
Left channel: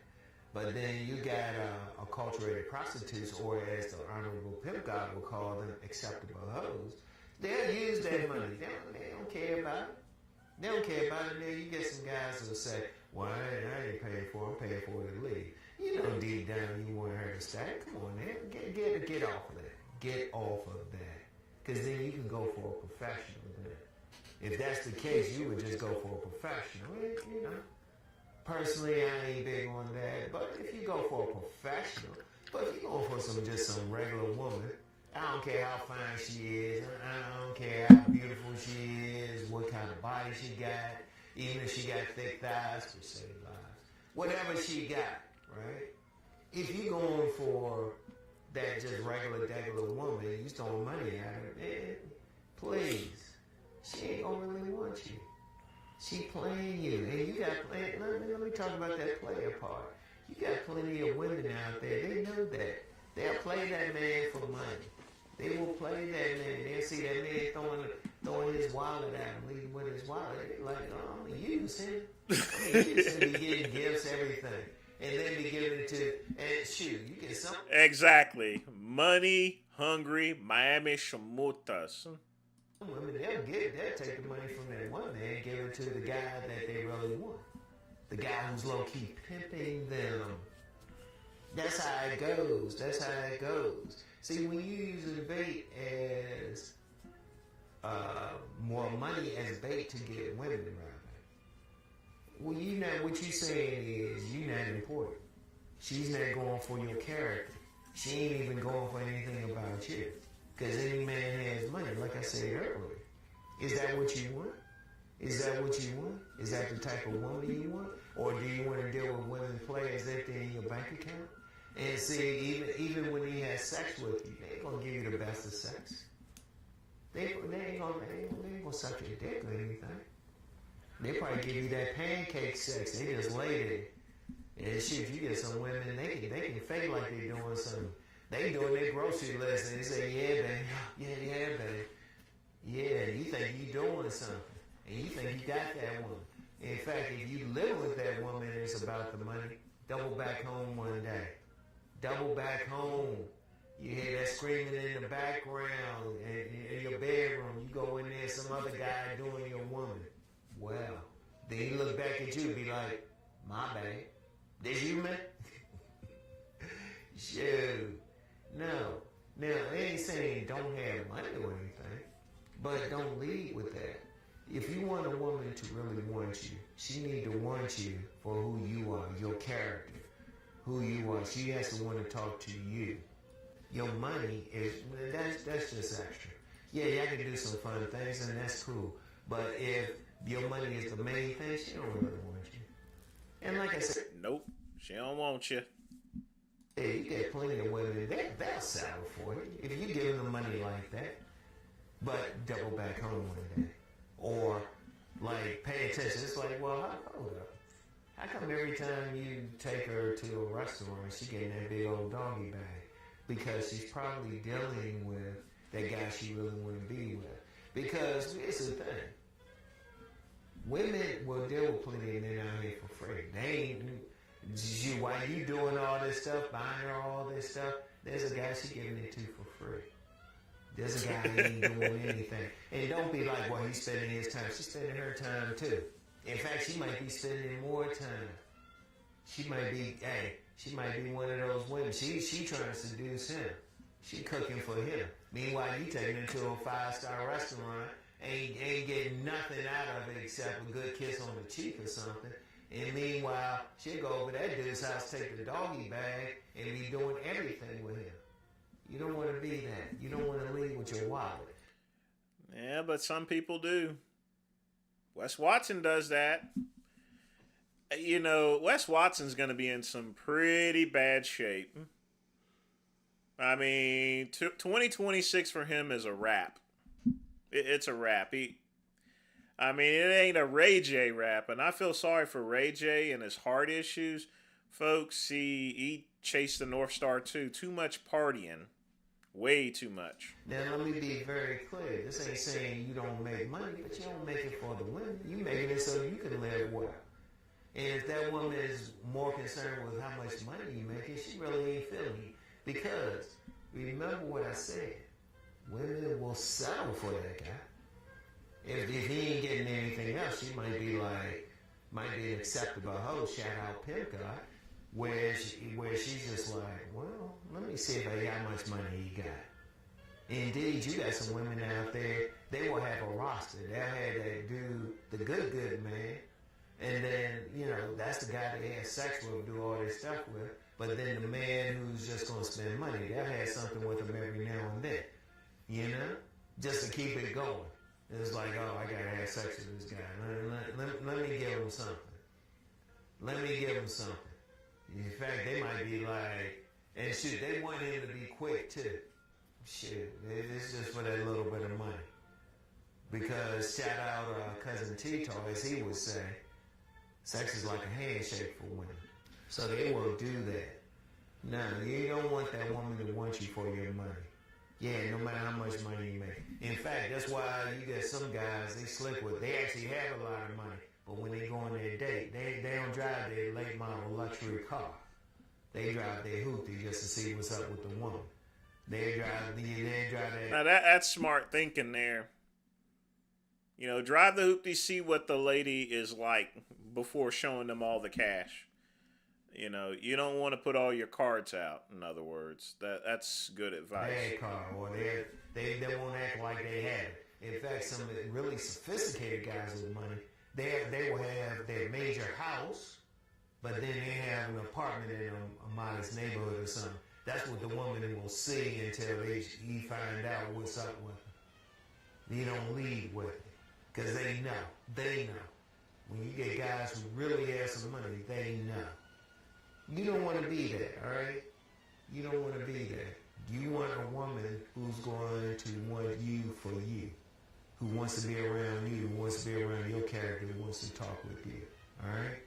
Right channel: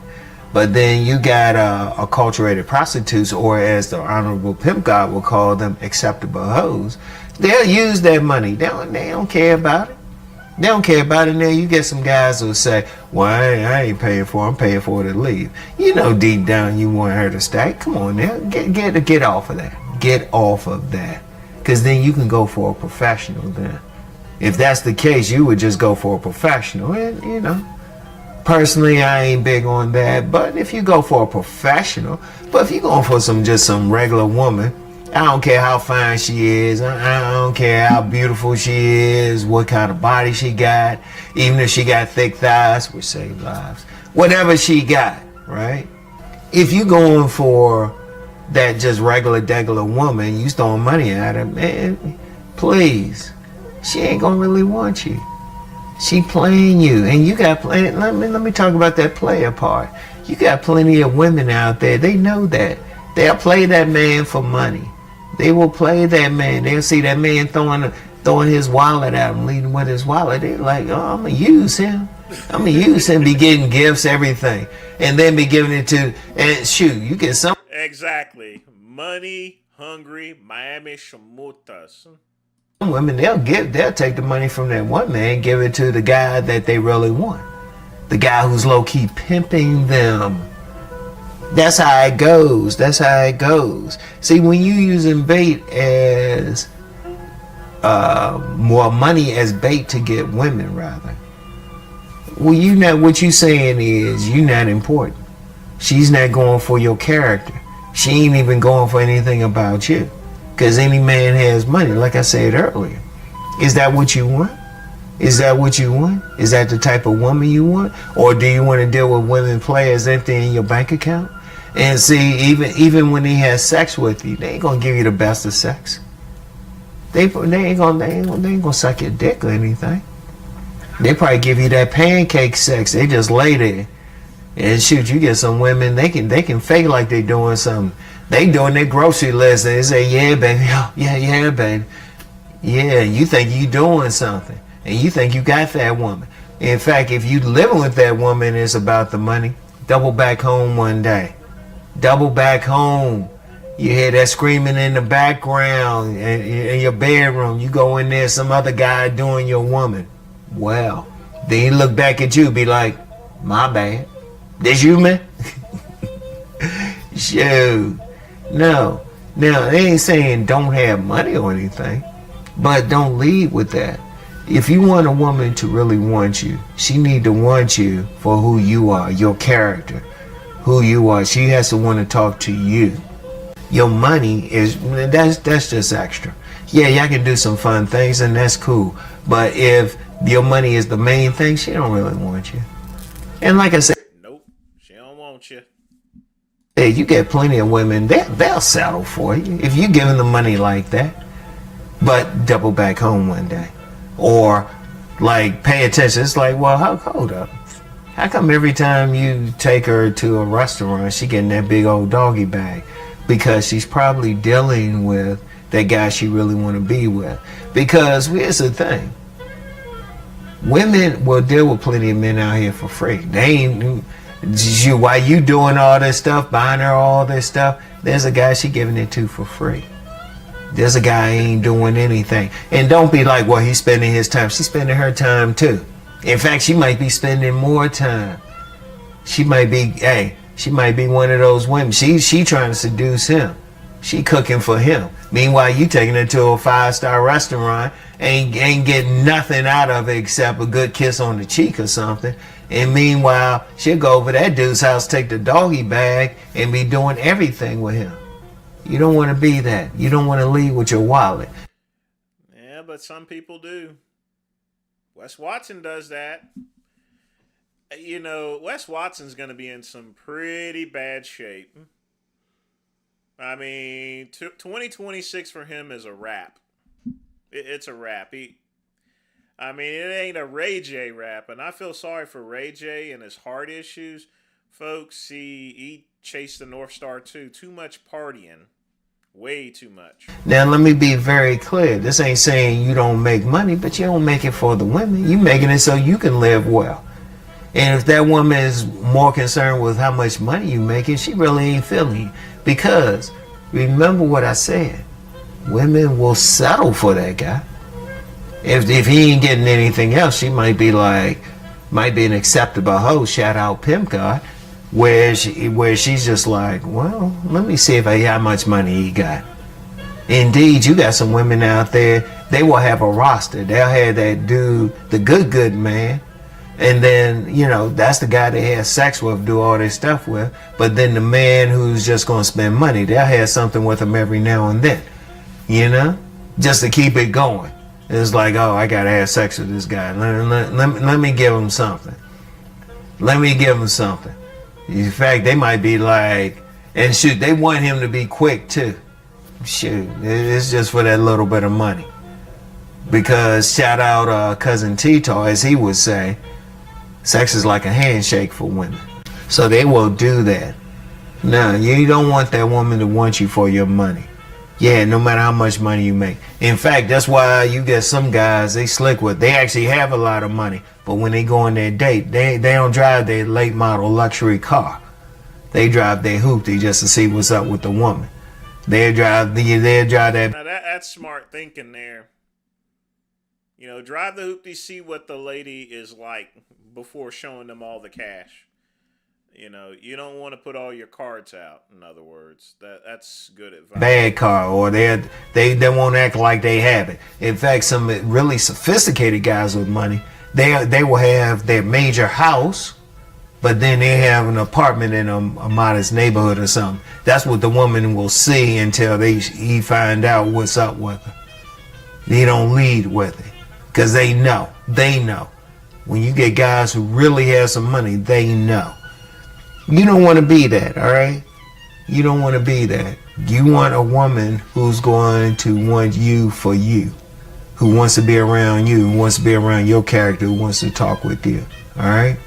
But then you got acculturated prostitutes, or as the Honorable Pimp God will call them, acceptable hoes. They'll use that money. They don't care about it. They don't care about it. Now you get some guys who say, well, I ain't paying for it. I'm paying for her to leave. You know deep down you want her to stay. Come on now. Get off of that. Get off of that. Because then you can go for a professional then. If that's the case, you would just go for a professional. And, you know, personally, I ain't big on that. But if you go for a professional, but if you're going for just some regular woman, I don't care how fine she is. I don't care how beautiful she is, what kind of body she got, even if she got thick thighs, which save lives. Whatever she got, right? If you going for that just regular woman, you throwing money at her, man, please. She ain't gonna really want you. She playing you, and you got plenty. Let me talk about that player part. You got plenty of women out there. They know that. They'll play that man for money. They will play that man. They'll see that man throwing his wallet at him, leading with his wallet. They're like, oh, I'm gonna use him. I'm gonna use him. Be getting gifts, everything, and then be giving it to. And shoot, you get some. Exactly. Money hungry Miami shamutas. Women, they'll take the money from that one man, give it to the guy that they really want, the guy who's low key pimping them. That's how it goes. That's how it goes. See, when you using bait as more money as bait to get women, rather. Well, what you saying is you not important. She's not going for your character. She ain't even going for anything about you. Because any man has money, like I said earlier. Is that what you want? Is that what you want? Is that the type of woman you want? Or do you want to deal with women players emptying your bank account? And see, even when he has sex with you, they ain't gonna give you the best of sex. They ain't gonna suck your dick or anything. They probably give you that pancake sex. They just lay there. And shoot, you get some women, they can fake like they doing something. They doing their grocery list and they say, yeah, baby, yeah, baby. Yeah, you think you doing something. And you think you got that woman. In fact, if you living with that woman, it's about the money. Double back home one day. Double back home. You hear that screaming in the background in your bedroom. You go in there, some other guy doing your woman. Well, Then he look back at you, be like, my bad. This you, man? Shoot. No. Now, they ain't saying don't have money or anything, but don't lead with that. If you want a woman to really want you, she need to want you for who you are, your character, who you are. She has to want to talk to you. Your money is, that's just extra. Yeah, y'all can do some fun things and that's cool. But if your money is the main thing, she don't really want you. And like I said, Nope, she don't want you. hey, you get plenty of women, they'll settle for you if you give them the money like that. But double back home one day. Or like pay attention. It's like, well, hold up. How come every time you take her to a restaurant, she getting that big old doggy bag? Because she's probably dealing with that guy she really want to be with. Because here's the thing. Women will deal with plenty of men out here for free. They ain't, while you doing all this stuff, buying her all this stuff, there's a guy she giving it to for free. There's a guy ain't doing anything. And don't be like, well, he's spending his time. She's spending her time too. In fact, she might be spending more time. She might be, she might be one of those women. She trying to seduce him. She cooking for him. Meanwhile, you taking her to a 5-star restaurant, ain't getting nothing out of it except a good kiss on the cheek or something. And meanwhile, she'll go over that dude's house, take the doggy bag, and be doing everything with him. You don't want to be that. You don't want to leave with your wallet. Yeah, but some people do. Wes Watson does that. You know, Wes Watson's going to be in some pretty bad shape. I mean, 2026 for him is a wrap. It's a wrap. I mean, it ain't a Ray J rap, and I feel sorry for Ray J and his heart issues. Folks, he chased the North Star too. Too much partying. Way too much. Now, let me be very clear. This ain't saying you don't make money, but you don't make it for the women. You making it so you can live well. And if that woman is more concerned with how much money you making, she really ain't feeling you. Because, remember what I said, women will settle for that guy. If he ain't getting anything else, she might be an acceptable host, shout out Pimp God, where she's just like, well, let me see how much money he got. Indeed, you got some women out there, they will have a roster. They'll have that dude, the good man, and then, you know, that's the guy they have sex with, do all this stuff with. But then the man who's just going to spend money, they'll have something with him every now and then, you know, just to keep it going. It's like, oh, I got to have sex with this guy. Let me give him something. Let me give him something. In fact, they might be like, and shoot, they want him to be quick too. Shoot, it's just for that little bit of money. Because shout out Cousin Tito, as he would say, sex is like a handshake for women. So they will do that. No, you don't want that woman to want you for your money. Yeah, no matter how much money you make. In fact, that's why you get some guys, they slick with, they actually have a lot of money. But when they go on their date, they don't drive their late model luxury car. They drive their hoopty just to see what's up with the woman. They drive that. Now that's smart thinking there. You know, drive the hoopty, see what the lady is like before showing them all the cash. You know, you don't want to put all your cards out, in other words. That's good advice. Bad car, or they won't act like they have it. In fact, some really sophisticated guys with money, they will have their major house, but then they have an apartment in a modest neighborhood or something. That's what the woman will see until he find out what's up with her. They don't lead with it, because they know. When you get guys who really have some money, they know. You don't want to be that, all right? You don't want to be that. You want a woman who's going to want you for you, who wants to be around you, who wants to be around your character, who wants to talk with you, all right?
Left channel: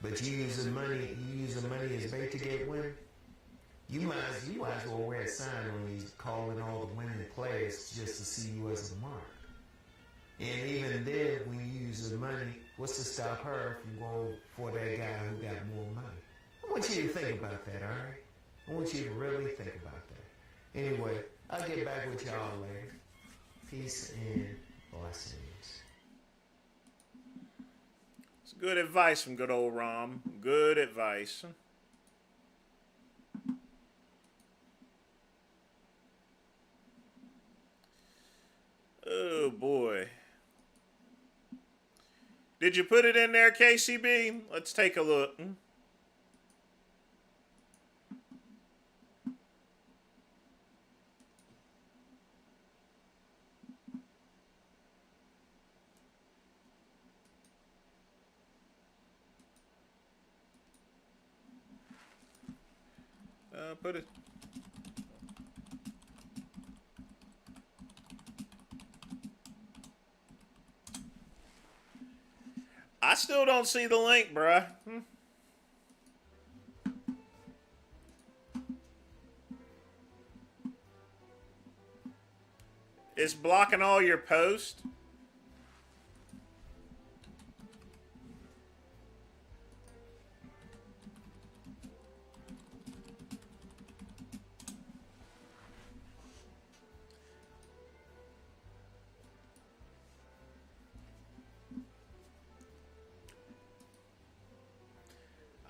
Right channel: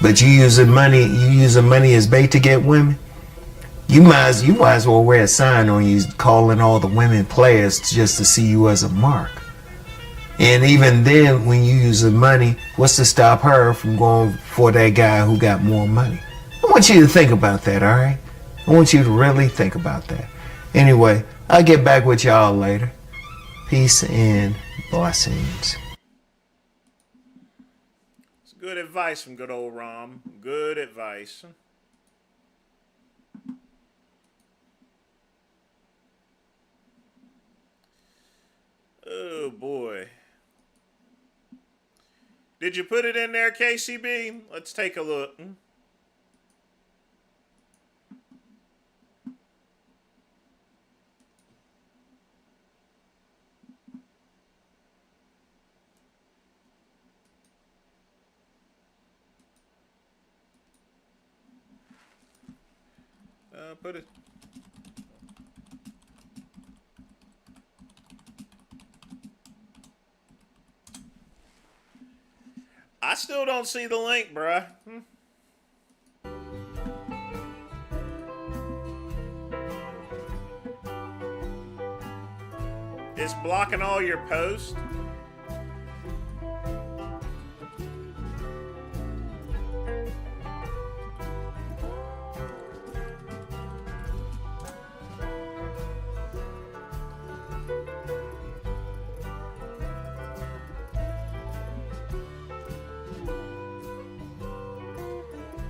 But you using money as bait to get women. You might as well wear a sign on you calling all the women players just to see you as a mark. And even then, when you use the money, what's to stop her from going for that guy who got more money? I want you to think about that, all right? I want you to really think about that. Anyway, I'll get back with y'all later. Peace and blessings. Good advice from good old Rom. Good advice. Oh boy. Did you put it in there, KCB? Let's take a look. Put it. I still don't see the link, bruh. It's blocking all your posts.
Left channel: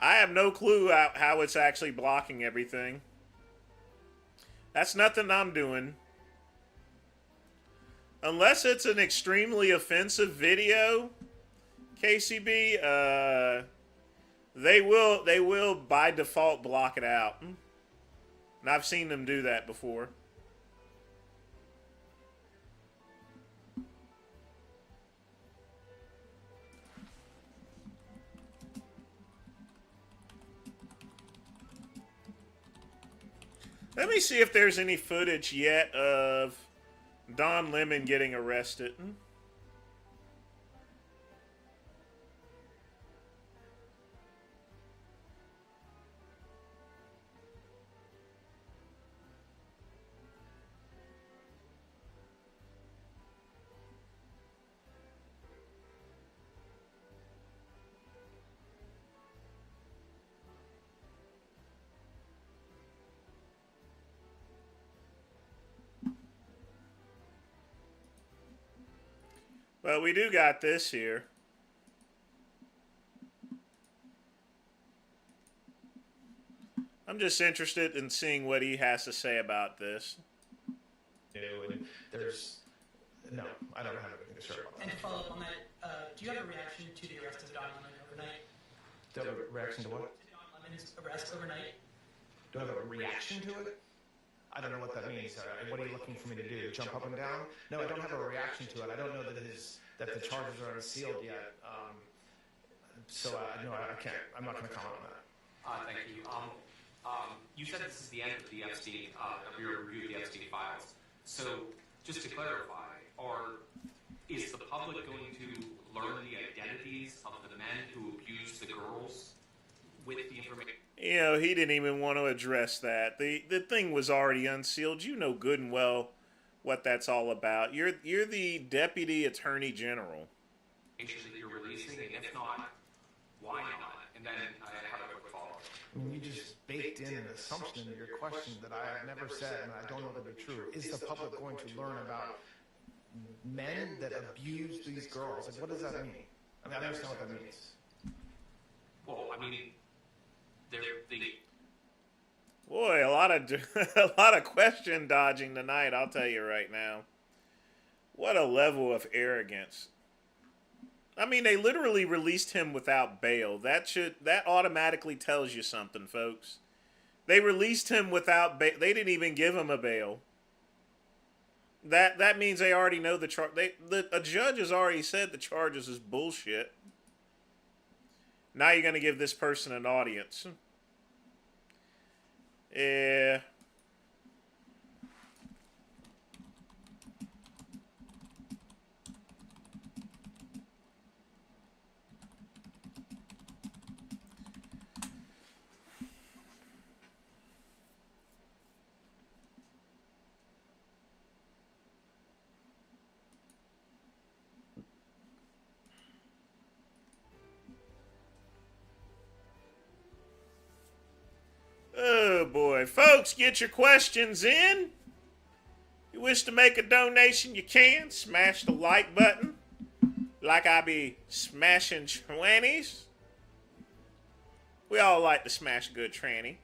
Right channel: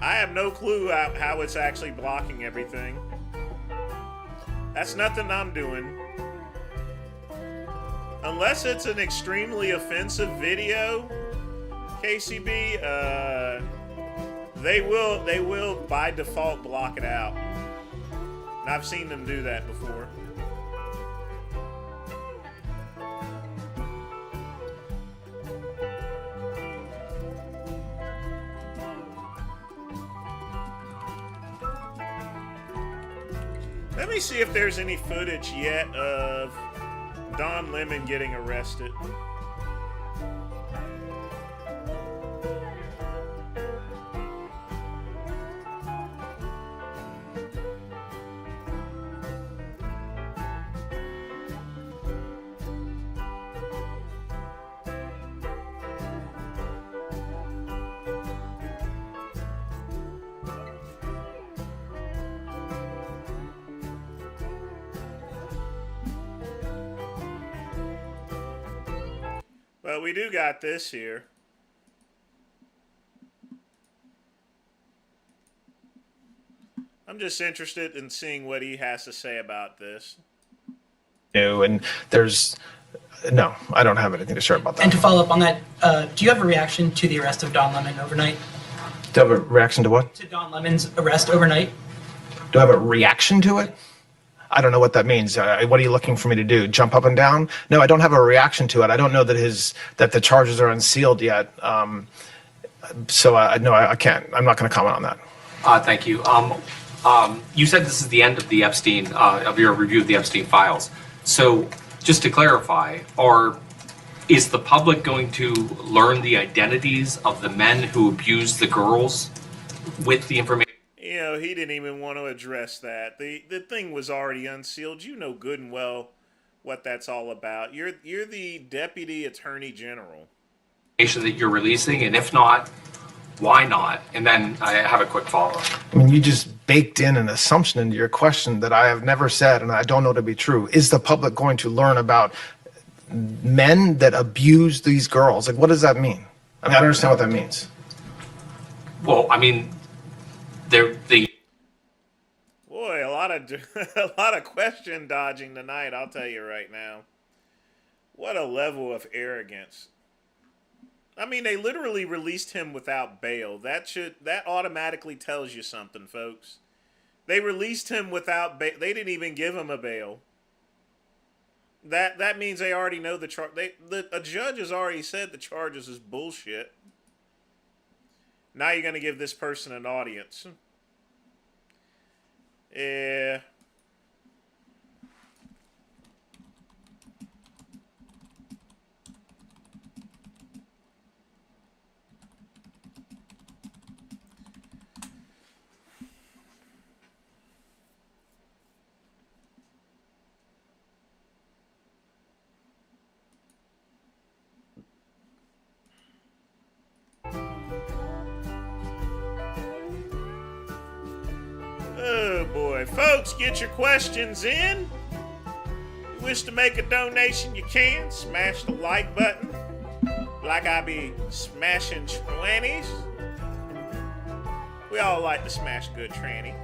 I have no clue how it's actually blocking everything. That's nothing I'm doing. Unless it's an extremely offensive video, KCB, they will by default block it out. And I've seen them do that before. Let me see if there's any footage yet of Don Lemon getting arrested. Well, we do got this here. I'm just interested in seeing what he has to say about this. And there's no, I don't have anything to share about that. And to follow up on that, do you have a reaction to the arrest of Don Lemon overnight? Do I have a reaction to what? To Don Lemon's arrest overnight? Do I have a reaction to it? I don't know what that means. What are you looking for me to do? Jump up and down? No, I don't have a reaction to it. I don't know that the charges are unsealed yet. So no, I can't. I'm not going to comment on that. Thank you. You said this is the end of the Epstein, of your review of the Epstein files. So just to clarify, is the public going to learn the identities of the men who abused the girls with the information? You know, he didn't even want to address that. The thing was already unsealed. You know good and well what that's all about. You're the Deputy Attorney General. That you're releasing, and if not, why not? And then I have a quick follow-up. I mean, you just baked in an assumption into your question that I have never said and I don't know to be true. Is the public going to learn about men that abuse these girls? Like, what does that mean? I mean, I don't understand what that means. Well, I mean, Boy, a lot of question dodging tonight, I'll tell you right now. What a level of arrogance. I mean, they literally released him without bail. That automatically tells you something, folks. They released him without bail. They didn't even give him a bail. That means they already know the charge. A judge has already said the charges is bullshit. Now you're going to give this person an audience. Yeah. Oh boy. Folks, get your questions in. If you wish to make a donation, you can. Smash the like button. Like I be smashing trannies? We all like to smash a good tranny.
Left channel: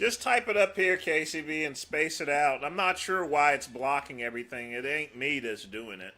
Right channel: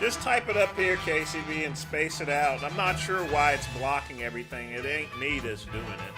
Just type it up here, KCB, and space it out. I'm not sure why it's blocking everything. It ain't me that's doing it.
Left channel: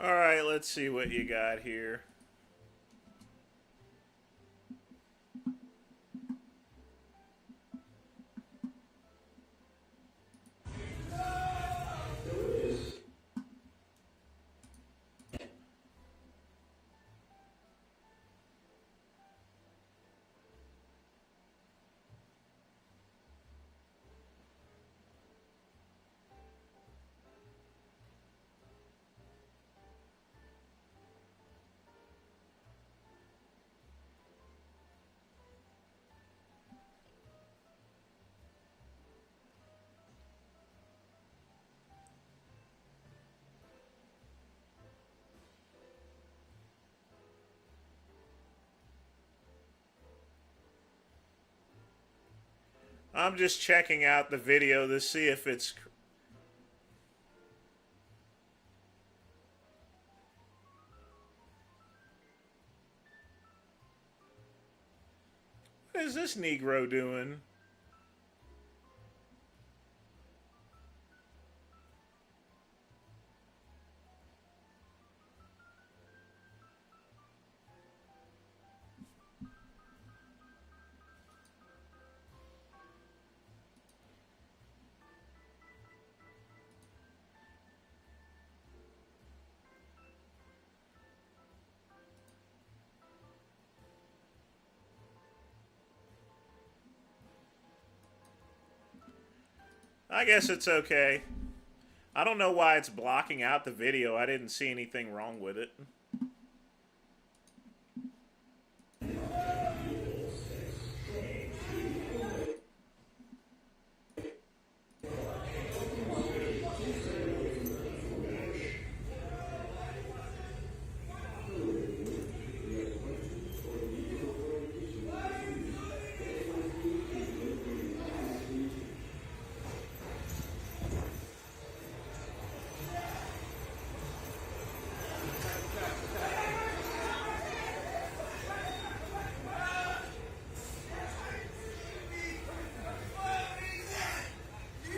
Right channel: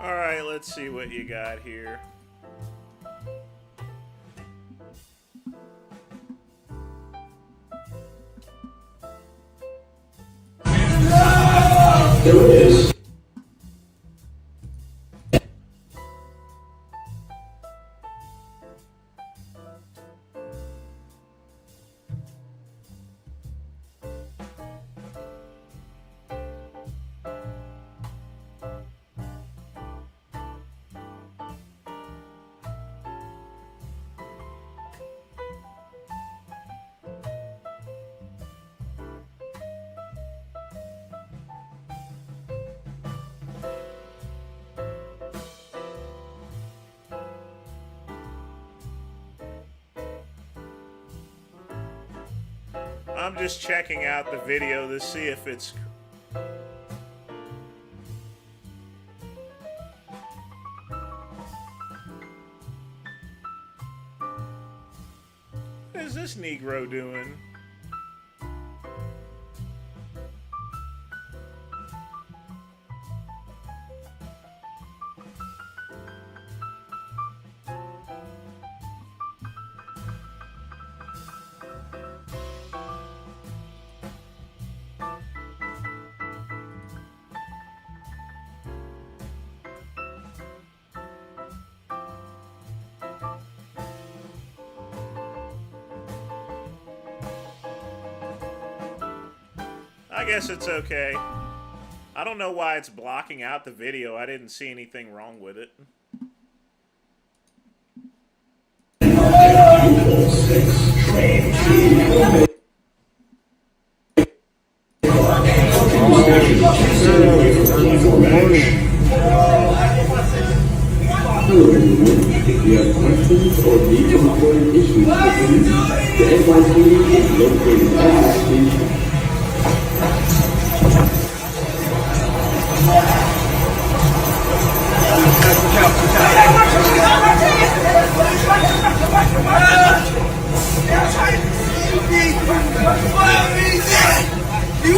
Alright, let's see what you got here. There it is. I'm just checking out the video to see if it's... What is this Negro doing? I guess it's okay. I don't know why it's blocking out the video. I didn't see anything wrong with it. If you have questions or need to report an issue, You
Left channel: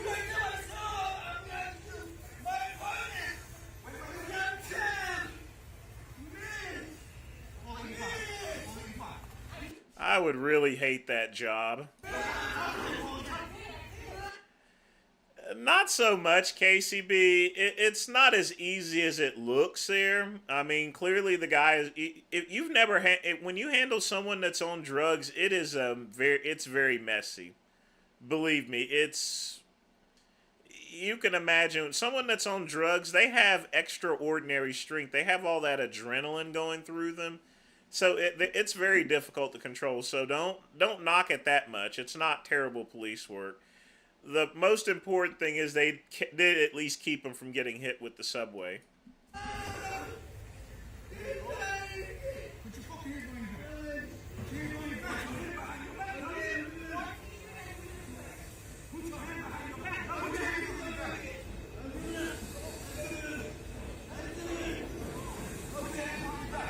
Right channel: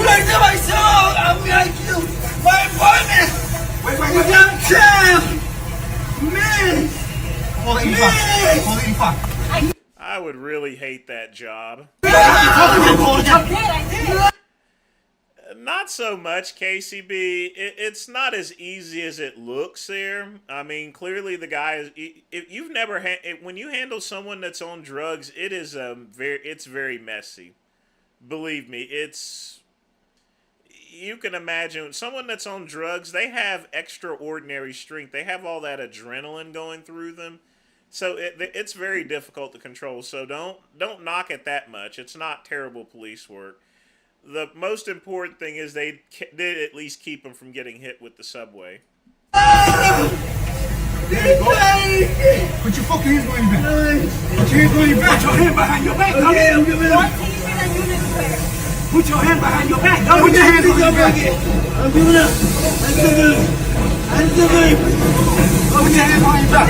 like that my song? I'm like you. My apartment. Wait. Downtown. Man. I would really hate that job. Not so much, KCB. It's not as easy as it looks there. I mean, clearly the guy is. If you've never when you handle someone that's on drugs, it is it's very messy. Believe me, you can imagine someone that's on drugs. They have extraordinary strength. They have all that adrenaline going through them, so it's very difficult to control. So don't knock it that much. It's not terrible police work. The most important thing is they did at least keep him from getting hit with the subway. Put your fucking hands behind your back. Put your hands behind your back. Put your hand behind your back. Okay, I'm giving up. Put your hand behind your back. Don't put your hands behind your back. I'm giving up. I'm still good. Put your hand behind your back.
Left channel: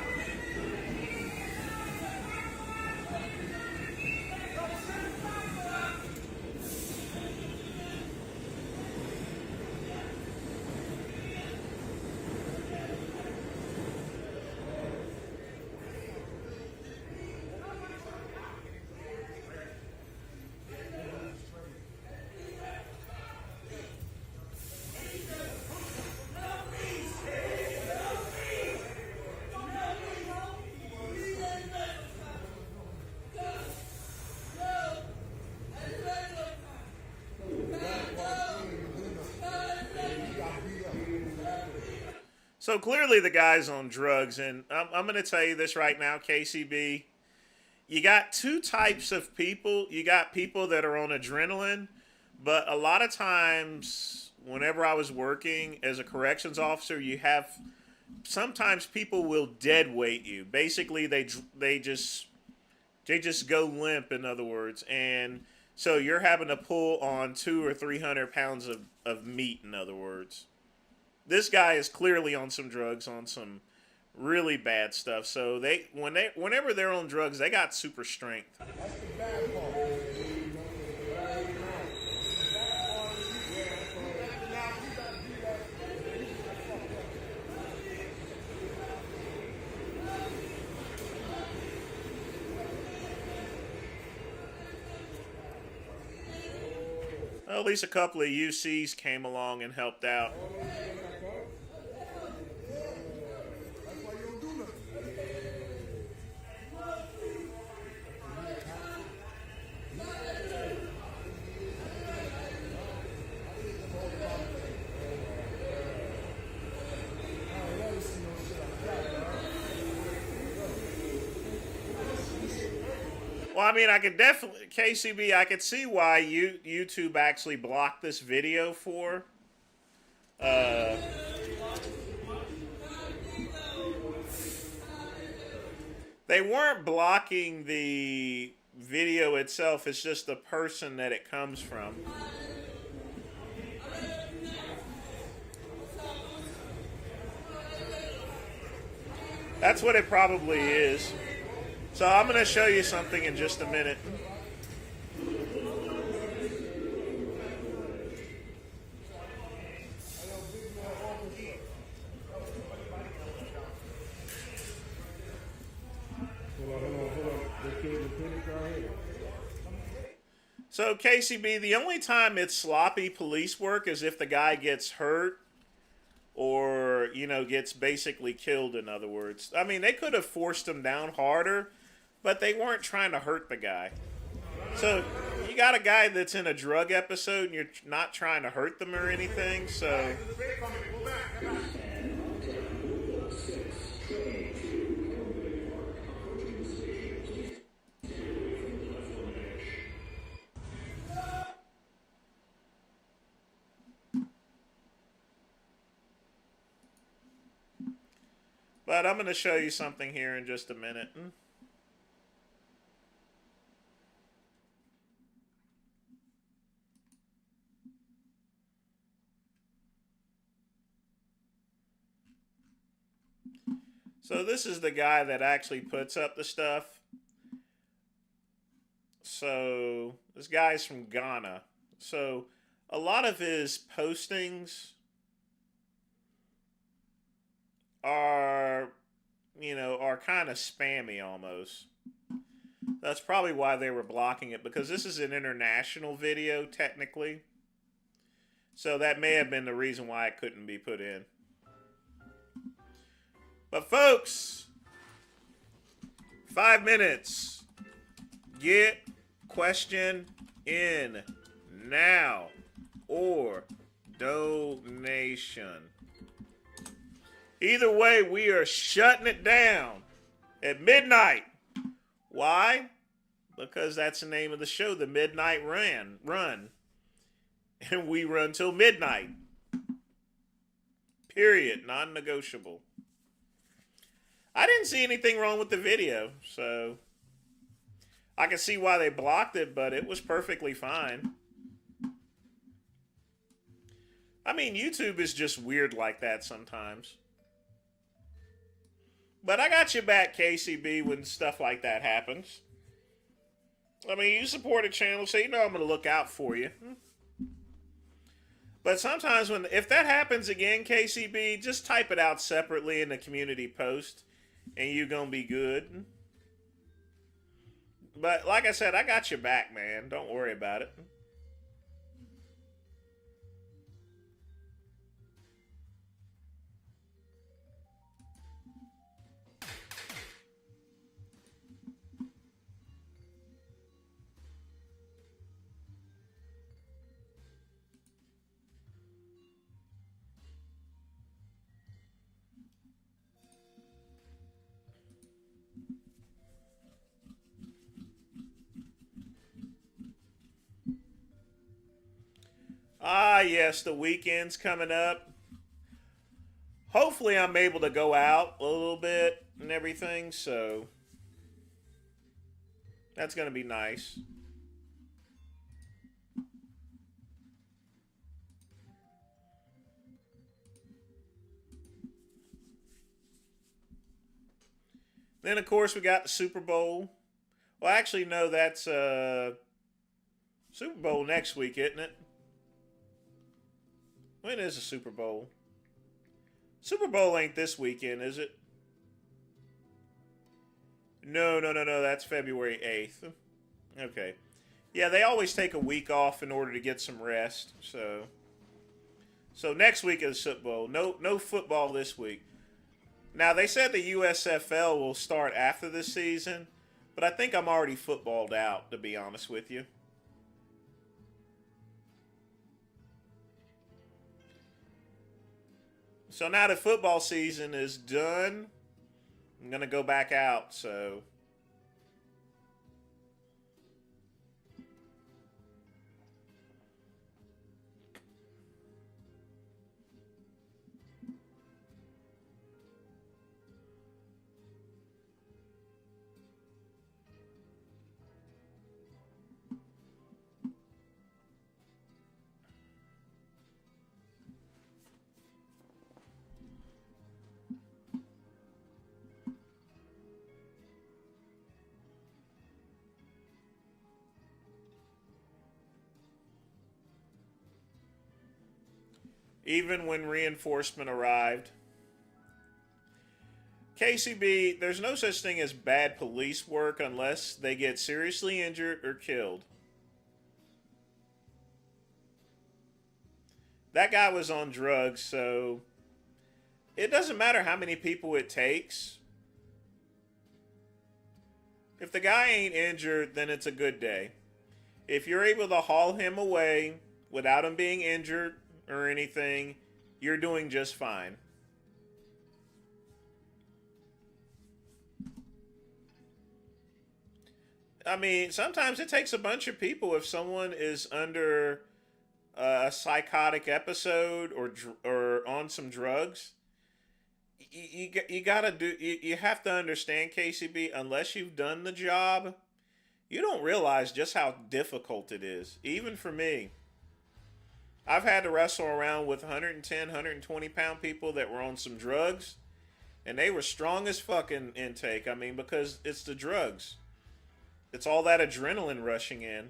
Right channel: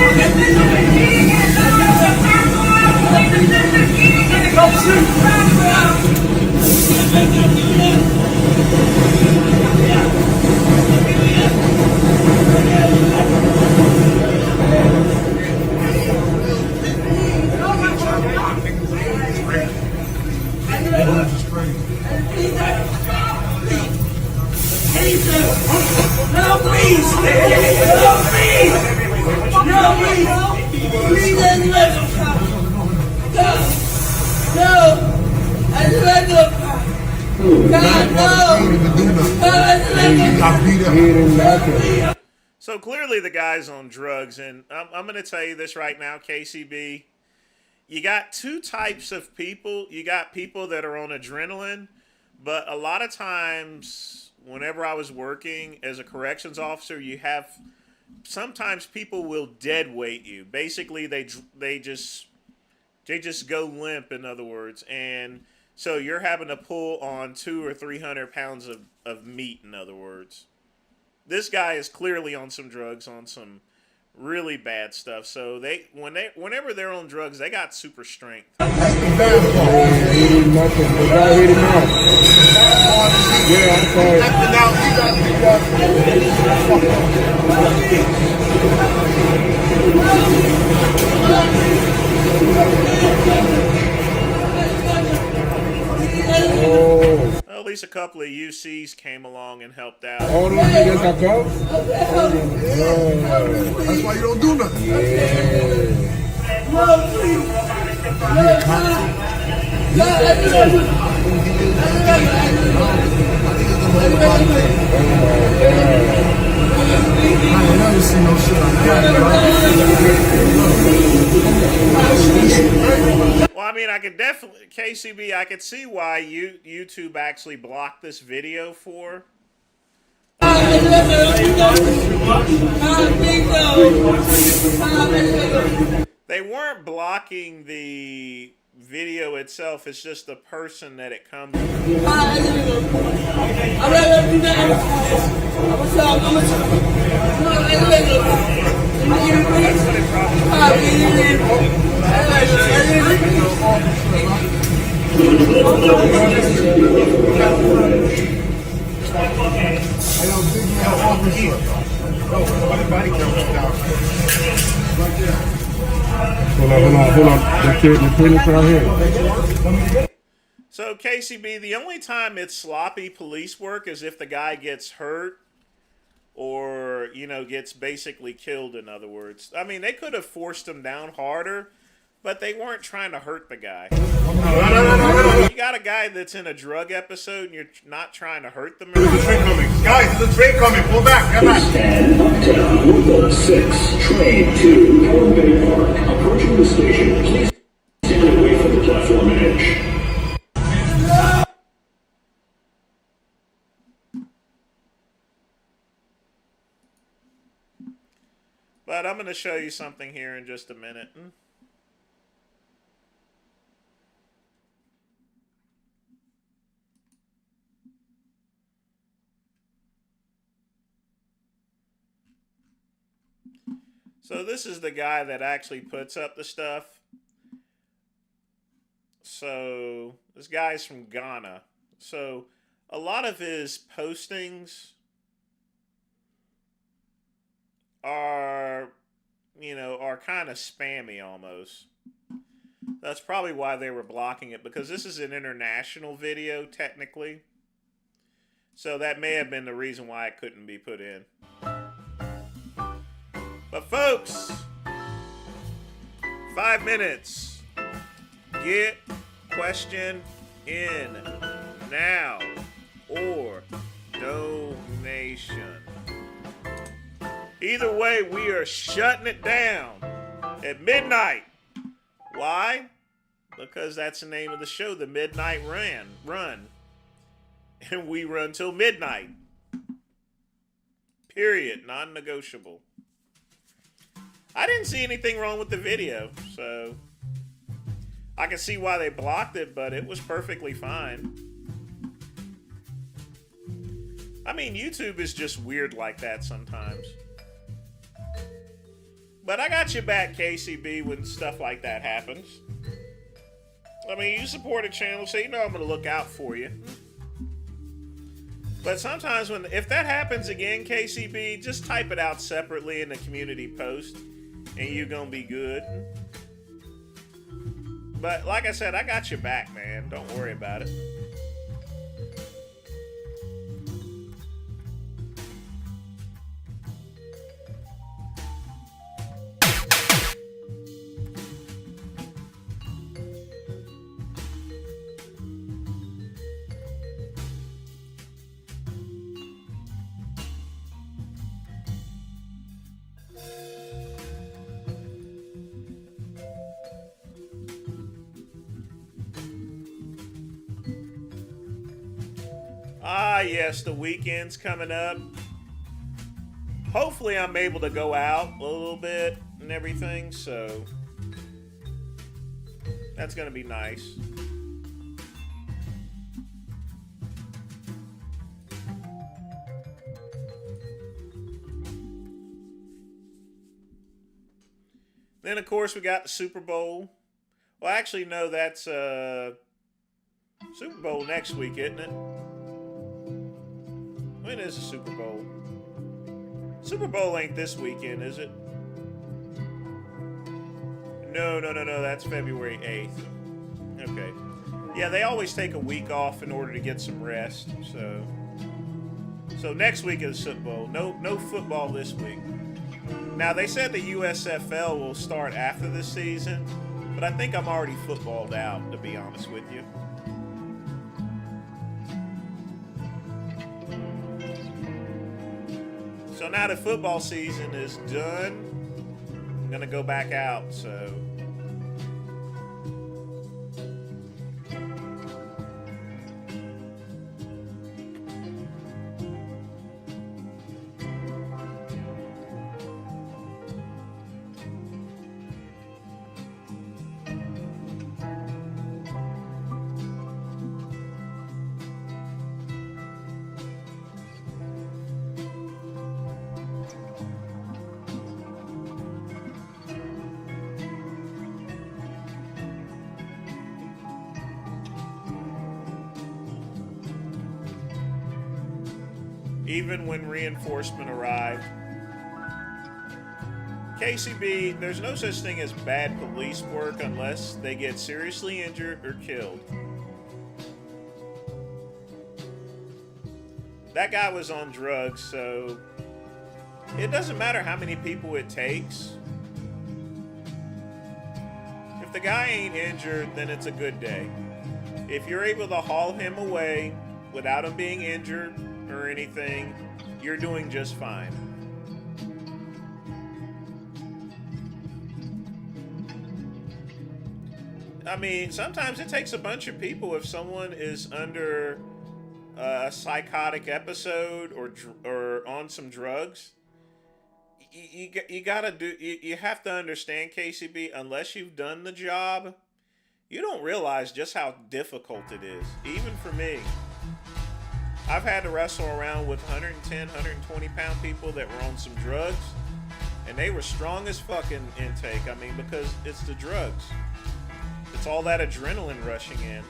No, please! Please, no! I just let go! God, no! So clearly the guy's on drugs, and I'm going to tell you this right now, KCB. You got two types of people. You got people that are on adrenaline, but a lot of times, whenever I was working as a corrections officer, you have sometimes people will dead weight you. Basically, they just go limp. In other words, and so you're having to pull on 200 or 300 pounds of meat. In other words, this guy is clearly on some drugs, on some really bad stuff. So whenever they're on drugs, they got super strength. Well, at least a couple of UCs came along and helped out. Oh, no, that's why you don't do nothing. No, please. I ain't never seen no shit like that. Well, I mean, I could definitely, KCB, I could see why YouTube actually blocked this video for. They weren't blocking the video itself, it's just the person that it comes from. That's what it probably is. So I'm going to show you something in just a Hold on. The clinic's right here. So, KCB, the only time it's sloppy police work is if the guy gets hurt or, gets basically killed, in other words. I mean, they could have forced him down harder, but they weren't trying to hurt the guy. You got a guy that's in a drug episode and you're not trying to hurt them. Guys, there's a train coming. Pull back. Get back. Stand down. 6, train to Howard Bay Park. Approaching the station. Please stand away from the platform edge. But I'm going to show you something here in just a minute. So this is the guy that actually puts up the stuff. So this guy's from Ghana. So a lot of his postings are, are kind of spammy almost. That's probably why they were blocking it, because this is an international video technically. So that may have been the reason why it couldn't be put in. But folks, 5 minutes. Get question in now or donation. Either way, we are shutting it down at midnight. Why? Because that's the name of the show, the Midnight Run. And we run till midnight. Period. Non-negotiable. I didn't see anything wrong with the video, so I can see why they blocked it, but it was perfectly fine. I mean, YouTube is just weird like that sometimes. But I got your back, KCB, when stuff like that happens. I mean, you support a channel, so you know I'm going to look out for you. But sometimes if that happens again, KCB, just type it out separately in the community post, and you're going to be good. But like I said, I got your back, man. Don't worry about it. Ah, yes, the weekend's coming up. Hopefully I'm able to go out a little bit and everything, so that's going to be nice. Then, of course, we got the Super Bowl. Well, actually, no, that's Super Bowl next week, isn't it? When is the Super Bowl? Super Bowl ain't this weekend, is it? No. That's February 8th. Okay. Yeah, they always take a week off in order to get some rest. So next week is Super Bowl. No football this week. Now, they said the USFL will start after this season, but I think I'm already footballed out, to be honest with you. So now that football season is done, I'm going to go back out, so. Even when reinforcement arrived. KCB, there's no such thing as bad police work unless they get seriously injured or killed. That guy was on drugs, so it doesn't matter how many people it takes. If the guy ain't injured, then it's a good day. If you're able to haul him away without him being injured or anything, you're doing just fine. I mean, sometimes it takes a bunch of people if someone is under a psychotic episode or on some drugs. You gotta do. You have to understand, KCB. Unless you've done the job, you don't realize just how difficult it is. Even for me. I've had to wrestle around with 110, 120 pound people that were on some drugs. And they were strong as fucking intake. I mean, because it's the drugs. It's all that adrenaline rushing in.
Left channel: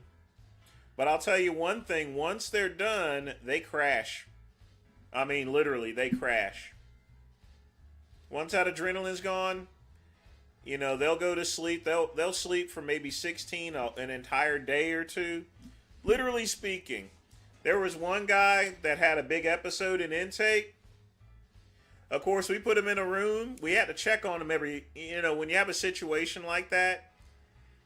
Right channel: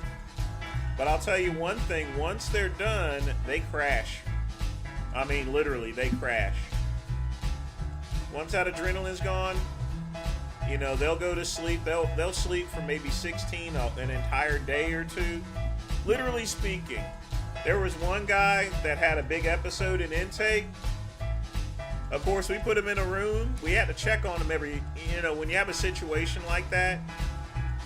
But I'll tell you one thing. Once they're done, they crash. I mean, literally, they crash. Once that adrenaline's gone, you know, they'll go to sleep. They'll sleep for maybe 16, an entire day or two. Literally speaking, there was one guy that had a big episode in intake. Of course, we put him in a room. We had to check on him every, you know, when you have a situation like that,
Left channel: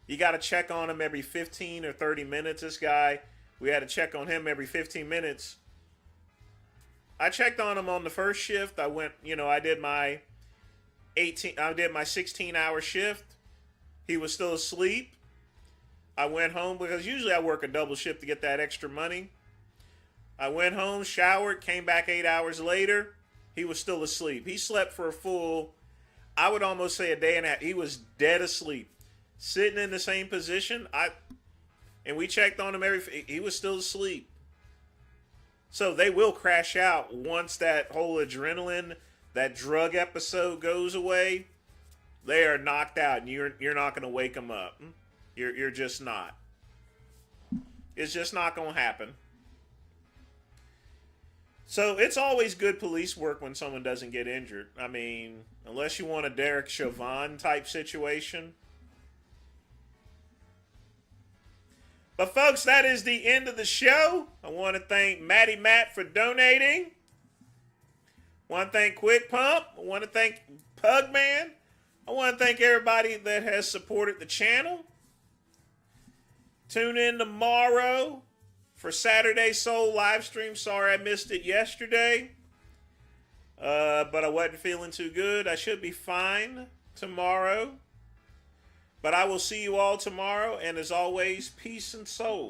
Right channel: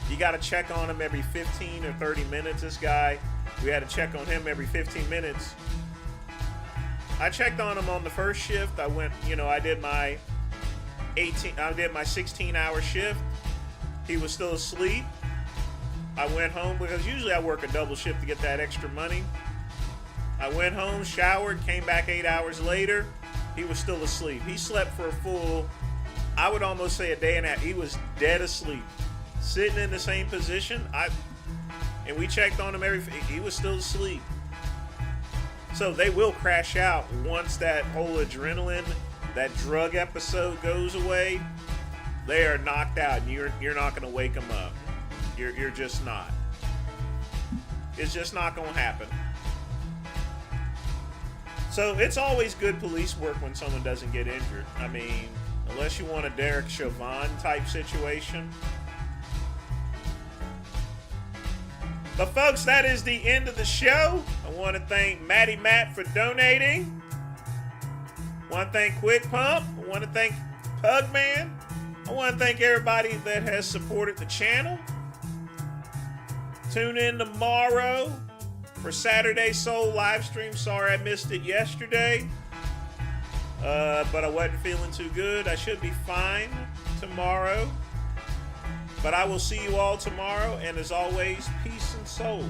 you got to check on him every 15 or 30 minutes. This guy, we had to check on him every 15 minutes. I checked on him on the first shift. I went, you know, I did my 16-hour shift. He was still asleep. I went home because usually I work a double shift to get that extra money. I went home, showered, came back 8 hours later. He was still asleep. He slept for a full, I would almost say a day and a half. He was dead asleep, sitting in the same position. And we checked on him he was still asleep. So they will crash out once that whole adrenaline, that drug episode goes away. They are knocked out, and you're not going to wake them up. You're just not. It's just not going to happen. So it's always good police work when someone doesn't get injured. I mean, unless you want a Derek Chauvin type situation. But folks, that is the end of the show. I want to thank Matty Matt for donating. I want to thank Quick Pump. I want to thank Pugman. I want to thank everybody that has supported the channel. Tune in tomorrow for Saturday Soul Livestream. Sorry I missed it yesterday. But I wasn't feeling too good. I should be fine tomorrow. But I will see you all tomorrow. And as always, peace and soul.